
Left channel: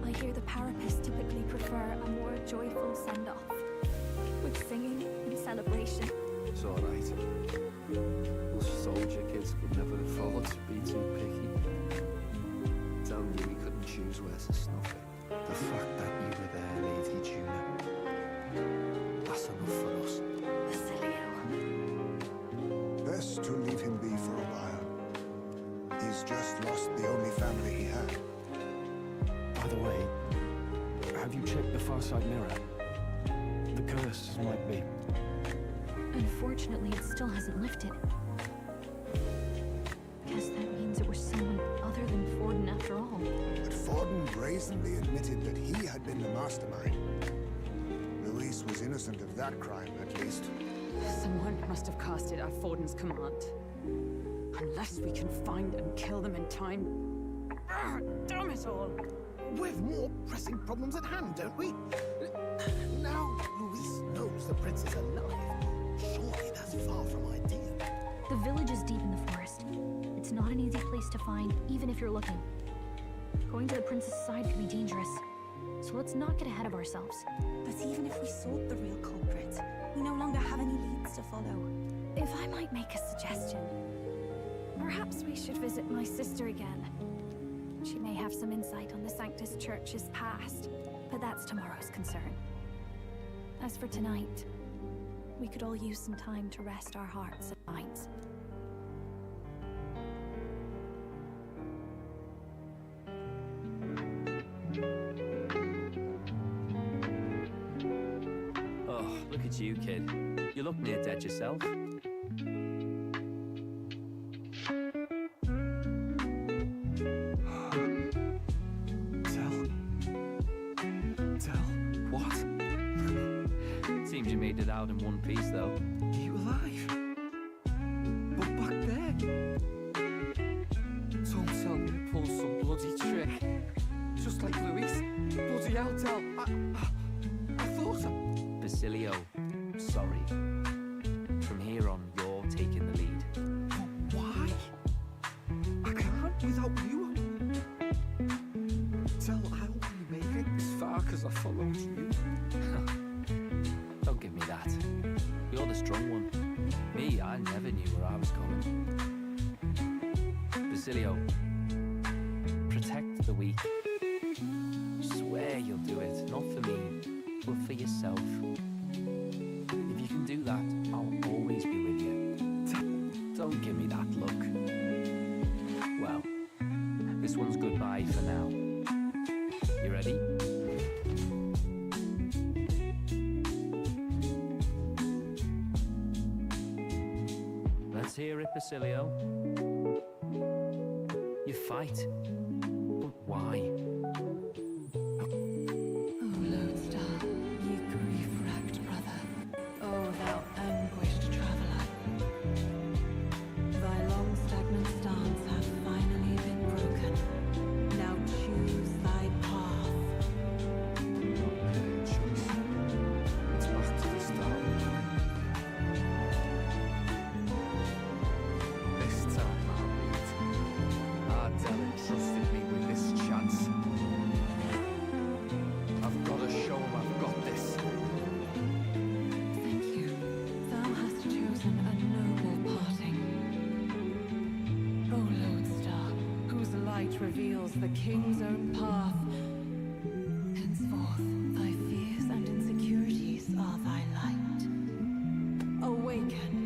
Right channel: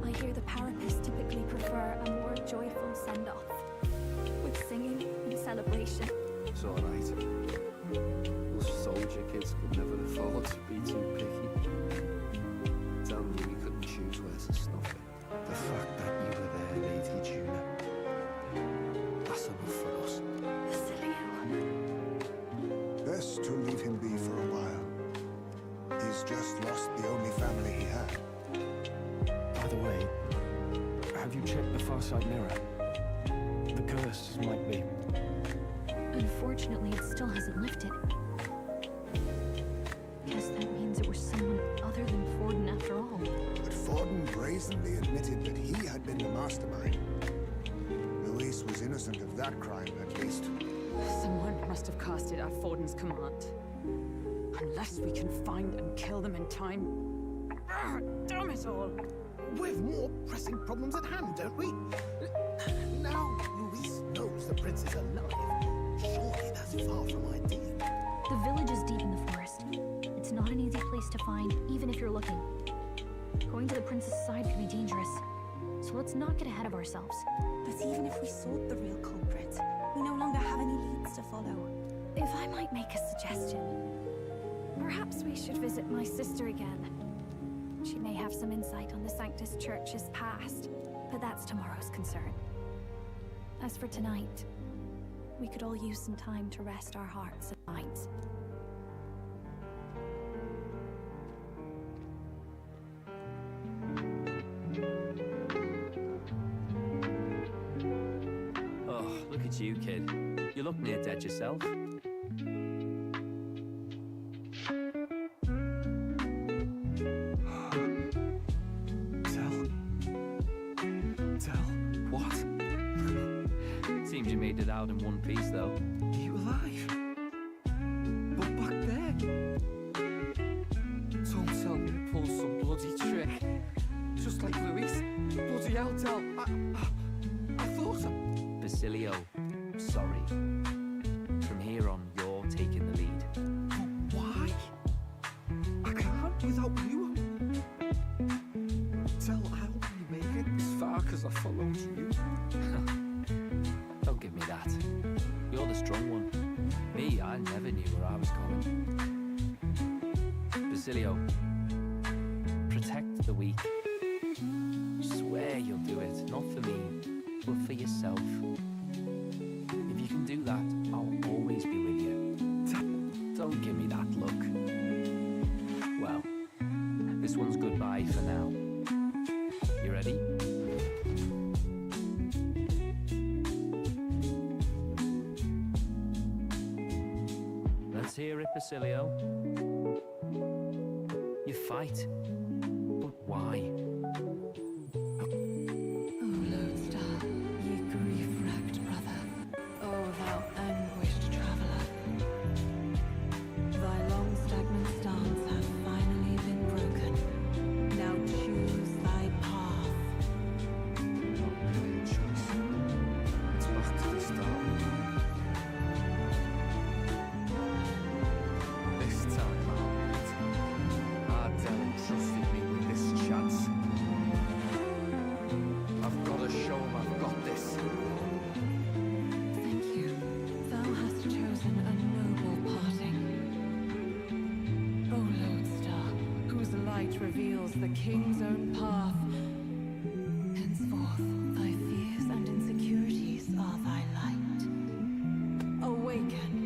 I hear the Parapists typically prefer a more joyful send-off, with singing and celebration. It's alright. Us soldier kids could never afford to be too picky. Tell me we couldn't choose where to snuff it. The fact that you were there, Lady Juna, that's enough for us. Basilio. Best to leave him be for a while. He's just lost the only family he had. By the way, have you checked the far side mirror? The curse might be. Unfortunately, it still hasn't lifted. Guess that means it was someone other than Forden after all. But Forden brazenly admitted that he had been the mastermind. Luis was innocent of that crime, at least. Someone must have cast it at Forden's command. Unless we can find and kill them in time. Damn it all! We've more pressing problems at hand, don't we? Now Luis knows the prince is alive. Surely that's far from ideal. The village is deep in the forest. It's not an easy place to find, even if you're looking. Going to the prince's side could be dangerous. So let's not get ahead of ourselves. But even if we sought the real culprit, we no longer have any leads to follow. If I might make a suggestion, perhaps we should visit my sister again. She may have some insight on the Sanctus Church's past, but that's tomorrow's concern. As for tonight, we could all use some time to rest our hearts and minds. Oh, look at you, kid. You look near dead yourself. What? Seems you made it out in one piece, though. Are you alive? But back there? Don't tell me you pulled some bloody trick. Just like Luis. Bloody hell, Del. I thought Basilio, sorry. From here on, you're taking the lead. But why? I can't without you. Del, I'll only make it as far as I followed you. Don't give me that. You're the strong one. Me, I never knew where I was going. Basilio, protect the weak. Swear you'll do it, not for me, but for yourself. If you can do that, I'll always be with you. Don't give me that look. Well, this one's goodbye for now. You ready? Let's hear it, Basilio. You fight, but why? O Lodestar, ye grief-racked brother, O thou anguished traveller, thy long stagnant stance hath finally been broken. Now choose thy path. Not really a choice. It's back to the start. This time I'll lead. Ardell entrusted me with this chance. I've got to show him I've got this. Thank you. Thou hast chosen a noble parting. O Lodestar, whose light reveals the king's own path. Henceforth, thy fears and insecurities are thy light. Awaken.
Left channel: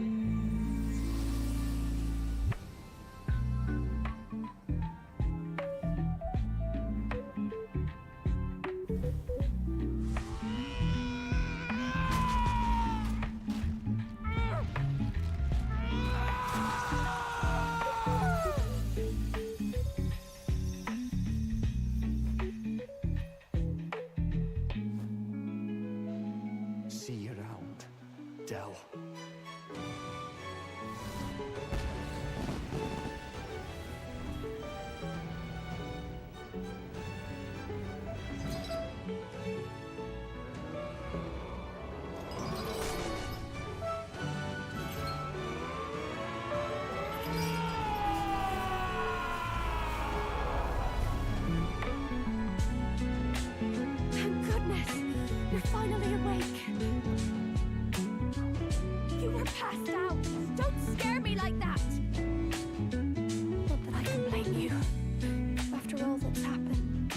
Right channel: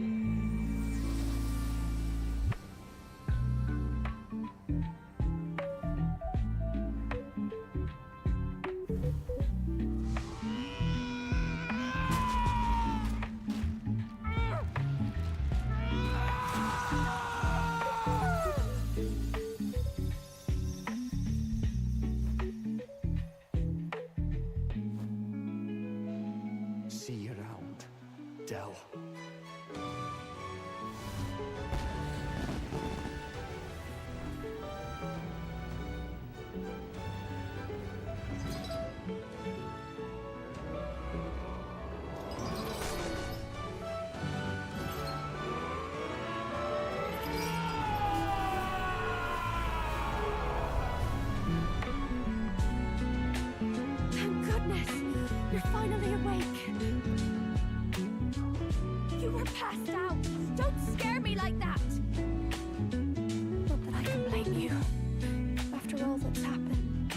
See you around, Dell. Thank goodness! You're finally awake! You were passed out! Don't scare me like that! Not that I can blame you. After all that's happened.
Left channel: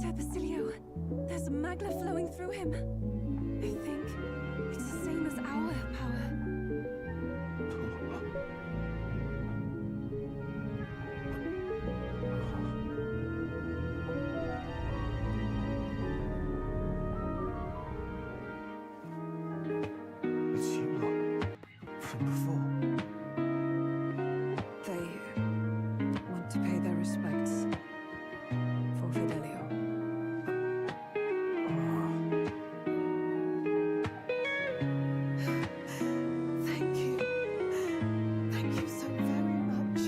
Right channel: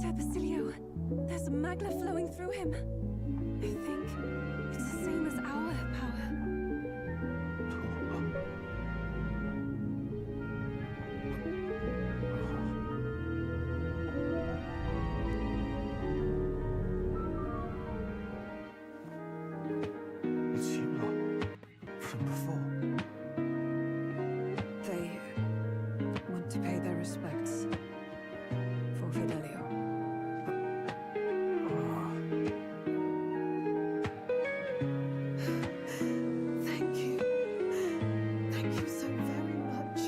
Sir Basilio, there's a magna flowing through him. I think it's the same as our power. It's you lot. From before. They want to pay their respects for Fidelio. Thank you. Thank you so very much.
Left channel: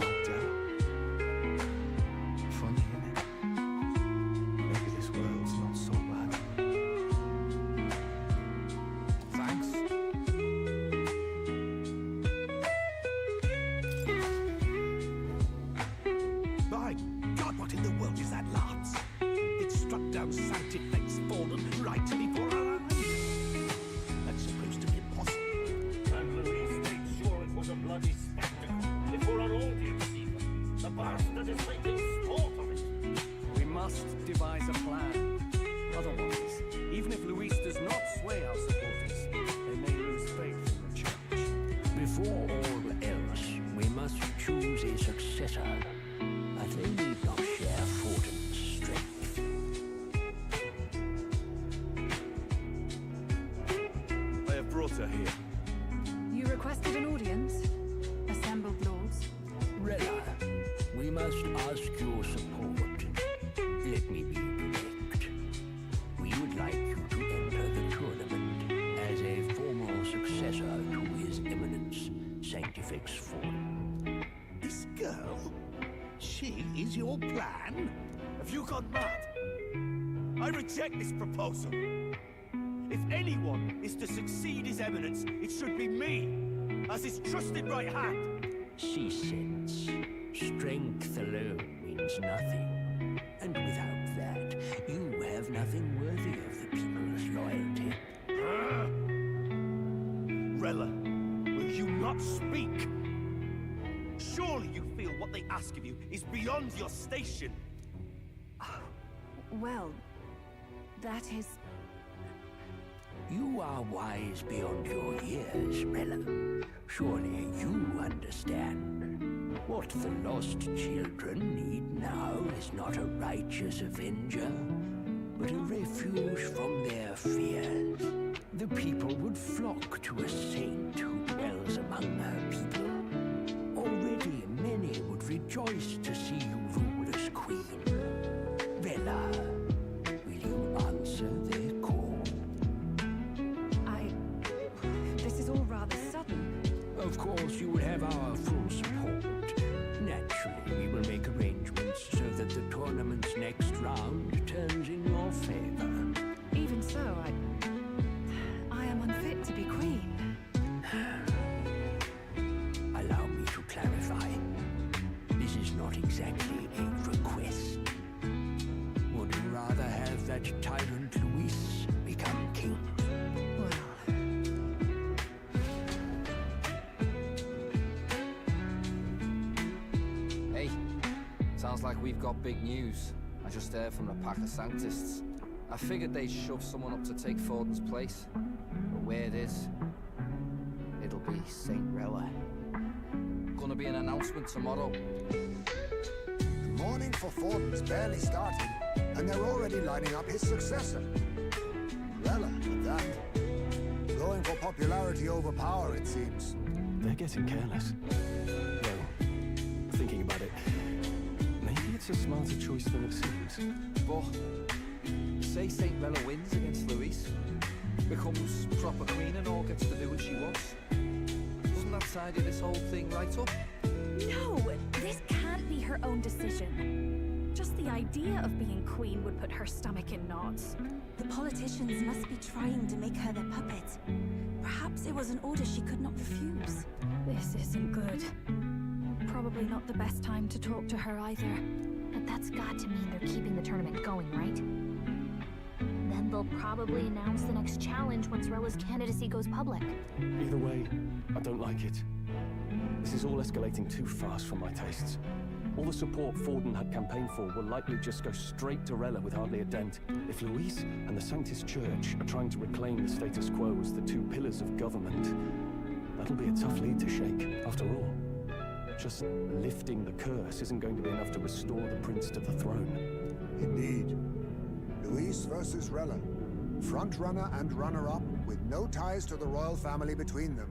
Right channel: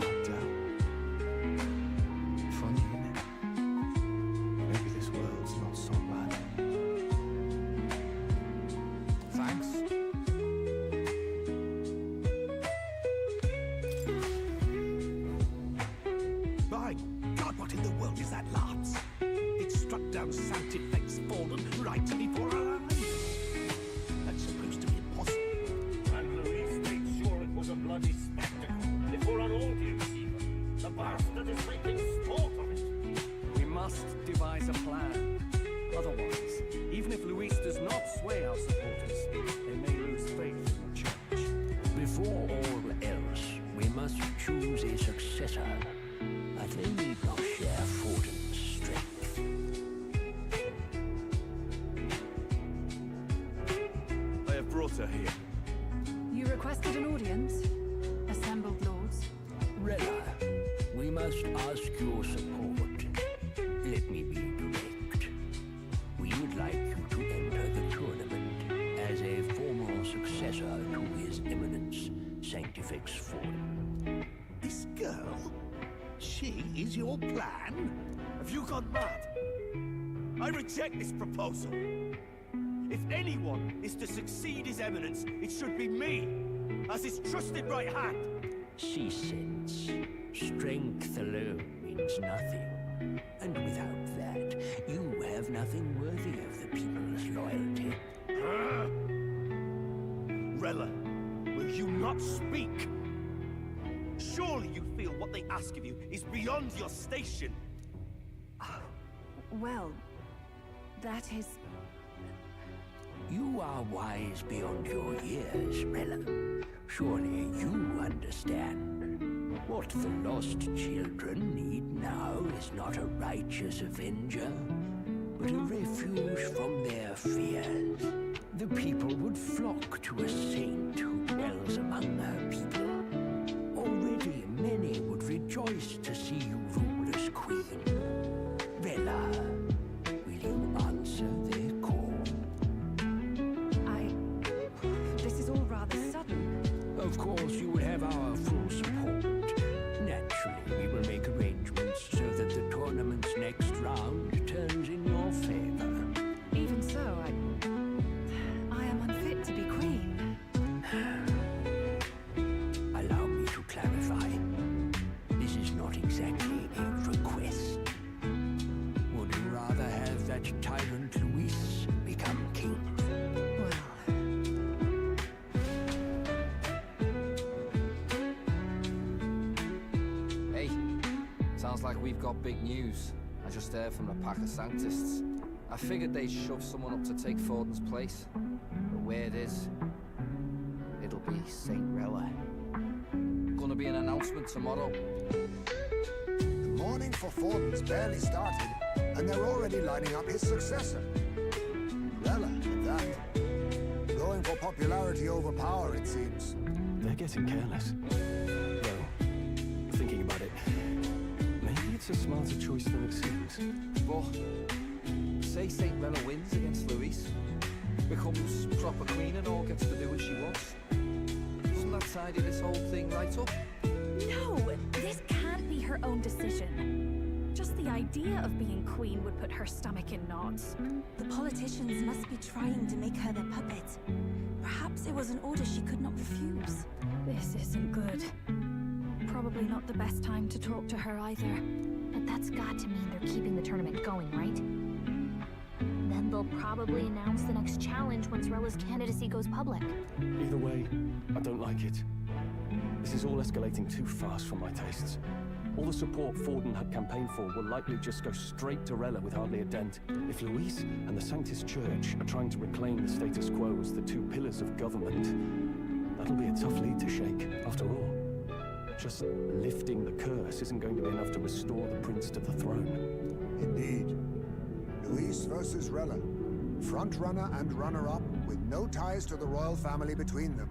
Ardell. Funny, innit? Maybe this world's not so bad. Thanks. My God, what in the world is that, lads? It struck down Sanctifex fallen right before our eyes. That's supposed to be impossible. And Louise made sure it was a bloody spectacle before an audience even. The bastard is making sport of it. We must devise a plan. Otherwise, even if Luis does not sway our supporters, they may lose faith in the church. Before all else, we must choose a successor, but they need not share Fortin's strength. I have brought her here. You requested an audience? Assembled lords? Rella, we must ask your support. Let me be direct. We would like you to enter the tournament as a formal successor to His Eminence, Sanctifex Forum. This girl? She is your plan? Have you gone mad? I reject this proposal. If anyone is to succeed His Eminence, it should be me, as his trusted right hand. She sense. Strength alone means nothing. And without that, you have nothing worthy of the people's loyalty. Rella, will you not speak? Surely you feel what they ask of you is beyond your station. Well, that is... You are wise beyond your years, Rella. Surely you understand. What the lost children need now is not a righteous avenger, but a refuge from their fears. The people would flock to a saint who dwells among her people. Already many would rejoice to see you rule as queen. Rella, will you answer their call? This is all rather sudden. Of course, you would have our full support. Naturally, we will make arrangements so that the tournament's next round turns in your favor. Even so, I am unfit to be queen. Allow me to clarify. This is not exactly a request. Would you rather have that tyrant Luis become king? Hey, sounds like we've got big news. I just heard from the pack of Sanctists. I figured they'd shove someone up to take Forden's place. But where it is, it'll be Saint Rella. Gonna be an announcement tomorrow. The mourning for Forden's barely started, and they're already lining up his successor. Rella, at that. Going for popularity over power, it seems. They're getting careless. Though, thinking about it, maybe it's a smarter choice than it seems. But say Saint Rella wins against Luis, becomes proper queen and all gets to do what she wants. Doesn't that tidy this whole thing right up? No, this can't be her own decision. Just the idea of being queen would put her stomach in knots. The politicians must be trying to make her their puppet. Perhaps it was an order she could not refuse. This isn't good. Probably not the best time to talk to her either. But that's got to mean they're keeping the tournament going, right? Then they'll probably announce the next challenge once Rella's candidacy goes public. Either way, I don't like it. This is all escalating too fast for my tastes. All the support Forden had campaigned for will likely just go straight to Rella with hardly a dent. If Luis and the Sanctus Church are trying to reclaim the status quo as the two pillars of government, that'll be a tough lead to shake. After all, just lifting the curse isn't going to be enough to restore the prince to the throne. Indeed. Luis versus Rella. Front-runner and runner-up, with no ties to the royal family between them.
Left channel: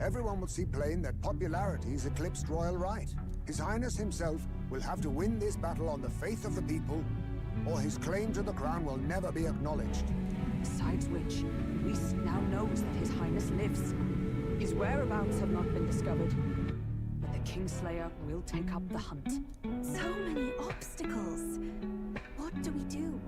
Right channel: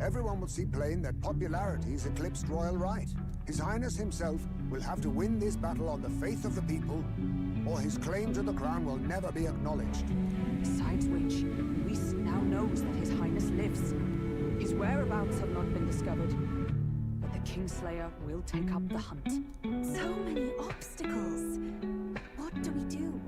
Everyone will see plain that popularity's eclipsed royal right. His Highness himself will have to win this battle on the faith of the people, or his claim to the crown will never be acknowledged. Besides which, Luis now knows that His Highness lives. His whereabouts have not been discovered, but the Kingslayer will take up the hunt. So many obstacles. What do we do?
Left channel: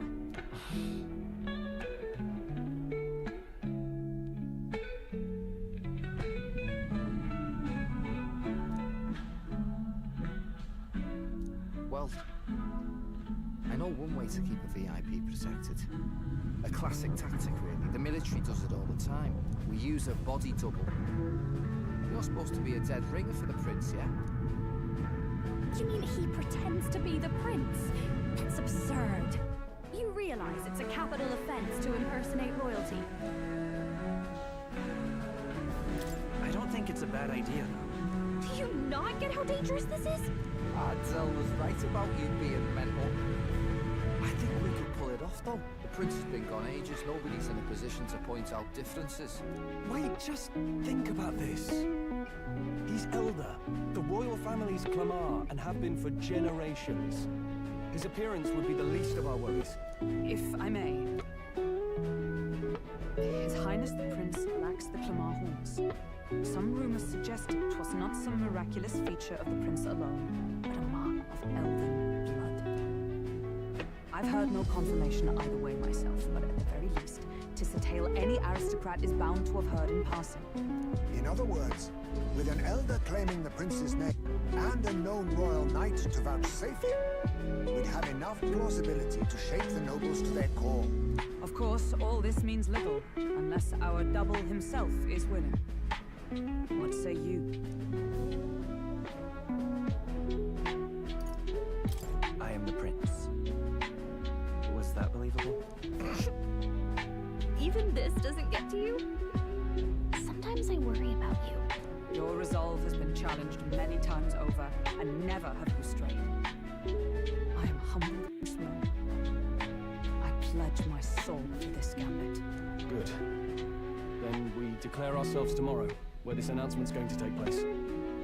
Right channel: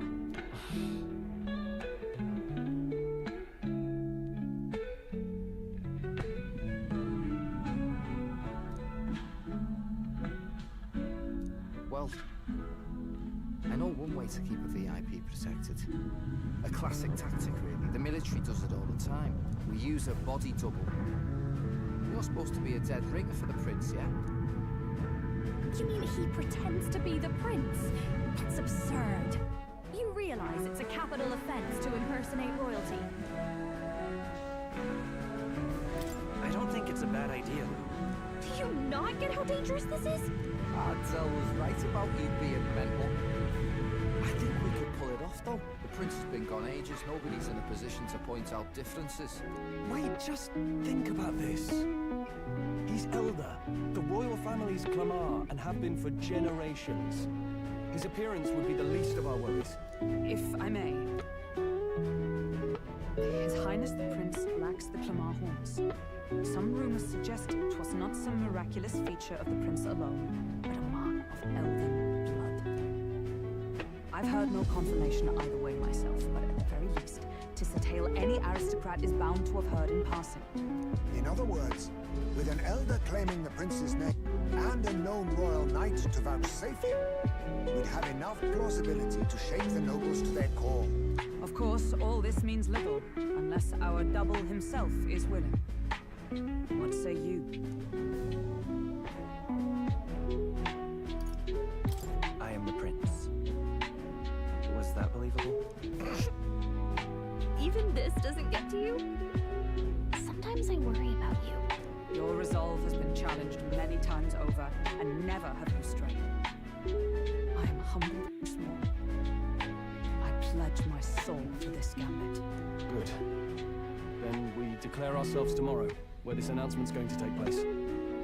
Well, I know one way to keep a VIP protected. A classic tactic, really. The military does it all the time. We use a body double. You're supposed to be a dead ringer for the prince, yeah? You mean he pretends to be the prince? That's absurd. You realize it's a capital offense to impersonate royalty. I don't think it's a bad idea, though. Do you not get how dangerous this is? Adzel was right about you being mental. I think we could pull it off, though. The prince has been gone ages. Nobody's in a position to point out differences. Wait, just think about this. He's elder, the royal family's Clamar, and have been for generations. His appearance would be the least of our worries. If I may. His Highness the Prince lacks the Clamar horns. Some rumors suggest it was not some miraculous feature of the prince alone, but a mark of elven blood. I've heard no confirmation either way myself, but at the very least, 'tis a tale any aristocrat is bound to have heard in passing. In other words, With an elder claiming the prince's name and a known royal knight to vouchsafe him, we'd have enough plausibility to shake the nobles to their core. Of course, all this means little, unless our double himself is willing. What say you? I am the prince. Was that believable? Even this doesn't get to you? Sometimes I worry about you. Your resolve has been challenged many times over, and never have you strayed. I am humbled and small. I pledge my soul to this gambit. Good. Then we declare ourselves tomorrow, where this announcement's going to take place.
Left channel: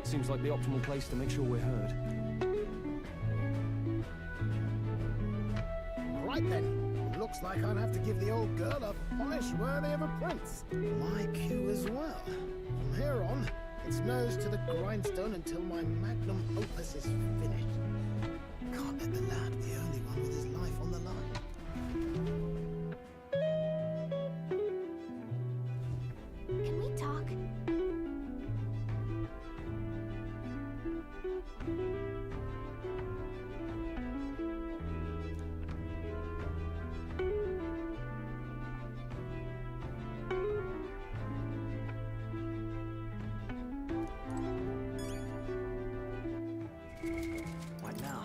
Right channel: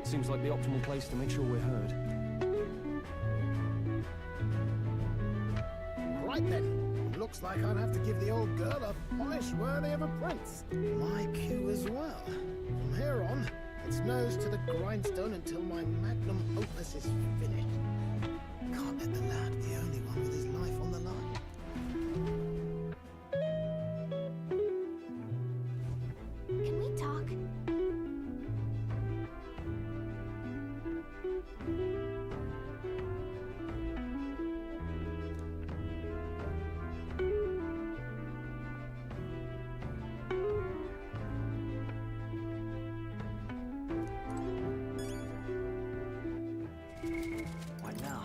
Seems like the optimal place to make sure we're heard. Right then. Looks like I'll have to give the old girl a polish worthy of a prince. My cue as well. From here on, it's nose to the grindstone until my magnum opus is finished. Can't let the lad be the only one with his life on the line. Can we talk? What now?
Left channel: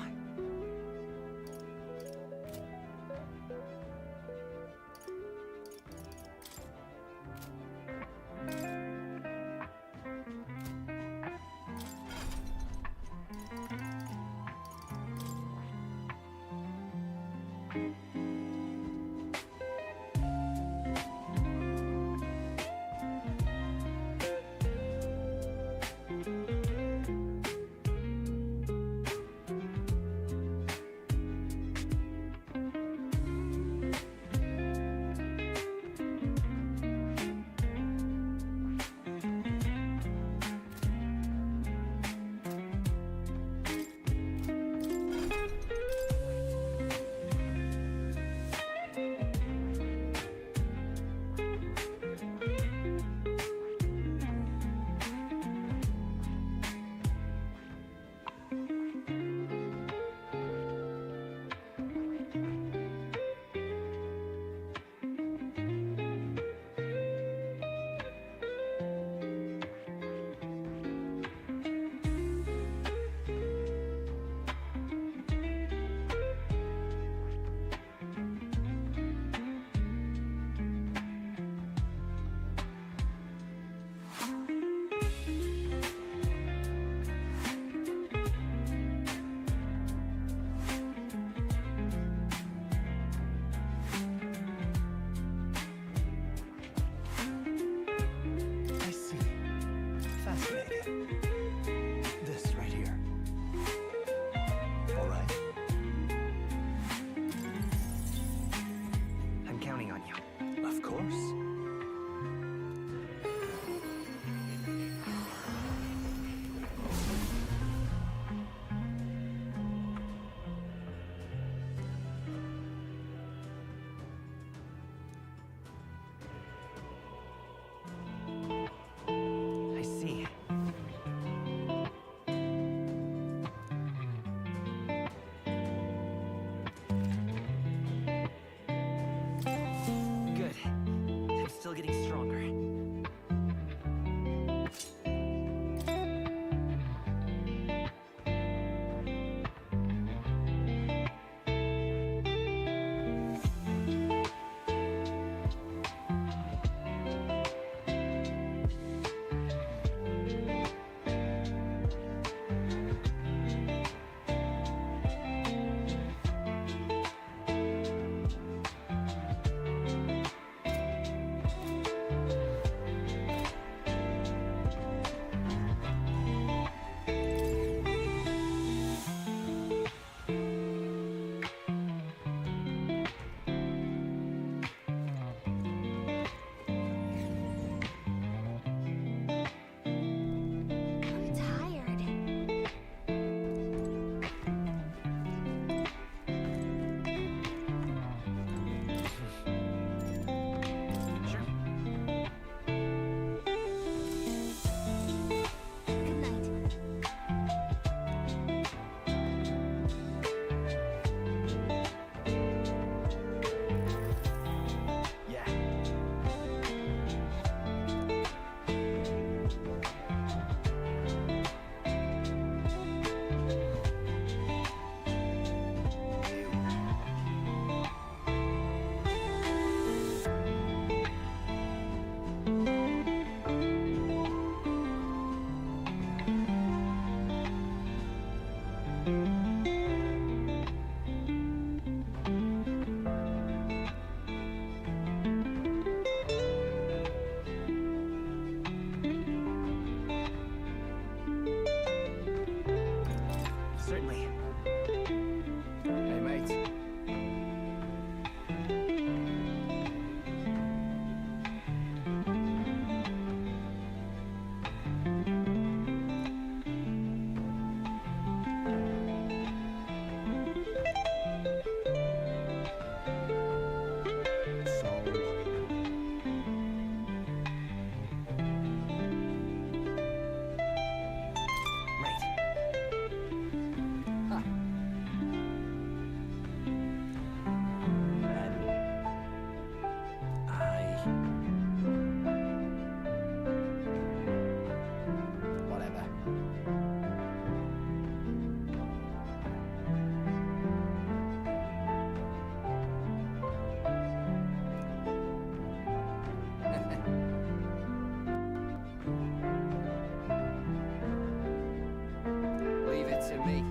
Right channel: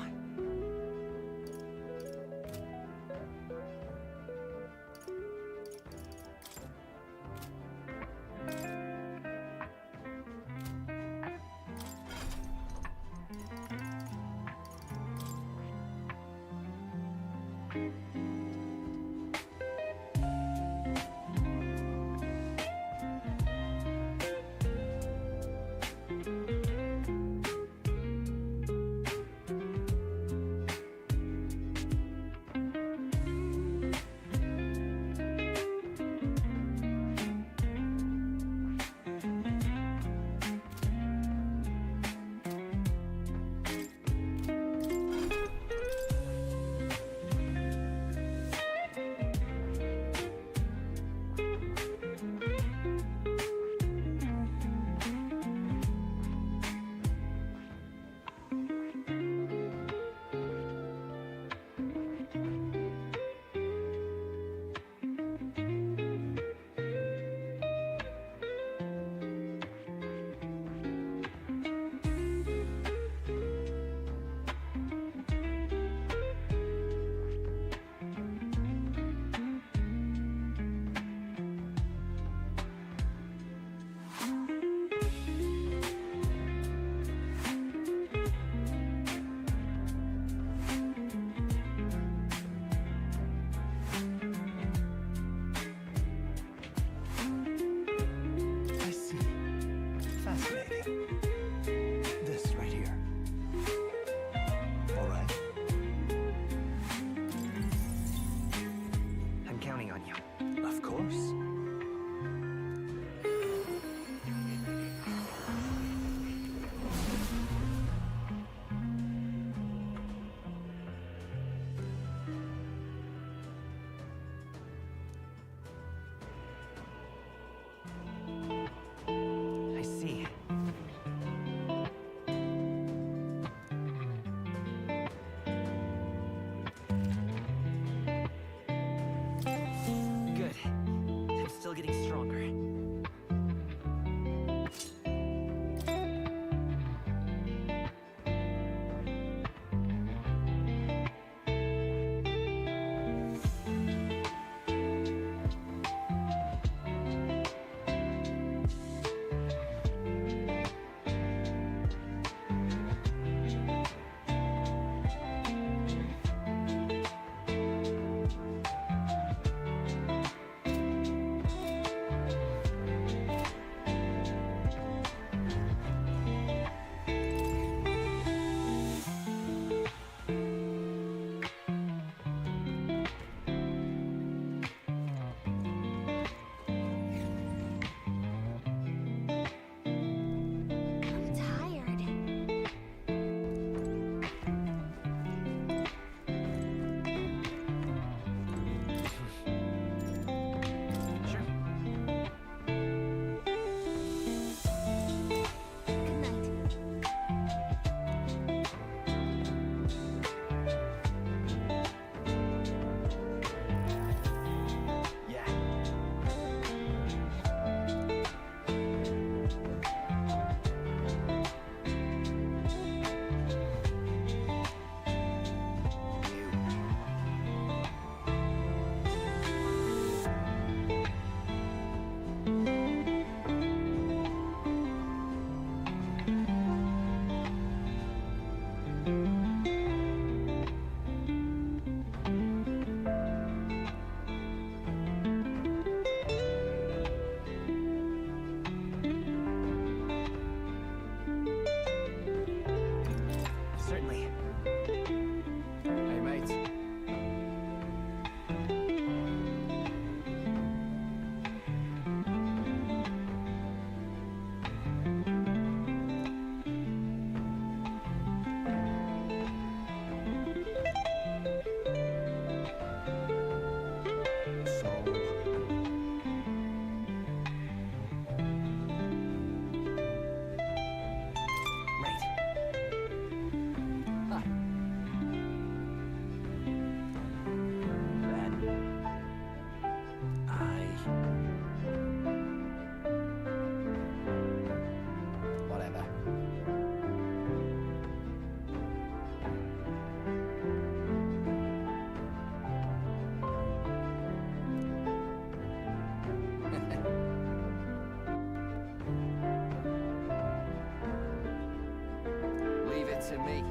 Leave it to me.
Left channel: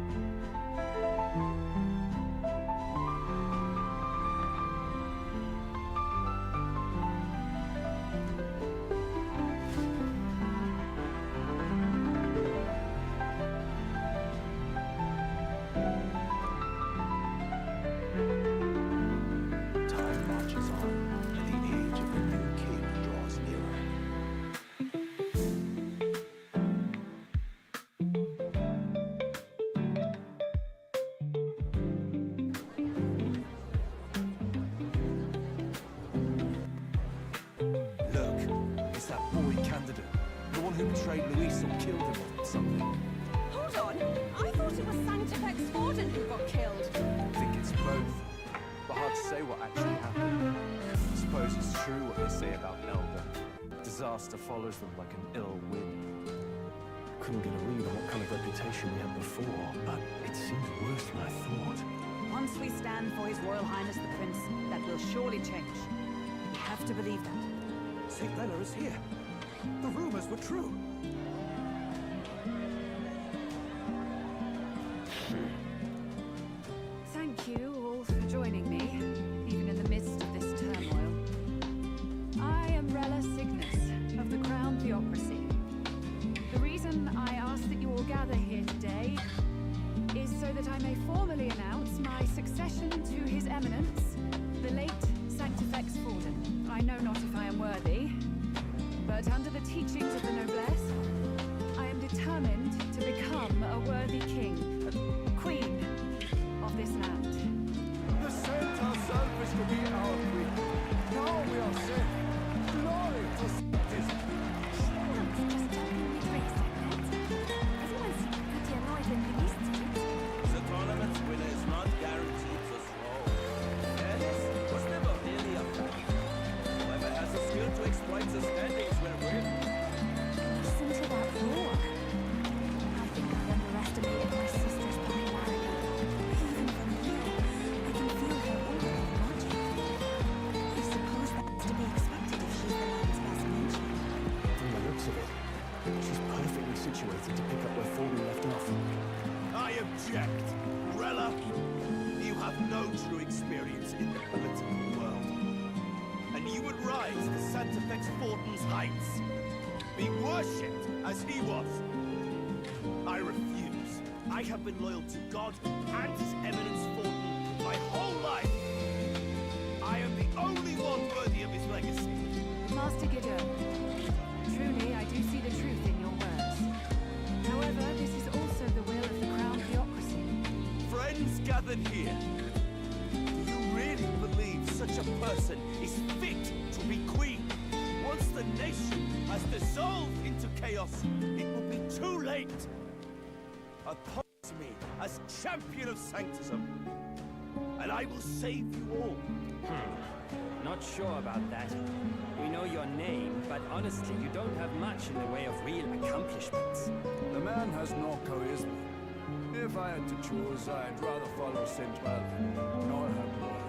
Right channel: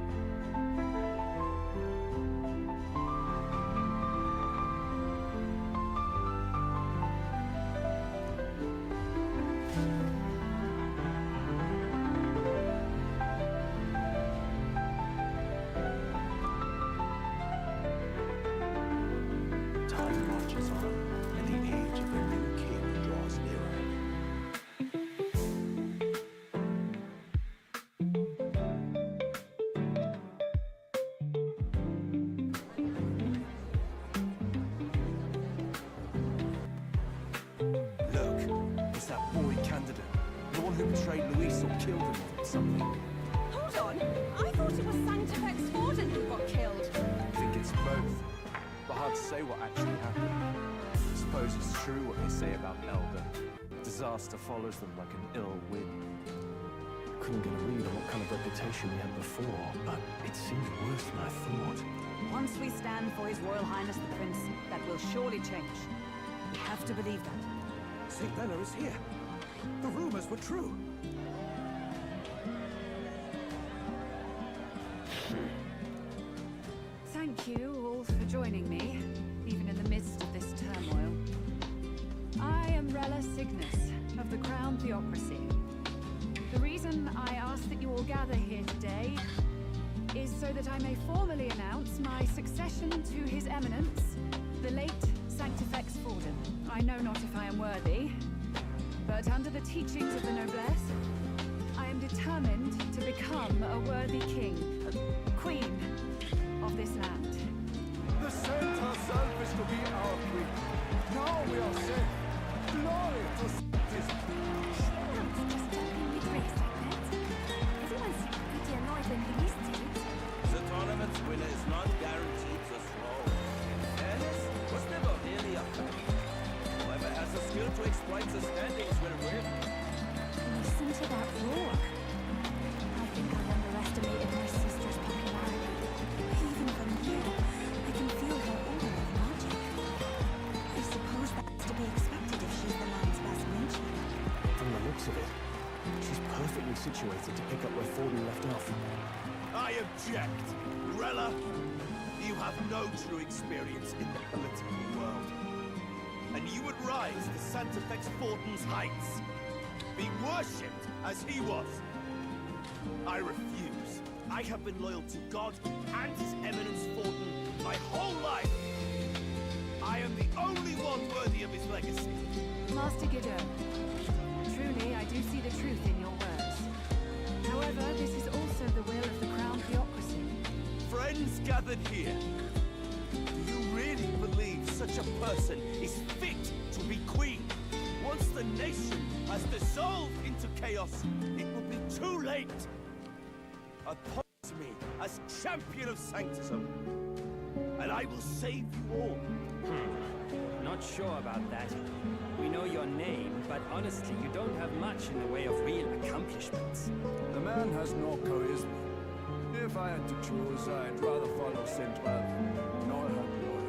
Time marches on, and the age of a new king draws nearer. Look, it's that boy candidate. The one who betrayed Luis or killed him or something. Hold on. I thought it was Sanctifex Forden who got killed. I think it's both. But hard to say what actually happened. I suppose it's true what they say about Elder. Disaster follows them like an ill wind. Couldn't get a read on what kind of reputation we had before, but it seemed worse than I thought. Once we stand for His Royal Highness the Prince, that will surely change. We have to believe that. St. Bella is here. The rumors were true. Thank you all for joining me, even in the midst of this turmoil. I am Rella Cygnus, of the Crown Theocracy. The reason I ask that you all gather here today is so that I may formally announce my succession to His Eminence, the late Sanctifex Forden. I know not if I am worthy, but under the teachings of the noblesse, I am determined to become a worthy king, queen of this land. The saint herself is to be our queen. Now we are safe. Glory to Sanctis. Just talking with race like that. Everyone seemed pretty annoyed when Luis did it. The tournament's winner is not guaranteed the throne. Fairness was never really a fact. Whoever has the skill to exploit the standings will win. Listen to that roar. I think I underestimated my sister's popularity. Even from here, I can feel her aura of magic. I suppose that's to be expected if she's the land's best mage. From the looks of it, she's perfectly situated to pick up where Forden left off. I object. Rella, you have no true experience in the political world. And you would rise to Sanctifex Forden's heights. Be worshipped as he was. I refuse. I have been loyal to God and His Eminence Forden my whole life. I am the only one worthy of his legacy. Master Gideon, truly I do see the truth in your words. However, this is also the will of the Crown Theocracy. Friends gathered here, do you really believe such a person is fit to be queen? Once the nation has dissolved into chaos, it will be too late. Appoint me as champion of sanctism, and I will save you all. Not sure about that. We know your name, but honestly, you don't have much in the way of real accomplishments. The man has no charisma. If I had to choose, I'd rather follow St. Bella, nor her boy.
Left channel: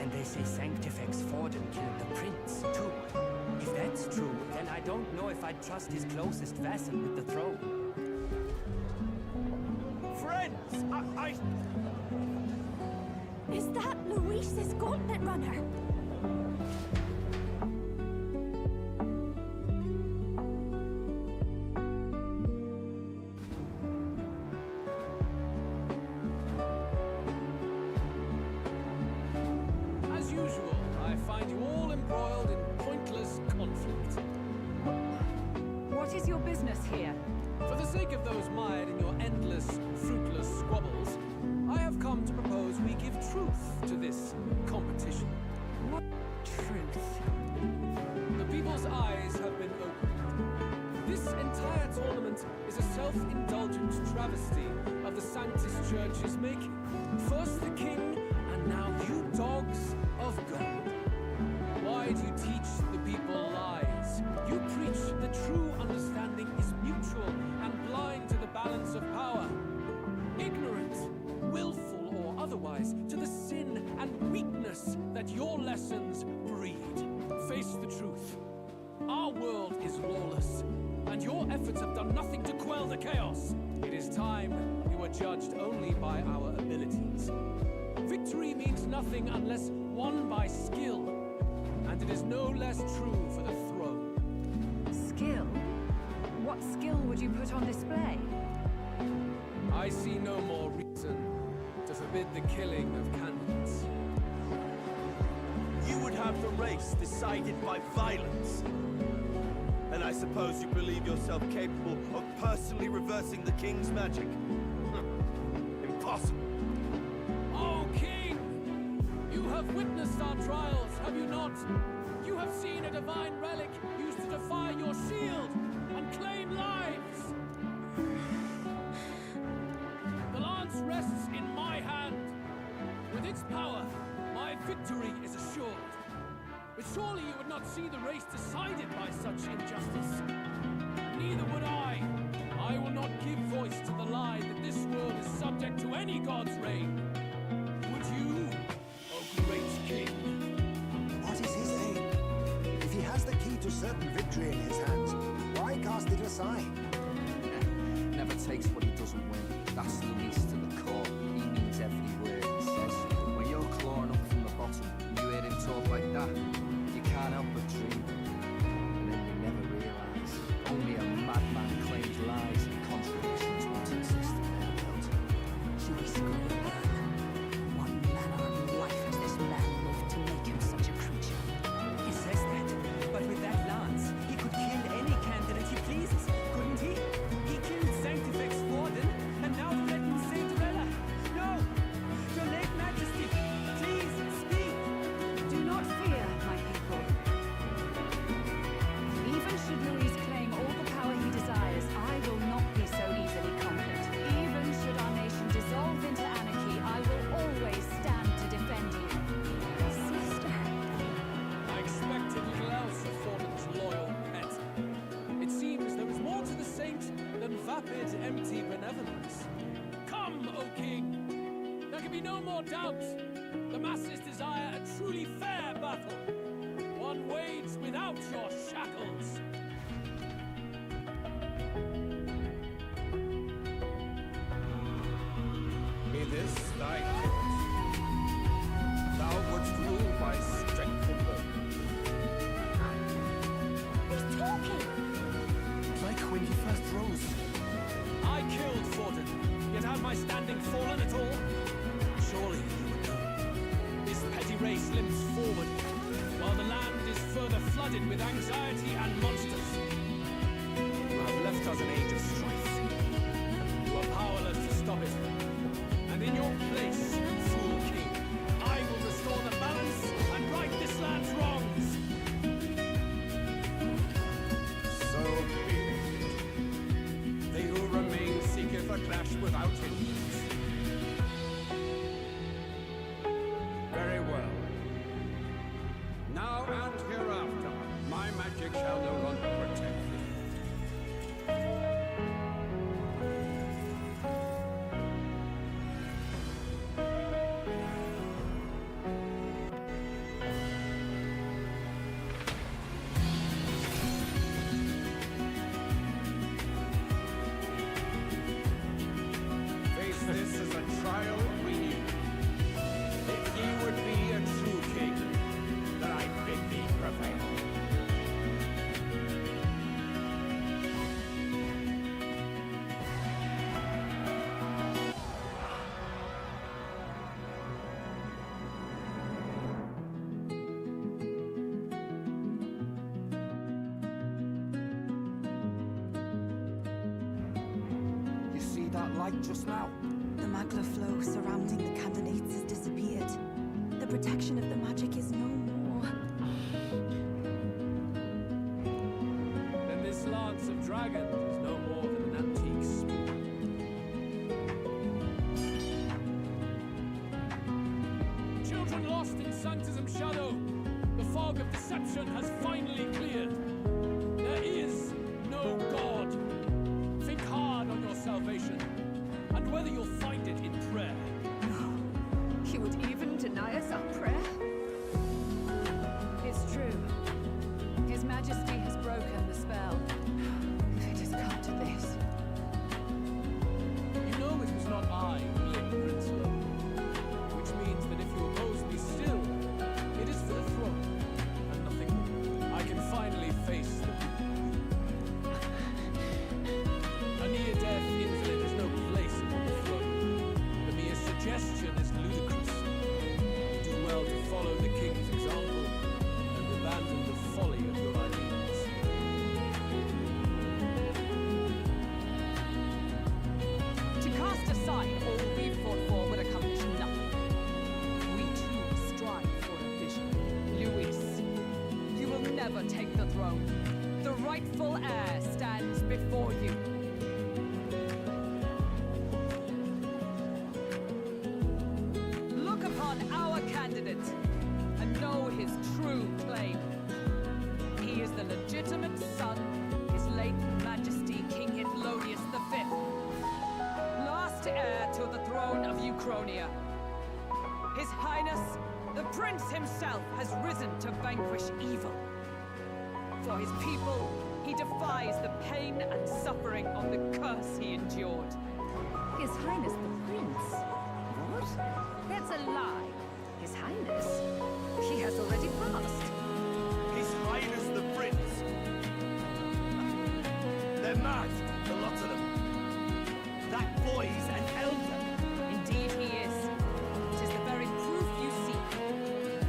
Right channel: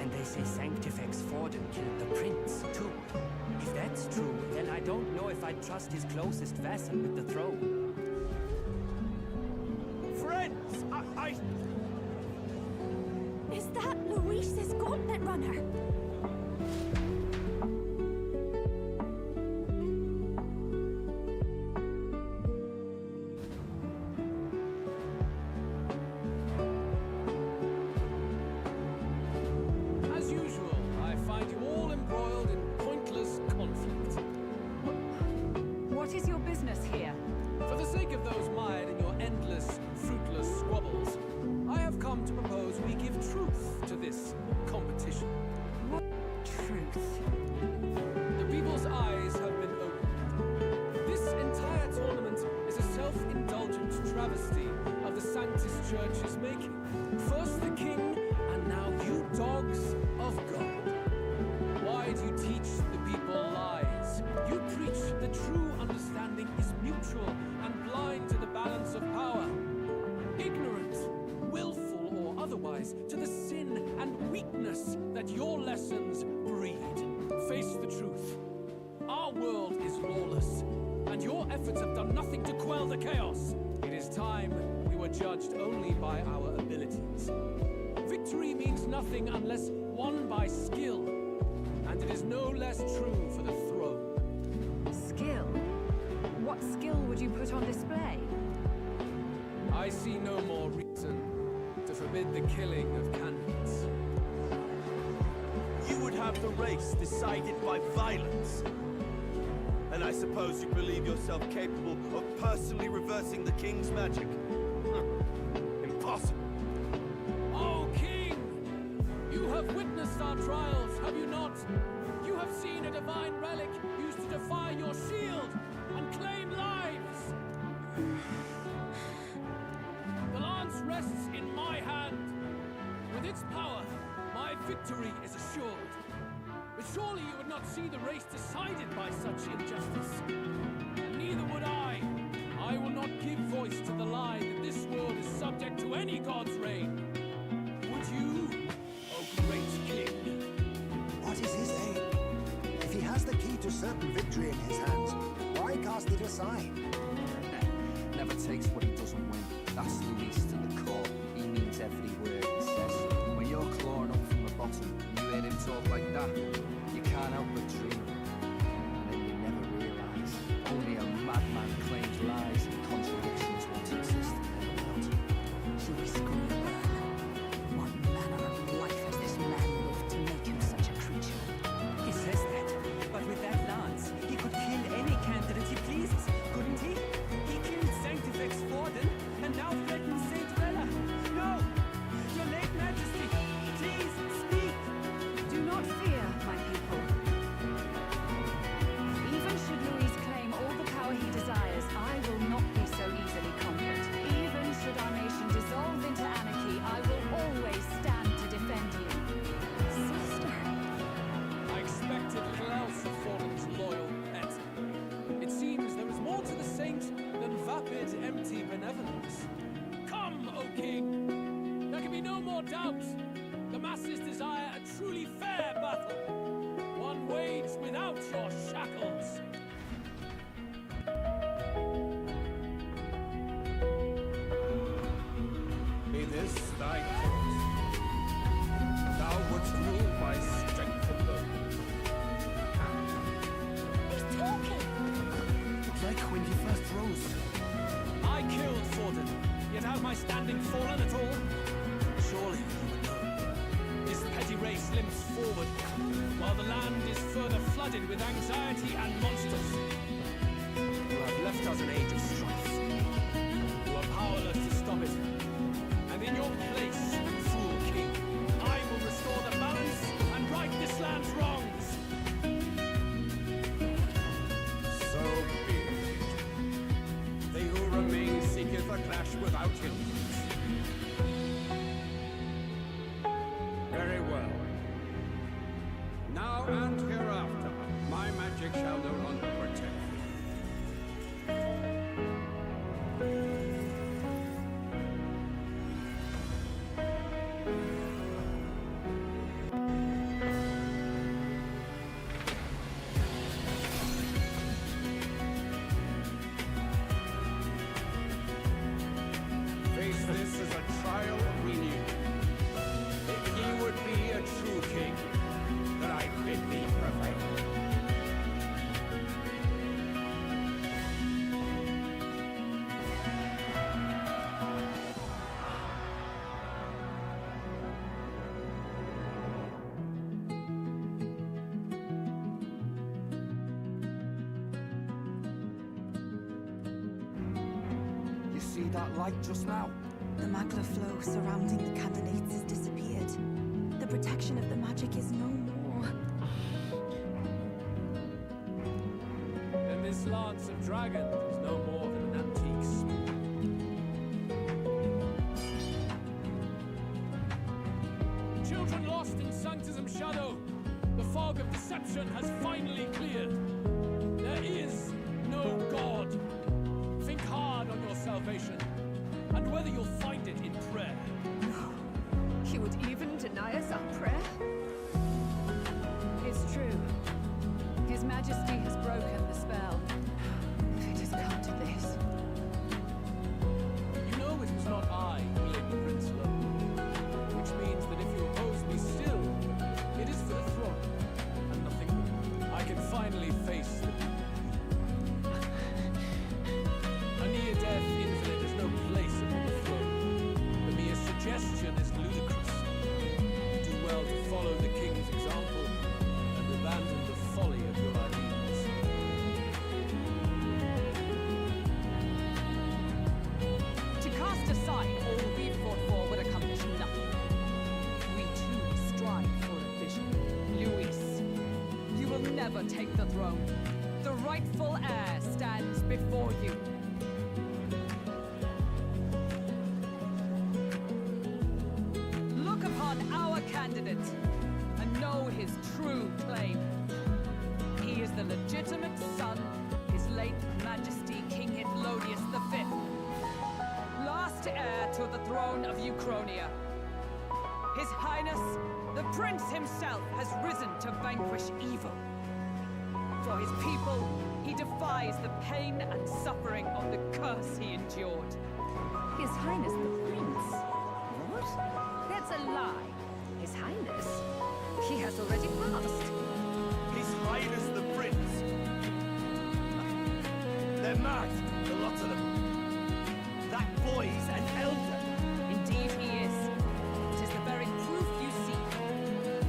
And they say Sanctifex Forden killed the prince, too. If that's true, then I don't know if I'd trust his closest vassal with the throne. Friends, I... Is that Luis's gauntlet runner? As usual, I find you all embroiled in pointless conflict. What is your business here? For the sake of those mired in your endless, fruitless squabbles, I have come to propose we give truth to this competition. What truth? The people's eyes have been opened. This entire tournament is a self-indulgent travesty of the Sanctis Church's making. First the king, and now you dogs of God. Why do you teach the people lies? You preach the true understanding is mutual and blind to the balance of power. Ignorant, willful or otherwise, to the sin and weakness that your lessons breed. Face the truth. Our world is lawless, and your efforts have done nothing to quell the chaos. It It is time we were judged only by our abilities. Victory means nothing unless won by skill, and it is no less true for the throne. Skill? What skill would you put on display? I see no more reason to forbid the killing of candidates. You would have the race decided by violence. And I suppose you believe yourself capable of personally reversing the king's magic? Impossible. Oh, King! You have witnessed our trials, have you not? You have seen a divine relic used to defy your shield and claim lives! The lance rests in my hand. With its power, my victory is assured. But surely you would not see the race decided by such injustice. And neither would I. I will not give voice to the lie that this world is subject to any god's reign. Would you, O great king? What is his aim? If he has the key to certain victory in his hands, why cast it aside? Never takes what he doesn't win. That's Luis to the core. He means every word he says. When you're clawing up from the bottom and you hear him talk like that, you can't help but dream. And then you never realise. Only a madman claims lies and contradictions once exist in their world. Luis Goldberg. What manner of life has this man lived to make him such a creature? He says that, but with that lance, he could kill any candidate he pleases, couldn't he? He killed Sanctifex Forden, and now threatens Saint Rella. No! Your late Majesty, please, speak! Do not fear, my people. Even should Luis claim all the power he desires, I will not be so easily conquered. Even should our nation dissolve into anarchy, I will always stand to defend you. Sister. I expected little else of Forden's loyal pet. It seems there is more to the saint than vapid, empty benevolence. Come, O king! There can be no more doubt. The masses desire a truly fair battle. One waged without your shackles. Be this thy course. Thou wouldst rule by strength alone. He's talking! Like when he first rose. I killed Forden, yet have my standing fallen at all? Surely you would know. This petty race limps forward, while the land is further flooded with anxiety and monsters. You have left us an age of strife. You are powerless to stop it. And in your place, fool king, I will restore the balance and right this land's wrongs. So be it. They who remain seeketh a clash without hindrance. Very well. Now and hereafter, my magic shall no longer protect thee. Face this as a trial we knew. If ye would be a true king, then I bid thee prevail. You see that light just now? The magla flow surrounding the candidates has disappeared. The protection of the magic is no more. Then this lance of dragons is no more than an antique spear. Children lost in Sanctism shadow, the fog of deception has finally cleared. There is no God. Think hard on your salvation, and whether you'll find it in prayer. He would even deny us our prayer? It's true. His Majesty has broken the spell. If it has come to this. ever take the throne. The rightful heir stands before you. Look upon our candidate and know his true claim. He is the legitimate son of his late Majesty King Hithlodius V, last heir to the throne of Uchronia. His Highness, the Prince himself, has risen to vanquish evil. For his people, he defies the pain and suffering of the curse he endured. His Highness the Prince? What? That's a lie. His Highness? He has already passed. His Highness the Prince. They're mad, the lot of them. That boy's an elder. Indeed he is. It is the very proof you seek.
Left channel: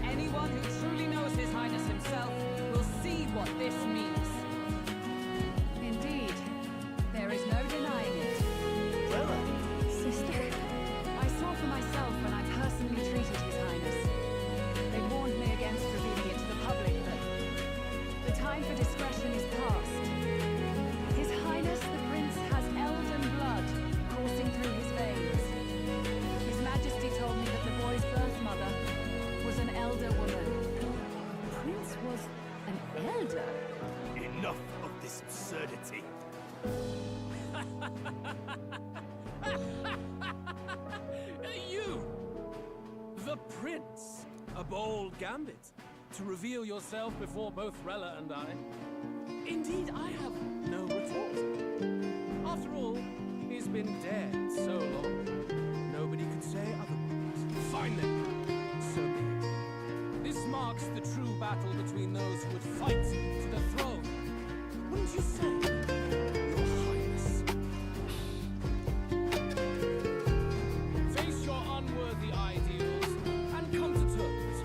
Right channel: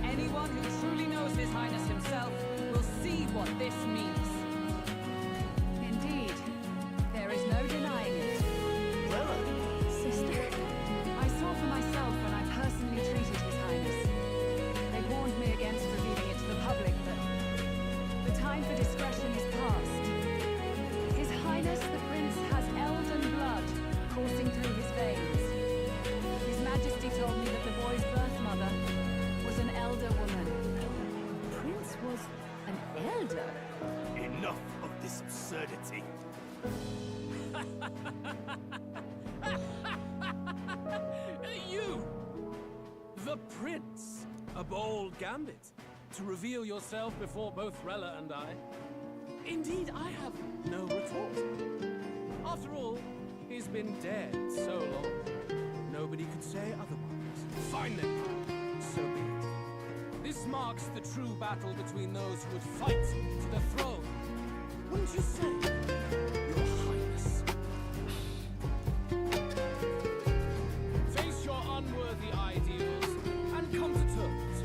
Anyone who truly knows His Highness himself will see what this means. Indeed. There is no denying it. Rella? Sister, I saw for myself when I personally treated His Highness. They warned me against revealing it to the public, but the time for discretion is past. His Highness the Prince has elden blood coursing through his veins. His Majesty told me that the boy's birth mother was an elder woman. The Prince was an elder? Enough of this absurdity. You! The Prince! A bold gambit. To reveal yourself before both Rella and I. Indeed, I have no retort. After all, he's been dead so long. Nobody could say otherwise. Fine then. So be it. This marks the true battle between those who would fight for the throne. Wouldn't you say, Your Highness? Face your unworthy ideals and come to terms.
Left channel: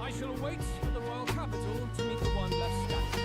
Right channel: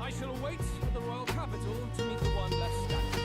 I shall await at the royal capital to meet the one left standing.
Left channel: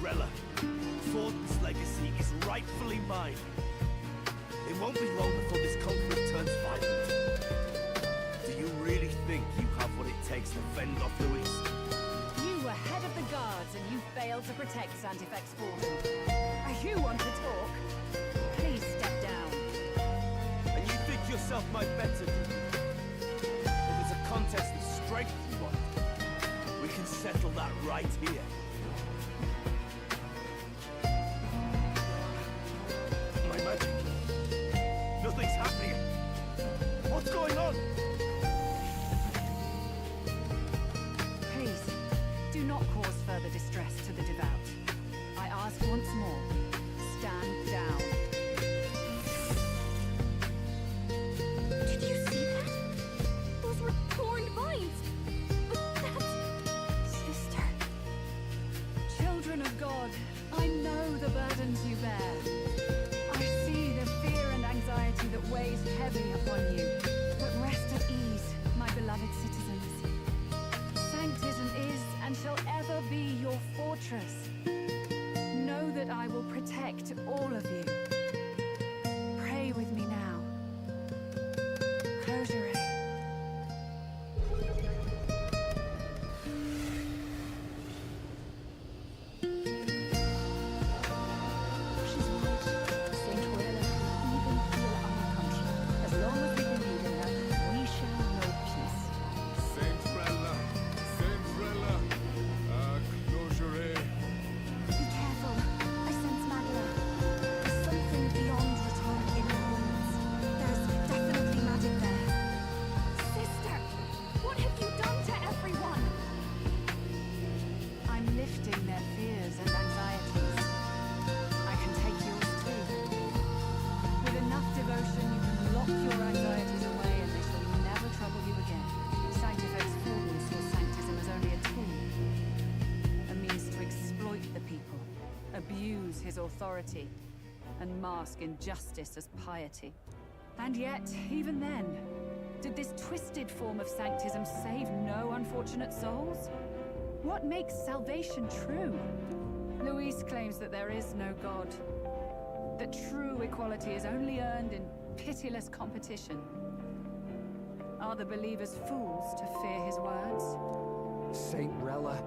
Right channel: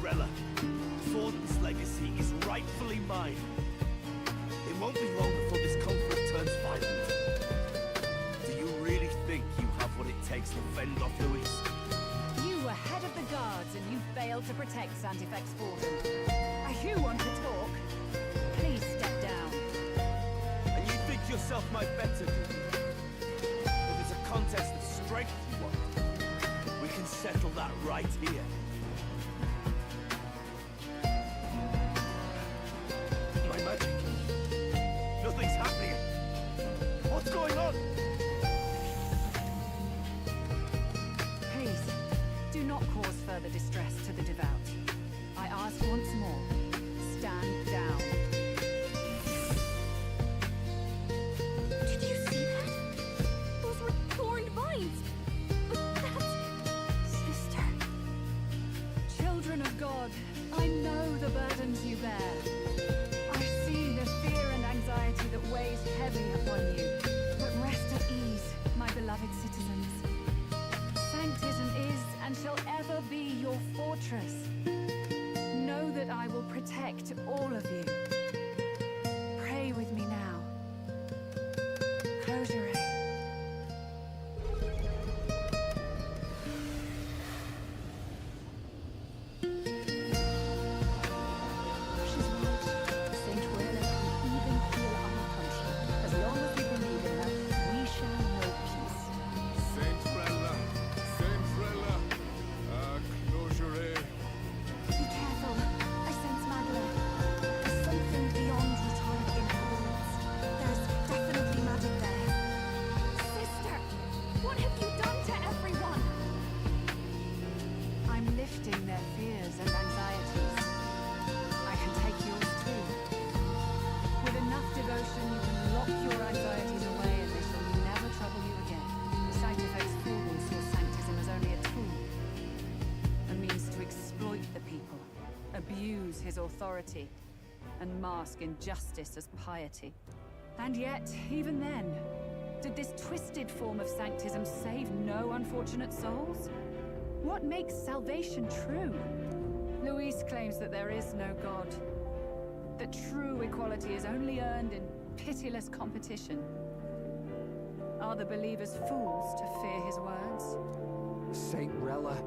Rella, Thornton's legacy is rightfully mine. It won't be long before this conflict turns violent. Do you really think you have what it takes to fend off Luis? You were head of the guards and you failed to protect Santifex Fortin. Are you one to talk? Please step down. And you think yourself my better, do you? If it's a contest of strength you want, we can settle that right here. My magic. Nothing's happening. What's going on? Please, do not cause further distress to the devout. I ask once more, stand down. Did you see that? Those were thorned vines. But that's... Sister. Children of God, I know the burdens you bear. I see the fear and anxiety that weighs heavy upon you. But rest at ease, my beloved citizens. Sanctism is and shall ever be your fortress. Know that I will protect all of you. Pray with me now. Close your eyes. She's right. Saint Rella can even heal our country. As long as we believe in her, we shall know peace. Saint Rella, closure. abuse his authority, and mask injustice as piety. And yet, even then, did this twisted form of sanctism save no unfortunate souls? What makes salvation true? Luis claims that there is no God, that true equality is only earned in pitiless competition. Are the believers fools to fear his words? Saint Rella.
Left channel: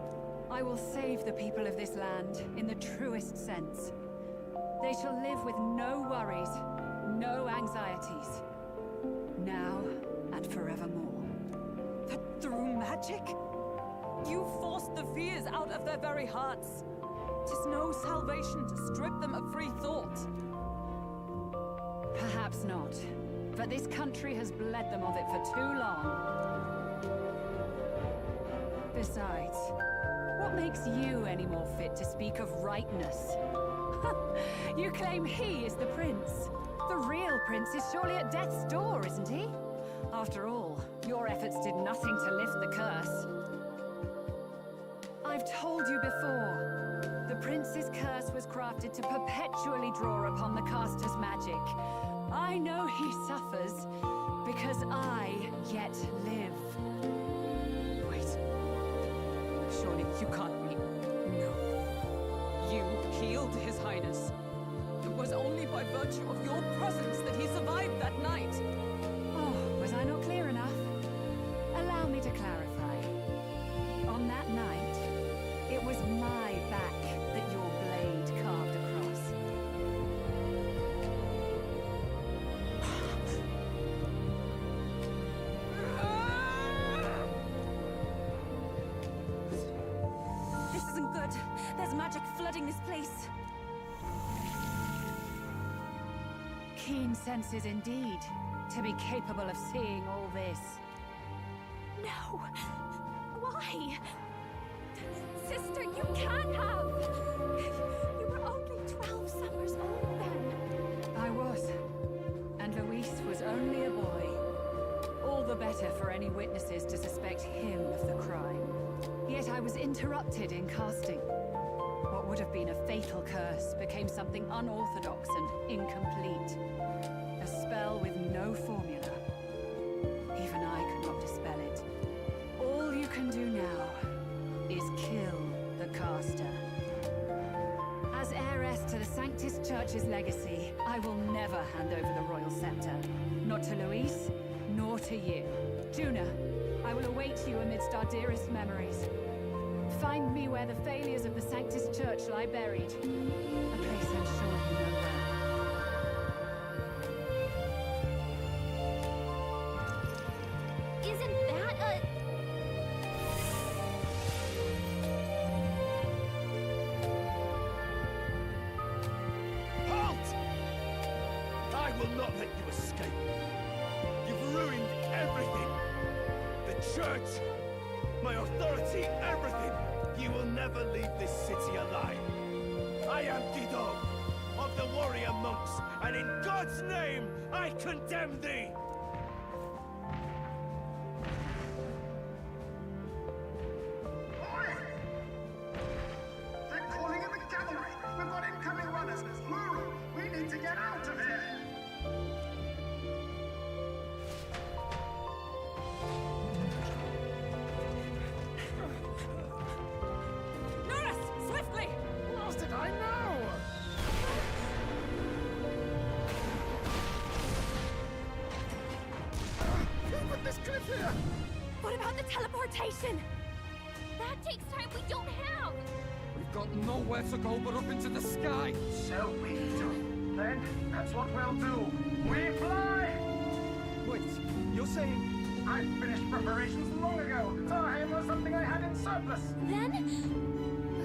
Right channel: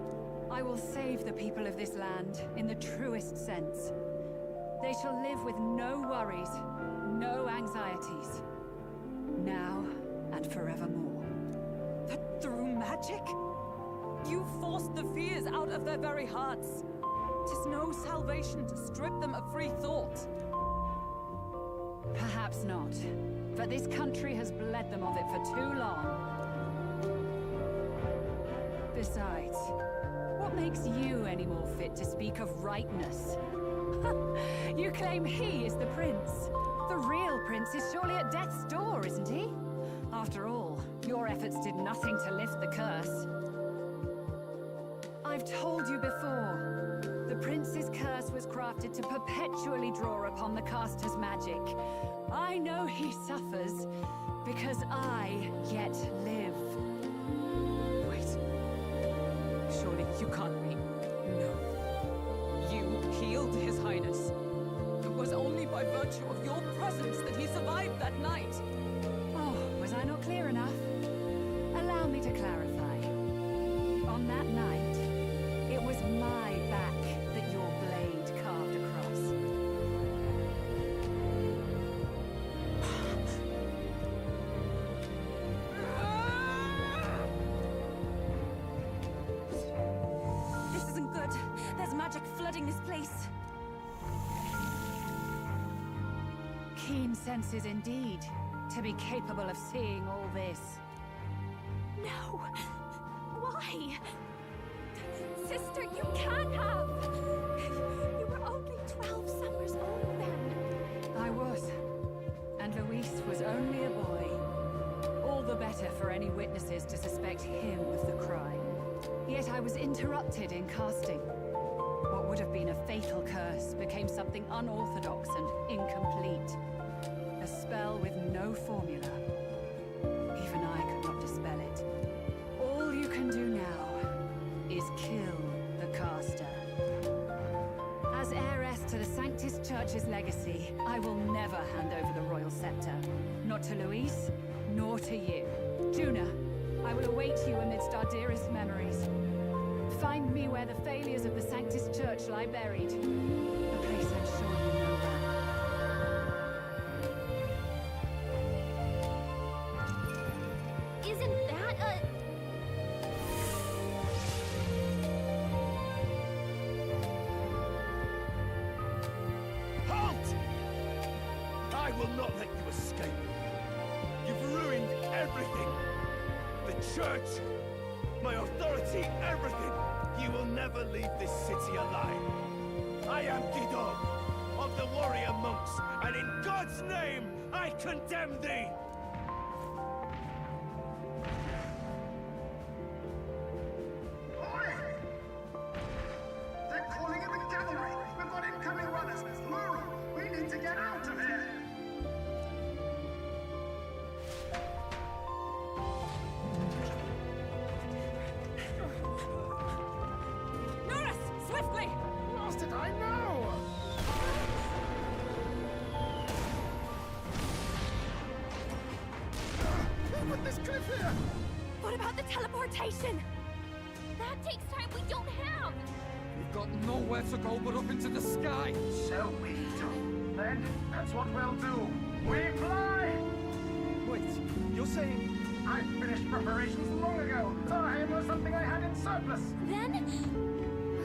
I will save the people of this land in the truest sense. They shall live with no worries, no anxieties. Now and forevermore. But through magic? You forced the fears out of their very hearts. 'Tis no salvation to strip them of free thought. Perhaps not. But this country has bled them of it for too long. Besides, what makes you any more fit to speak of rightness? You claim he is the prince. The real prince is surely at death's door, isn't he? After all, your efforts did nothing to lift the curse. I've told you before, the prince's curse was crafted to perpetually draw upon the caster's magic. I know he suffers, because I yet live. Wait. Surely you can't mean... No. You healed His Highness. It was only by virtue of your presence that he survived that night. Oh, was I not clear enough? Allow me to clarify. On that night, it was my back that your blade carved across. This isn't good. There's magic flooding this place. Keen senses indeed, to be capable of seeing all this. No! Why? Sister, you can't have! You were only 12 summers old then. I was. And Luis was only a boy. All the better for any witnesses to suspect him of the crime. Yet I was interrupted in casting. What would have been a fatal curse became something unorthodox and incomplete. A spell with no formula. Even I could not dispel it. All you can do now is kill the caster. As heiress to the Sanctus Church's legacy, I will never hand over the royal scepter. Not to Luis, nor to you. Juna, I will await you amidst our dearest memories. Find me where the failures of the Sanctus Church lie buried. A place I'm sure you know well. Isn't that a... Halt! I will not let you escape. You've ruined everything. The church, my authority, everything. You will never leave this city alive. I am Guido, of the warrior monks, and in God's name, I condemn thee! They're calling in the cavalry! We've got incoming runners! Plural! We need to get out of here! Norris! Swiftly! Lost it, I know! Who put this cliff here? What about the teleportation? That takes time we don't have! We've got nowhere to go but up into the sky. So we do. Then, that's what we'll do. We fly! Wait, you're saying... I finished preparations long ago. Our aim was something I had in surplus. Then?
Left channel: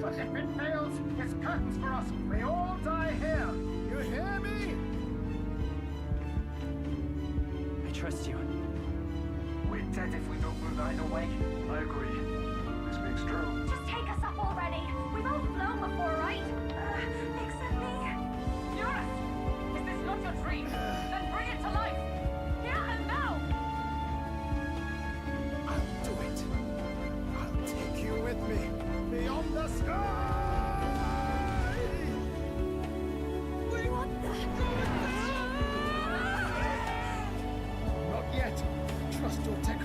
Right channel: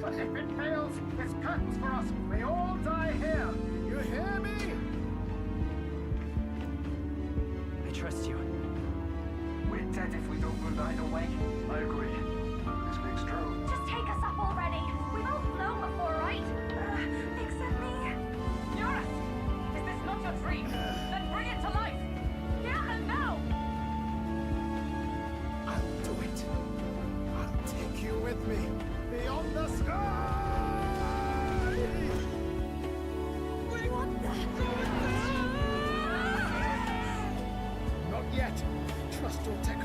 But if it fails, it's curtains for us. We all die here. You hear me? I trust you. We're dead if we don't move either way. I agree. This makes true. Just take us up already. We've all flown before, right? Except me. Norris! Is this not your dream? Then bring it to life! Here and now! I'll do it. I'll take you with me. Beyond the sky!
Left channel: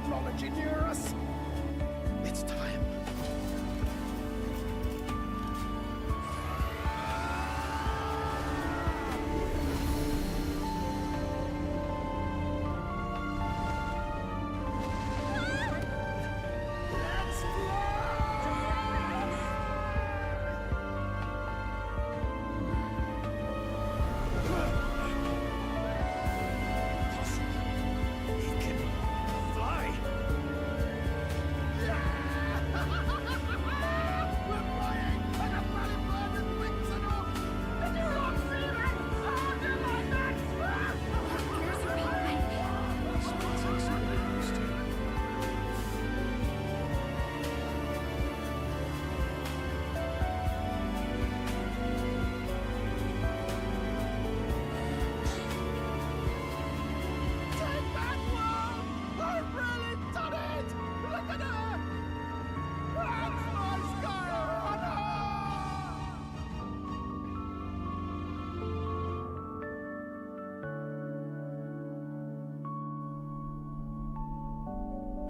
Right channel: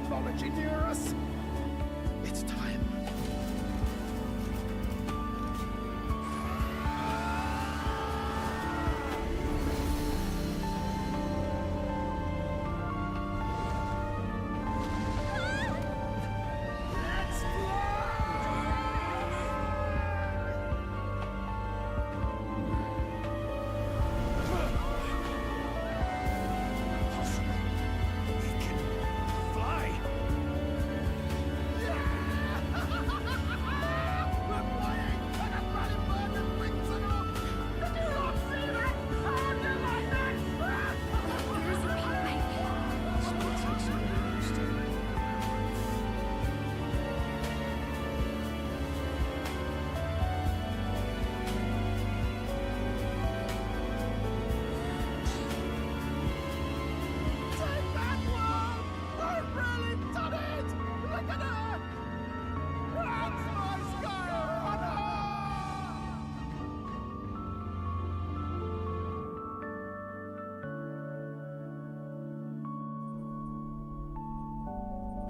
knowledge inure us. It's time.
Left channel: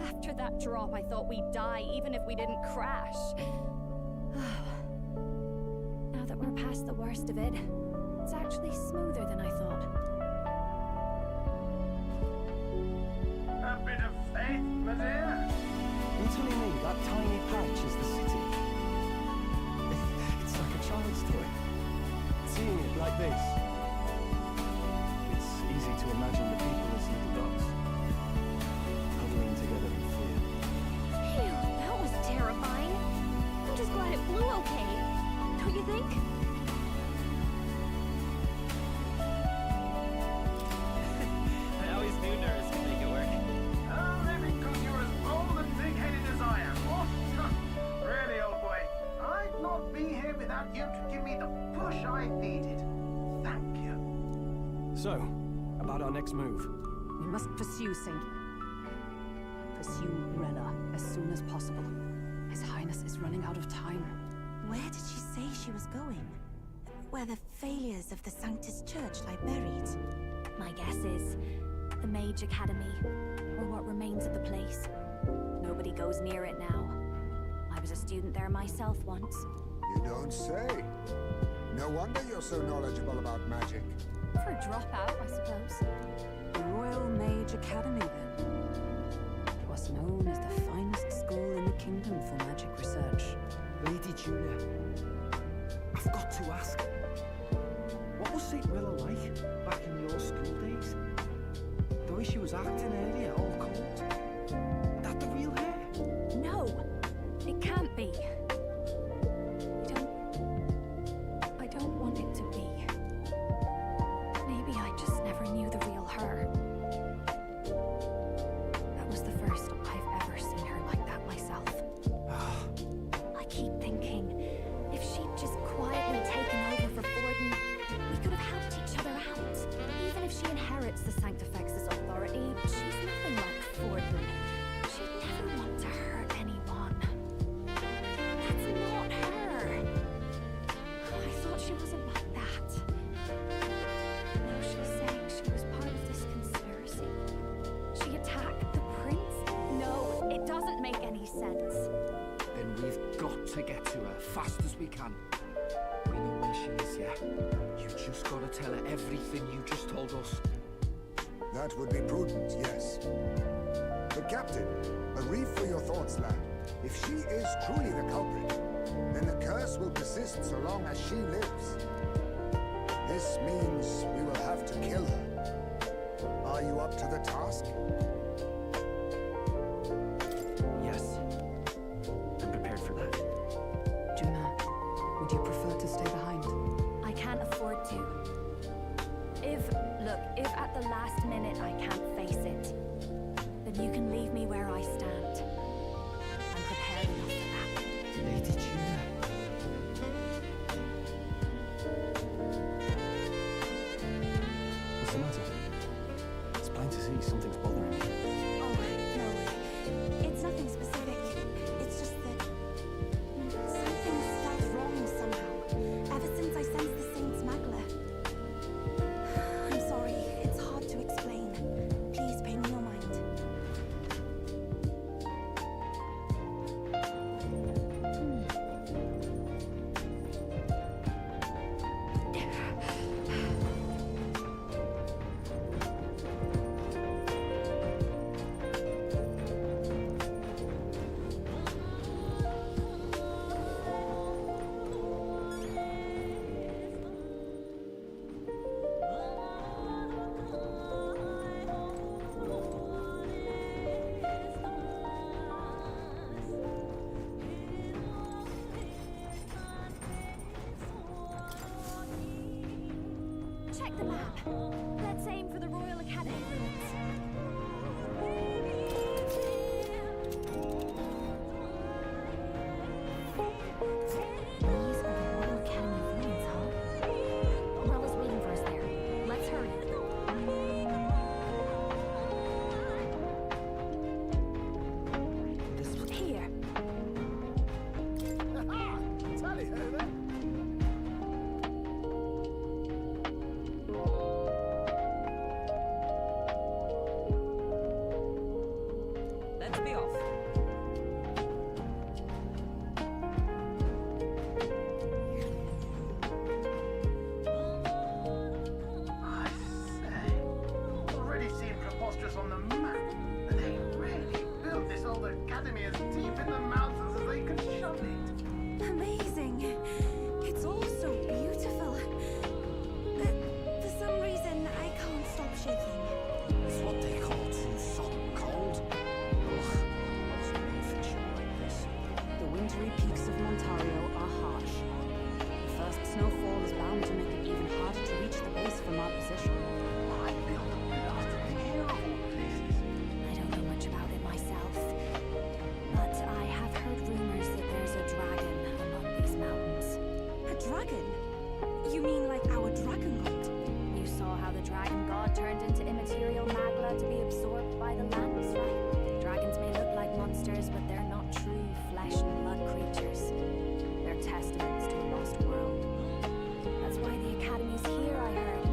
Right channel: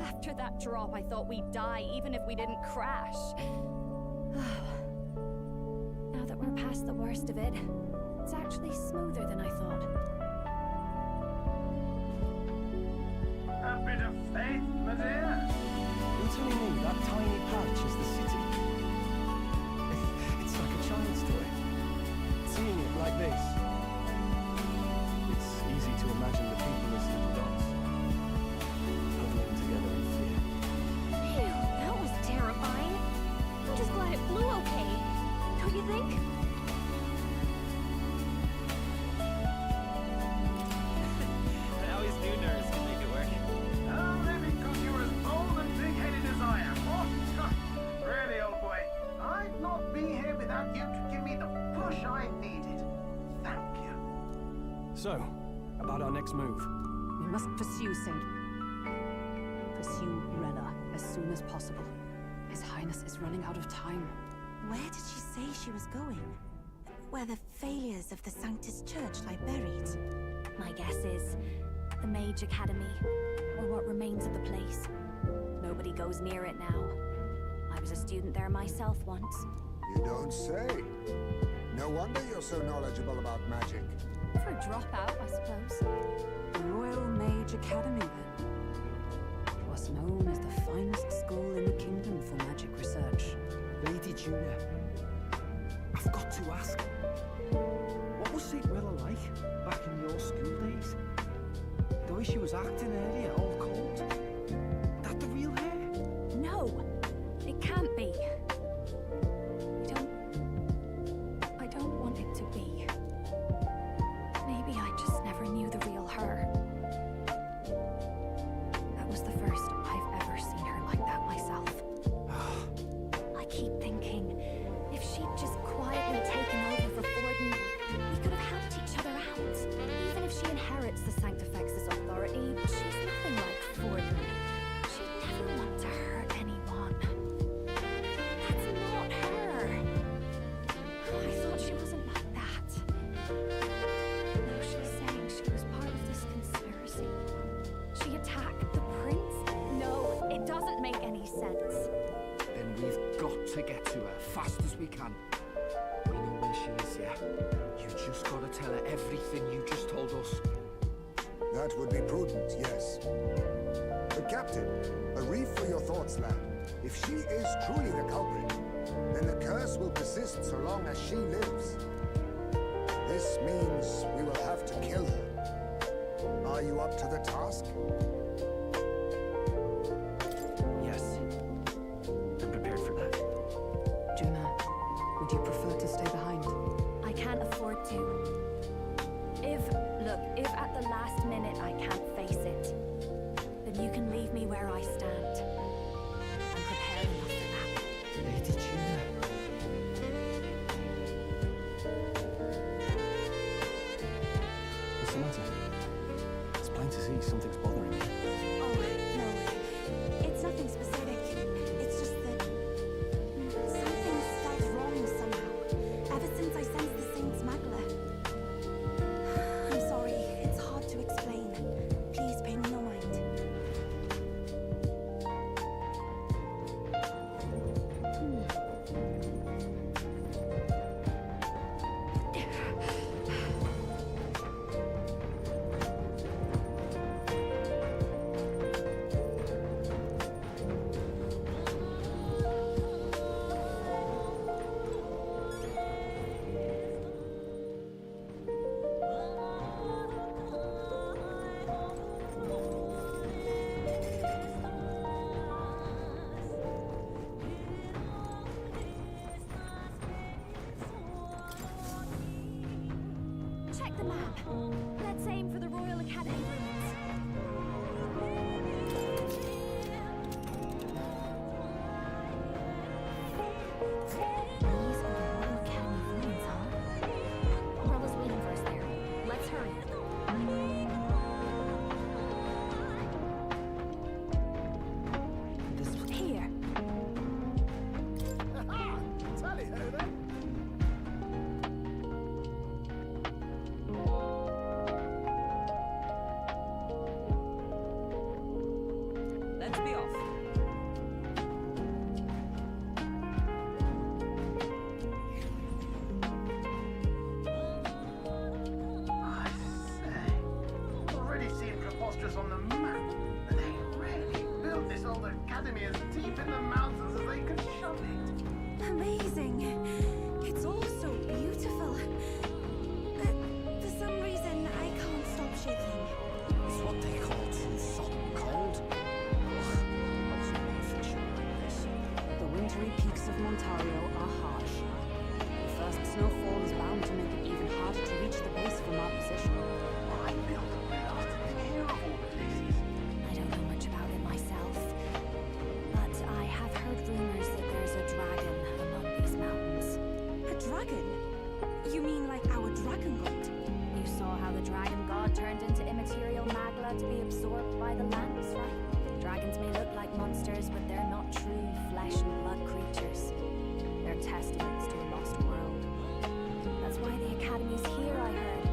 After that drop, I thought we'd die, even if we didn't crash. Now that we're past the worst of it, it's actually smoother than I thought. A bit of faith, my dear. You're telling me that tiny patch is the city? It's like a child's toy. Seeing it like this, it's easy to imagine the people as little dots, huddling together in fear. Phew, that was terrifying. I'm just glad it blew okay. Don't you think? I always knew nerds could make it work. Only because you're as bold and big-headed as I am, what? Really, old boy, I'd not be here without you to give me the push I needed. Thank you. So, about our next move. We must pursue Rella as soon as possible. His Highness is running out of time. Where did she say she was going? Where the failures of the Sanctus Church lie buried? My guess is the Mage Academy, or what remains of the place. Nobody goes near it now. I was a student there myself once. You don't say. No wonder you're so knowledgeable about magic. For a dropout, I suppose. The Royal Mage Academy, then. It was known as the finest school in the kingdom for magic research. Lady Juna, I've got to ask. What was St. Rella like back in your school days? The way she was acting earlier, all cold. That the real hair? No, it can't be. I don't want it to be. Maybe I just never knew the real her. That was the first I've ever seen her like that myself. I keep thinking, if she'd just quietly taken over for Forden, we could have helped each other out. Even if she inherits the Sanctifex's authority, she's nothing like Forden. She'd never want to hurt anyone. That's not her. I thought she wasn't like that. Now she's saying she was part of this conspiracy. She attacked the prince? No, it doesn't make any sense. Then we've got to get to her fast as we can. We know where she is, yeah? You just gotta tell her everything you just told us. That would be prudent, yes. But Captain, a reef for your thoughts, lad. If she is truly the culprit, then the curse will persist so long as she lives. This means we will have to kill her. Are you up to the task? Yes. I'm prepared for that. Juna, would you prefer to stay behind? I can't afford to. If at the last minute I can't face it, then you can leave me where I stand. I'm prepared enough for that. Lady Juna. What's the matter? It's plain to see something's bothering you. Oh, no. It's nothing specific. It's just that something's felt wrong somehow. Ever since I sensed the Saint's Magla. I'm sorry. It's hard to explain. Please pay me no mind. Check the map. Let's aim for the Royal Academy ruins. These are the Royal Academy ruins, huh? Umbrella's waiting for us there. Let's hurry. Here. Ha! Tally ho then. Let's be off. I say, already seem preposterous on the map, but they really built this old academy as deep in the mountains as they could shove it. Amazing. It's all so beautiful. But for some reason, I can't stop shaking. It's what they call too salt and cold. Ugh, I wasn't made for chill like this. The wintry peaks of Montario are harsh. The first snowfall is bound to make it even harder to reach the base from our position. I built a blasted here of all places. I don't know much about it myself, but I have heard rumors that there's a dragon among these mountains. A dragon? You mean like our dragon god? You saw how the dragon god turned into immaterial magla to be absorbed by the lands, right? Dragons may look like monsters, but they're not true flesh and blood creatures. They're testaments to a lost world. That's why the academy's here, I heard.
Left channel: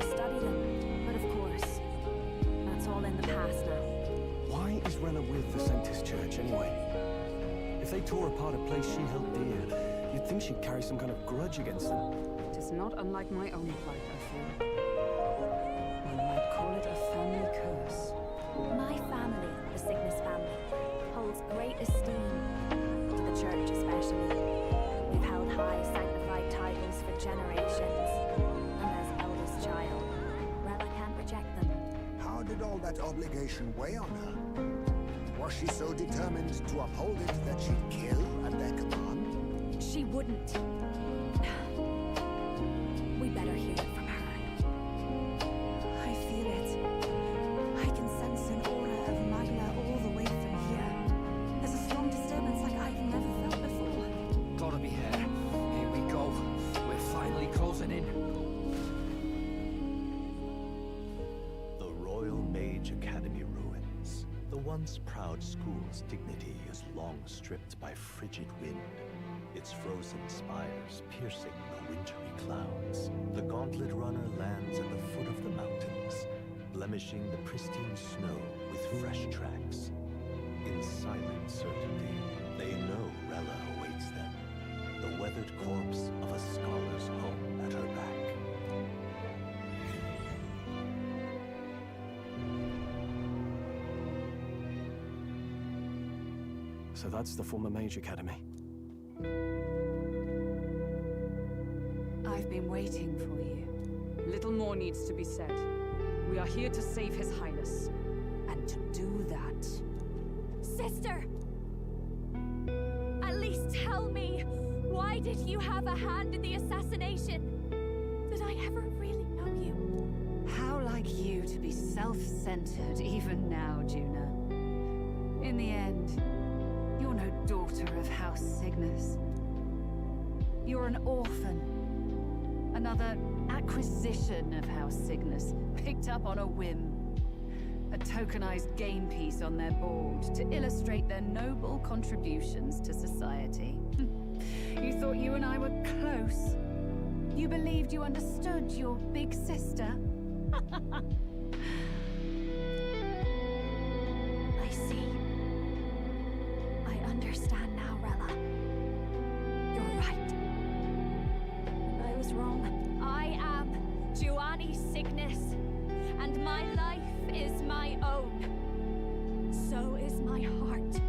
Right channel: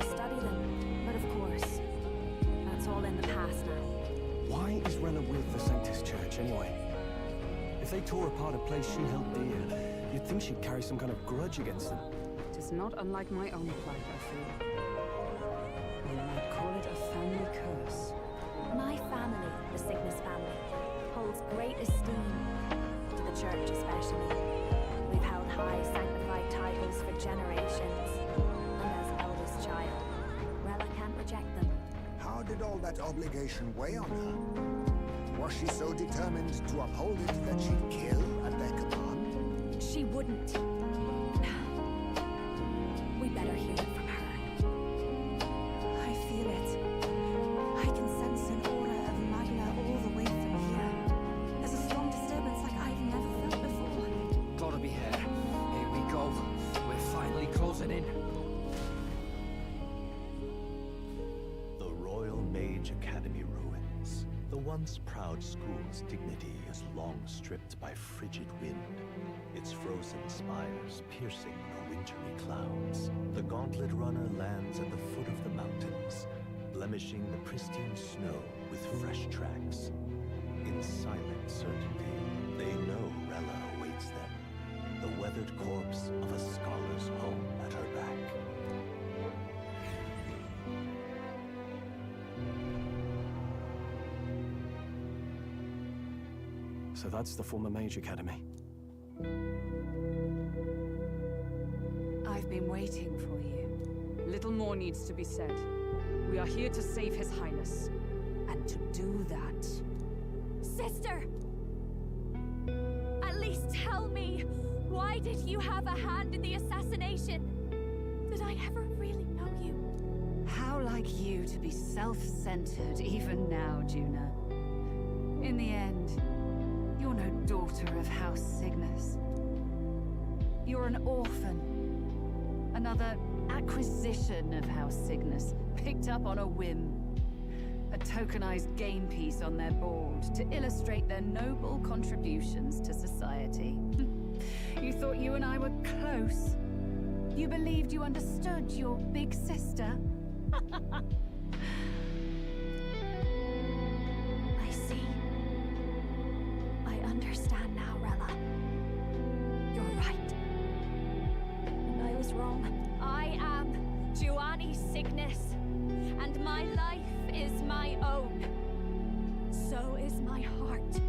To study them. But of course, that's all in the past now. Why is Rella with the Sanctus Church, anyway? If they tore apart a place she held dear, you'd think she'd carry some kind of grudge against them. It is not unlike my own plight, I fear. One might call it a family curse. My family, the Cygnus family, holds great esteem, to the church especially. We've held high sanctified titles for generations, and as eldest child, Rella can't reject them. How did all that obligation weigh on her? Was she so determined to uphold it that she'd kill at their command? She wouldn't. We better hear it from her. I feel it. I can sense an aura of magla all the way from here. There's a strong disturbance like I've never felt before. Gotta be here. Here we go. We're finally closing in. The Royal Mage Academy ruins. The once proud school's dignity is long stripped by frigid wind. Its frozen spires piercing the wintry clouds. The gauntlet runner lands at the foot of the mountains, blemishing the pristine snow with fresh tracks. In silent certainty, they know Rella awaits them, the weathered corpse of a scholar's home at her back. So that's the former Mage Academy. I've been waiting for you. Little more needs to be said. We are here to save His Highness. And to do that... Sister! At least tell me, why did you have a hand in the assassination? Did I ever really know you? How like you to be self-centered even now, Juna. In the end, you're no daughter of House Cygnus. You're an orphan. Another acquisition of House Cygnus, picked up on a whim. A tokenized game piece on their board to illustrate their noble contributions to society. You thought you and I were close. You believed you understood your big sister. I see. I understand now, Rella. You're right. And I was wrong. I am Giovanni Cygnus, and my life is my own. So is my heart.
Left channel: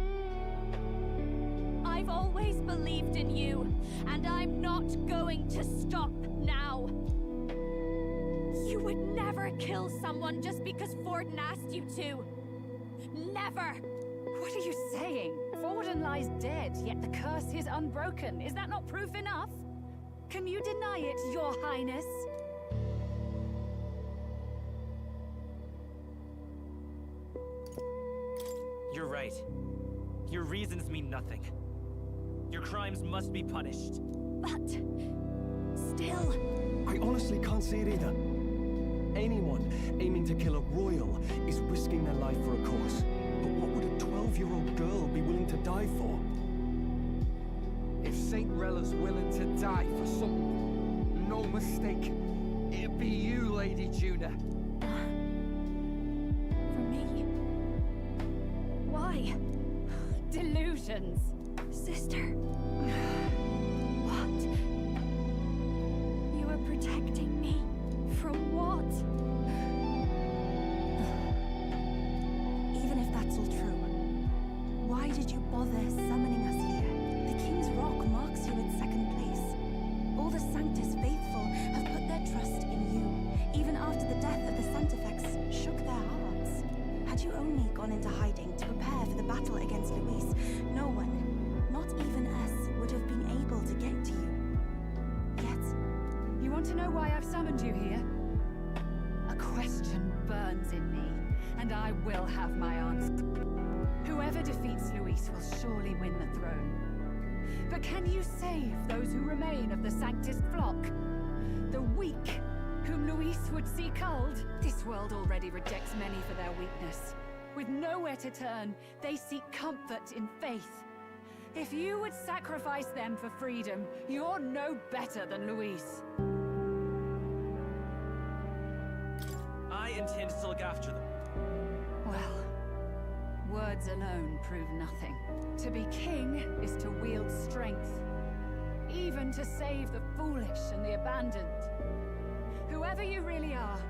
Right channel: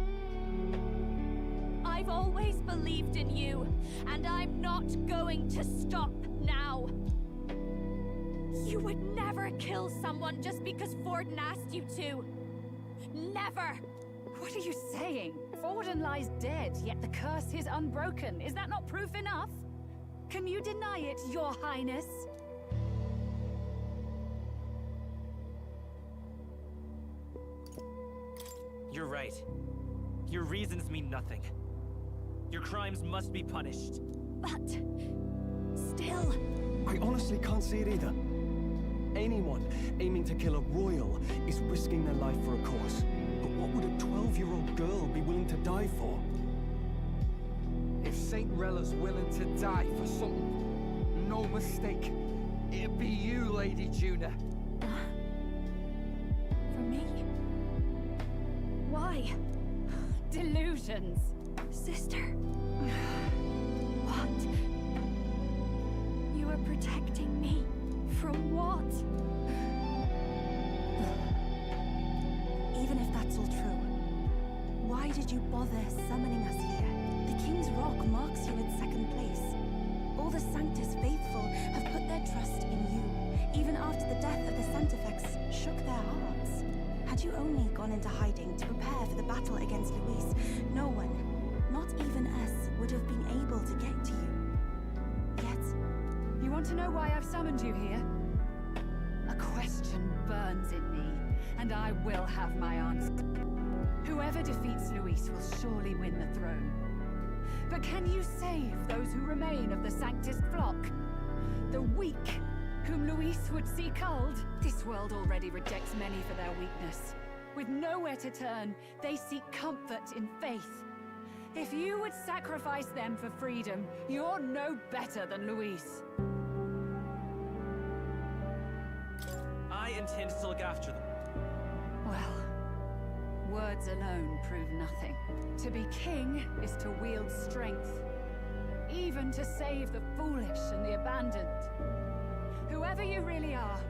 I've always believed in you, and I'm not going to stop now. You would never kill someone just because Forden asked you to. Never! What are you saying? Forden lies dead, yet the curse is unbroken. Is that not proof enough? Can you deny it, Your Highness? You're right. Your reasons mean nothing. Your crimes must be punished. But still, I honestly can't see it either. Anyone aiming to kill a royal is risking their life for a cause. But what would a 12-year-old girl be willing to die for? If Saint Rella's willing to die for something, no mistake, it'd be you, Lady Juna. for me? Why? Delusions. Sister. What? You are protecting me from what? Even if that's all true, why did you bother summoning us here? The King's Rock marks you in second place. All the Sanctus faithful have put their trust in you, even after the death of the Santifex shook their hearts. Had you only gone into hiding to prepare for the battle against Luis, no one, not even us, would have been able to get to you. Yet... You want to know why I've summoned you here? A question burns in me, and I will have my answer. Whoever defeats Luis will surely win the throne. But can you save those who remain of the Sanctus flock? The weak, whom Luis would see culled? This world already rejects many for their weakness. With nowhere to turn, they seek comfort in faith. If you would sacrifice them for freedom, you're no better than Luis. I intend to look after them. Well, words alone prove nothing. To be king is to wield strength, even to save the foolish and the abandoned. Whoever you really are,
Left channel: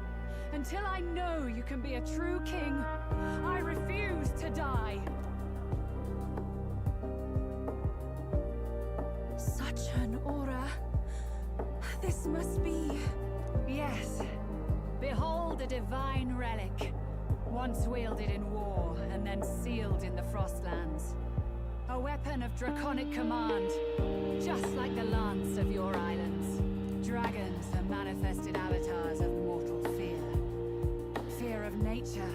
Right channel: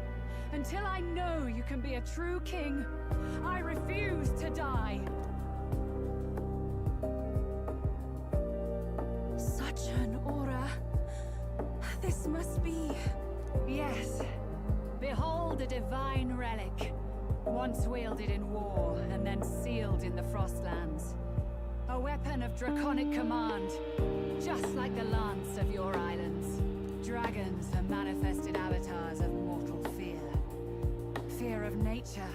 until I know you can be a true king, I refuse to die. Such an aura. This must be... Yes. Behold a divine relic. Once wielded in war, and then sealed in the Frostlands. A weapon of draconic command, just like the lance of your islands. Dragons are manifested avatars of mortal fear. Fear of nature.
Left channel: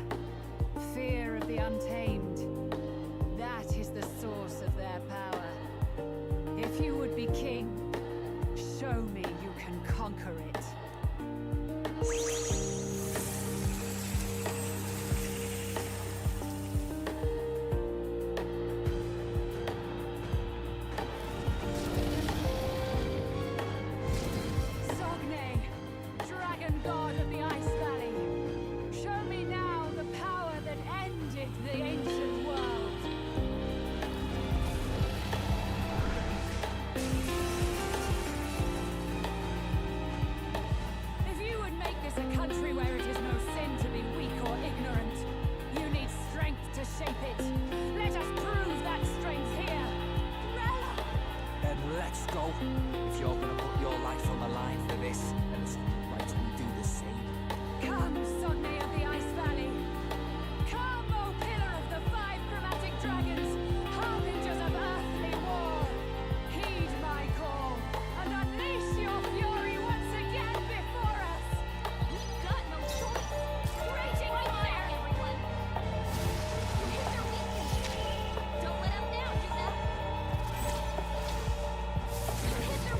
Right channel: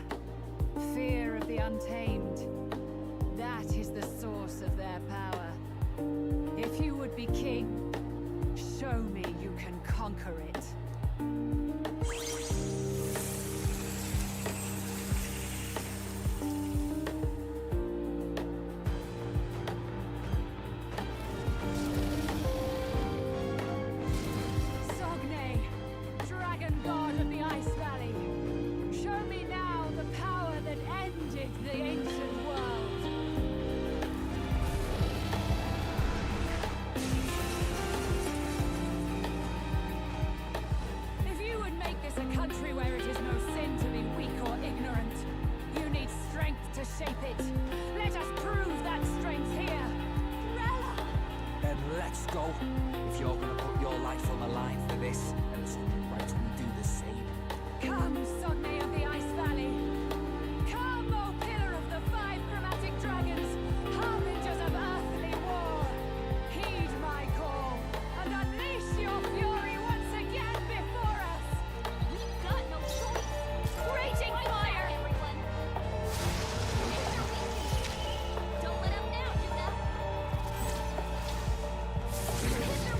Fear of the untamed. That is the source of their power. If you would be king, show me you can conquer it. The ancient world. If you would make this a country where it is no sin to be weak or ignorant, you need strength to shape it. Let us prove that strength here. Rella! Then let's go. If you're gonna put your life on the line for this, then it's only right we do the same. Come, Sogne of the Ice Valley. Come, O pillar of the 5 chromatic dragons, harbingers of earthly war. Heed my call, and unleash your fury once again before us. We've got no choice. Raging fire, everyone. Here's our weakness. Don't let up now, Juna. Here's our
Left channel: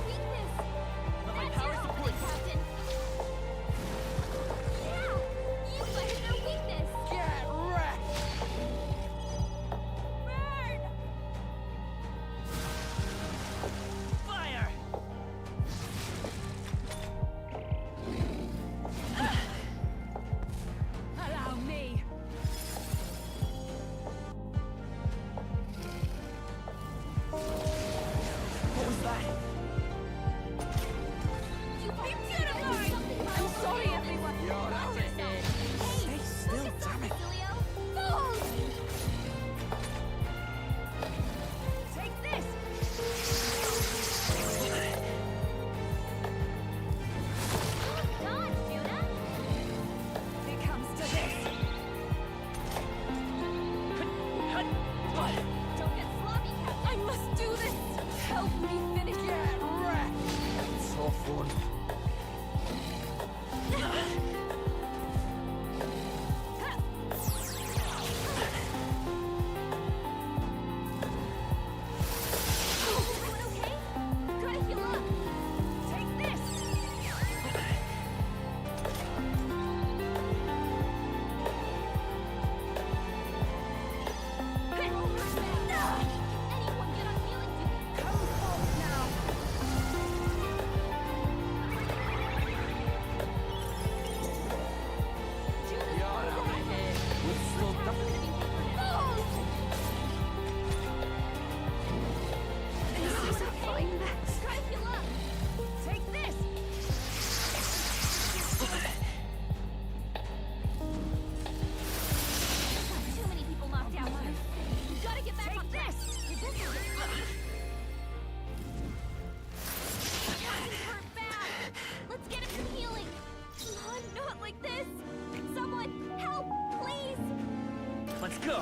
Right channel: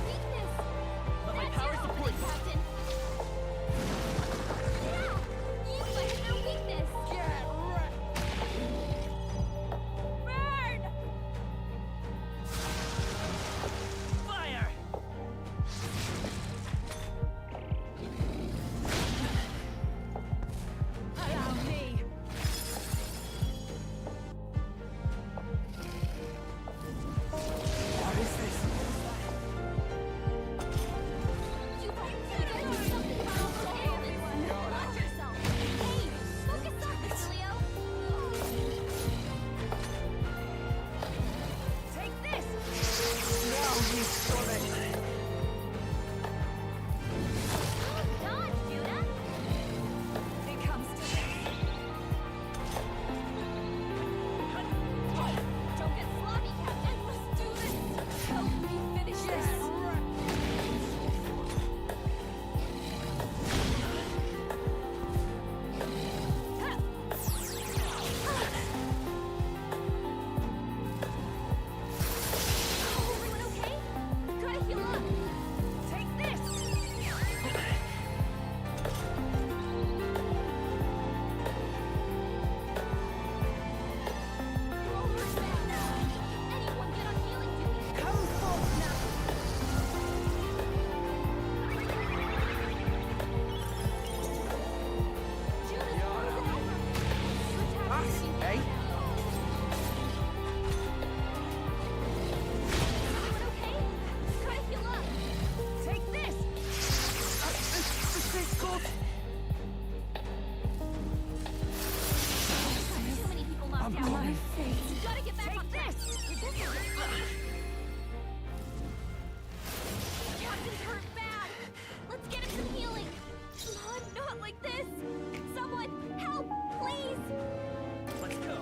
go.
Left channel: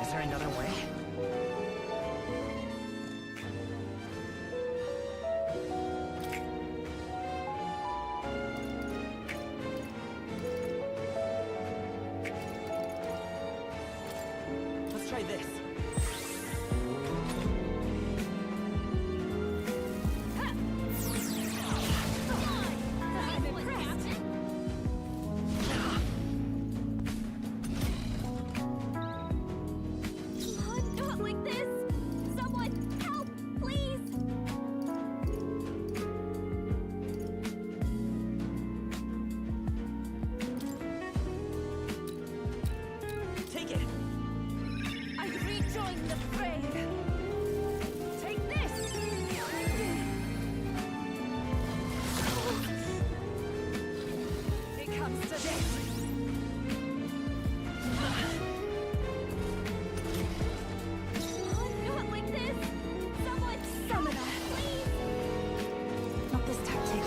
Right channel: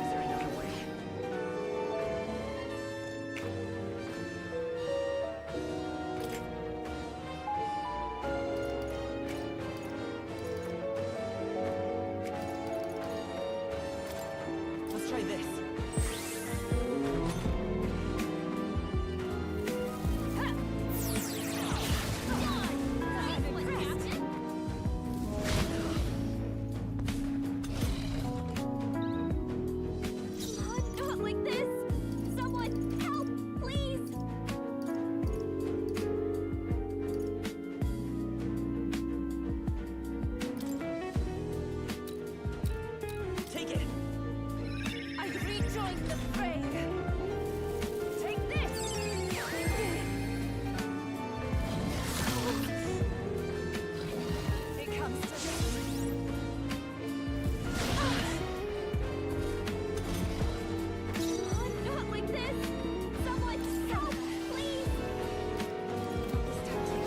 Is there another way? Let's try this. I'm impressed. Not like this! Someone help, please! Take it. I rejoin the fray. Take this! It comes to this. Not like this! Someone help, please! Not this tactic.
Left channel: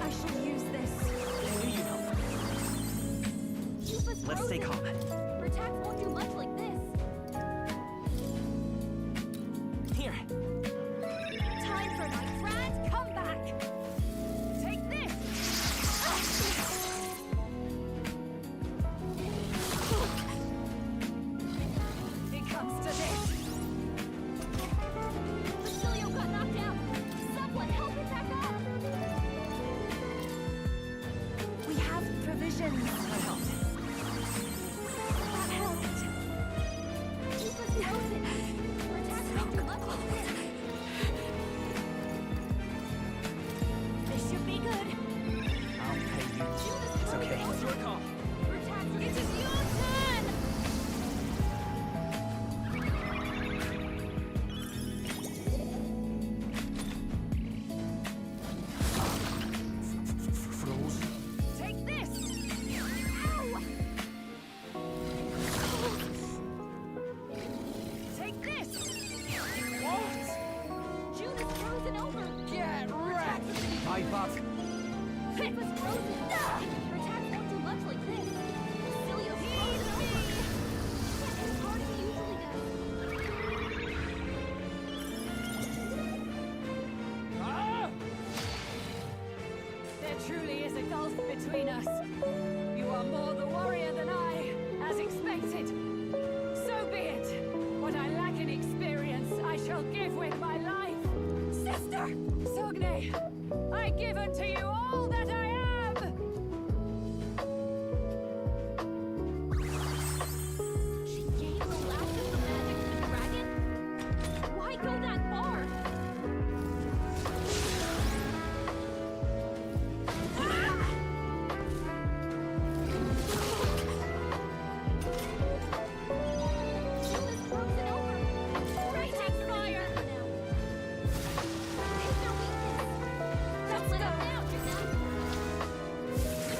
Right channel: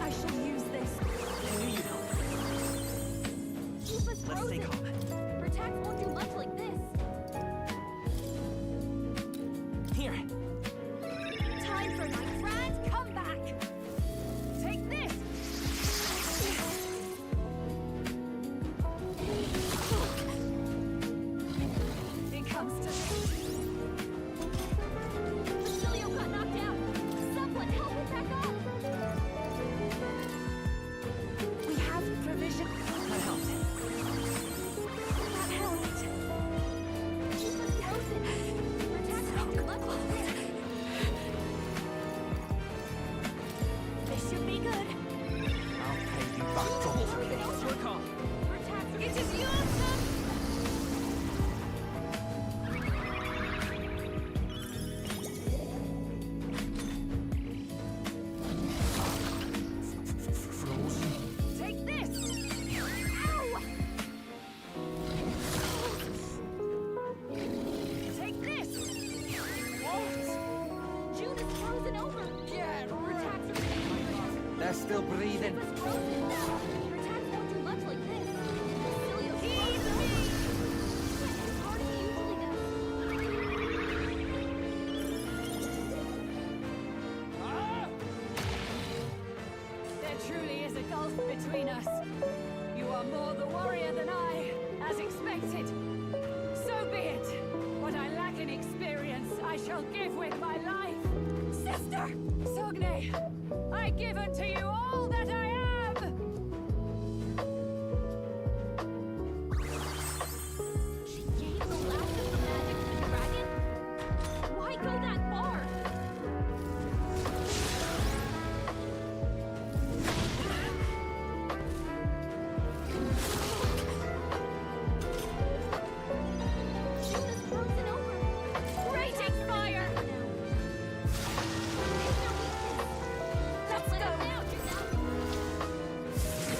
I shall use this. I knew you'd help. Keep us Let's stay frozen. calm. Her attacks won't do much like this. Here. Time for my grand comeback! Take this! It comes to this. Basilio got knocked out. Someone help him back up! We have provisions. That helped. That helped. Keep us frozen. Her attacks won't do much like this. This should be good. I'll pay you back. It's okay. It's your call. Her attacks are... It is your turn! Frozen? Take this! Ow! Take this! What? June is frozen over! Get Her attacks are being... Pipe up. They're still breathing. Ship is frozen! Her attacks won't do much like this! Basilio's frozen over! Can't hit as hard as he usually does. Ah! There truly is a gulf between us. You are more the warrior than I, as expected. So be it. What I lack in experience, I shall give with my life. Sister! Sogne, I give unto you all that I am! She gave the last of the magic to the dragon? Why go that far? June is frozen over! Raging fire! Hit their weakness! Let's go! Now, Juna!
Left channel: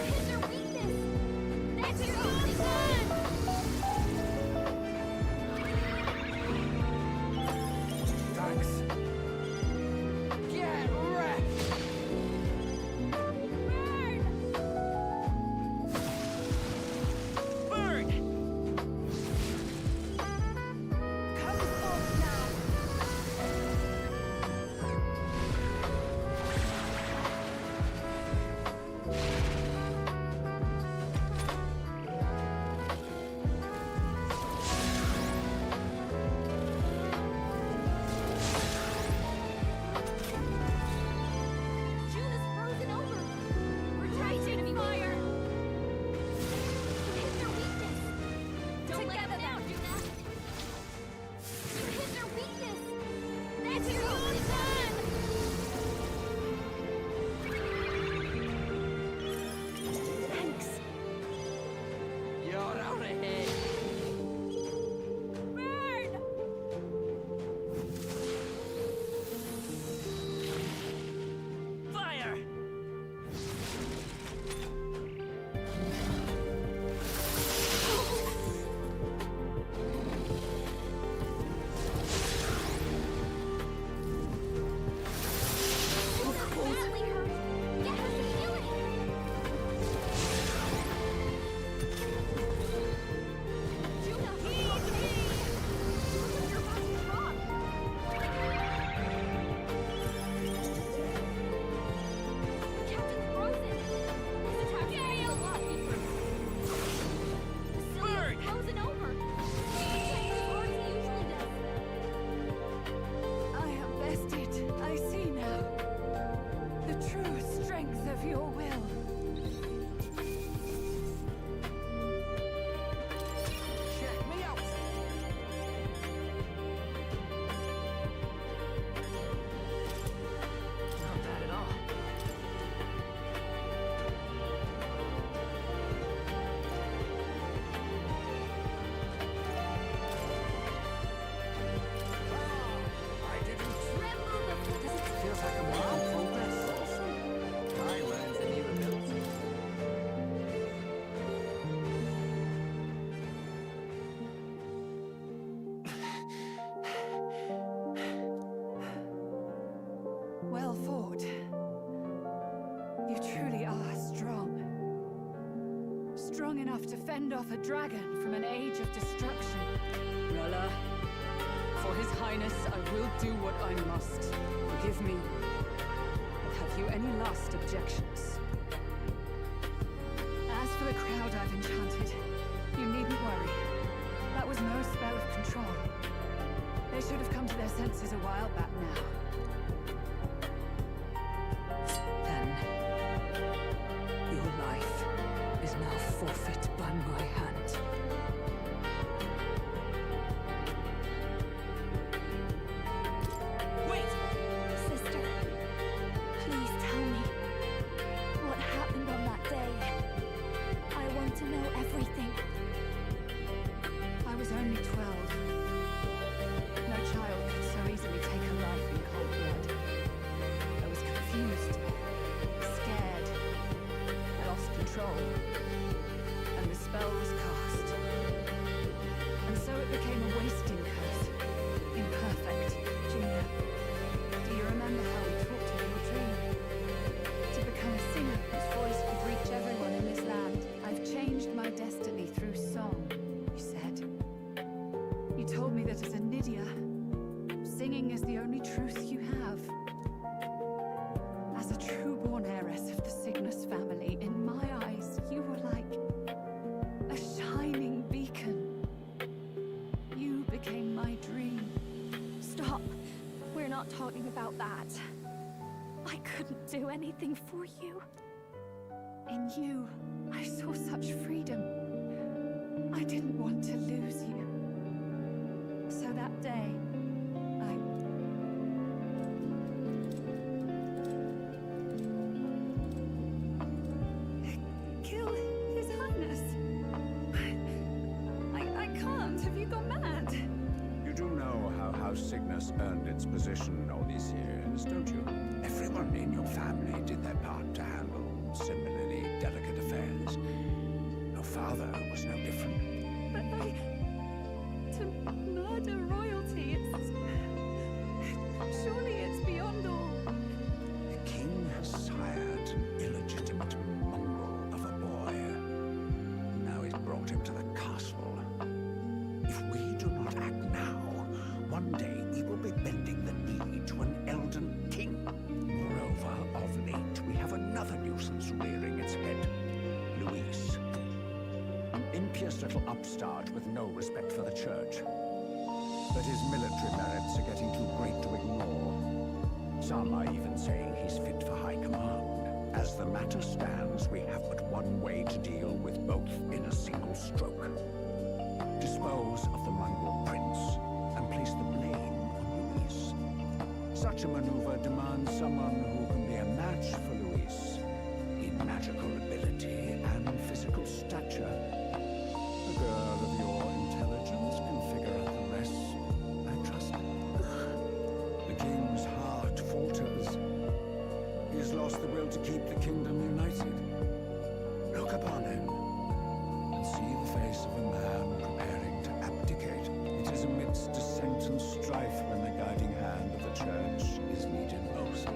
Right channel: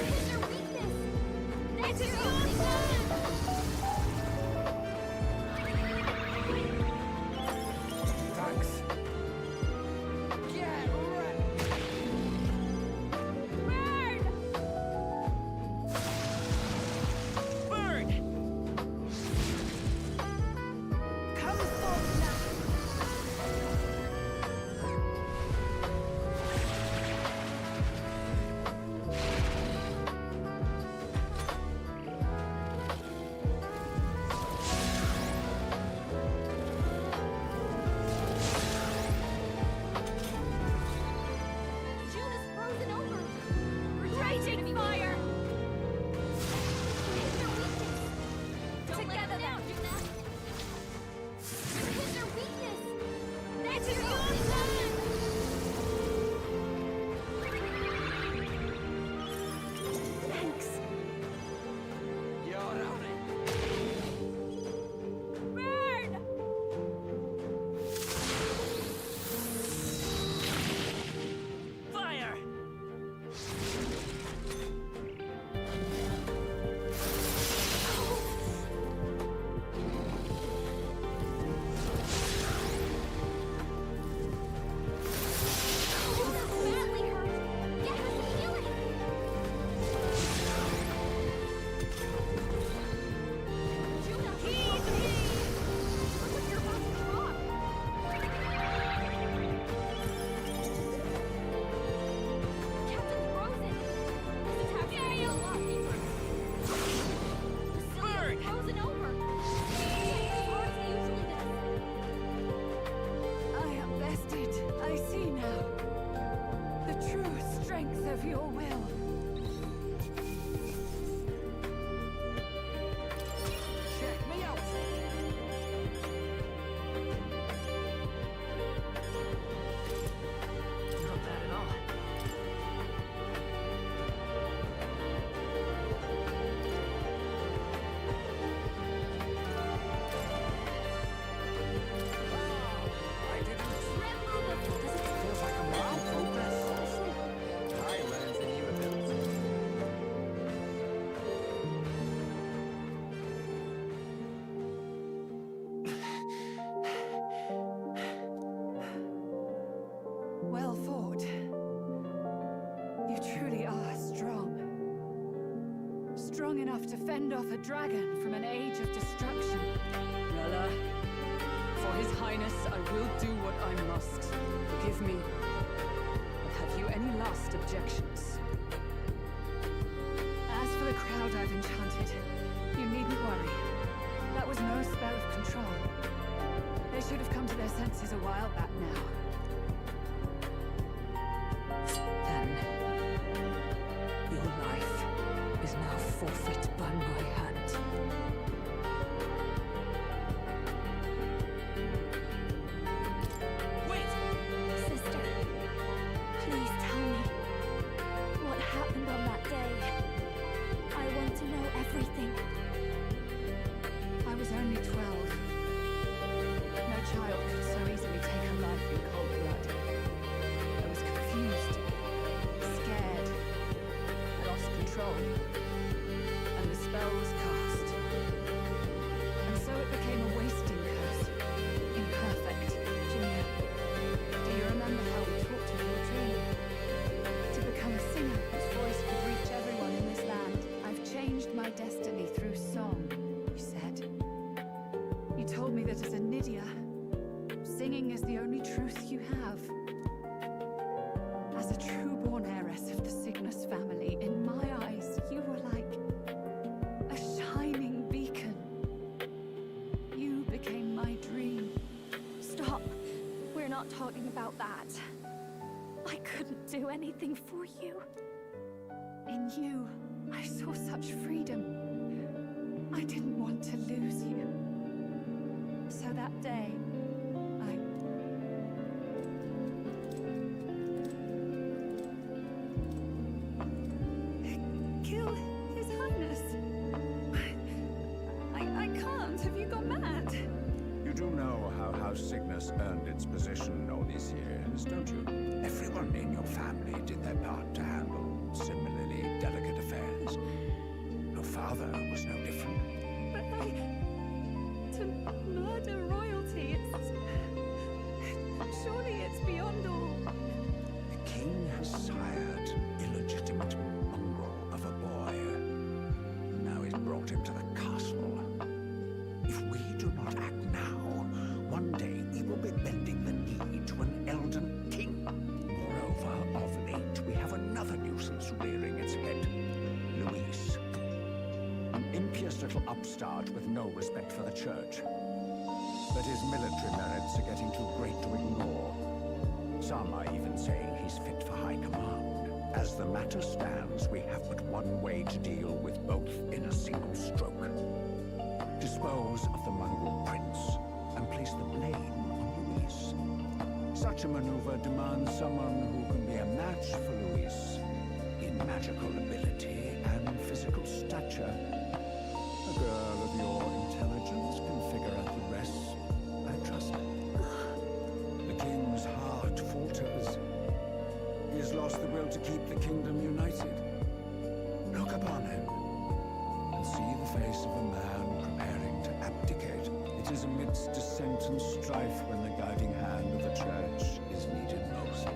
Hit their weakness! That's your only turn! Thanks. Get wrecked. Burn! Burn! Come forth now! June is frozen over! Raging fire! Hit their weakness! Don't let them out, Juna! Hit their weakness! That's your only turn! Thanks! You're out of here. Burn! Fire! I see now the true strength of your will. Check me out! Not bad at all. I didn't tremble before. Does it feels like I'm making progress? Awesome. I learned a new ability. Well fought. You truly are strong. Strong enough to fend off a dragon from an age of destruction. Rella, for His Highness, I will do what I must. Forgive me. But have you any last objections? As for the crowd I've enchanted, you needn't worry. That was no spell of control. They should have come to their senses a while back now. Then, your life is now forfeit by my hand. Wait! Sister, please tell me what happened on that day. I want to know everything. I was only 12. No child could so easily take a life in cold blood. I was confused, scared. I lost control. And the spell was cast. And so it became a wasting curse. Imperfect. Junior, do you remember how we talked of your dream? To become a singer whose voice could reach everyone in this land. I've changed my destiny through song, you said. You told me that as a Nydia, singing is the only truth you have. As a true-born heiress of the Cygnus family, in my eyes, you were like a shining beacon. You became my dream. Stop. We're not talking about that. I couldn't do anything for you. In you, I saw such freedom. I didn't want to lose you. So that day, kill His Highness. I can't. Have you gone mad? You do know how House Cygnus earned its position all these years, don't you? Everyone in your family did their part to handle similarly delicate affairs. Your father was no different. But to murder royalty, surely it's beyond all. The king has sired an illegitimate mongrel of a boy. Now he's brought him to the castle. If we do not act now, one day we will be bending the knee to an Elden king. Moreover, of late, we have another nuisance rearing its head. Luis. An impious little upstart with no respect for the church. But his military merits are getting too great to ignore. Some are even saying he's fit for high command. As the matter stands, we have but one way to deal with both in a single stroke. Dispose of the mongrel prince and place the blame on Luis. Such a maneuver demands someone who can be a match for Luis in magical ability and physical stature. A girl of your intelligence can figure out the rest, I trust. The king's heart falters. He has lost the will to keep the kingdom united. Look upon him and see the face of a man preparing to abdicate. It is amidst dissent and strife when the guiding hand of the church is needed most.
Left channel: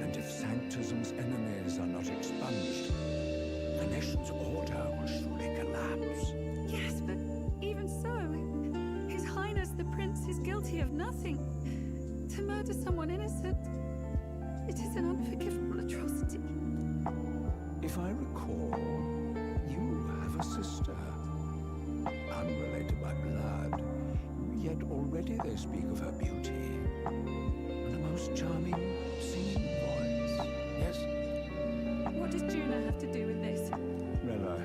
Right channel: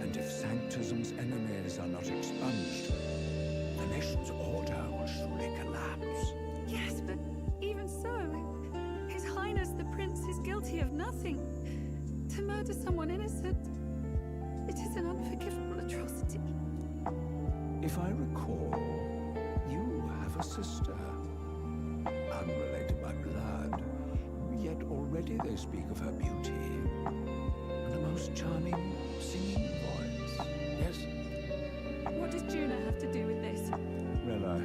And if Sanctism's enemies are not expunged, the nation's order will surely collapse. Yes, but even so, His Highness the Prince is guilty of nothing. To murder someone innocent, it is an unforgivable atrocity. If I recall, you have a sister. Unrelated by blood, yet already they speak of her beauty. And a most most charming singing voice. Yes? What does Juna have to do with this? Rella,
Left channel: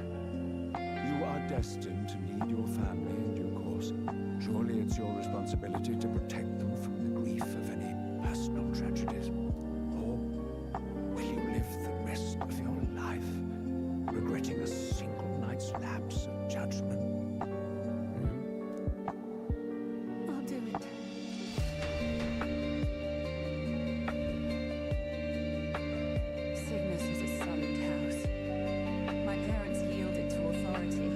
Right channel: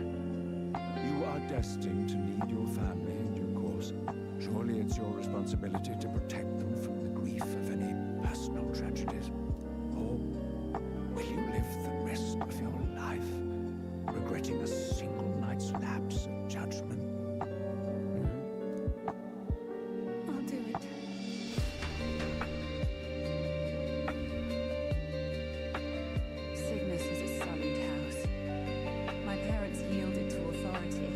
you are destined to need your family in due course. Surely it's your responsibility to protect them from the grief of any personal tragedies. Or will you live the rest of your life regretting a single night's lapse of judgment? I'll do it. Cygnus is a sullied house. My parents yielded to authority,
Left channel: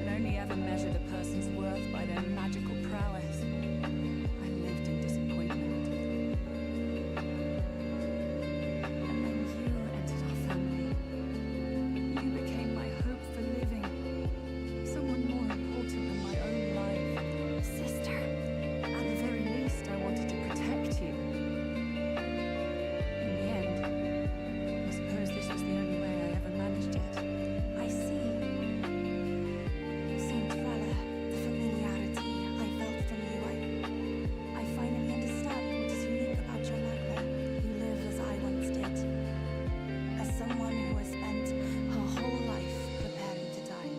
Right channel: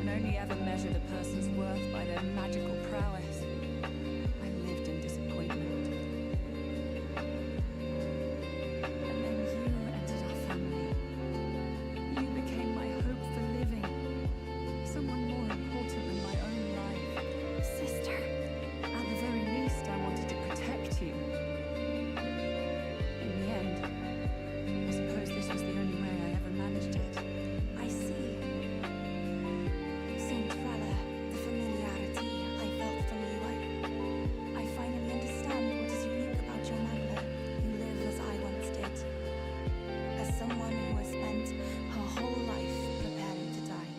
and only ever measured a person's worth by their magical prowess. I lived in disappointment. And then you entered our family. You became my hope for living. Someone more important than my own life. Sister. At the very least, I wanted to protect you. In the end, I suppose this was the only way I ever managed it. I see. Saint Rella, the familiarity I felt from you, I finally understand what is unique about your Magla. You live as I once did. As someone who has spent her whole life preparing to die.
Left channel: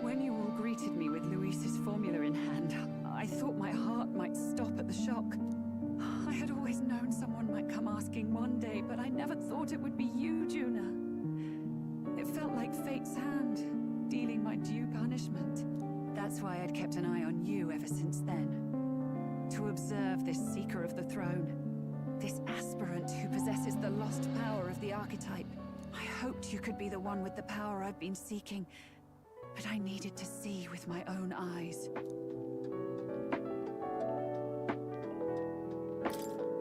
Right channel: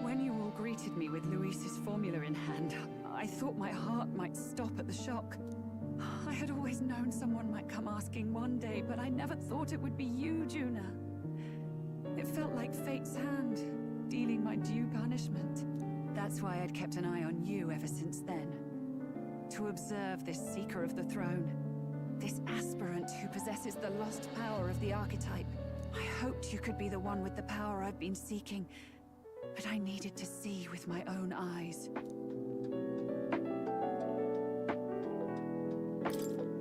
When you all greeted me with Luis's formula in hand, I thought my heart might stop at the shock. I had always known someone might come asking one day, but I never thought it would be you, Juna. It felt like fate's hand, dealing my due punishment. That's why I'd kept an eye on you ever since then. To observe this seeker of the throne. This aspirant who possesses the lost power of the archetype. I hoped you could be the one with the power I've been seeking, but I needed to see with my own eyes.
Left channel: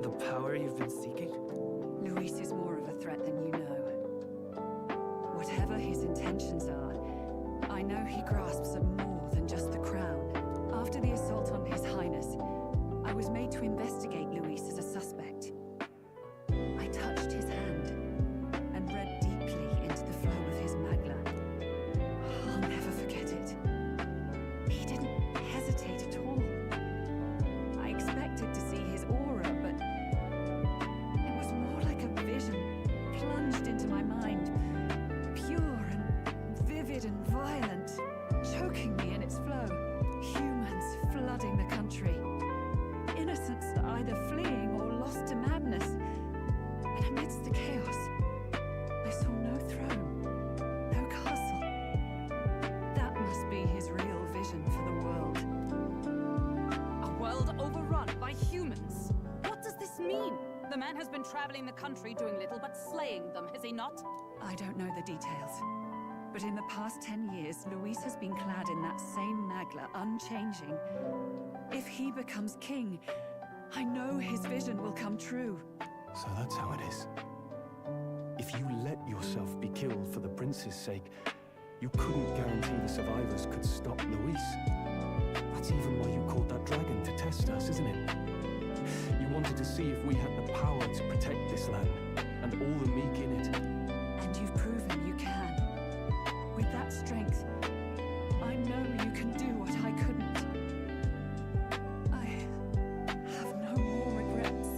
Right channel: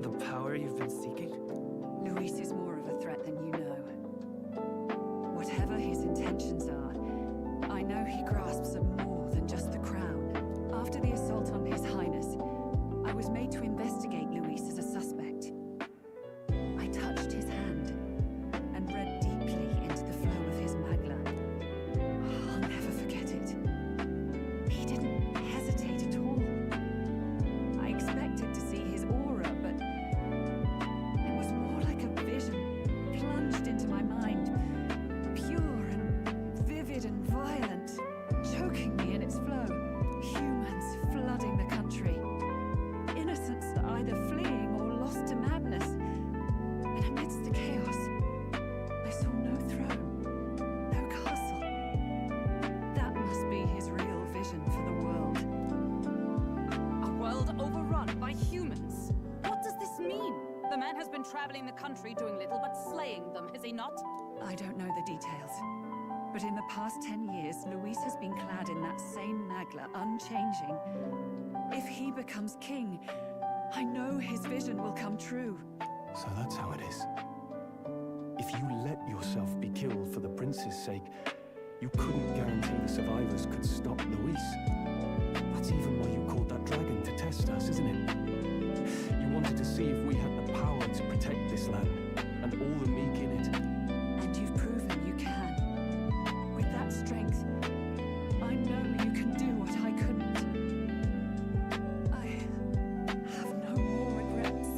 The power you've been seeking? Luis is more of a threat than you know. Whatever his intentions are, I know he grasps at more than just the crown. After the assault on His Highness, I was made to investigate Luis as a suspect. I touched his hand and read deeply into the flow of his Magla. I'll never forget it. He didn't hesitate at all. I expected to see his aura, but it was more like a vision plunged into my mind. Pure and vivid and violent, choking me in its flow. Humans flooding the country. Innocents either fleeing or lost to madness. And amidst the chaos, I saw no throne, no castle. That must be his real vision for the world. A world overrun by humans? What does this mean? The man has been traveling the country doing little but slaying them, has he not? I don't know the details. But in the past 10 years, Luis has been clad in that same Magla, unchanging. If he becomes king, I know his vision will come true. So that's how it is. If you let yourself be killed for the prince's sake, you couldn't guarantee the survivors could stop Luis. That's even why you called that dragon to test us, isn't it? You wanted to see if we had the power to protect this land, and all the meek in it. And you've proven you can. With that strength, I know you can do what I couldn't. I have no more regrets.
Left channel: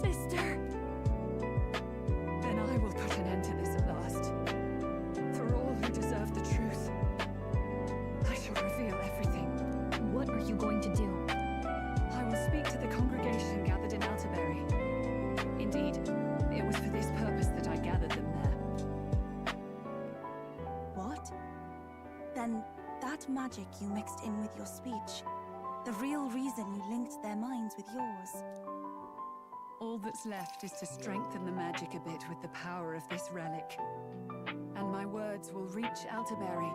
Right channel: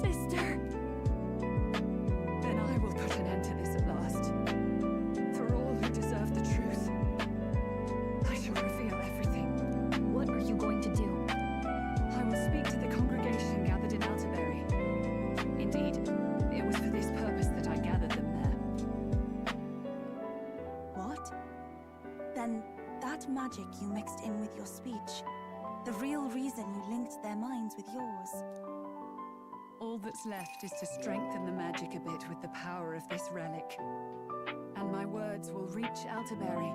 Sister! Then I will put an end to this at last. For all who deserve the truth, I shall reveal everything. What are you going to do? I will speak to the congregation gathered in Alterbury. Indeed, it was for this purpose that I gathered them there. What? Then that magic you mixed in with your speech, the real reason you linked their minds with yours. All that's left is to strengthen the magic a bit with the power of this relic. And my words will reach Alterbury.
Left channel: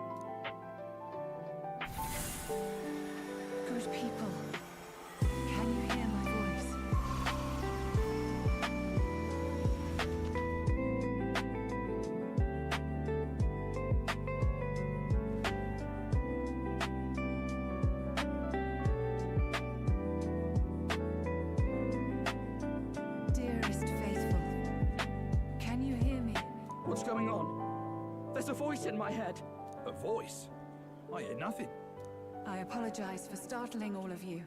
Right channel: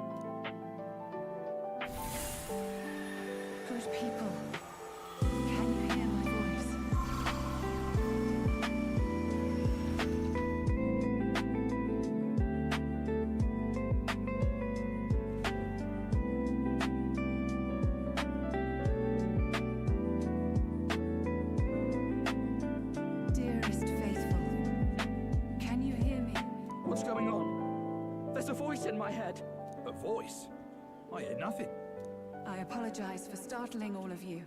Good people, can you hear my voice? Dearest faithful, can you hear me? What's going on? There's a voice in my head. A voice? I hear nothing. I apologize for startling all of you.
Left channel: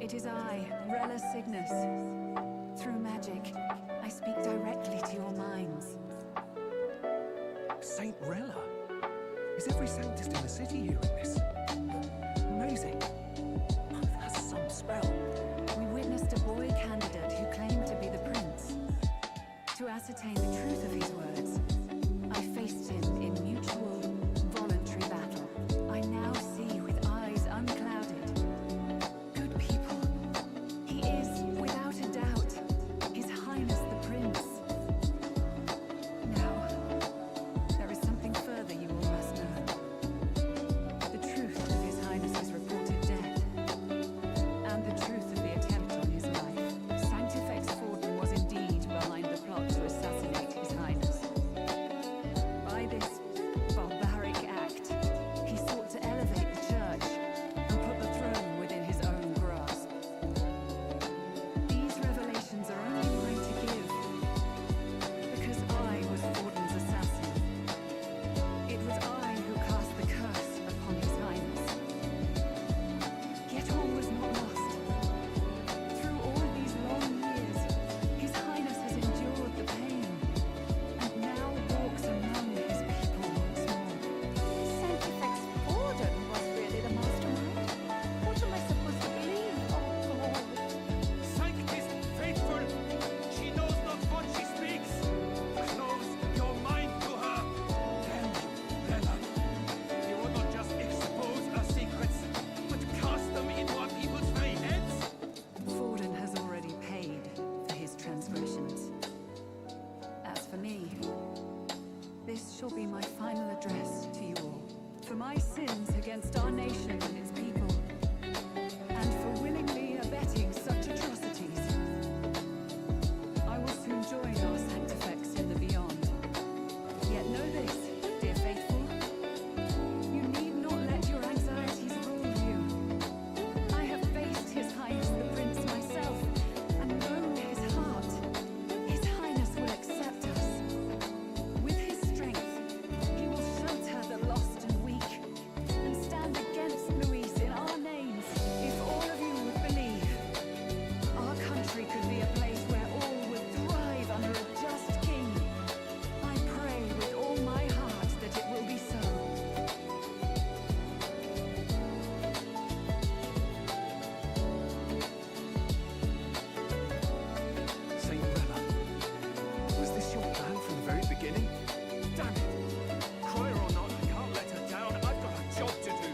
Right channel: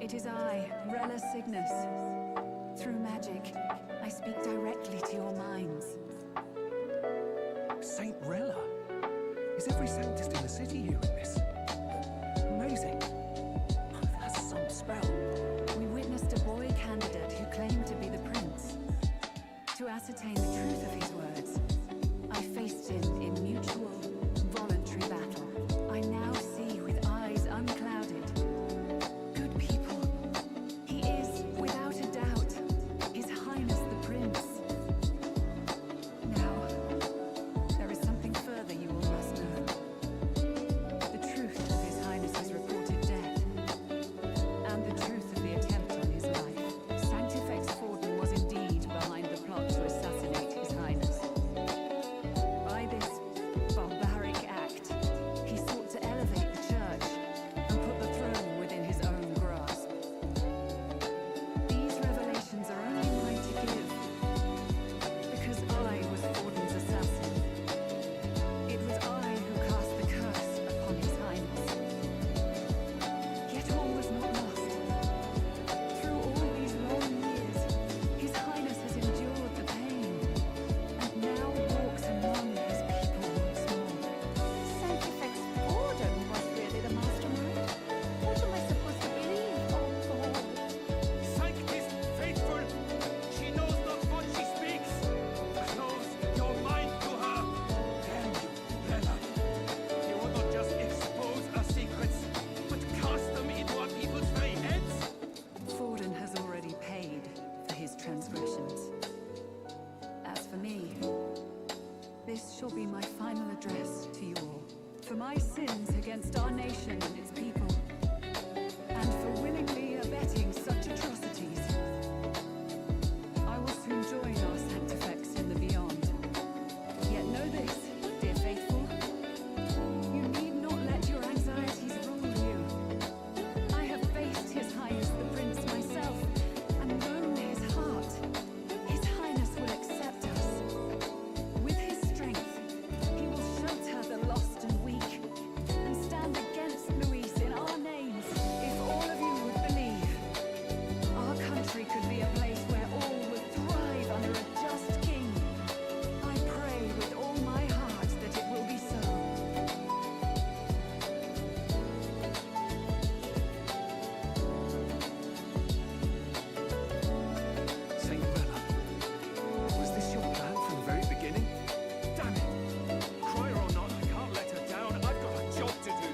It is I, Rella Cygnus. Through magic, I speak directly to your minds. Saint Rella? Is every Sanctist in the city hearing this? Amazing. That's some spell. We witnessed a boy candidate who claimed to be the prince. To ascertain the truth of his words, I faced him in mutual, voluntary battle. I now see with eyes unclouded. Good people. He is, without a doubt, His Highness the Prince. Now, there is something further you all must know. The truth of His Highness's reported death, and the truth of the attempt on his life. Sanctifex Forden was indeed behind the plot to assassinate His Highness. By this barbaric act, he sought to elevate the church and put the throne within his own grasp. These revelations are only mine to give, because I was Forden's assassin. It was I who cast the curse upon His Highness. Yet all was not lost. Through all these long years, His Highness has endured the pain, and now walks among his people once more. Sanctifex Forden was really the mastermind? What am I supposed to believe? Oh, God. Sanctis faithful, she knows not what she speaks. Close your mind to her. Damn you, Rella. You will not just expose our secrets, but cast them into our people's very heads. Forden has already paid for his transgressions. As for me, this shall be my final address to you all. For my sins against our nation and its people, and for willingly abetting such atrocities, I will soon join our Sanctifex in the beyond. Yet know this, dear faithful, you need not let your anxieties rule you. I have faced His Highness the Prince myself, and known his heart. His Highness will accept us. With his strength, he will shelter the lost and weak, and stand against Louise in our names. If all of you would believe, our country could be a place where all would thrive under a just king. I pray with all my heart that it will be so. Saint Rella, was this your plan from the very beginning? Damn it! Cry her or not, I can't let her down. I've got a job to do.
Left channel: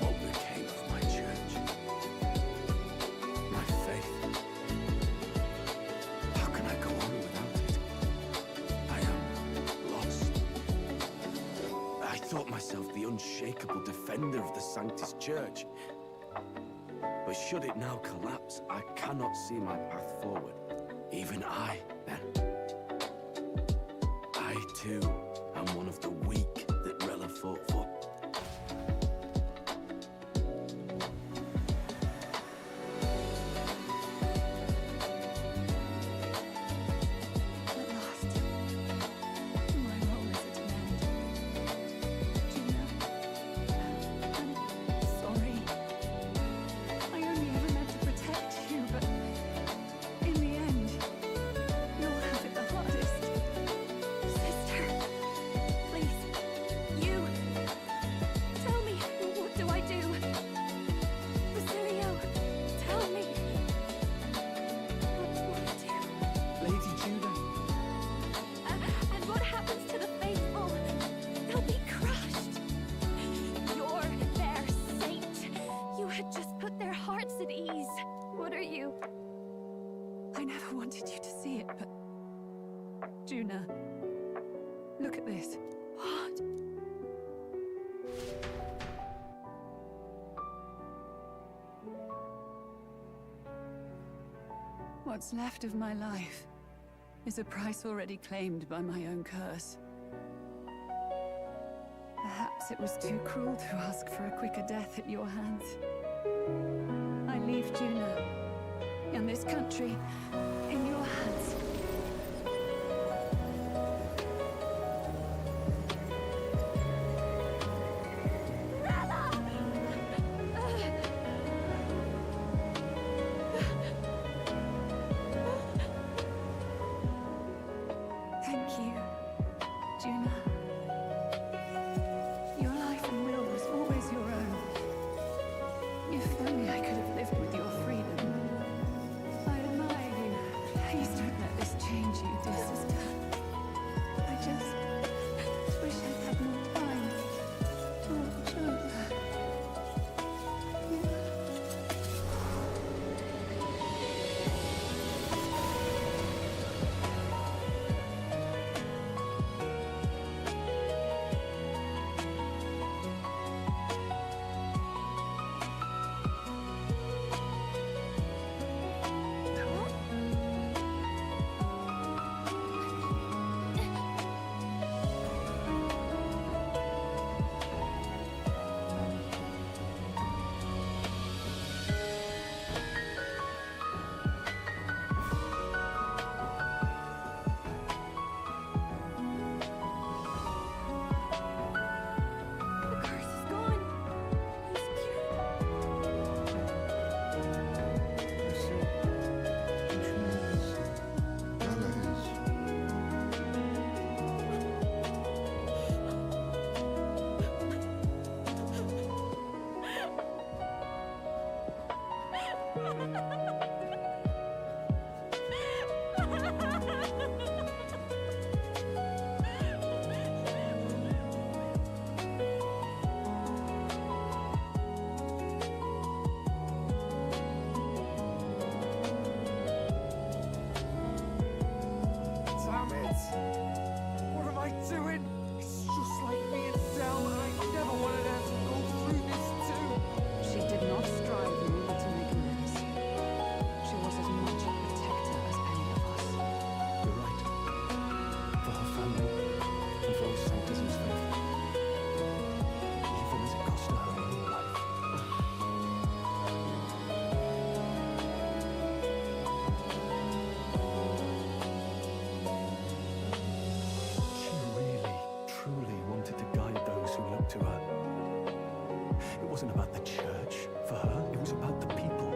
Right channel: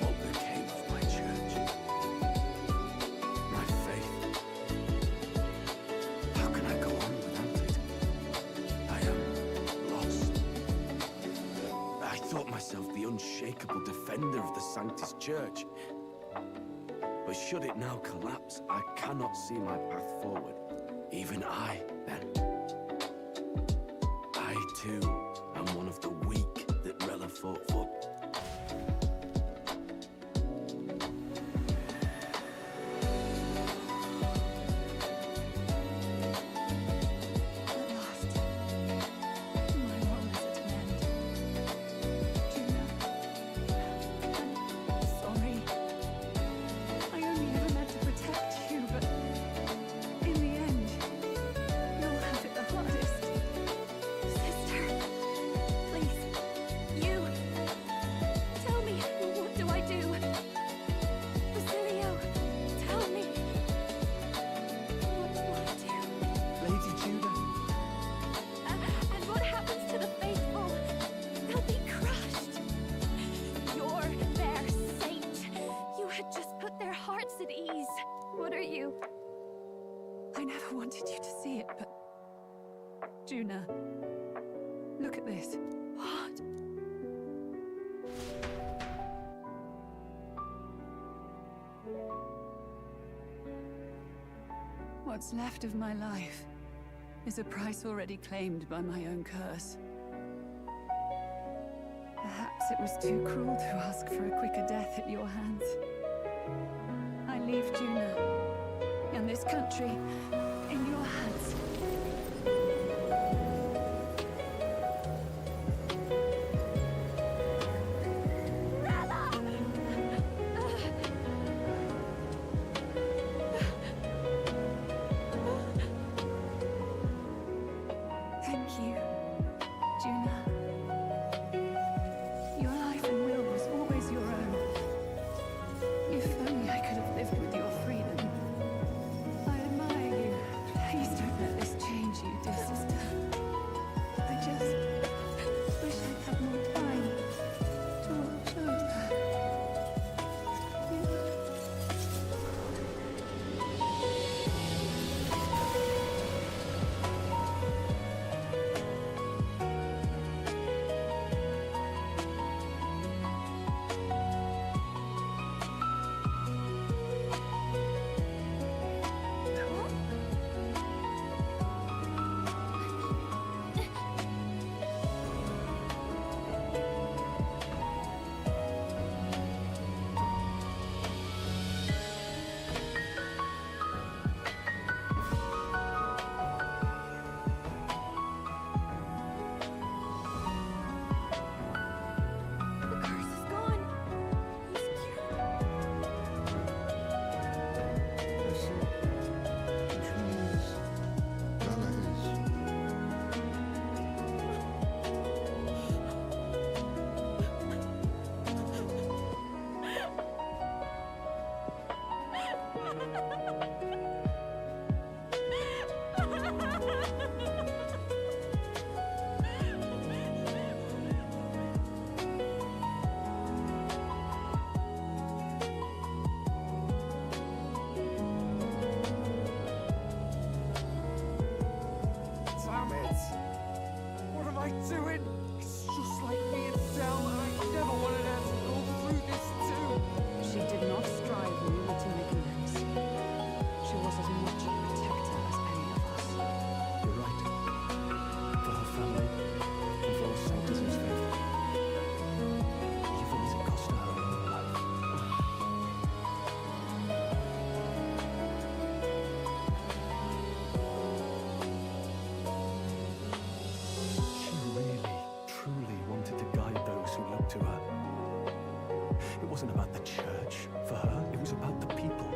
What became of my church? My faith? How can I go on without it? I am lost. I thought myself the unshakable defender of the Sanctus Church. But should it now collapse, I cannot see my path forward. Even I, then. I, too, am one of the weak that Rella fought for. At last, my role is at an end. Juno, I'm sorry. I only ever meant to protect you, but in the end, you'll have it the hardest. Sister, please, you. Tell me, what do I do? Basilio, tell me. What do I do? Lady Judah, And what happens to the faithful? They'll be crushed. You're their saint. You had just put their hearts at ease. What are you? I never wanted you to see it, but... Juna, look at this. What? What's left of my life is a price already claimed by my own curse. Perhaps it was too cruel to ask for a quicker death at your hands. I leave Juna and this country in your hands. Rella! Damn it! What am I doing? It's just like me and Del, and I never wanted her to go through this too. She did not strive merely to make amends. She was as much a protector as any of us. You're right. For her family, and for all Sanctism's faithful. Even as it cost her her own life. She really, truly wanted to guide those who looked to her. It wasn't about the church for her, it was about the people.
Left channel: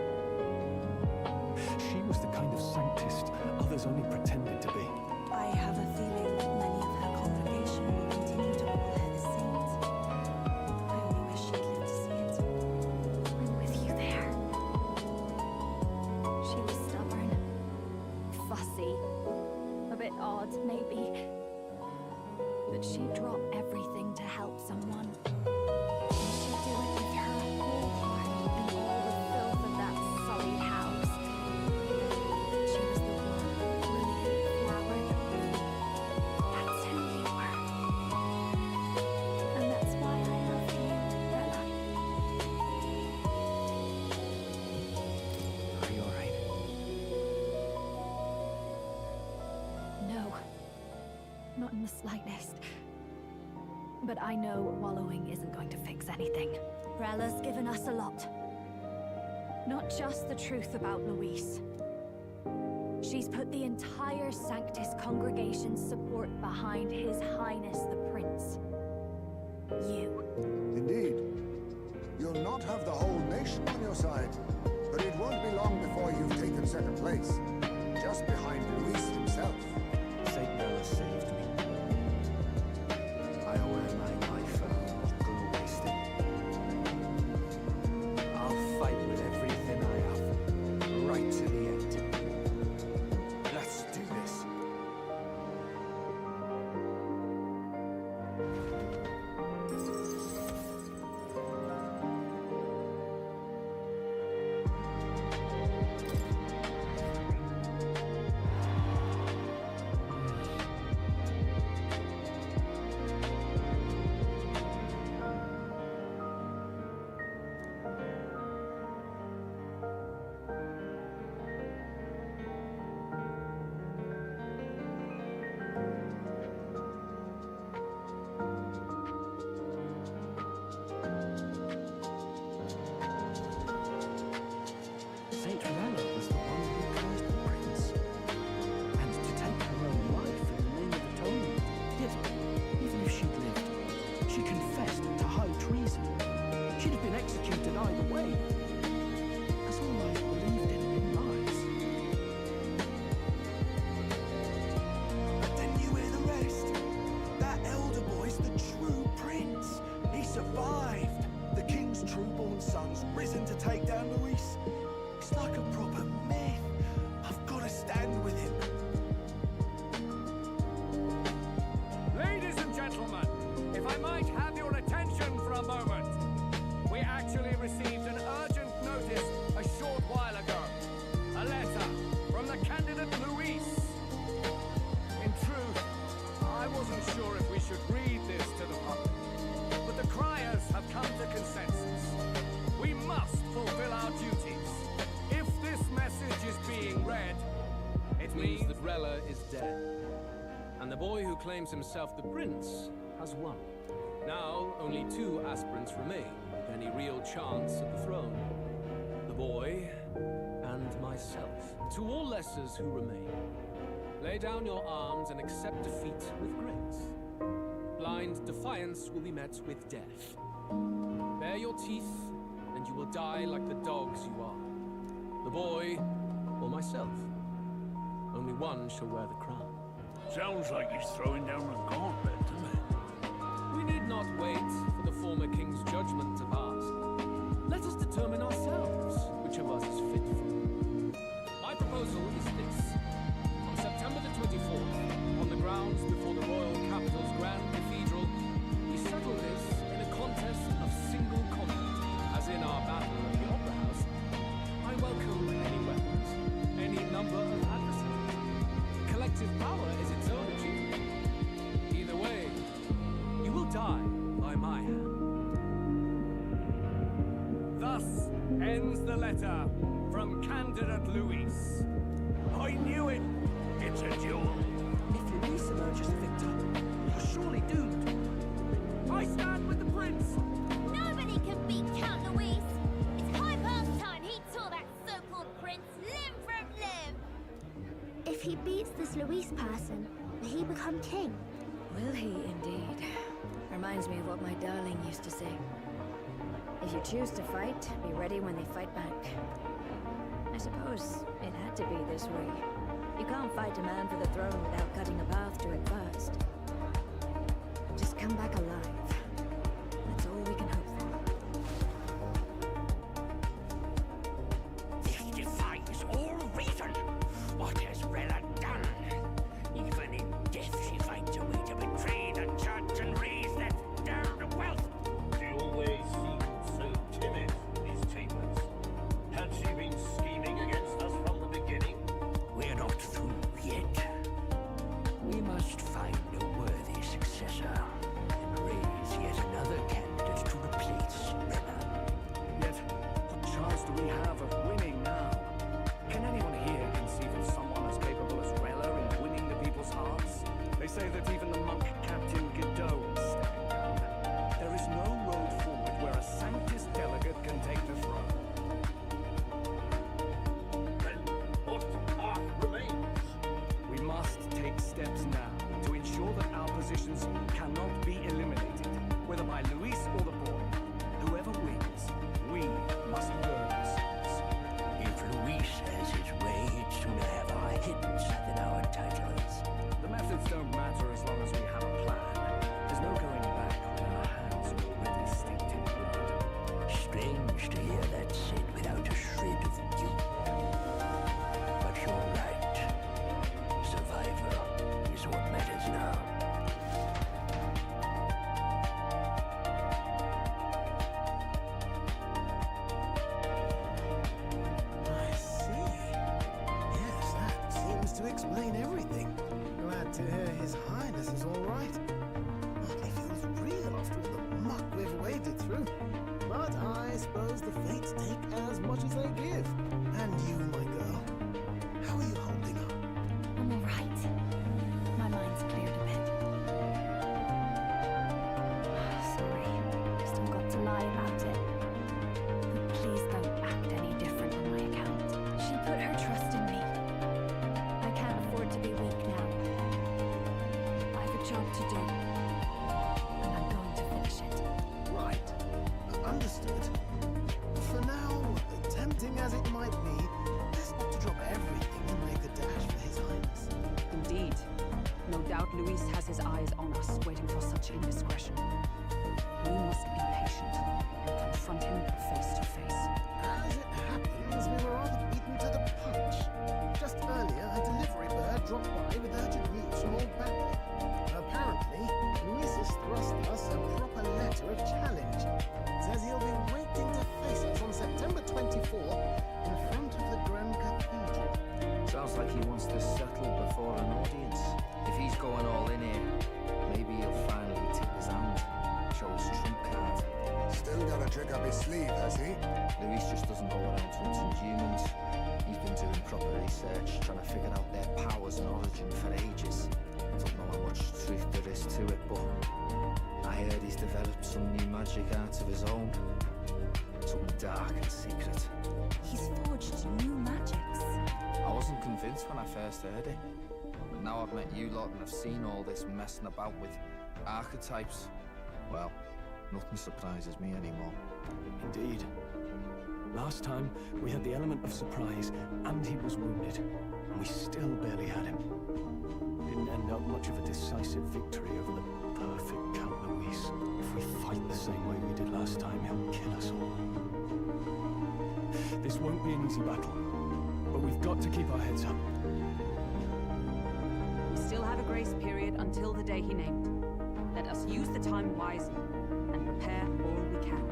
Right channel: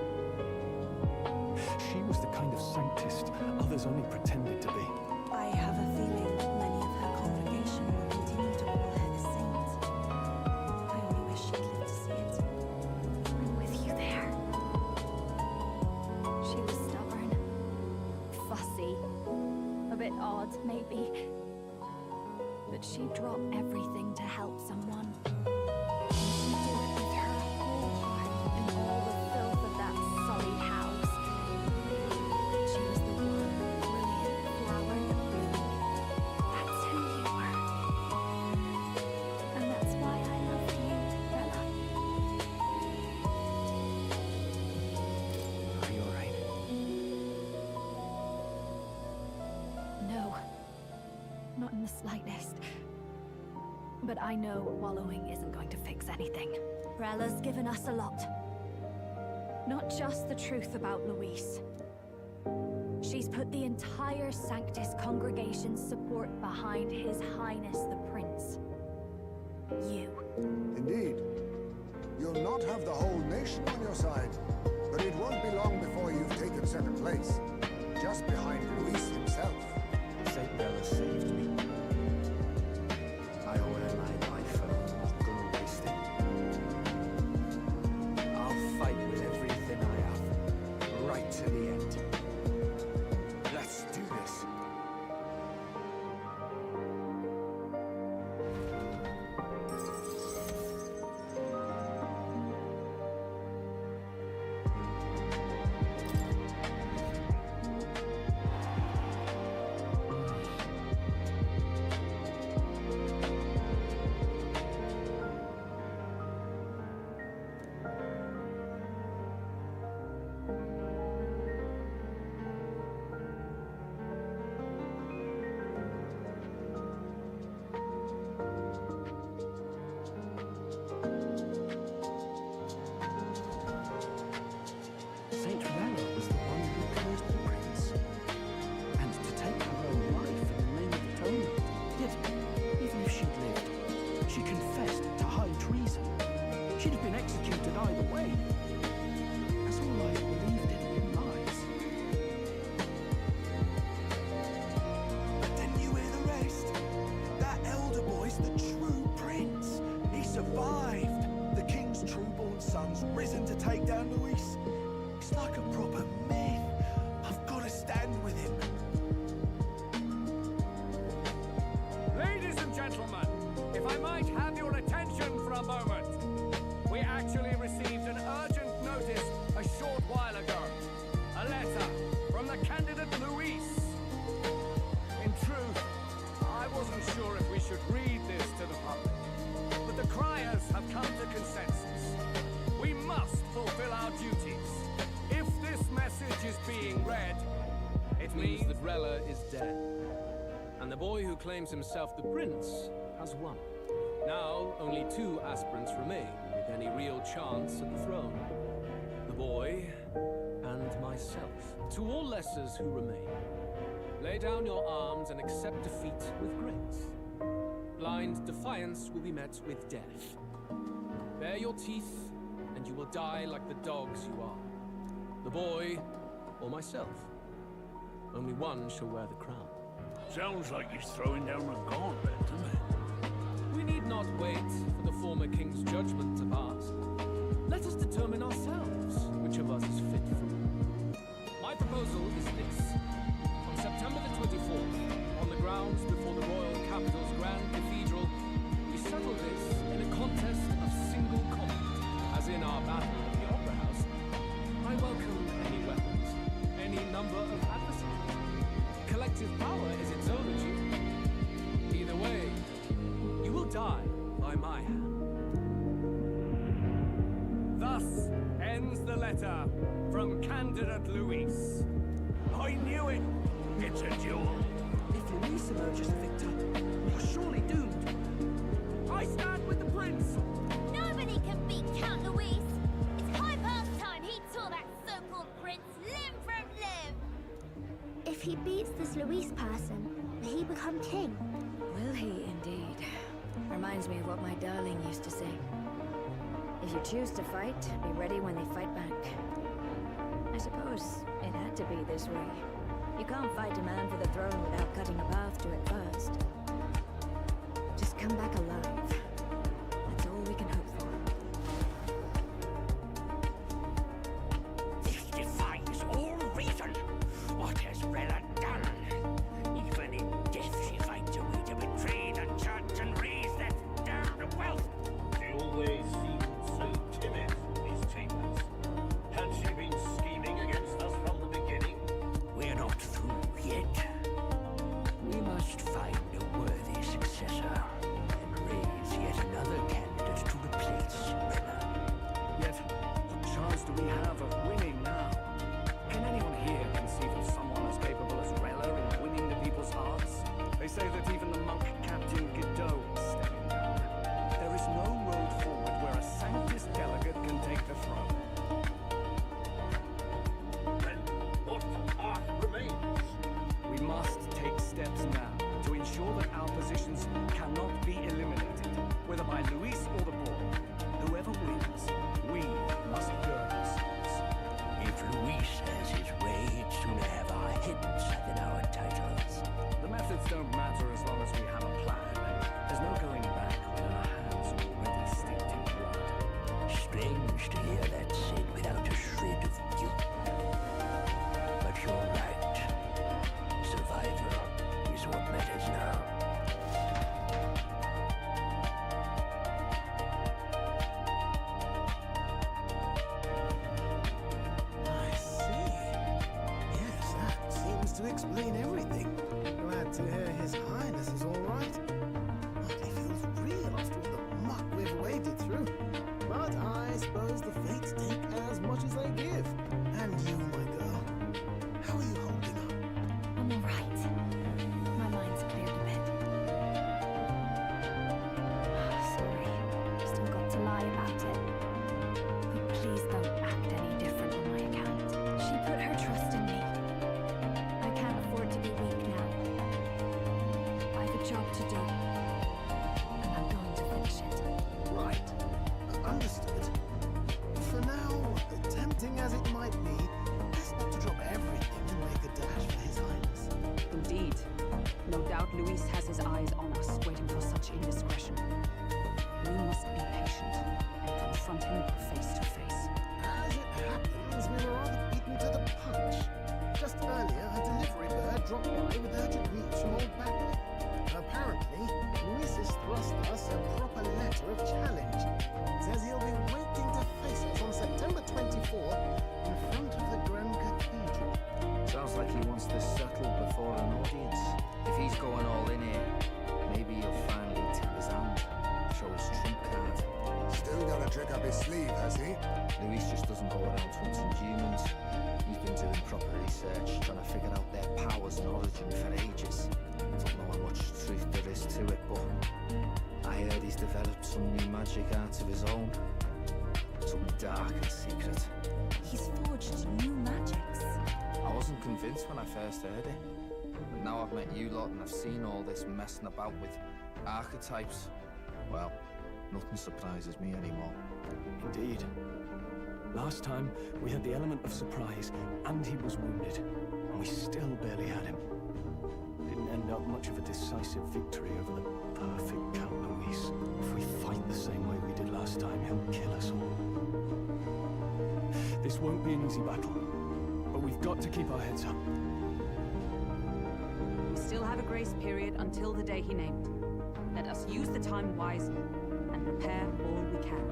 She was the kind of sanctist others only pretended to be. I have a feeling many of her congregation will continue to call her the saint. I only wish she'd lived to see it. I'm with you there. She was stubborn, fussy, a bit odd, maybe. But she'd drop everything to help someone. And she'd do it with her whole heart and all the filth of that sullied house. She was the one brilliant flower that bloomed. That's who you were. And that's why I loved you, Rella. Are you alright? No. Not in the slightest. But I know wallowing isn't going to fix anything. Rella's given us a lot. Not just the truth about Luis. She's put the entire Sanctus congregation's support behind His Highness the Prince. You. Indeed. You'll not have the whole nation on your side, but it won't be long before you've taken second place, just behind Luis himself. Saint Rella saved me. I owe her my life and I'm not gonna waste it. I'll fight with everything I have, right to the end. Let's do this. Saint Rella was the one who cursed the prince. And to take her own life in the name of atonement. Yet, even if she'd lived, she confessed to high treason. She'd have been executed either way. As all I believed in lies. But then you hear the rest. That elder boy's the true prince. He survived. The king's true-born son's risen to take down Luis. It's like a proper myth. I've got to stand with him. Ladies and gentlemen, if I might have your attention for a moment. We actually received an urgent notice a short while ago. A letter from the candidate Luis. In truth, I wasn't sure if we should read this to the public. But the criers have come to consensus. We must fulfill our duties. If this message is being read, It means that Rella is dead. And the boy who claims himself the prince has won. Now, only 2 aspirants remain with any real chance at the throne. The boy and myself. To all lessers who remain, lay down your arms and accept defeat with grace. Blind defiance will be met with death. Bare your teeth, and you will die like the dogs you are. The boy, or myself. Only one shall wear the crown. Sounds like he's throwing down a gauntlet, doesn't it? We need not wait for the former king's judgment to pass. Let us determine ourselves which of us is fit for proposal is this. On September the 24th, on the grounds before the royal capital's Grand Cathedral, we settle this in a contest of single combat, as in our battle at the Opera House. I welcome any weapons, any number of adversaries. Collective power is its own achievement. Either way, you will die by my hand. Thus ends the letter from candidate Luis. I knew it! It's a duel. If Luis emerges the victor, we are surely doomed. I stand with the prince! Nobody can beat Count Luis. It's high past time he tore that so-called prince limb from limb. If he beats this Luis person, will he become king? Will he indeed? Reminds me of what my darling used to say. If you choose to fight, be ready when they fight back. I suppose it had to be this way. You can't fight a man for the throne without cutting a path to it first. Just come back alive. That's all we can hope for. This defies all reason. What has Rella done? Even in death she finds a way to betray the church and raise that damned wealth. She always seemed so timid in these chambers. Had she been scheming against us from the beginning? We're not through yet. We must find a worthy successor and raise yet another candidate to replace Rella. Yet, what chance do we have of winning now? Can anyone here conceive of someone as capable as Rella in winning the people's hearts? They say that even the monk Captain Godot is stepping down. There is no road forward where a Sanctus delegate can take the throne. Then what path remains? We must take steps now to ensure that our positions cannot be eliminated, whether by Luis or the boy. Whoever wins, we must burn ourselves. If Luis has his way, he'd sooner have our heads than our titles. The methods don't matter as long as we have a plan. There's no going back when our hands are already steeped in blood. Strange to hear that said without a shred of guilt. But you're right. Survival is what matters now. I see. Yes, that seems to explain everything. Glad to hear His Highness is all right. Hardly feels real after all the muck we've waded through. But I suppose the fates take as much as they give. And you, my girl, how are you holding up? I'm all right. My mind's cleared a bit. Sorry, still got to lie about it. But please don't act any different on my account. She put her trust in me. I can't afford to be weak now. I've a job to do, and I'm going to finish it. Right. Understood. For now, tempting as it might be, best not to drop everything and make a dash for His Highness. Indeed. No doubt Luis has his eyes on us, waiting for such indiscretion. We must be patient and confront him face to face. As it happens, we were rather beaten to the punch. Just earlier, a delivery bird dropped by with urgent news from old Batley. Apparently, Luis has thrust us a proper letter of challenge. Says he'll be waiting to face us on September 24th in front of the Grand Cathedral. Sounds like he wants this settled before an audience. If he's going all in here, maybe he'll finally tip his hand, show his trump card. Still got a trick up his sleeve, has he? Luis just doesn't go around hunting humans. He's been doing proper research, trying to figure out their powers and origin for ages. Don't know how much truth there is to it, but I heard he's developed some new magic art of his own. Something dark and secret. He's forged new magics. I wasn't convinced when I first heard it. But now I've met you lot and I've seen all this messing about with archetypes. Well, nothing surprises me anymore. Indeed. Last time, we had the element of surprise, and he was wounded. And we still barely had him. Didn't end up much of a decisive victory over the perfect Count Luis. If we fight the same way we did last time, he'll kill us all. This won't be an easy battle. but we've got to keep our heads up. We still have a grace period until the day he named. Let us use the time wisely and prepare all we can.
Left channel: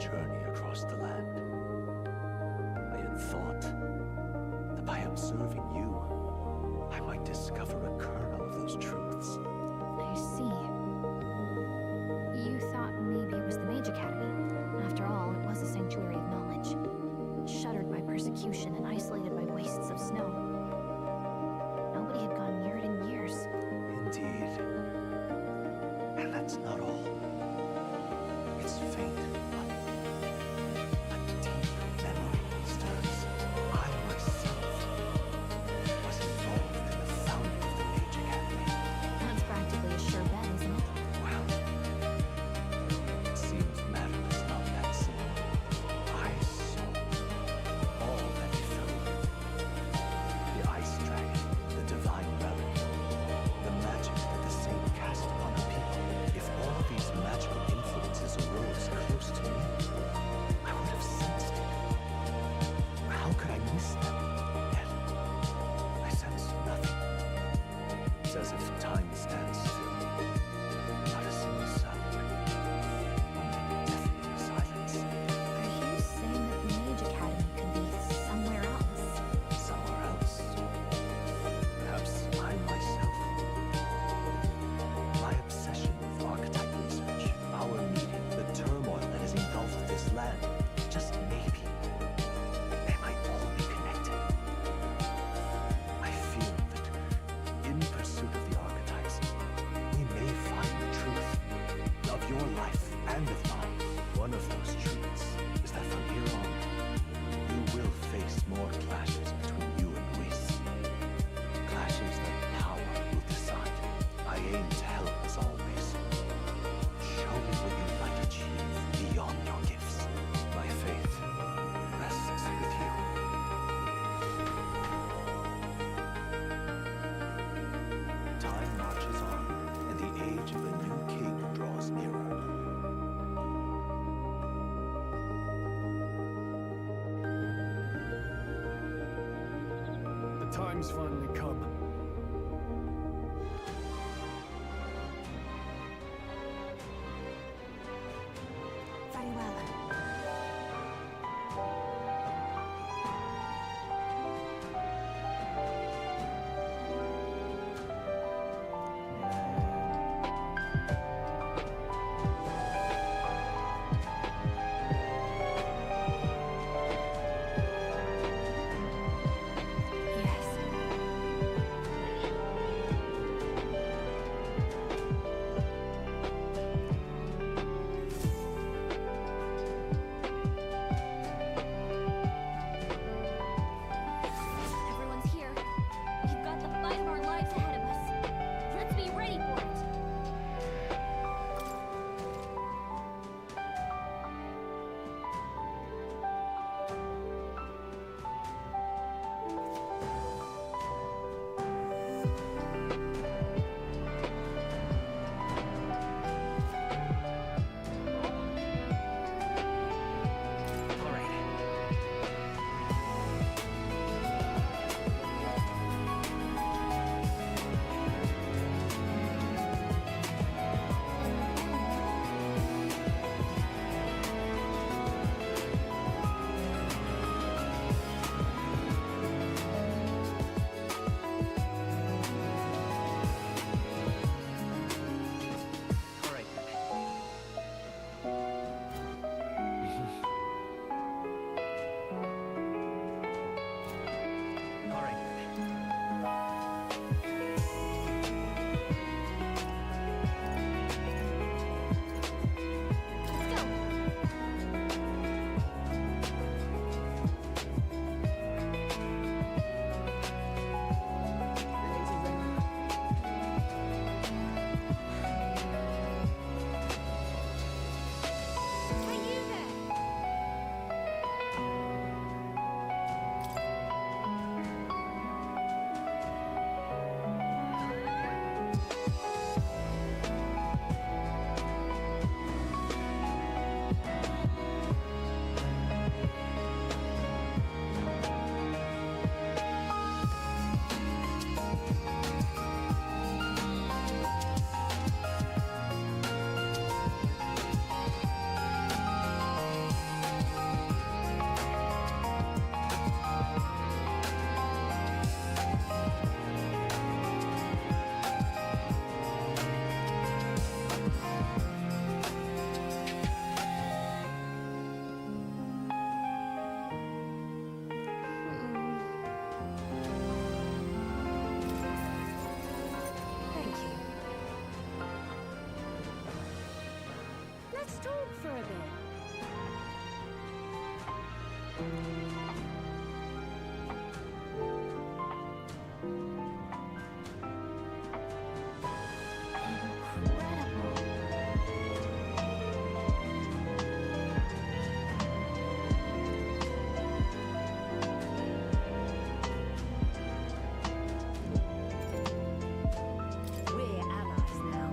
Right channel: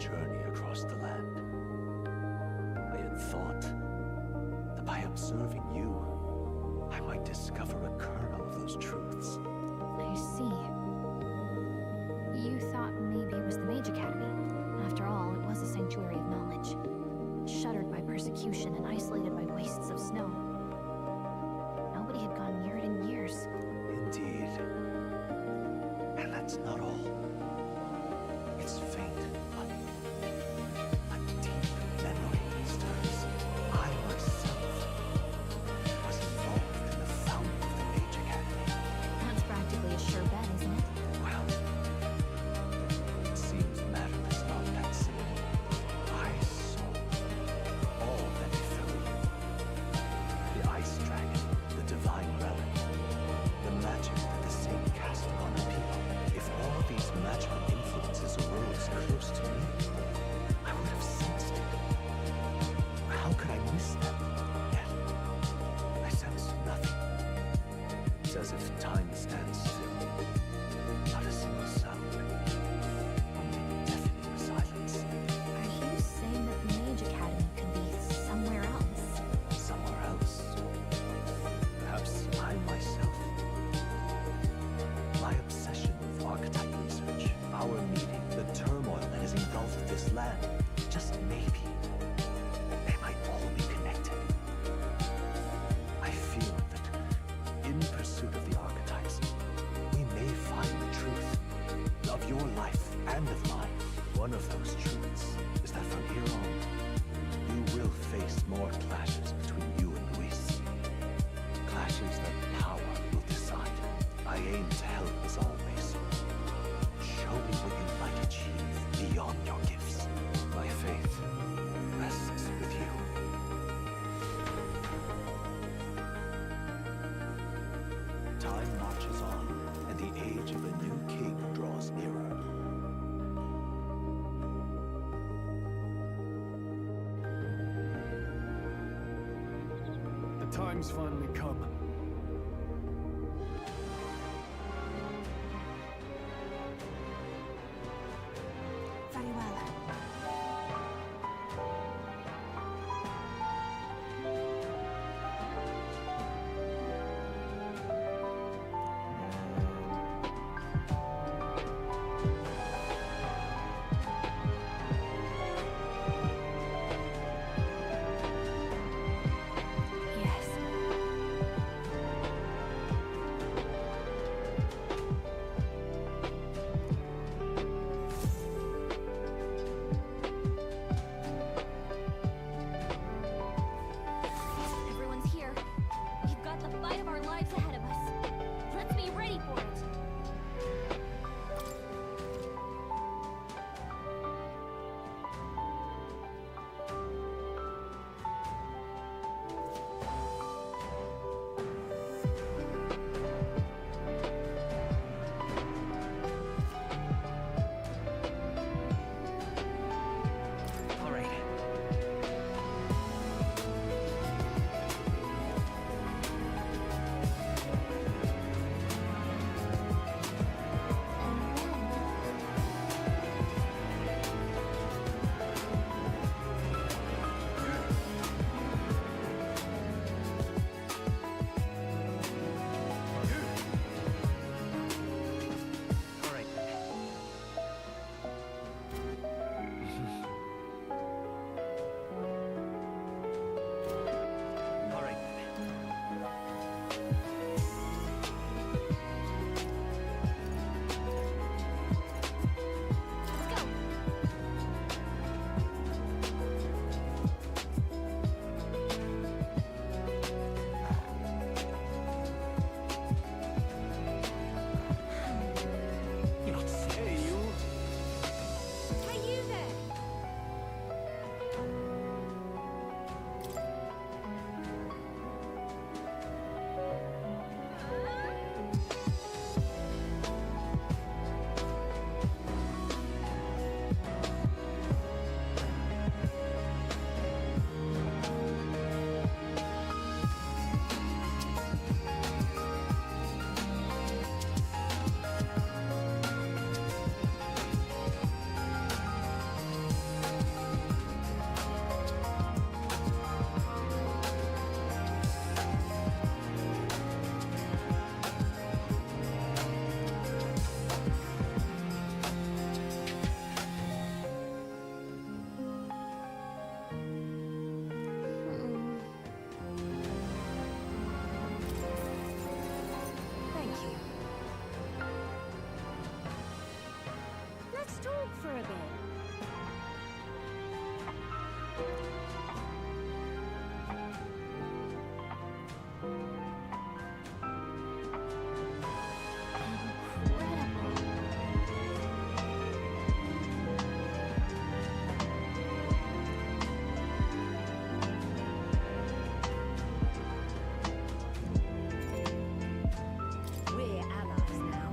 Journey across the land. I had thought that by observing you, I might discover a kernel of those truths. I see. You thought maybe it was the Mage Academy. After all, it was a sanctuary of knowledge. Shuttered by persecution and isolated by wastes of snow. Nobody had gone near it in years. Indeed. And that's not all. It's faint. As if time stands still. Not a single sound. Only deafening silence. Are you saying that the Mage Academy could be somewhere else? Somewhere else? Perhaps I myself. My obsession with archetype research, our meeting, the turmoil that has engulfed this land, just maybe, they might all be connected. I feel that in pursuit of the archetypes, we may find the truth of your life and of mine. One of those truths is that from here on, you will face more clashes between you and Luis. Clashes that power will decide. I aim to help as always. Show me what you might achieve beyond your gifts. My faith rests with you. Time marches on, and the age of a new king draws nearer. The time's finally come. a bit. We're allies now.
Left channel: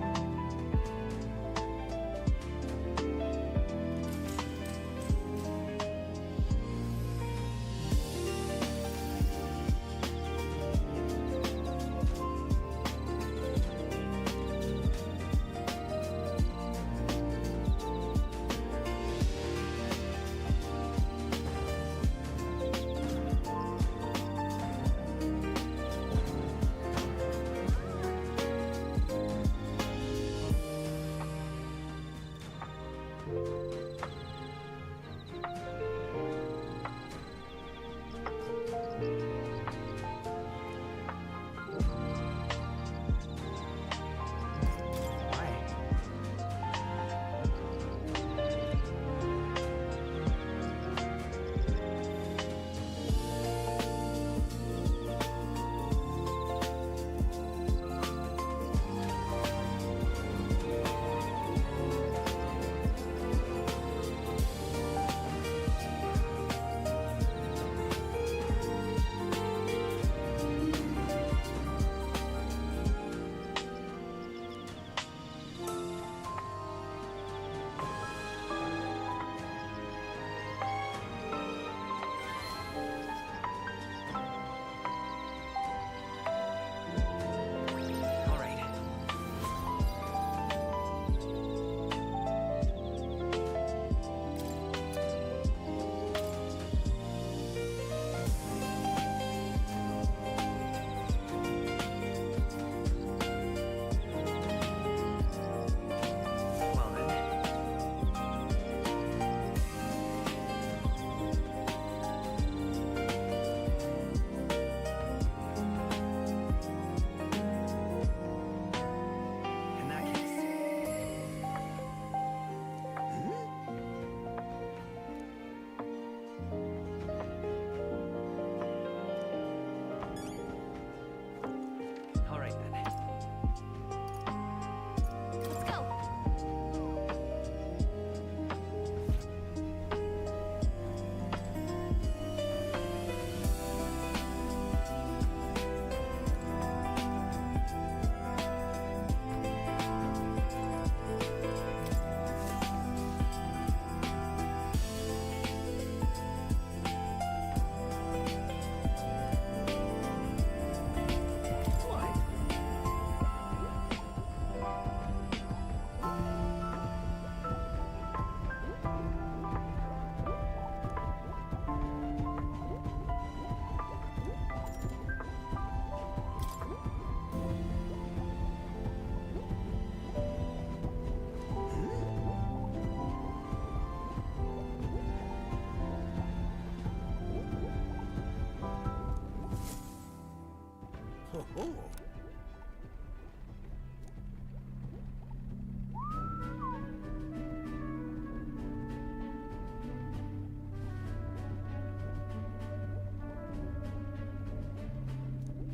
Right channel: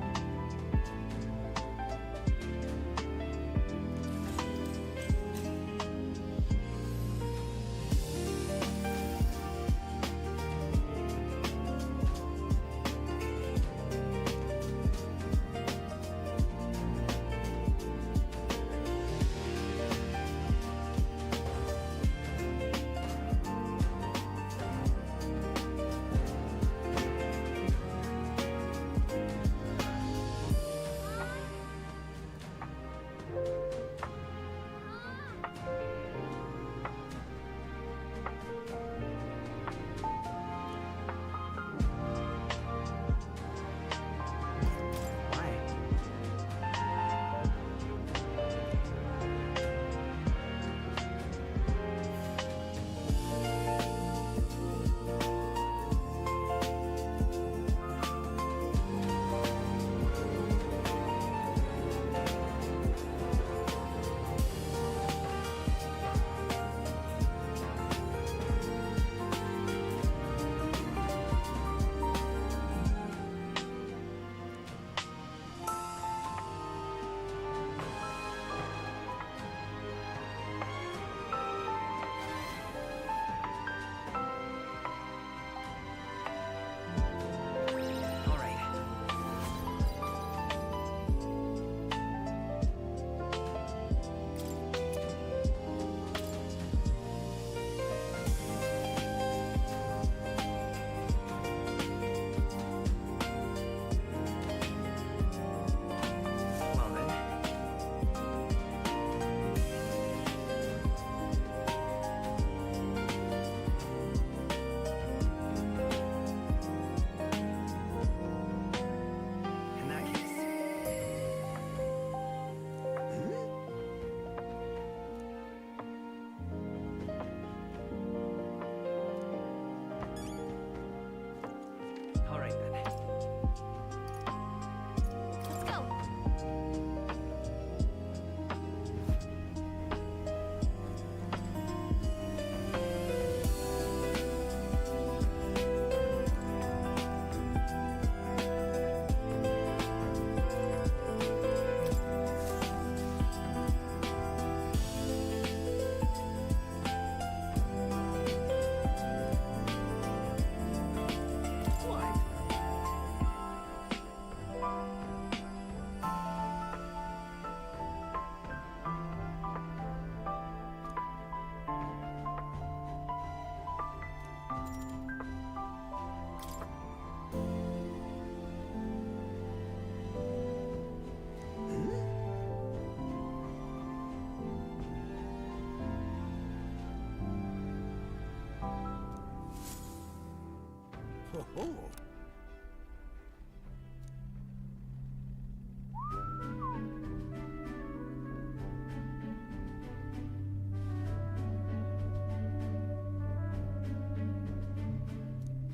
Ho ho!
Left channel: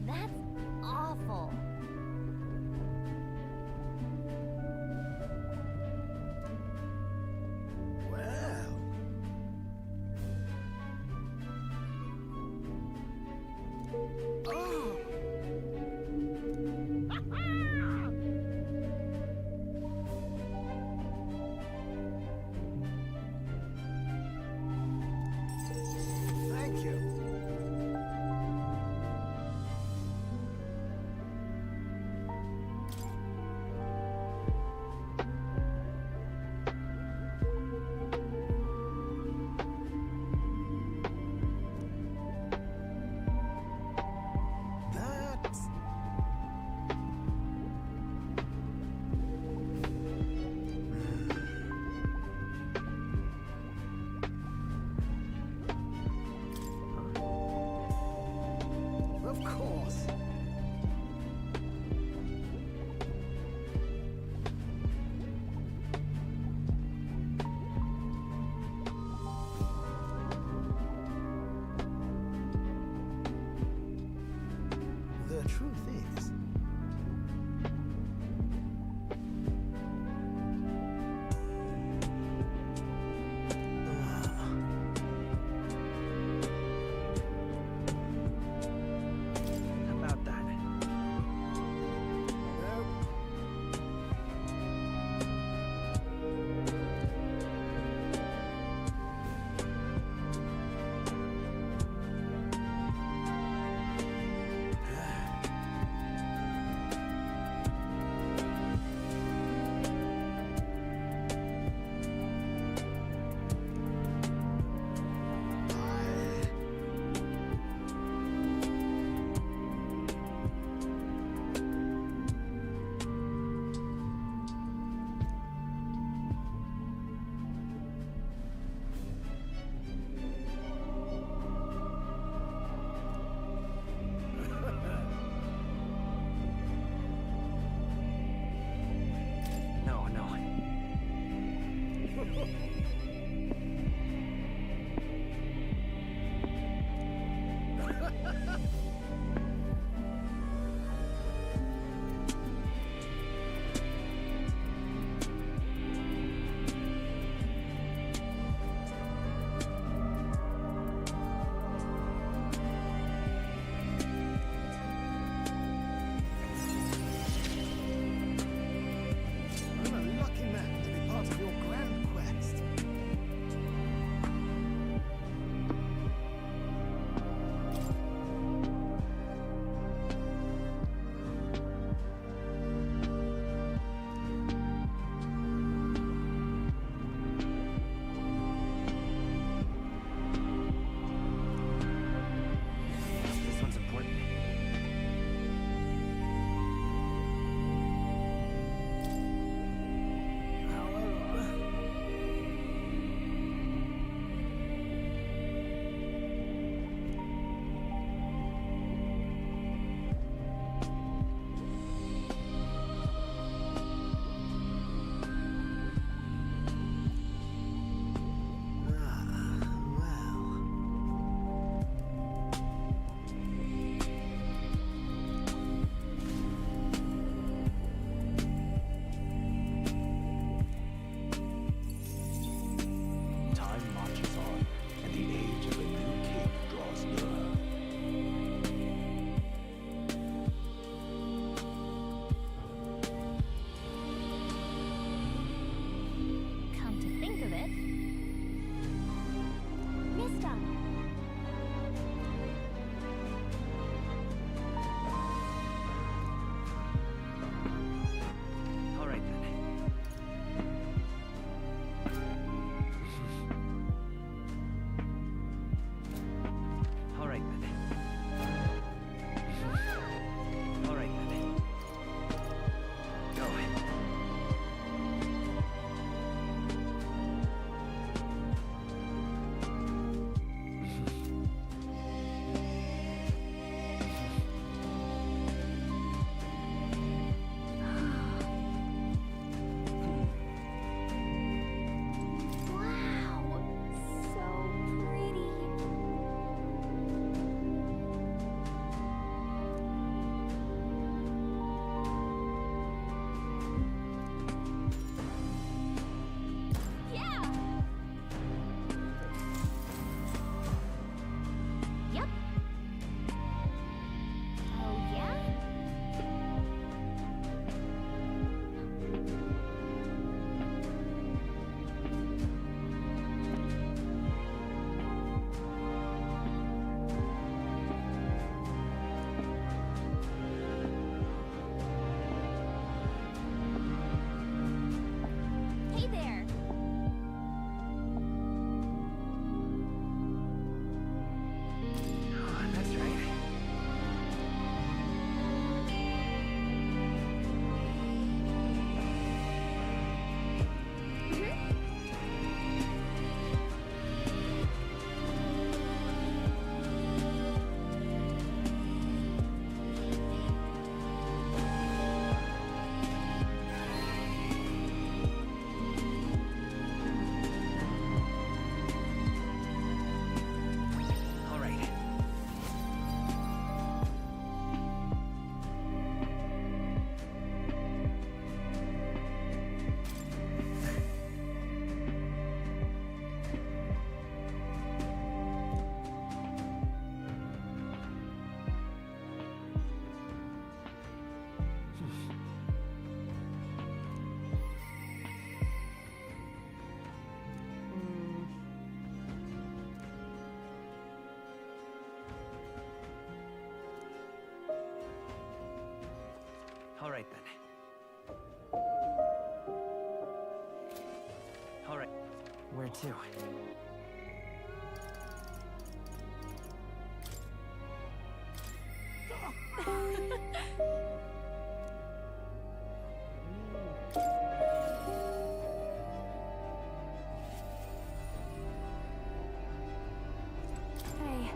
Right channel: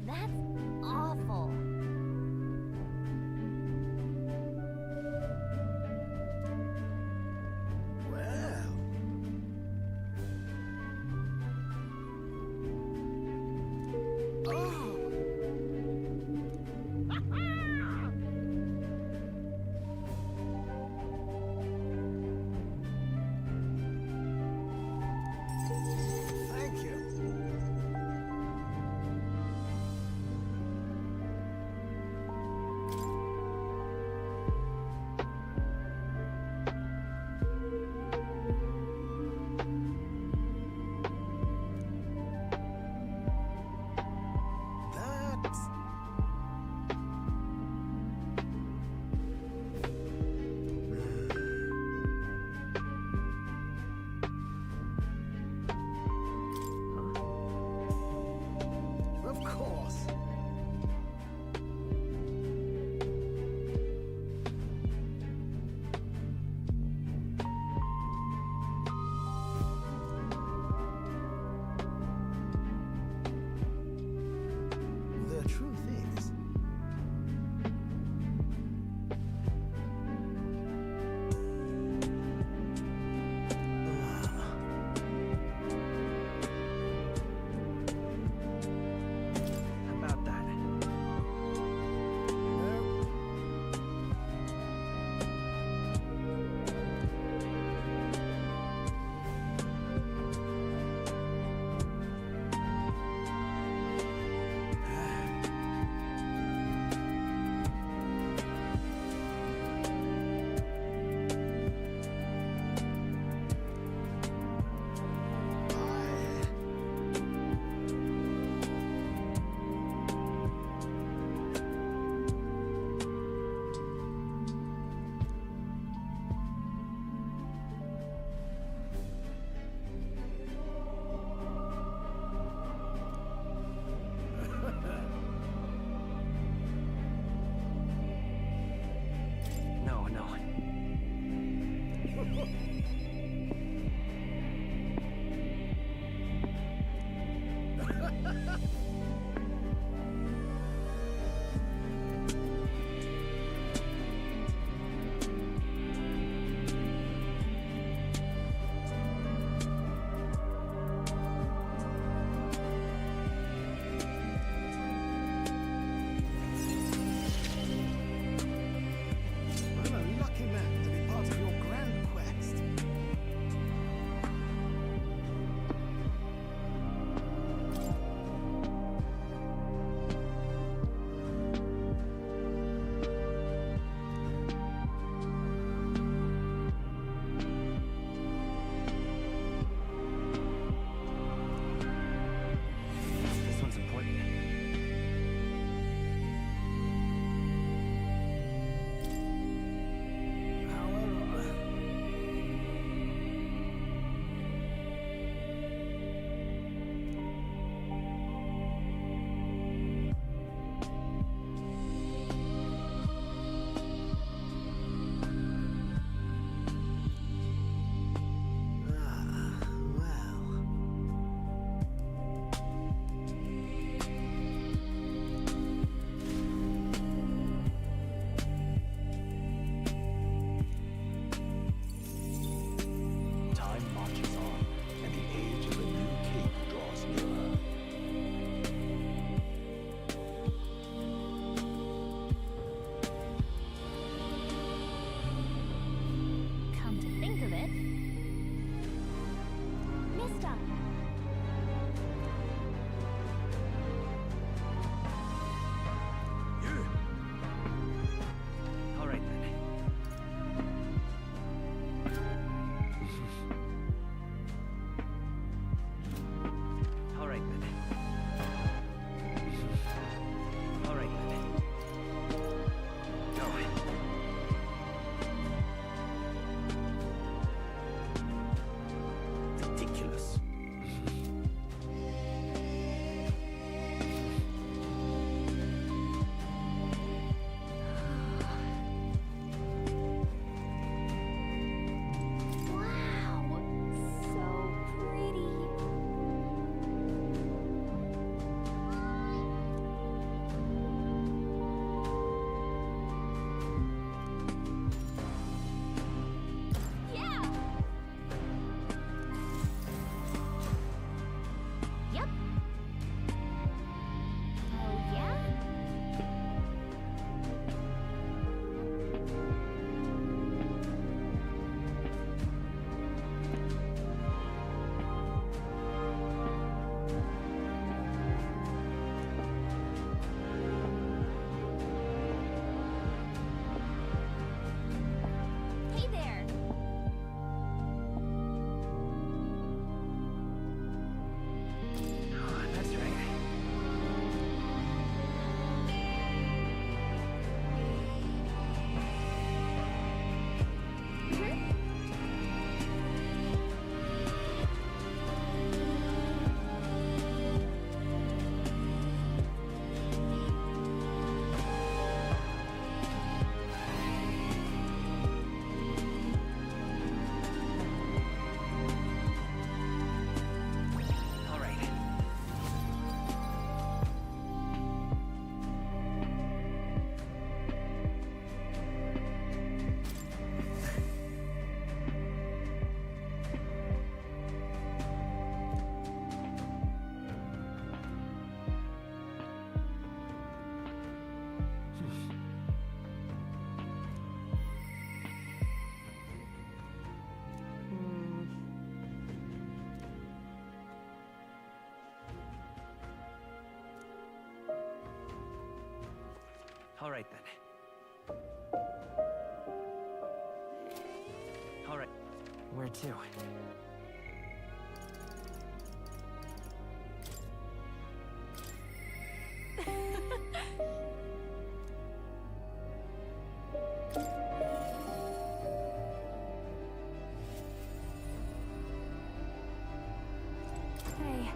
That's awful. Well. Oh. of it. Mister! All right then. All right then. All right then. Go. Ridiculous. Wow! So pretty. Yeah! Yep. Oh, yeah? Hey there! Oh, that's right. All right. All right then. All right. Where to? Hey.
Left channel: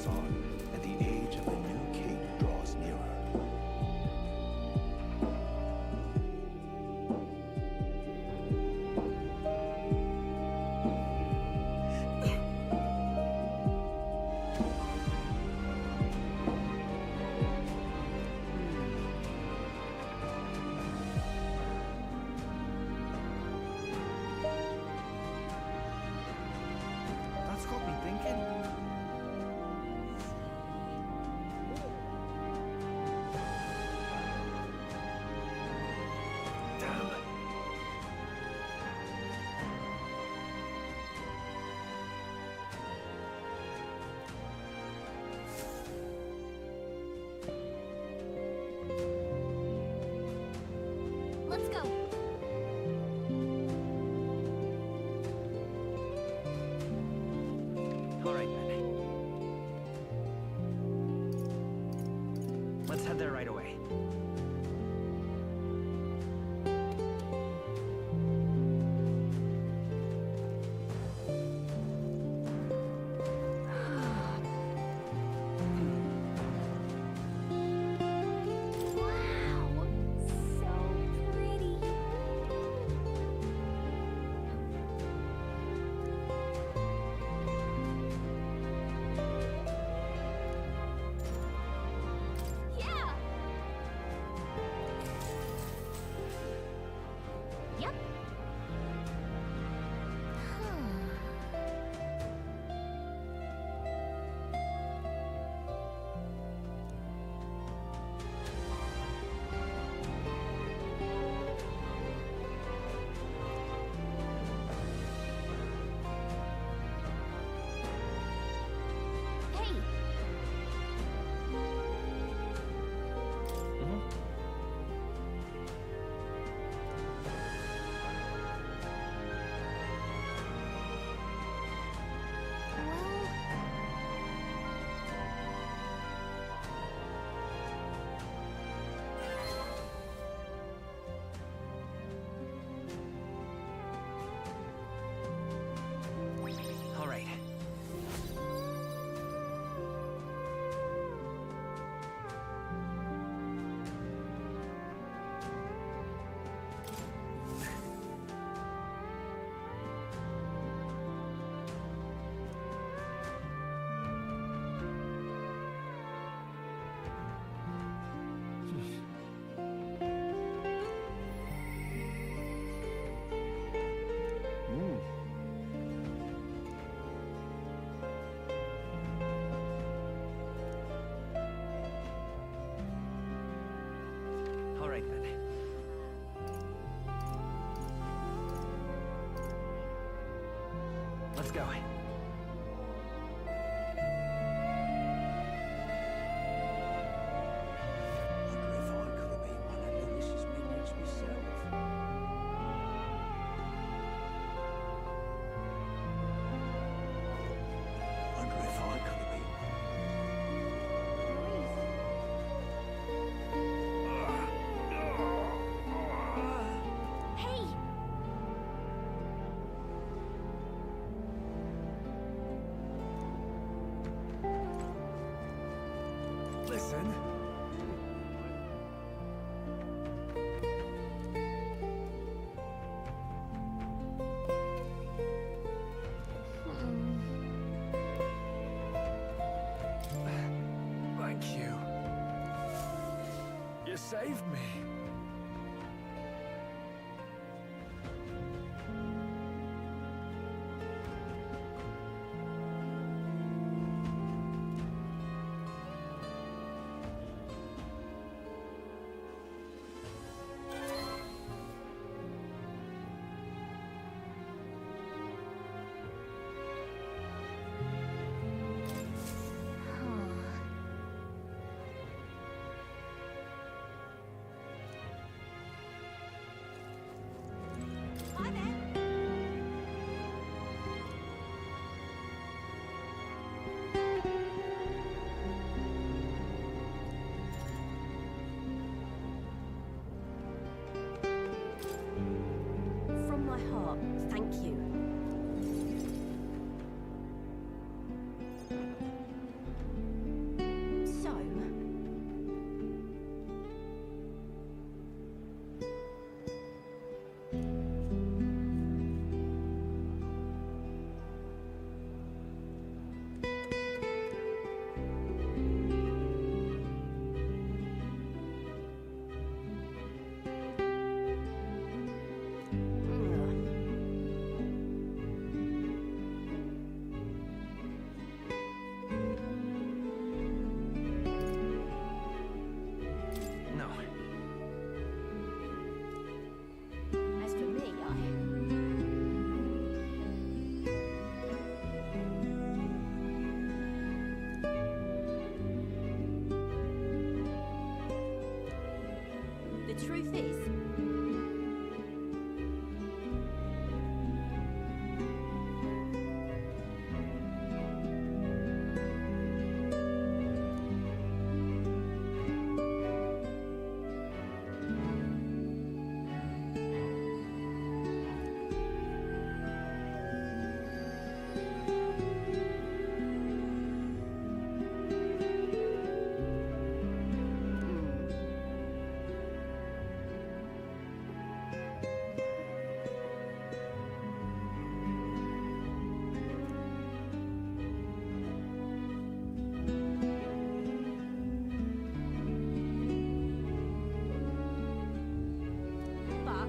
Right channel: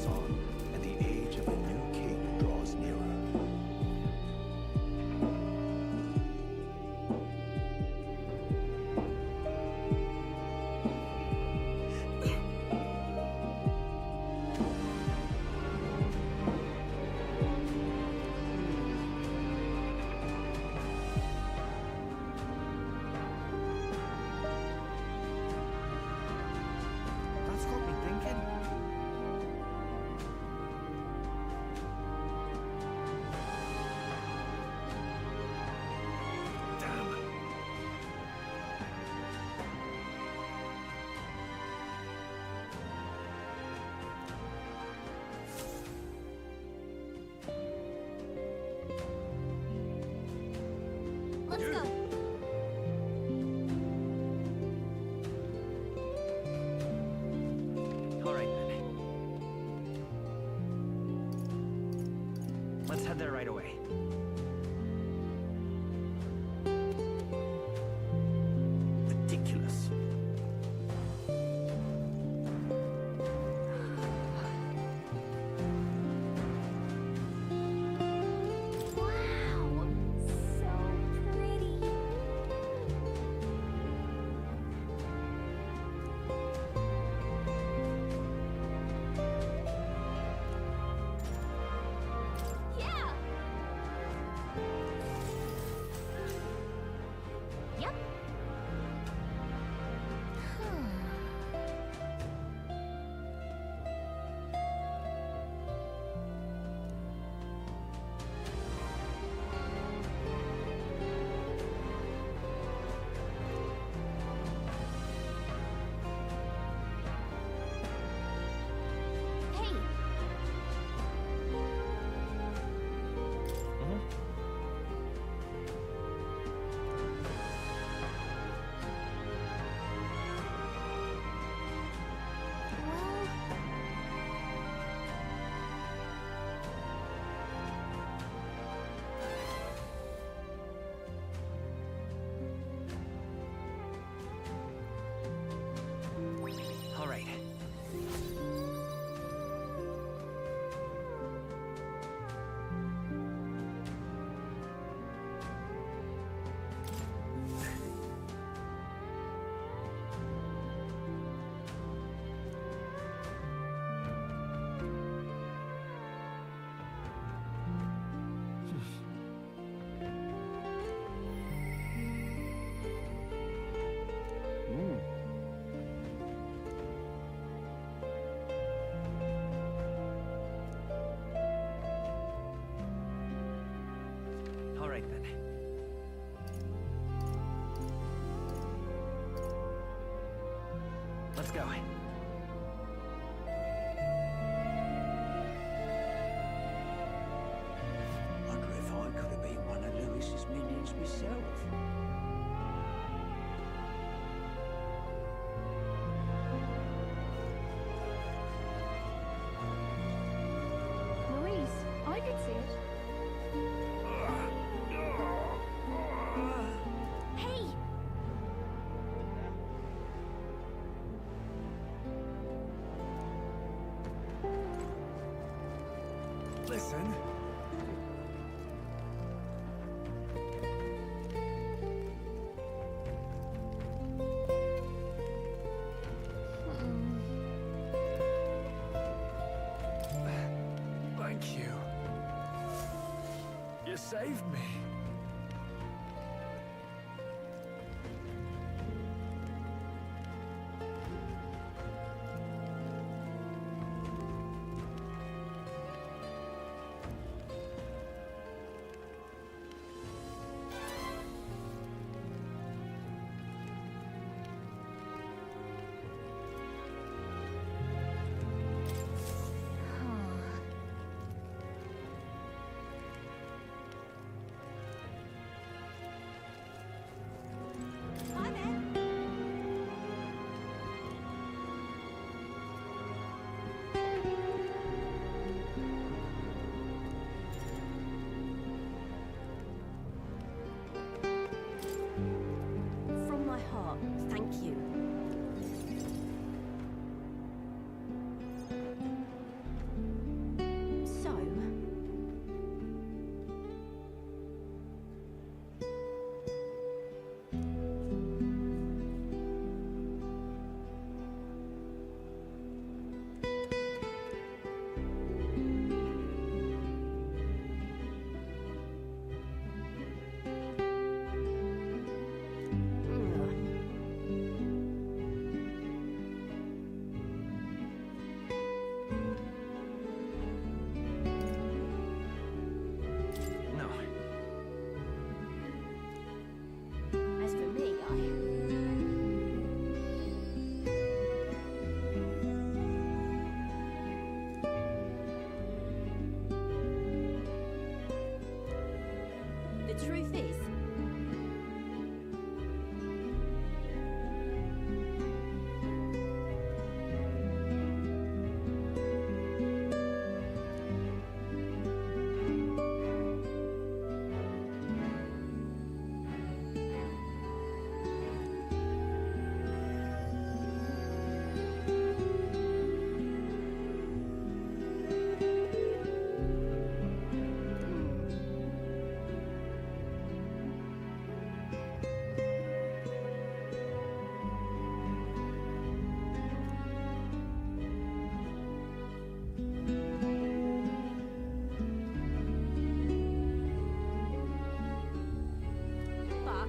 marches on, and the age of the new king draws nearer. That's got me thinking. Damn. Let's go. All right, then. Let's head there right away. Ridiculous. Wow, so pretty. Yeah. Yep. Hey. Well, All right. All right, then. Let's go. Wonder if I could have been one of Lewis's minions myself. Wonder if I could have been. Louise, I can see. Hey. Listen. Thank you. You saved me. Hi there. From my heart, thank you. the truth is? But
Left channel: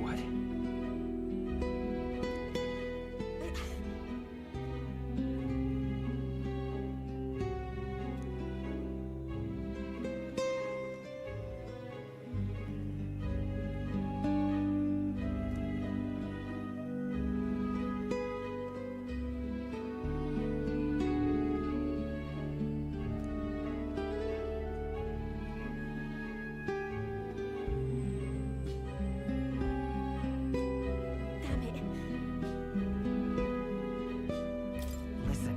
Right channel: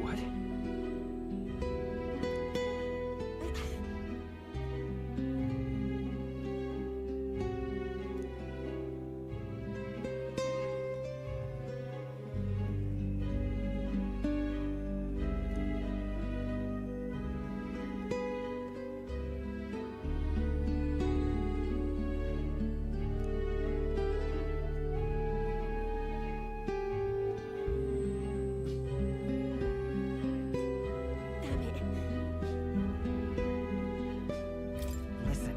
What? damn it. Listen.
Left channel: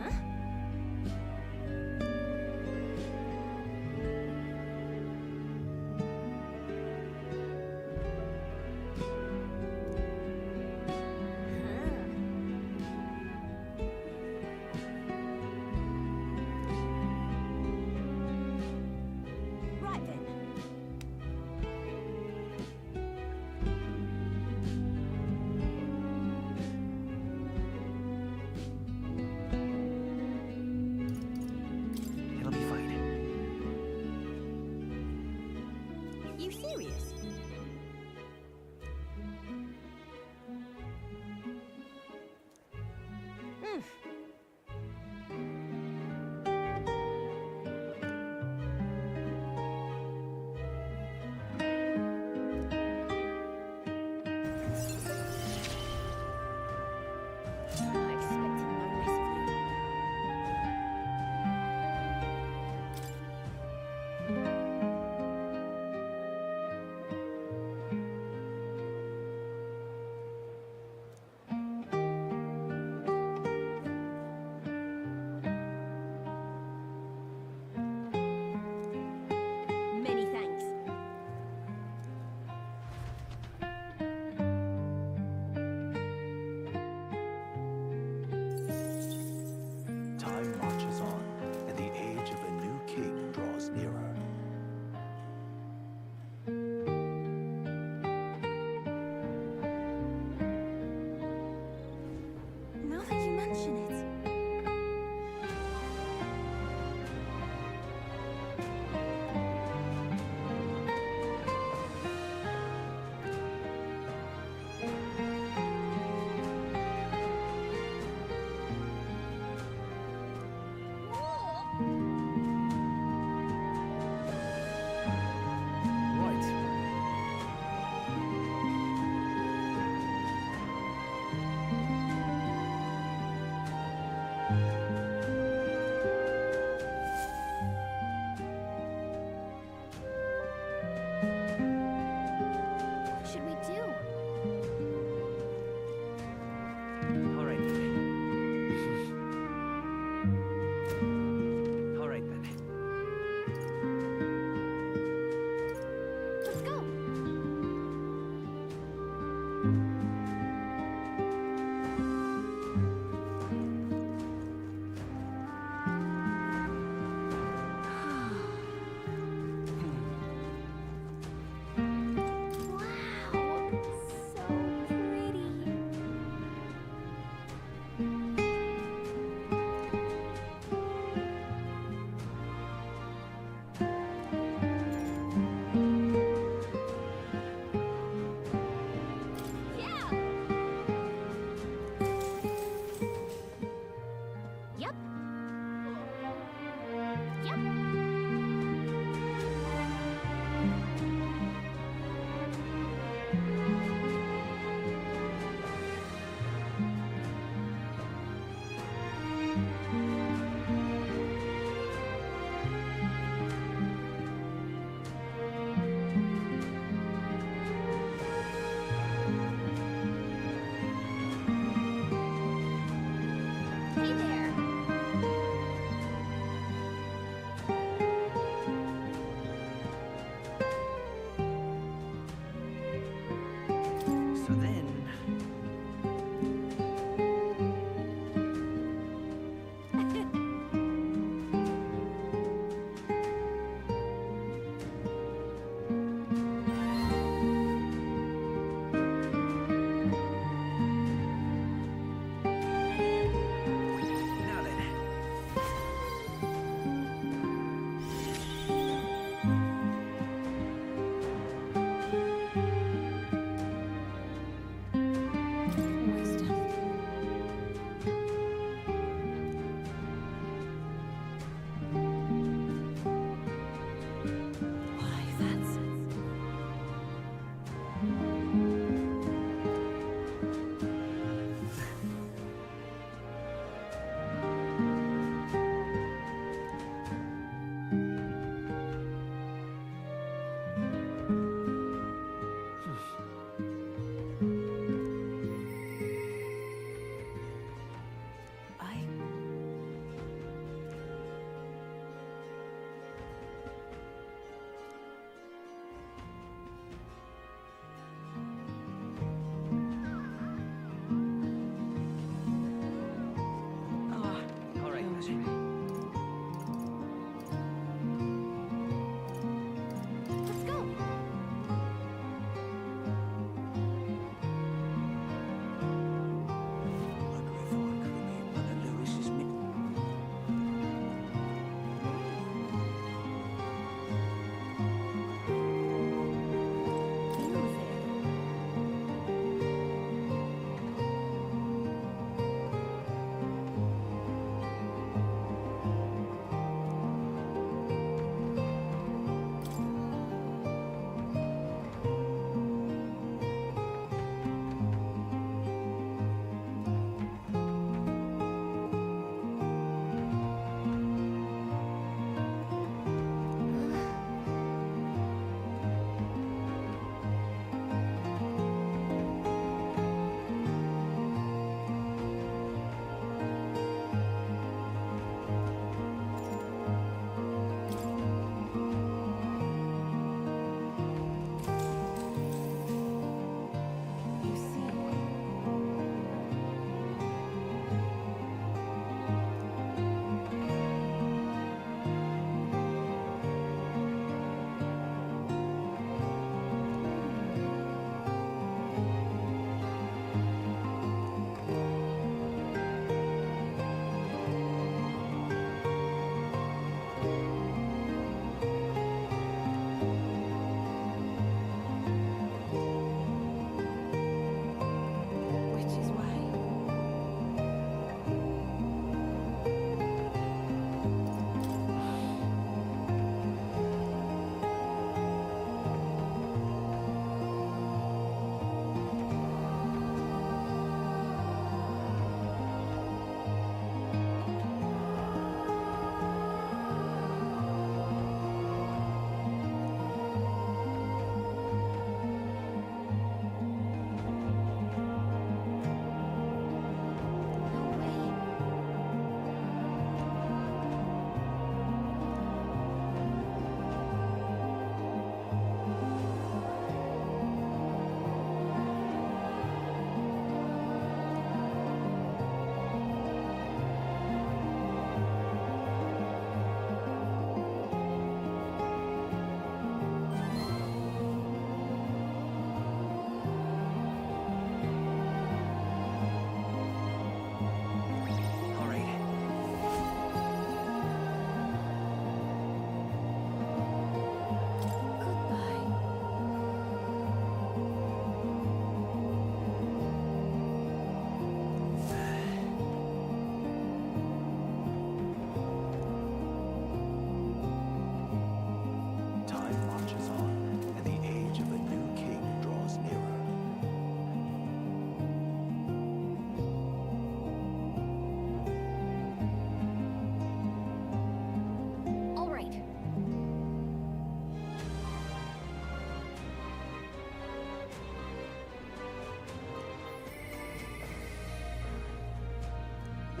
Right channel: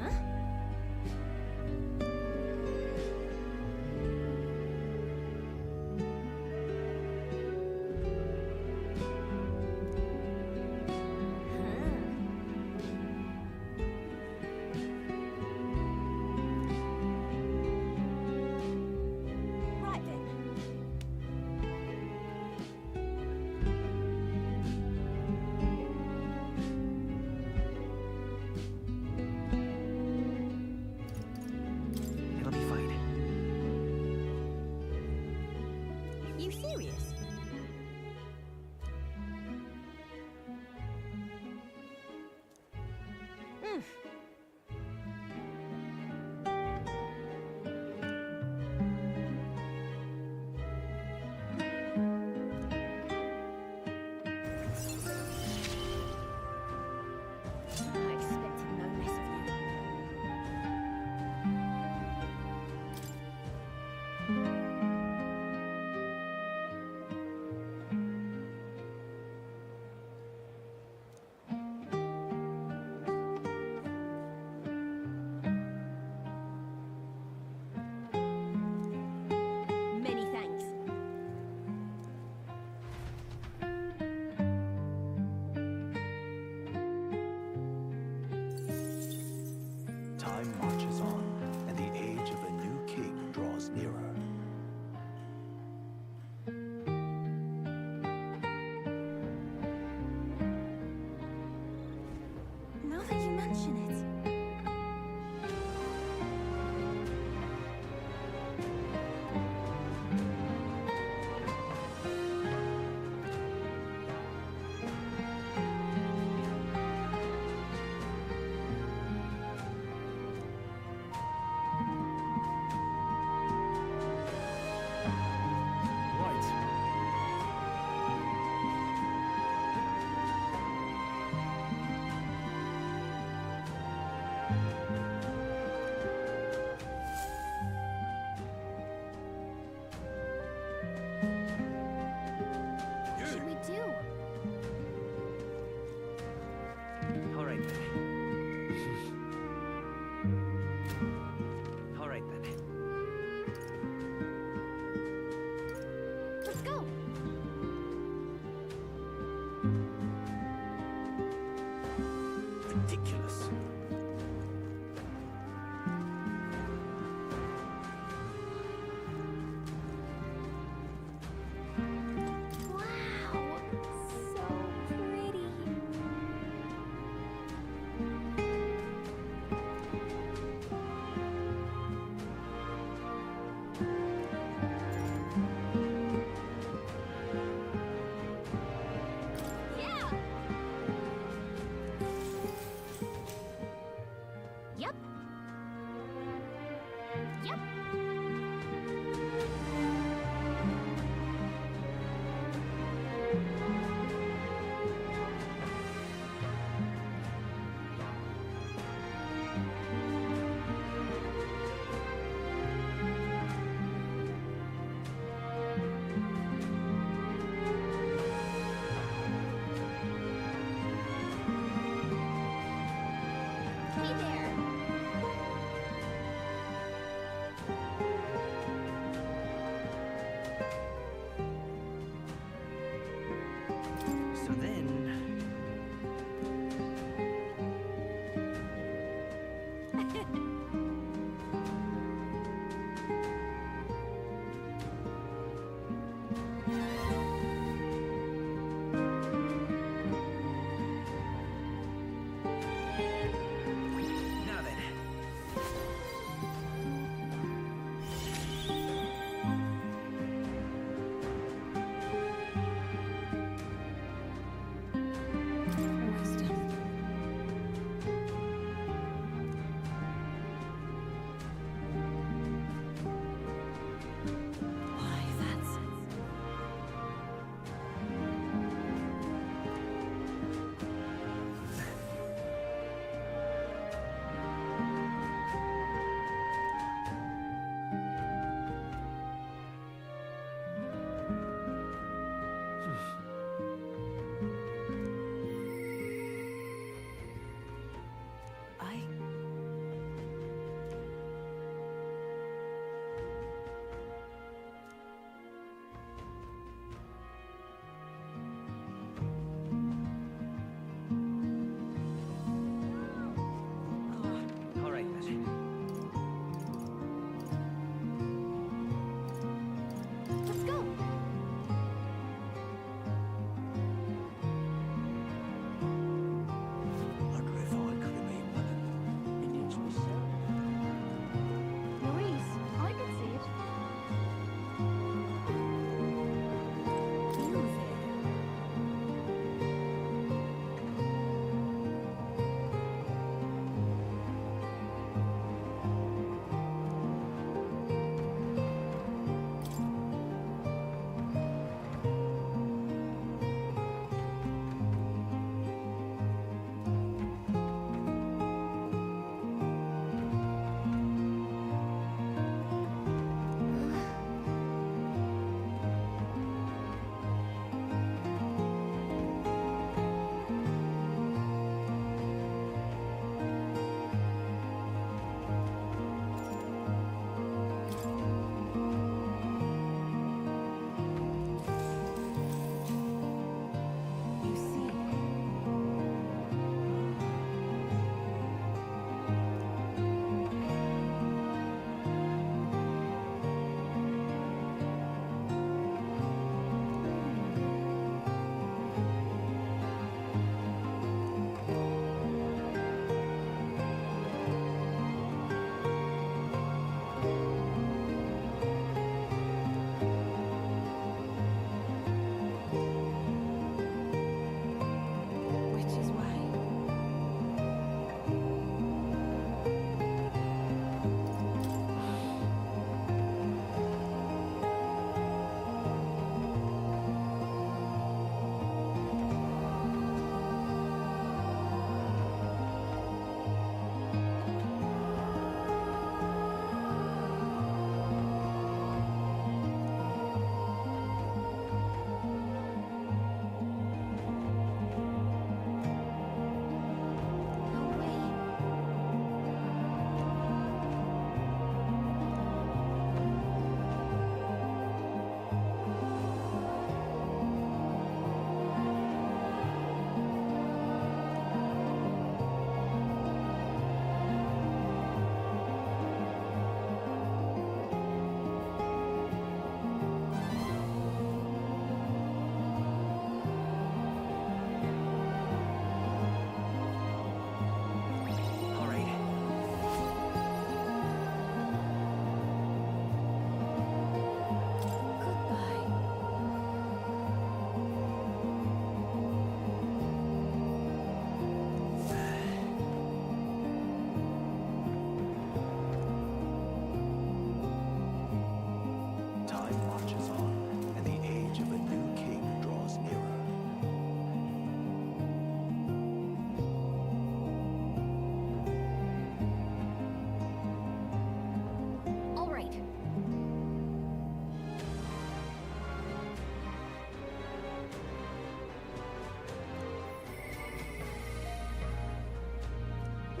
Huh? Right then. It'll be fine. You serious? Mm. I expected no less of you. Hey there! So then...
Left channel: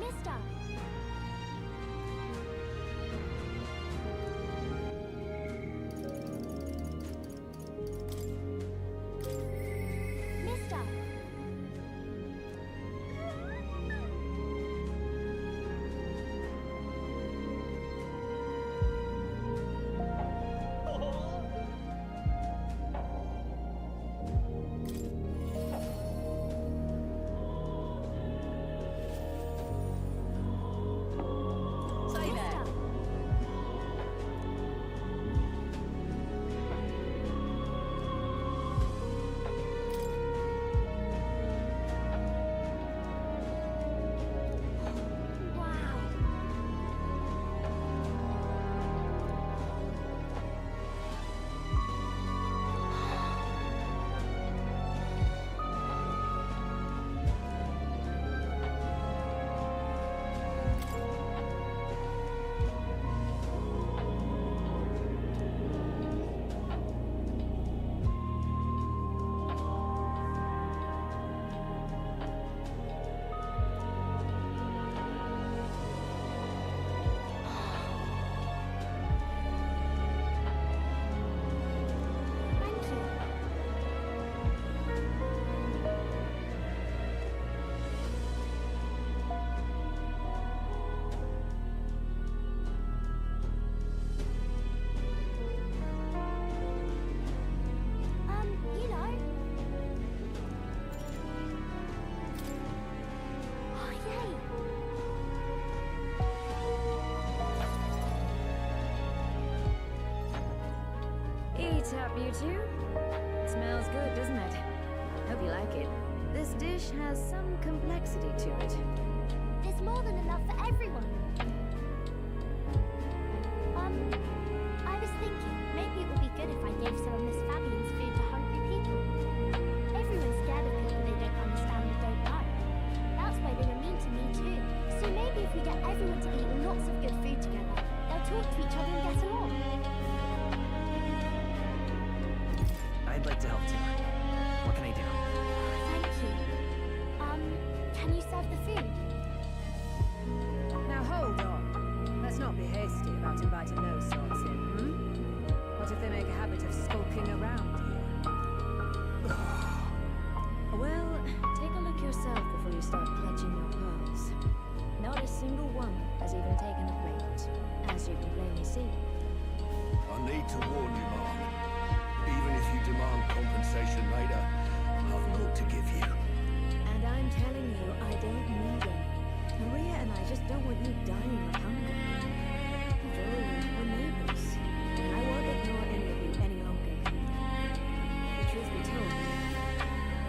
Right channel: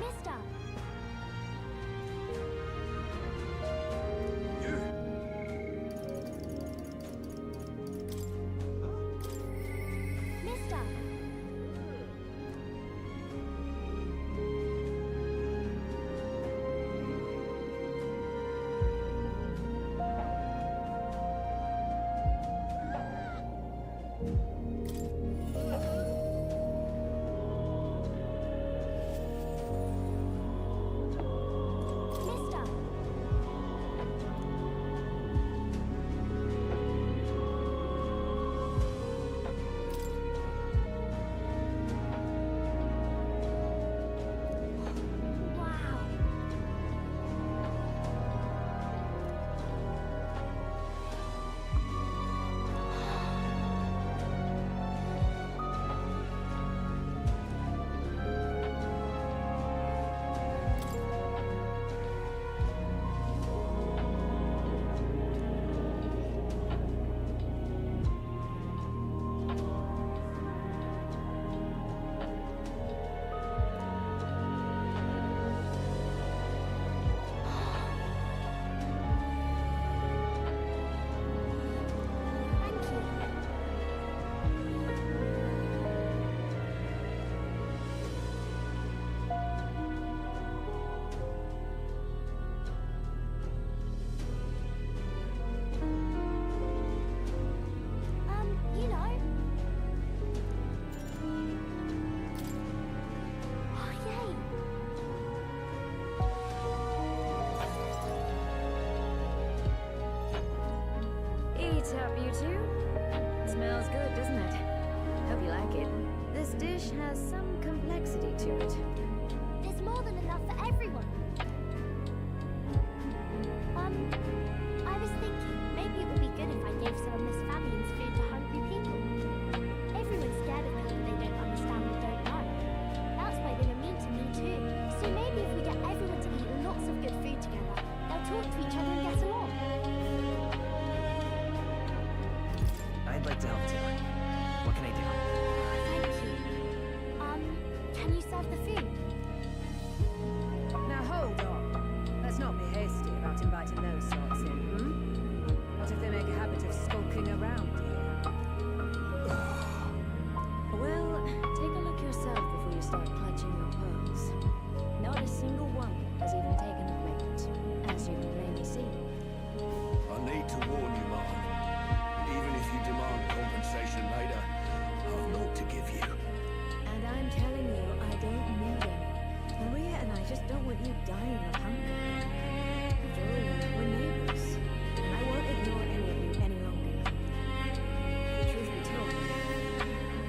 Mister! Mister! Mister! Wow! Thank you. You know. Oh, yay! Eat up, you two. Smells good, doesn't it? Hope you like it. This dish has some complexity to it. There's more than enough for everyone. I was thinking maybe it would be good if I gave some of Miss Fabian's food to hungry people. Everyone's scared of people they don't understand or don't know. That's why they were mean to me too. So maybe if we get everyone to eat lots of good food together, they'll talk to each other and get along. I'd like to help too. What can I do? Thank you. Can you serve the food? Now hold on. Let's not be hasty about inviting those sorts in, What if they make a habit of skulking around here? Well, take a look yourself before you start clutching your pearls. Not a single one has even taken a plate, as you can plainly see. I need to warn you, Mom. Even if you demand compensation later, I've naught to give you. And I'm telling you, I don't need any. Maria and I just don't want you dying of hunger. After all, we're neighbors, and I won't ignore any of you any longer. The truth be told,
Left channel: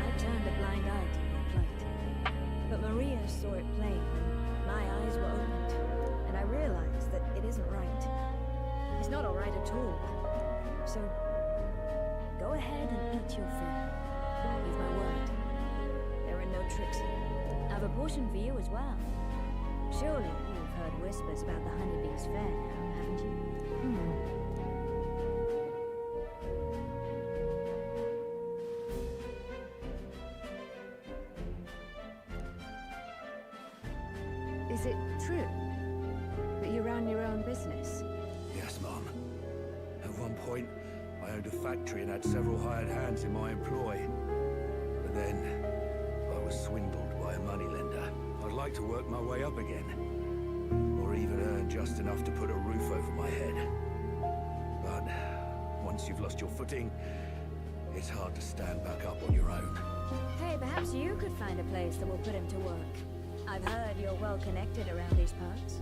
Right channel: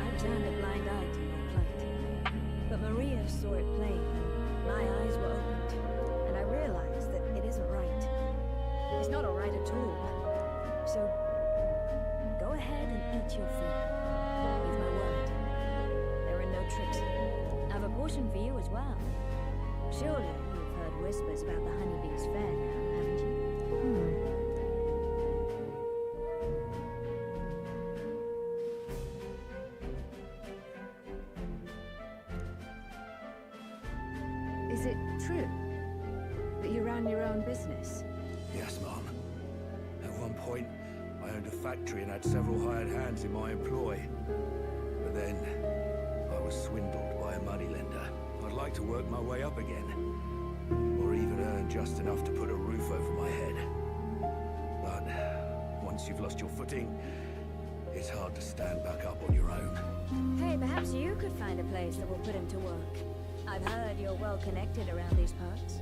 I've turned a blind eye to your plight. But Maria saw it plain, and my eyes were opened, and I realized that it isn't right. It's not all right at all. So, go ahead and eat your food. You've my word. There are no tricks here. I've a portion for you as well. Surely you've heard whispers about the honeybee's fair now, haven't you? Is it true that you ran your own business? Yes, Mom. At one point, I owned a factory and had several hired hands in my employ. But then, I was swindled by a moneylender. I'd like to work my way up again. Or even earn just enough to put a roof over my head. But once you've lost your footing, it's hard to stand back up on your own. Hey, perhaps you could find a place that will put him to work. I've heard you're well connected around these parts.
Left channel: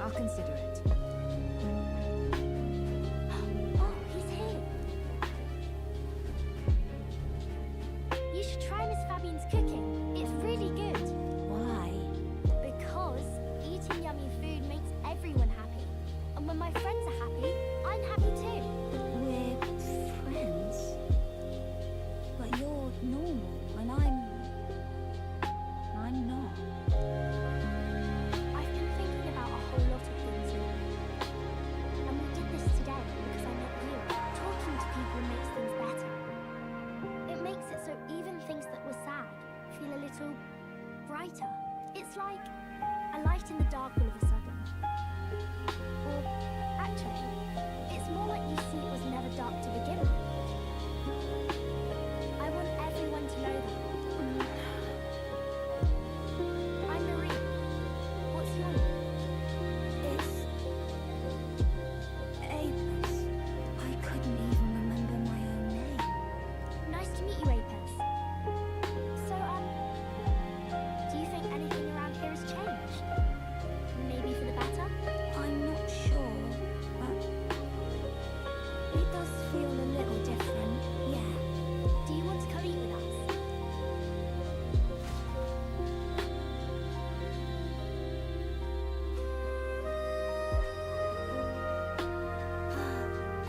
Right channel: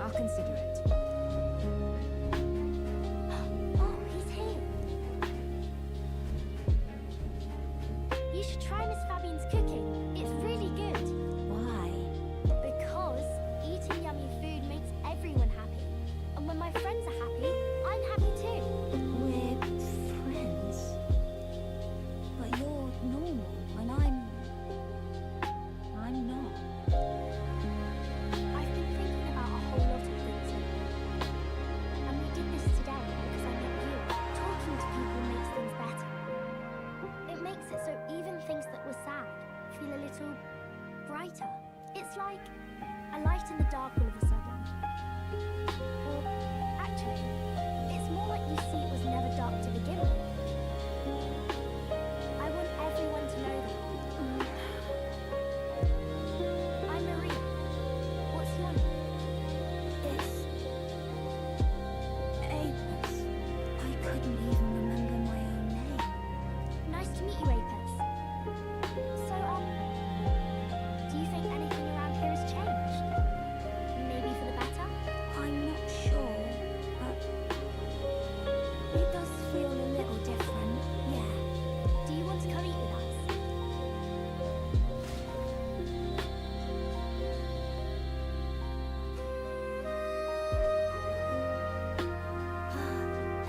I'll consider it. Oh, he's here. You should try Miss Fabian's cooking. It's really good. Why? Because eating yummy food makes everyone happy. And when my friends are happy, I'm happy too. We're friends. But you're normal, and I'm not. I've been thinking about a whole lot of things lately. And we did this today because I met you. Talking to people makes things better. It makes it so even things that were sad feel a little brighter. It's like a light in the dark all of a sudden. Or, actually, it's more like you see it was never dark to begin with. I want everyone to know that. I'm Maria. What's your name? It's Apis. I couldn't even remember my own name. Nice to meet you, Apis. So, do you think anything around here has changed? Maybe for the better? I'm not sure, but it does feel a little different, yeah. Do you want to come eat with us?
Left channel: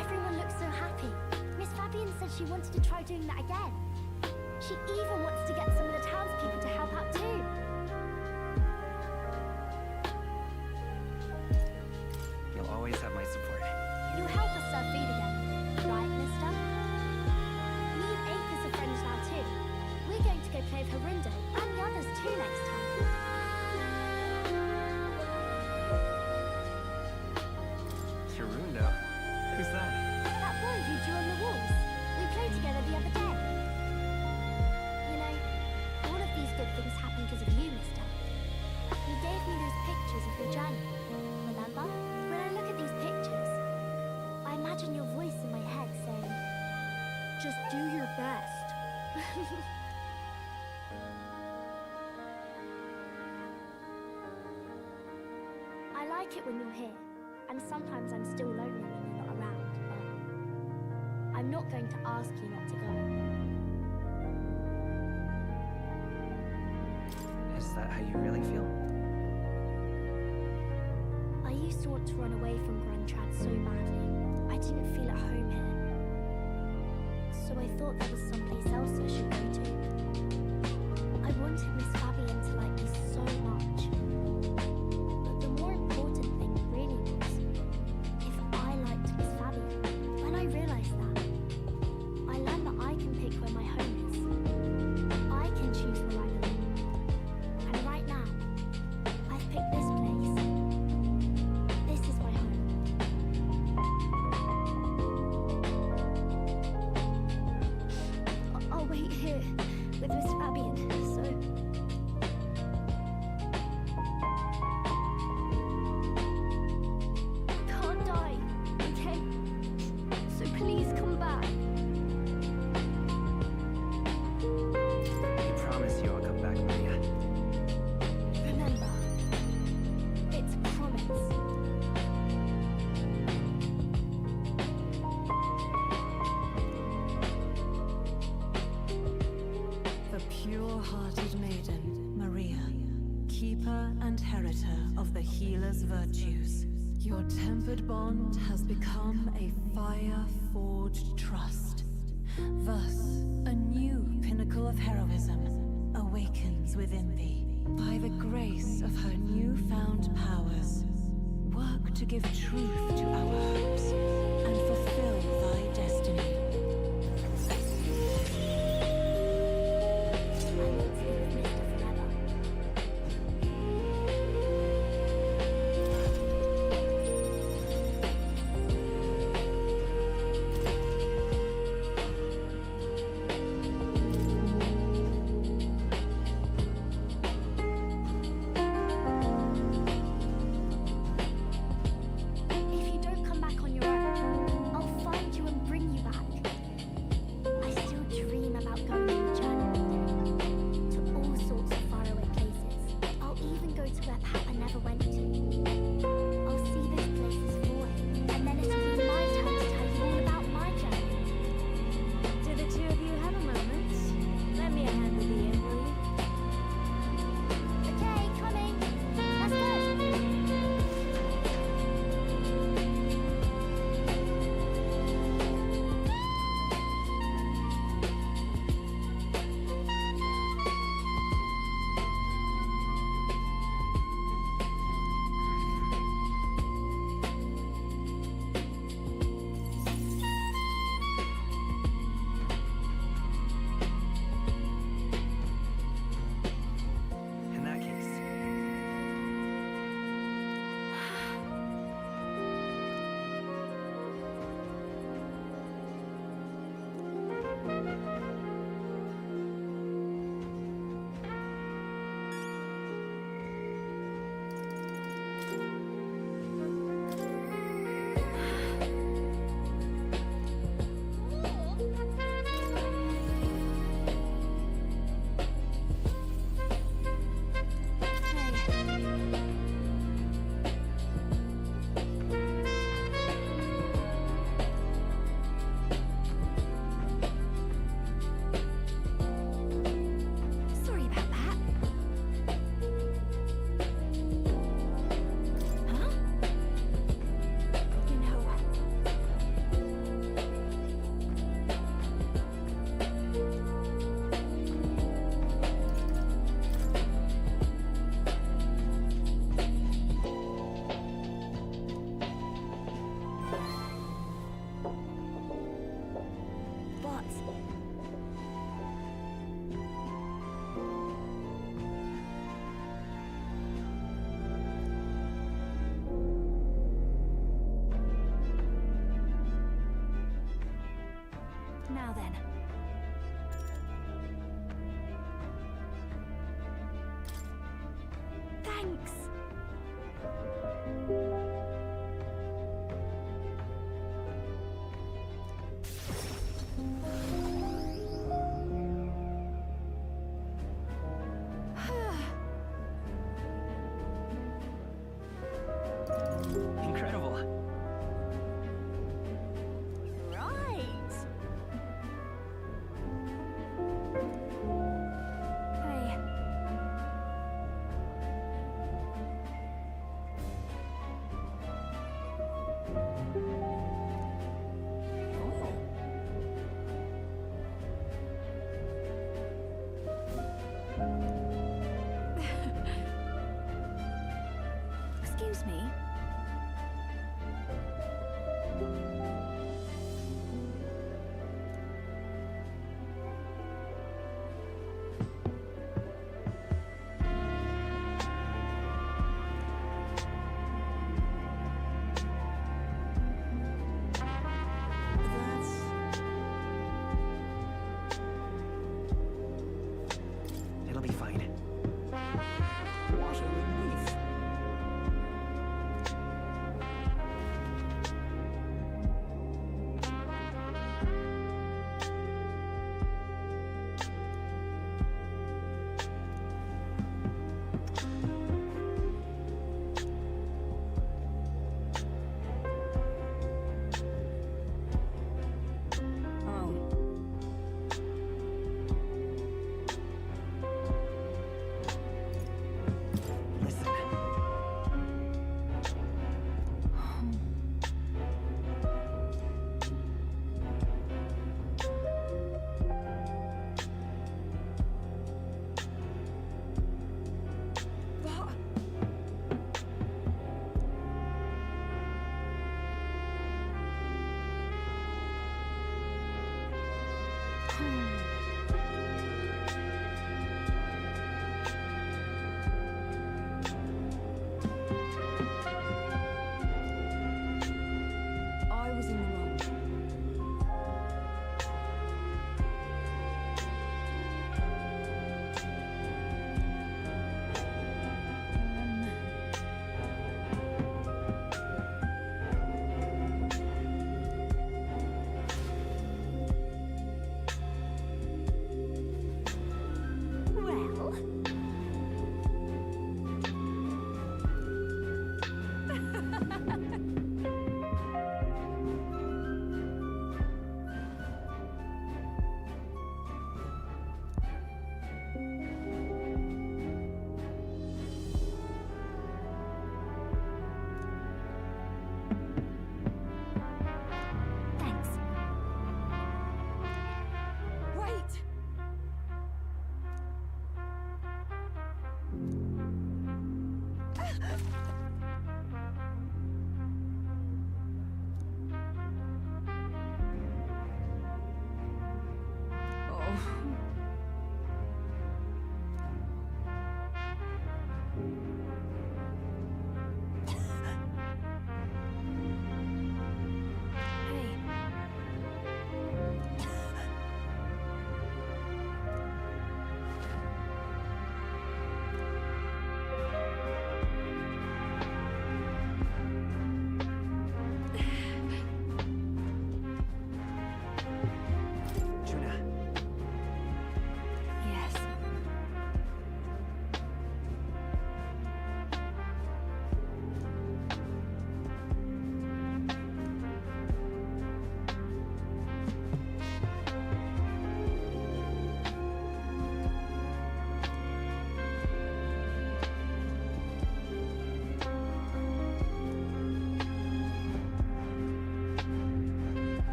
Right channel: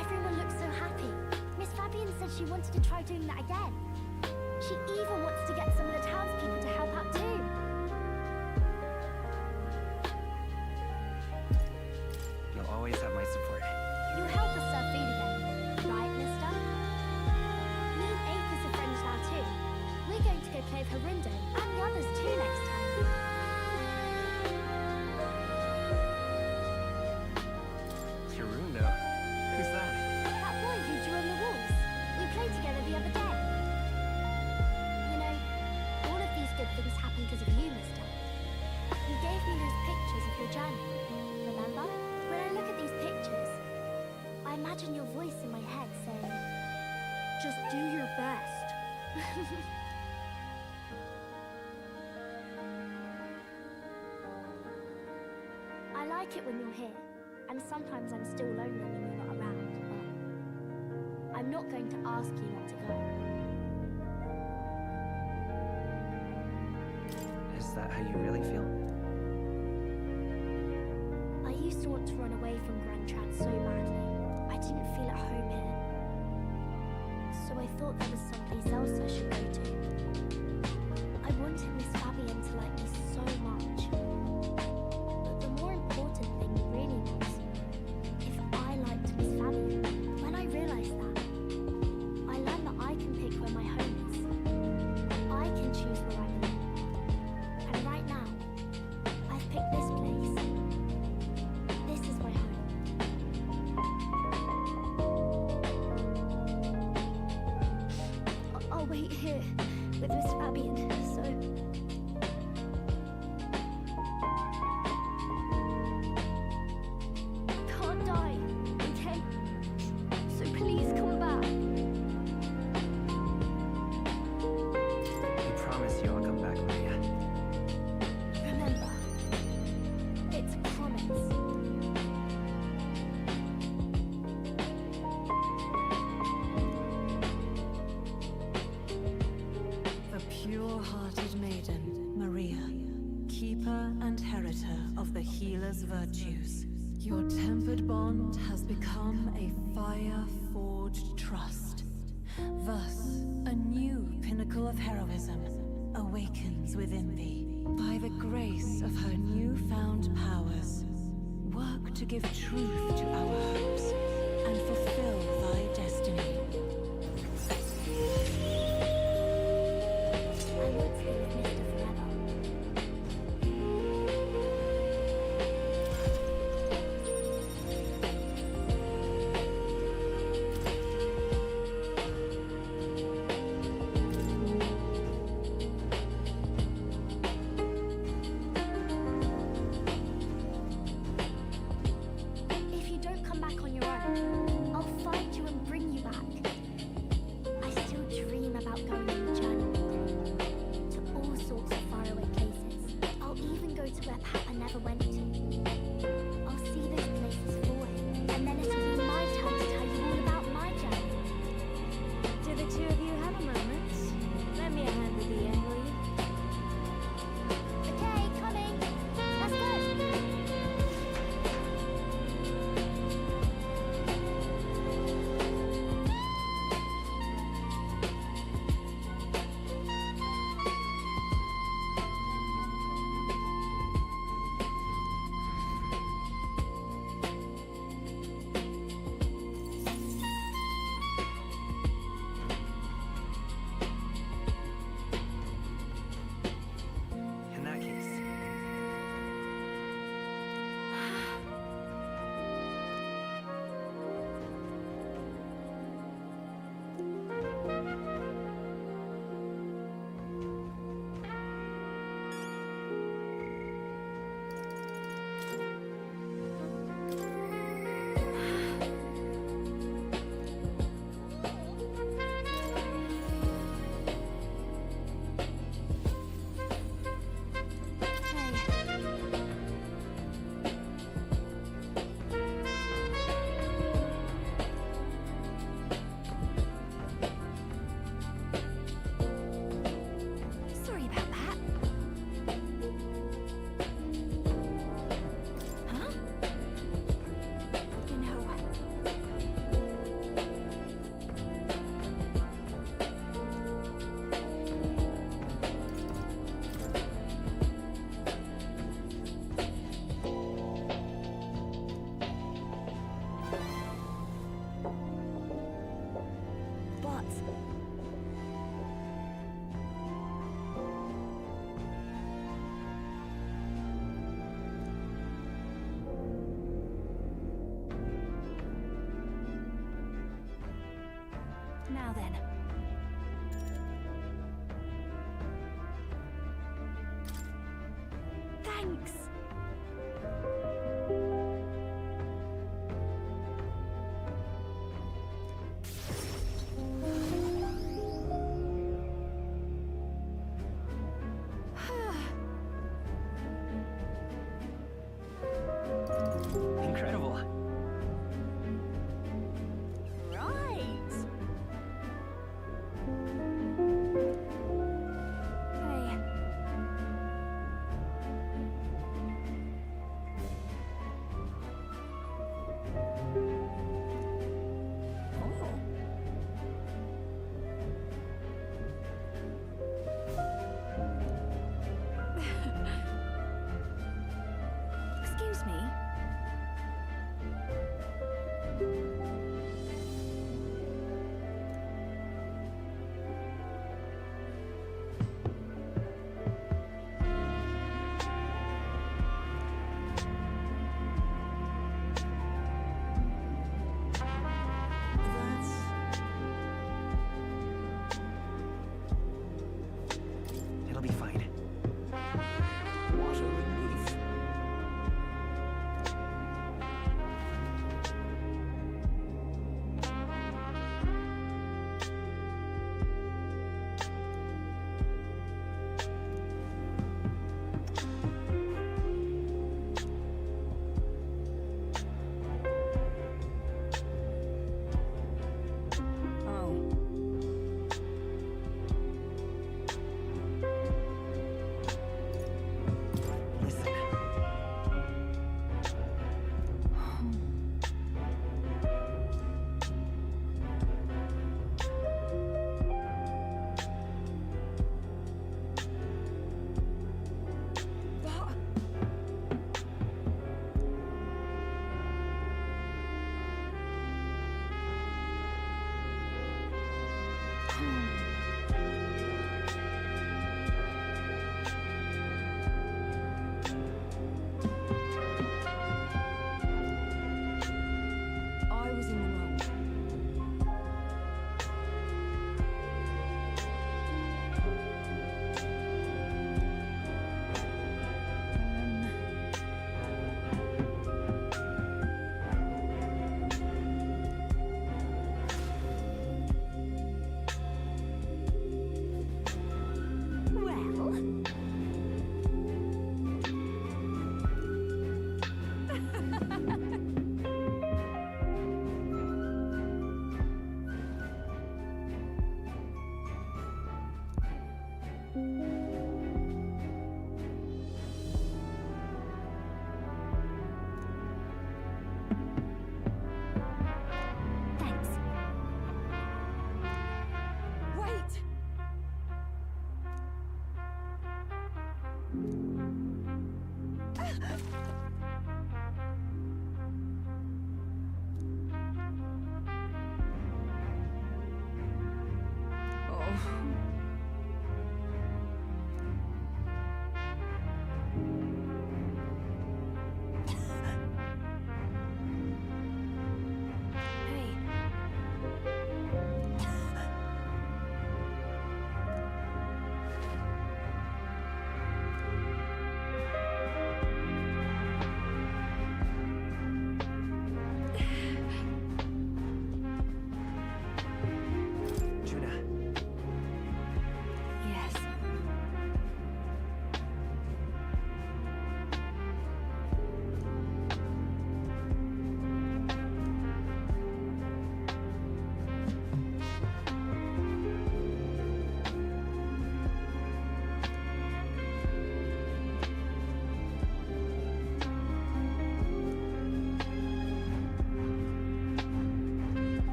Everyone looks so happy. Miss Fabian said she wanted to try doing that again. She even wants to get some of the townspeople to help out too. You'll always have my support. You'll help us serve food again, right, mister? Me and Apis are friends now too. We're going to go play with Harundo and the others too next time. Harundo? Who's that? That boy who drew on the walls. We played together the other day. You know, all of these good things happened because of you, mister. You gave me those pictures of your journey. Remember? When I look at these pictures, I imagine your voice in my head saying, just do your best. I like it when you're here, and sometimes I'm still lonely when you're not around, but I'm not going to ask you not to go. Is that how you really feel? I used to want to run away from Grand Trad so badly. I didn't feel at home here. So I thought there was someplace else I should go to. I wanted Miss Fabian to like me so much. But the more important thing really was if I liked Miss Fabian. When I realized that, I learned that I can pick where my home is. I can choose where I belong. And right now, I've picked this place. This is my home. I'll wait here with Miss Fabian, so... I can't die, okay? So please come back. I promise you I'll come back, Maria. Remember, it's a promise. The pure-hearted maiden, Maria, keeper and heritor of the healer's virtues. Your tempered bond has become a fire-forged trust. Thus, a new pinnacle of heroism awakens within thee. By the grace of her newfound powers, work to give truth to our hopes and fulfill thy destiny. I want to be with Mister forever. If you don't come back on your own, I'll find you and bring you back. Now then. Thanks. Incredible. Right. Hey. Oh. Excuse me. It'll be fine. What a relief. Oh.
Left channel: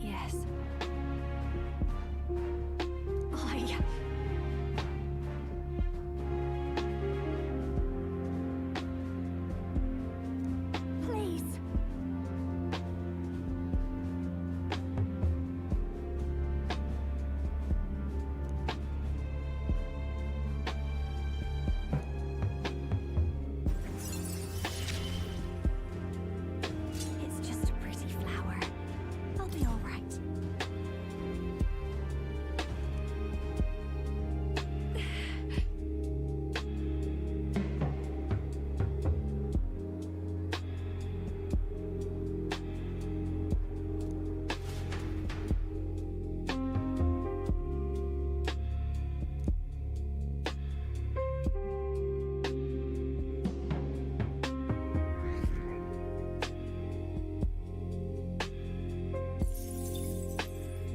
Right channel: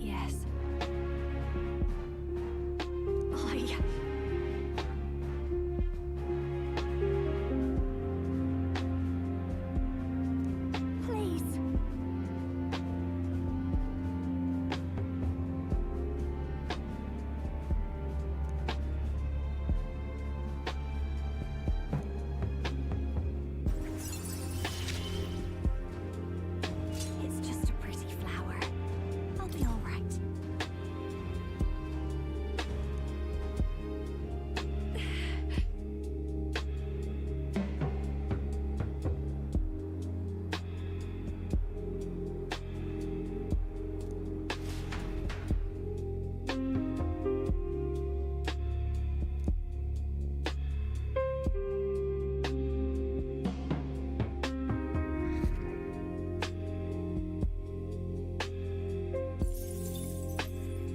Yes. I... Please. It's just a pretty flower. I'll be all right.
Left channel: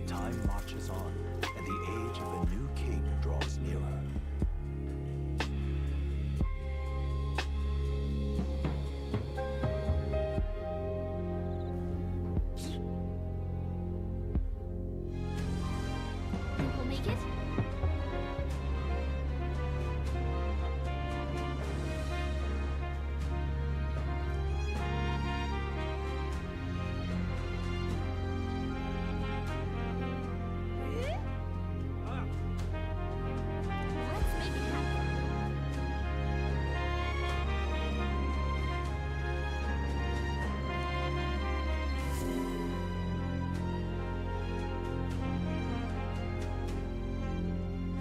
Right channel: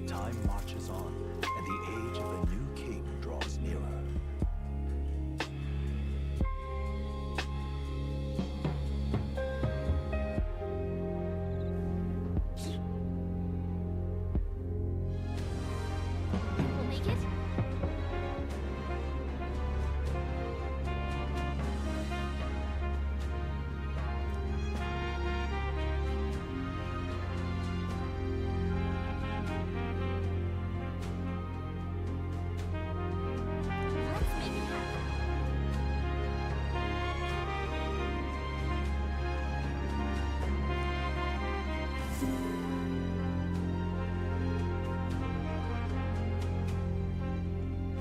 Time marches on, and the age of a new king draws nearer. Think we'll make it? Let's make it happen.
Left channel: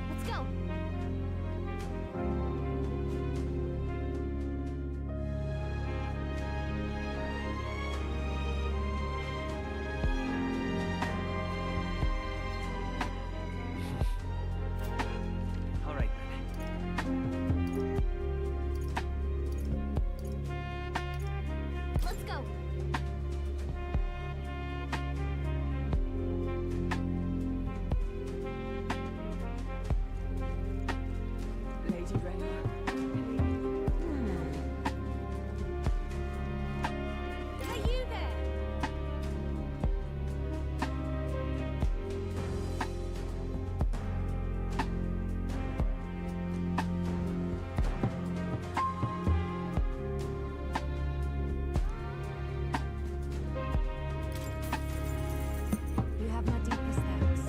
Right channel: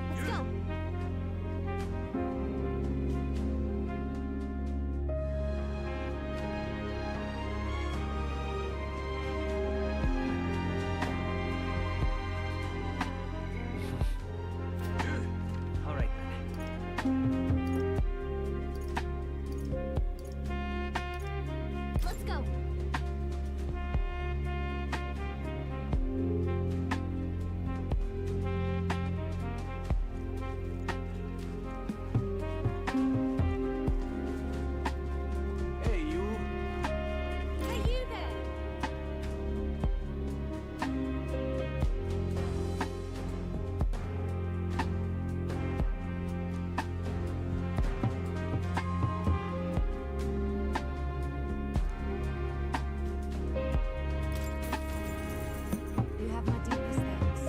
Let's go. All right then. Let's go. Hey, you there! You have my deepest thanks.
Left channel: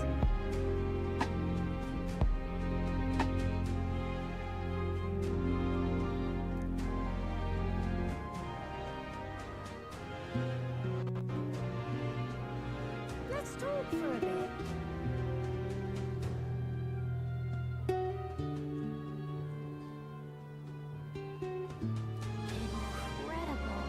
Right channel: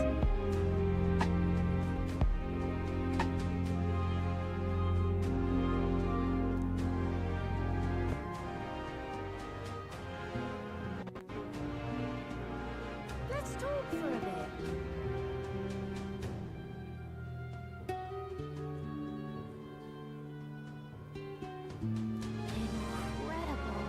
Let's talk for a bit. Incredible.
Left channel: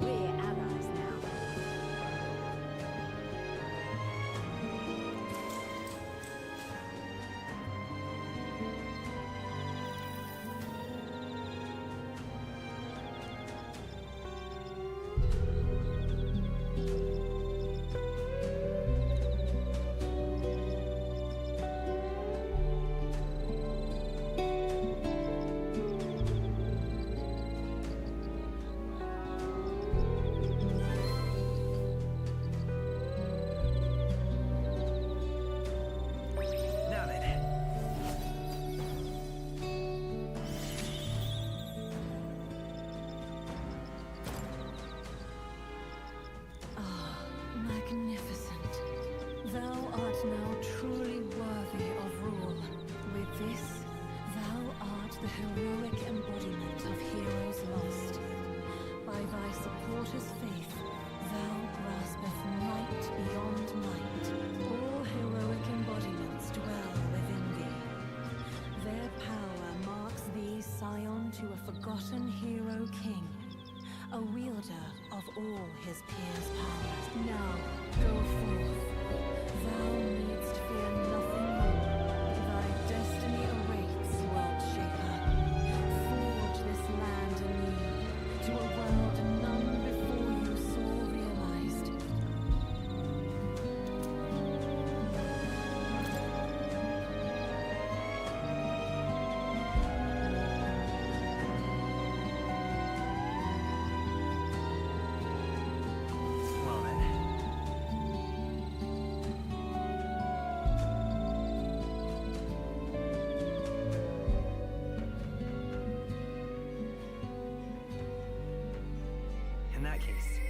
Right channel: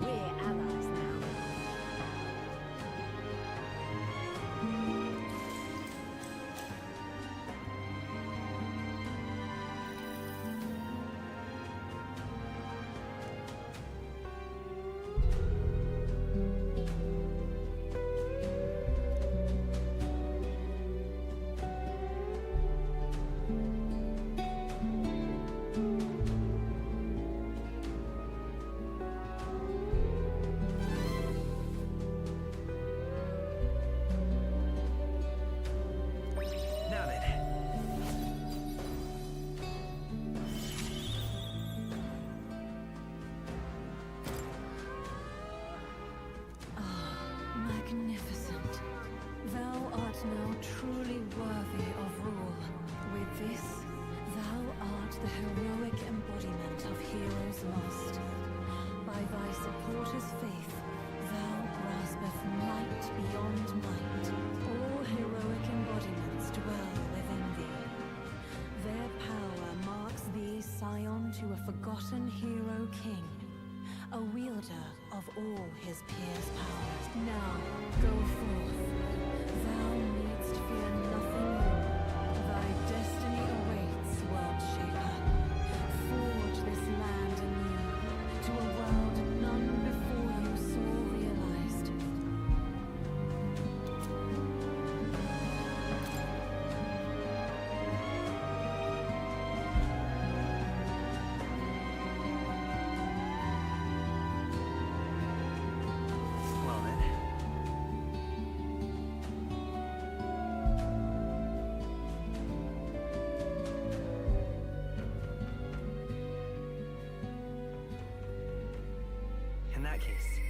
We're allies now. Now then. Ah, magnificent. Thou art now truly worthy of rule. With this, thou art the heroic embodiment of heroes lost. By thy supporters' faith, thou graspeth might beyond might. All heroic embodiments dwell within thee. Their power marks thee scion to a forgotten hero king, a wielder of all his peers' powers. Now, go forth. Thou needst fear nothing more. Thy destiny awaits, world shaper. Forge this land anew, to a world none before case.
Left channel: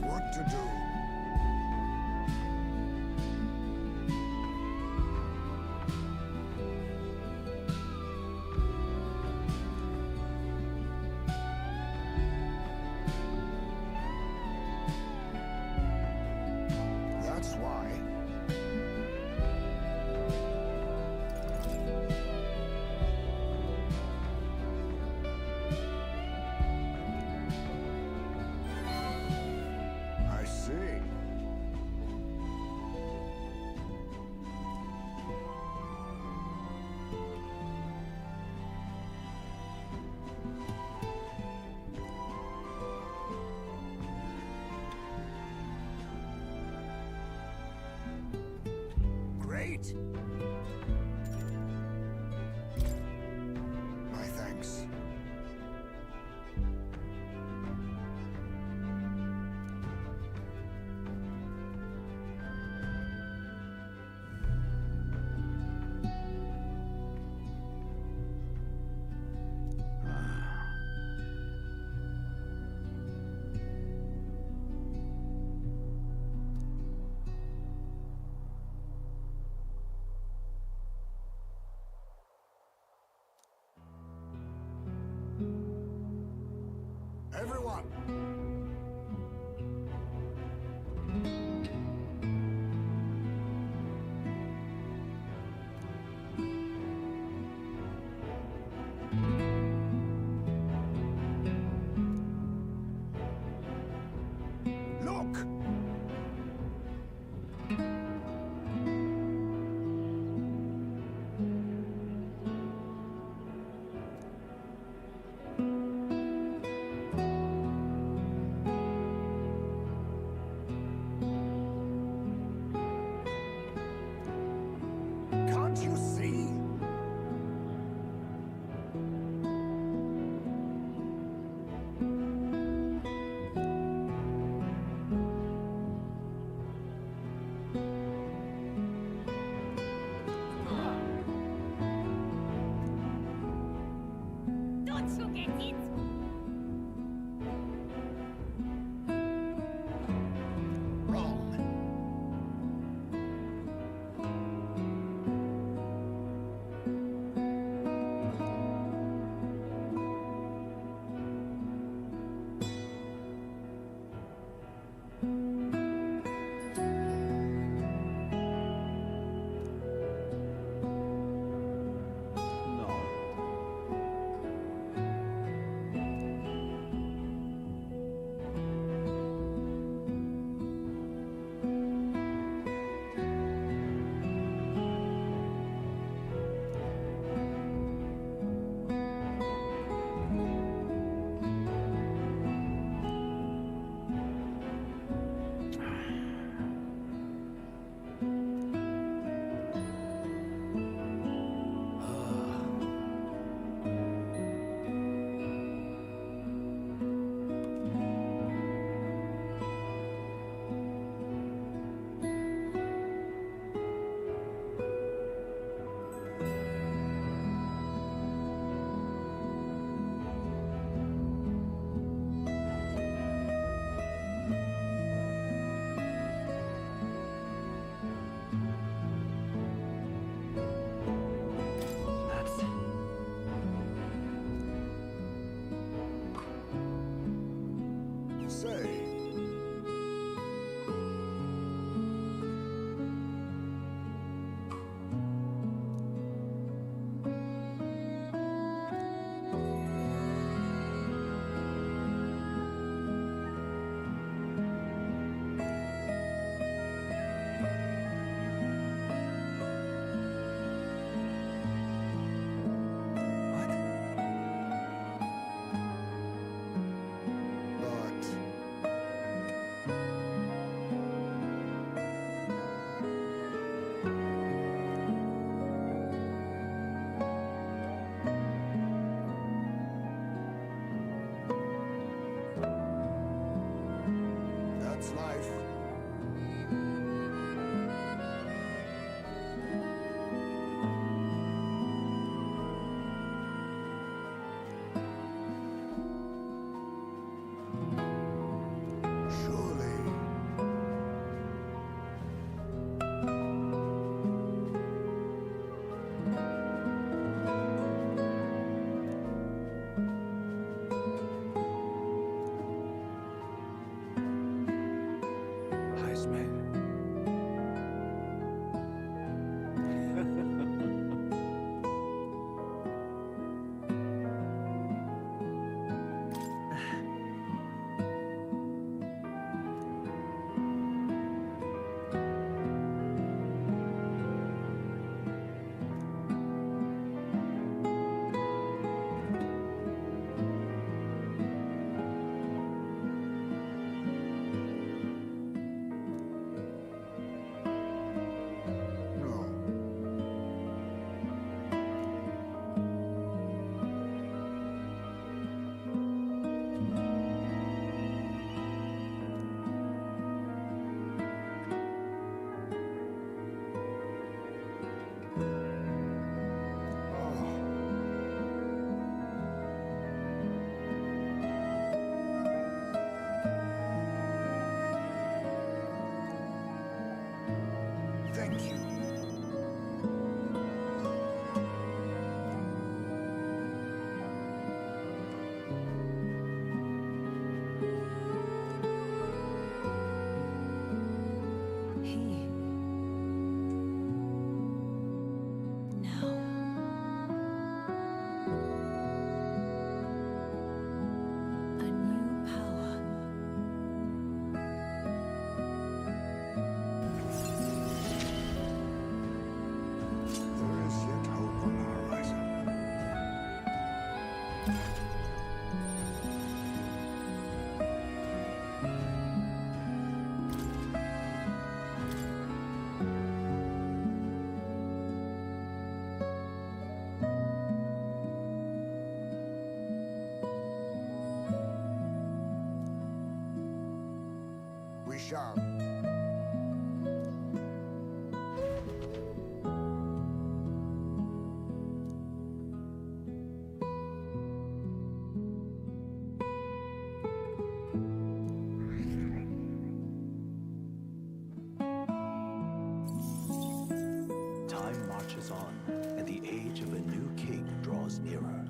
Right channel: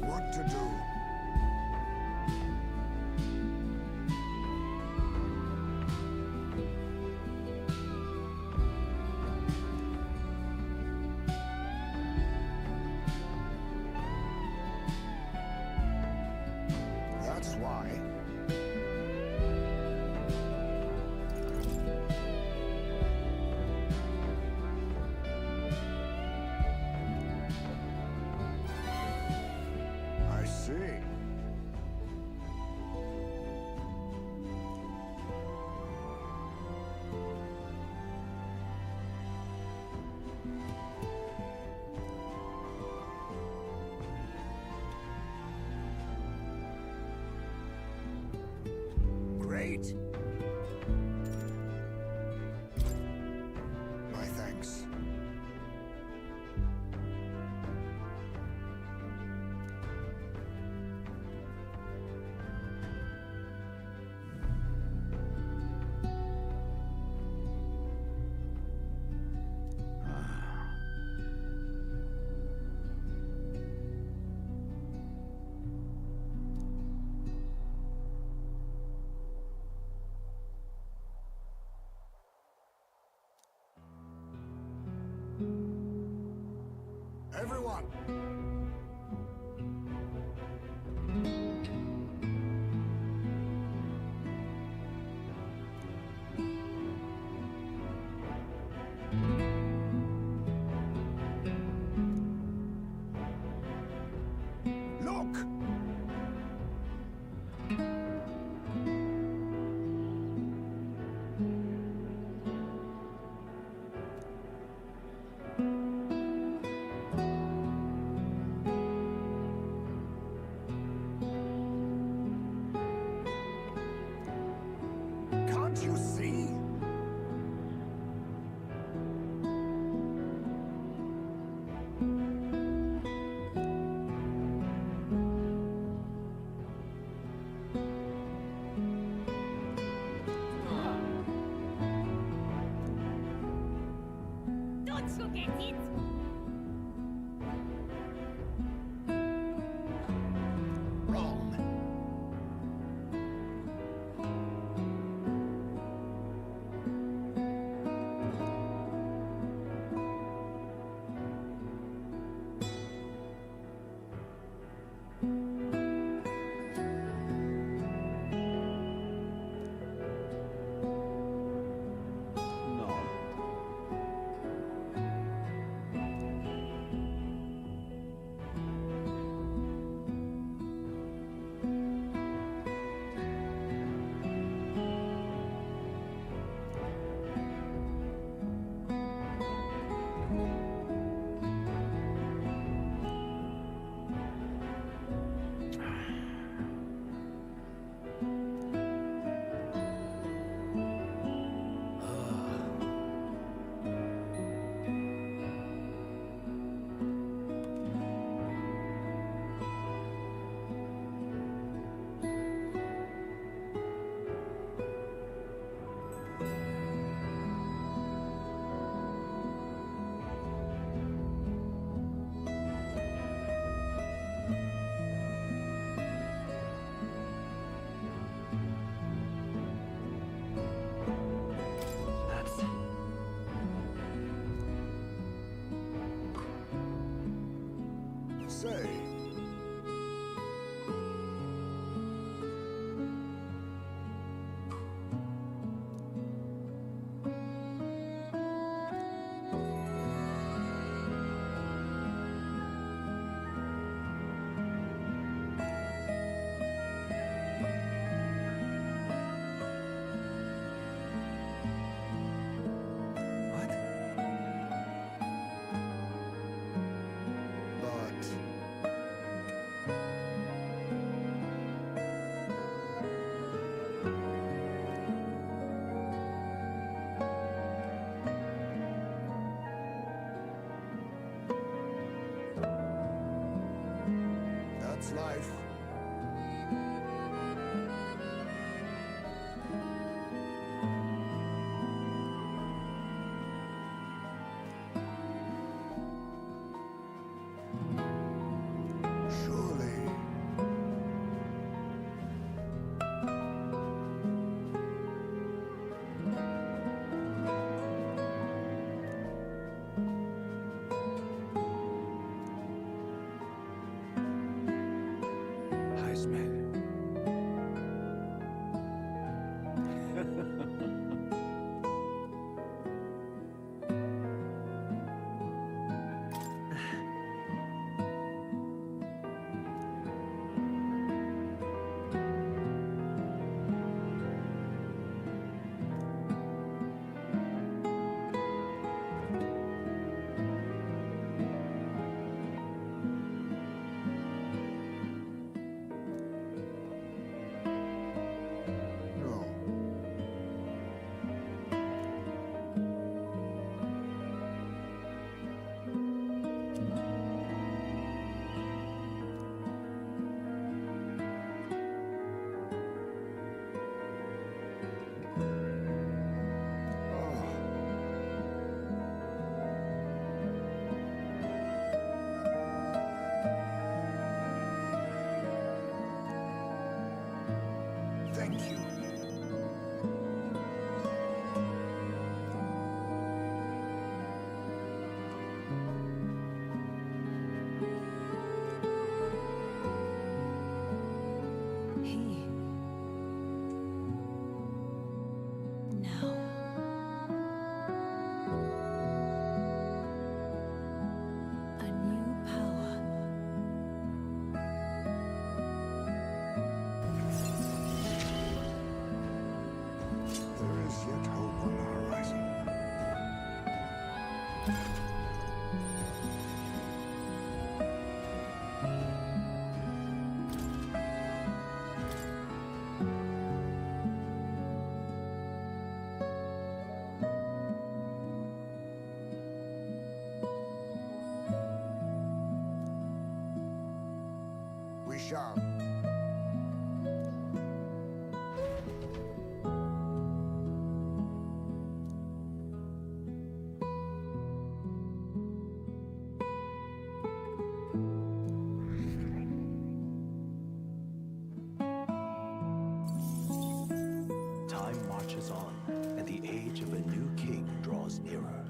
What to do? That's why. I see. Great. My thanks. Everyone! Look! Can't you see? Don't forget it! Wrong. No. That's life. Surely. Heisman. No. Oh. Thank you. He. Now. A new power. There is yet hope on the horizon. We shall. Time marches on, and the age of a new king draws nearer.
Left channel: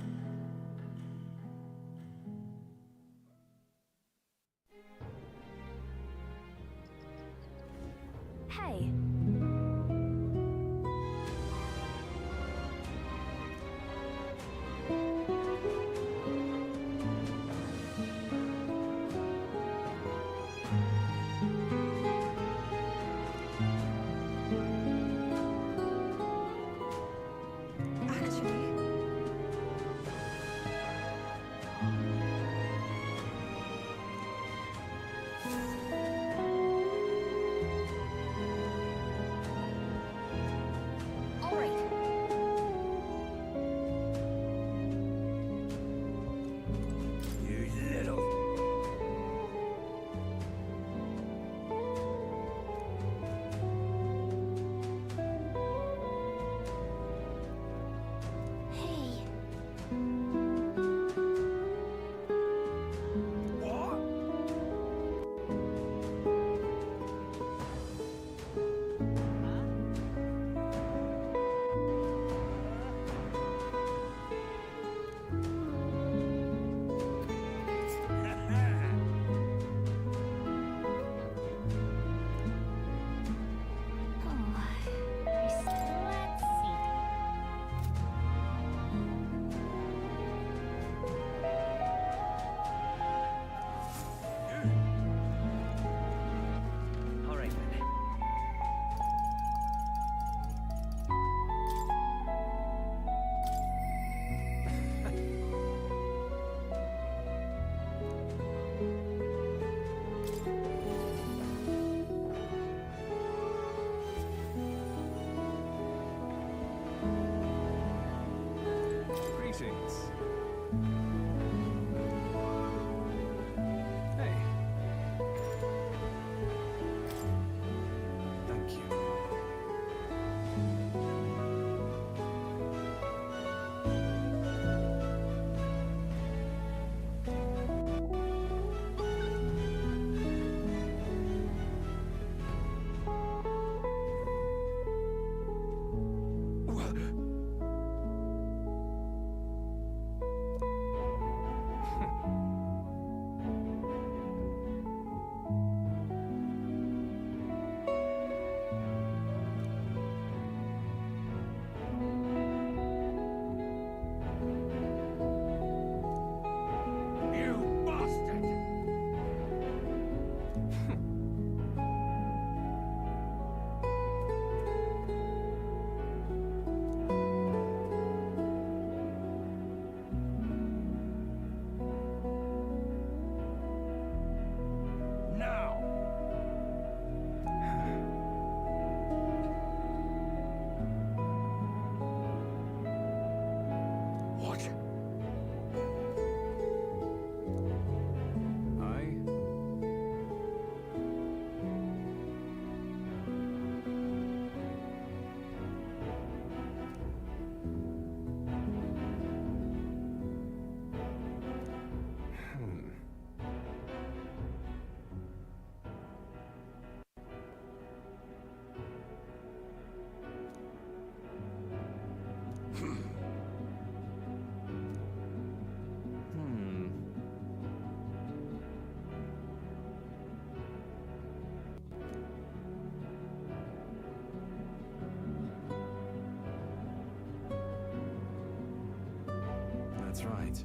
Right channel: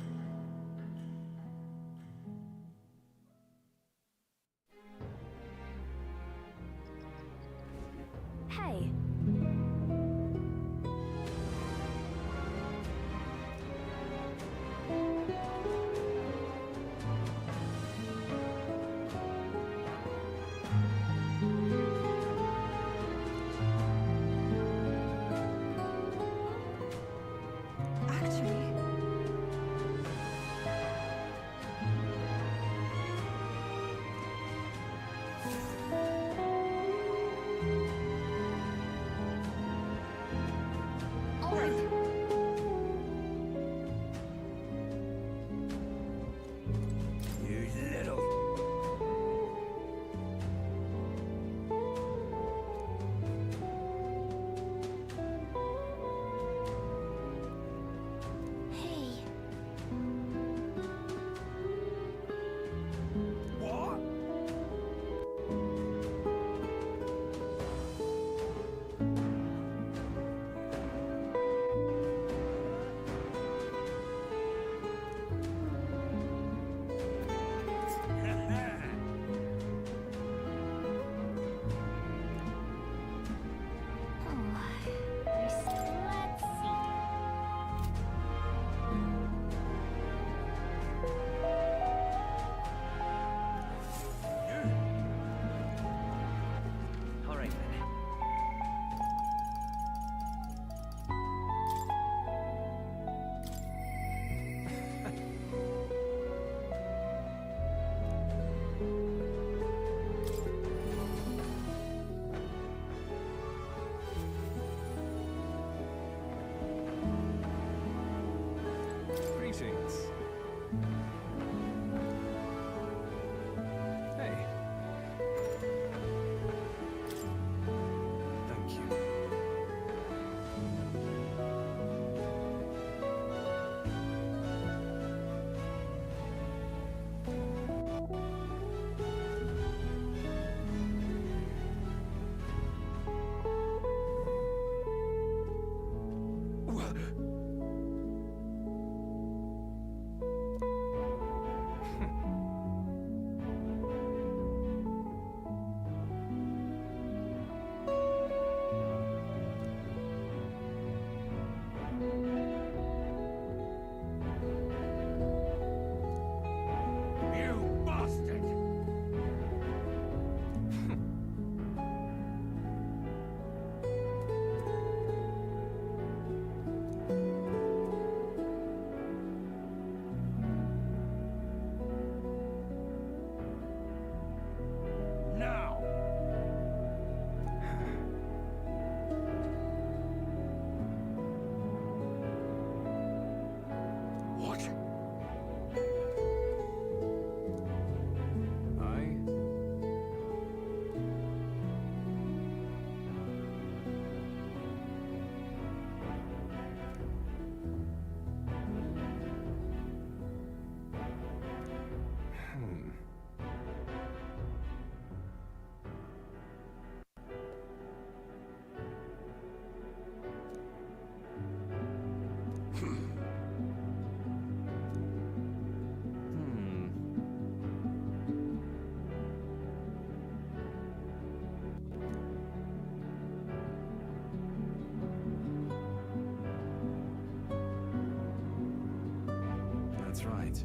That's right.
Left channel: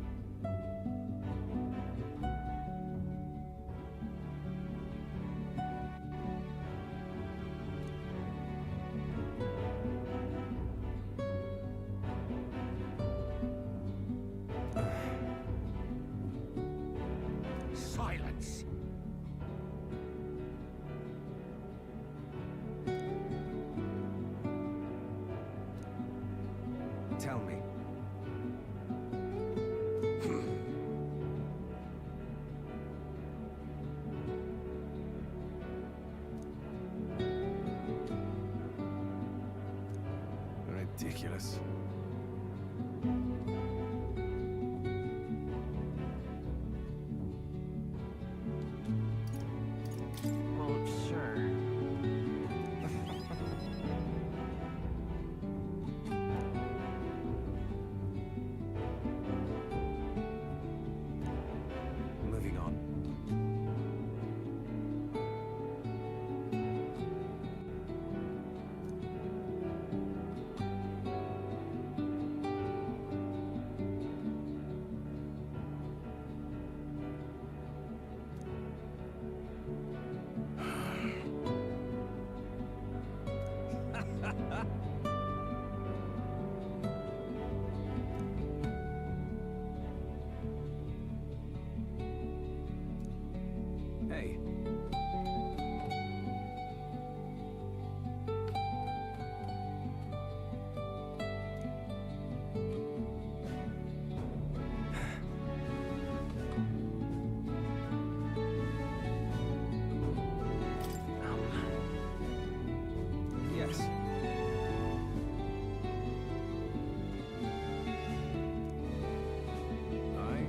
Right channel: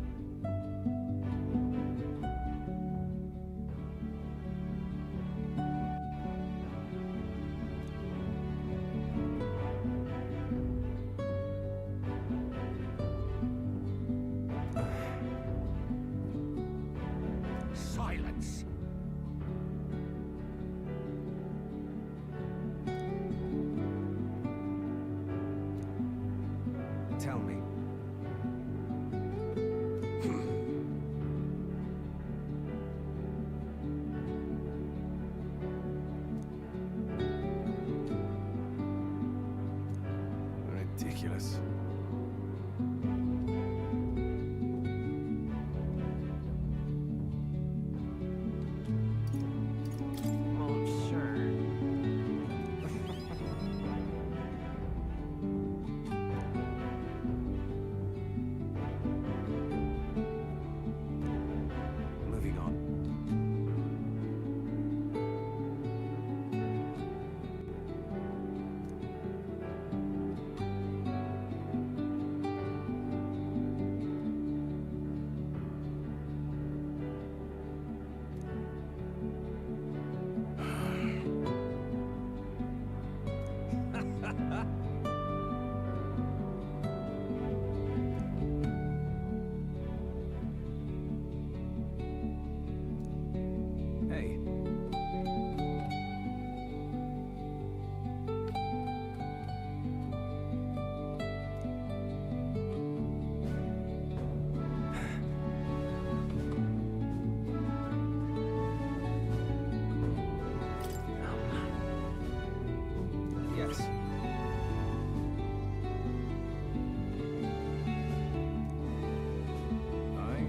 Silence! Tell me. Ridiculous. Well, sure. Moving on. Hey. Yes. Aye.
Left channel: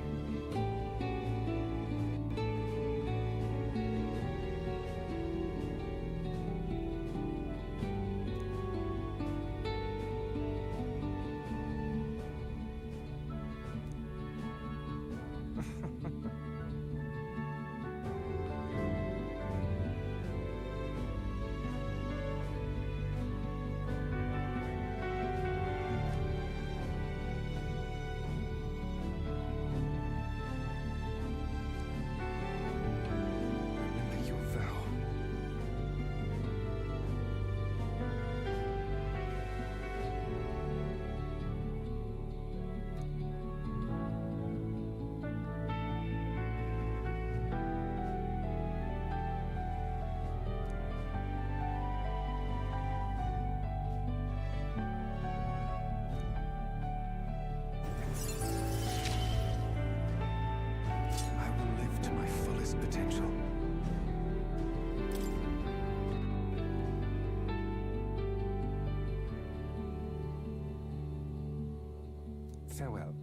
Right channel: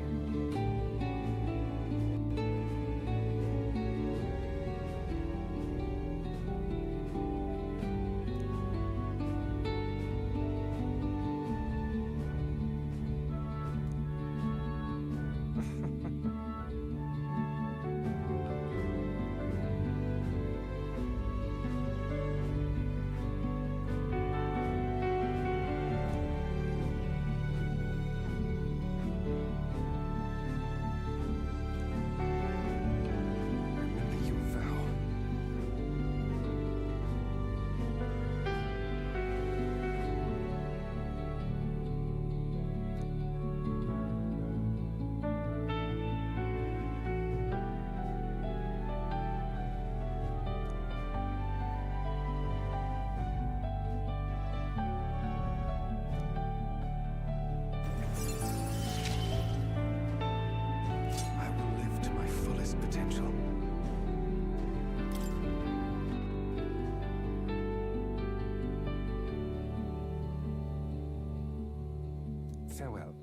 Remember your vow. I will live to my fullest potential. Farewell.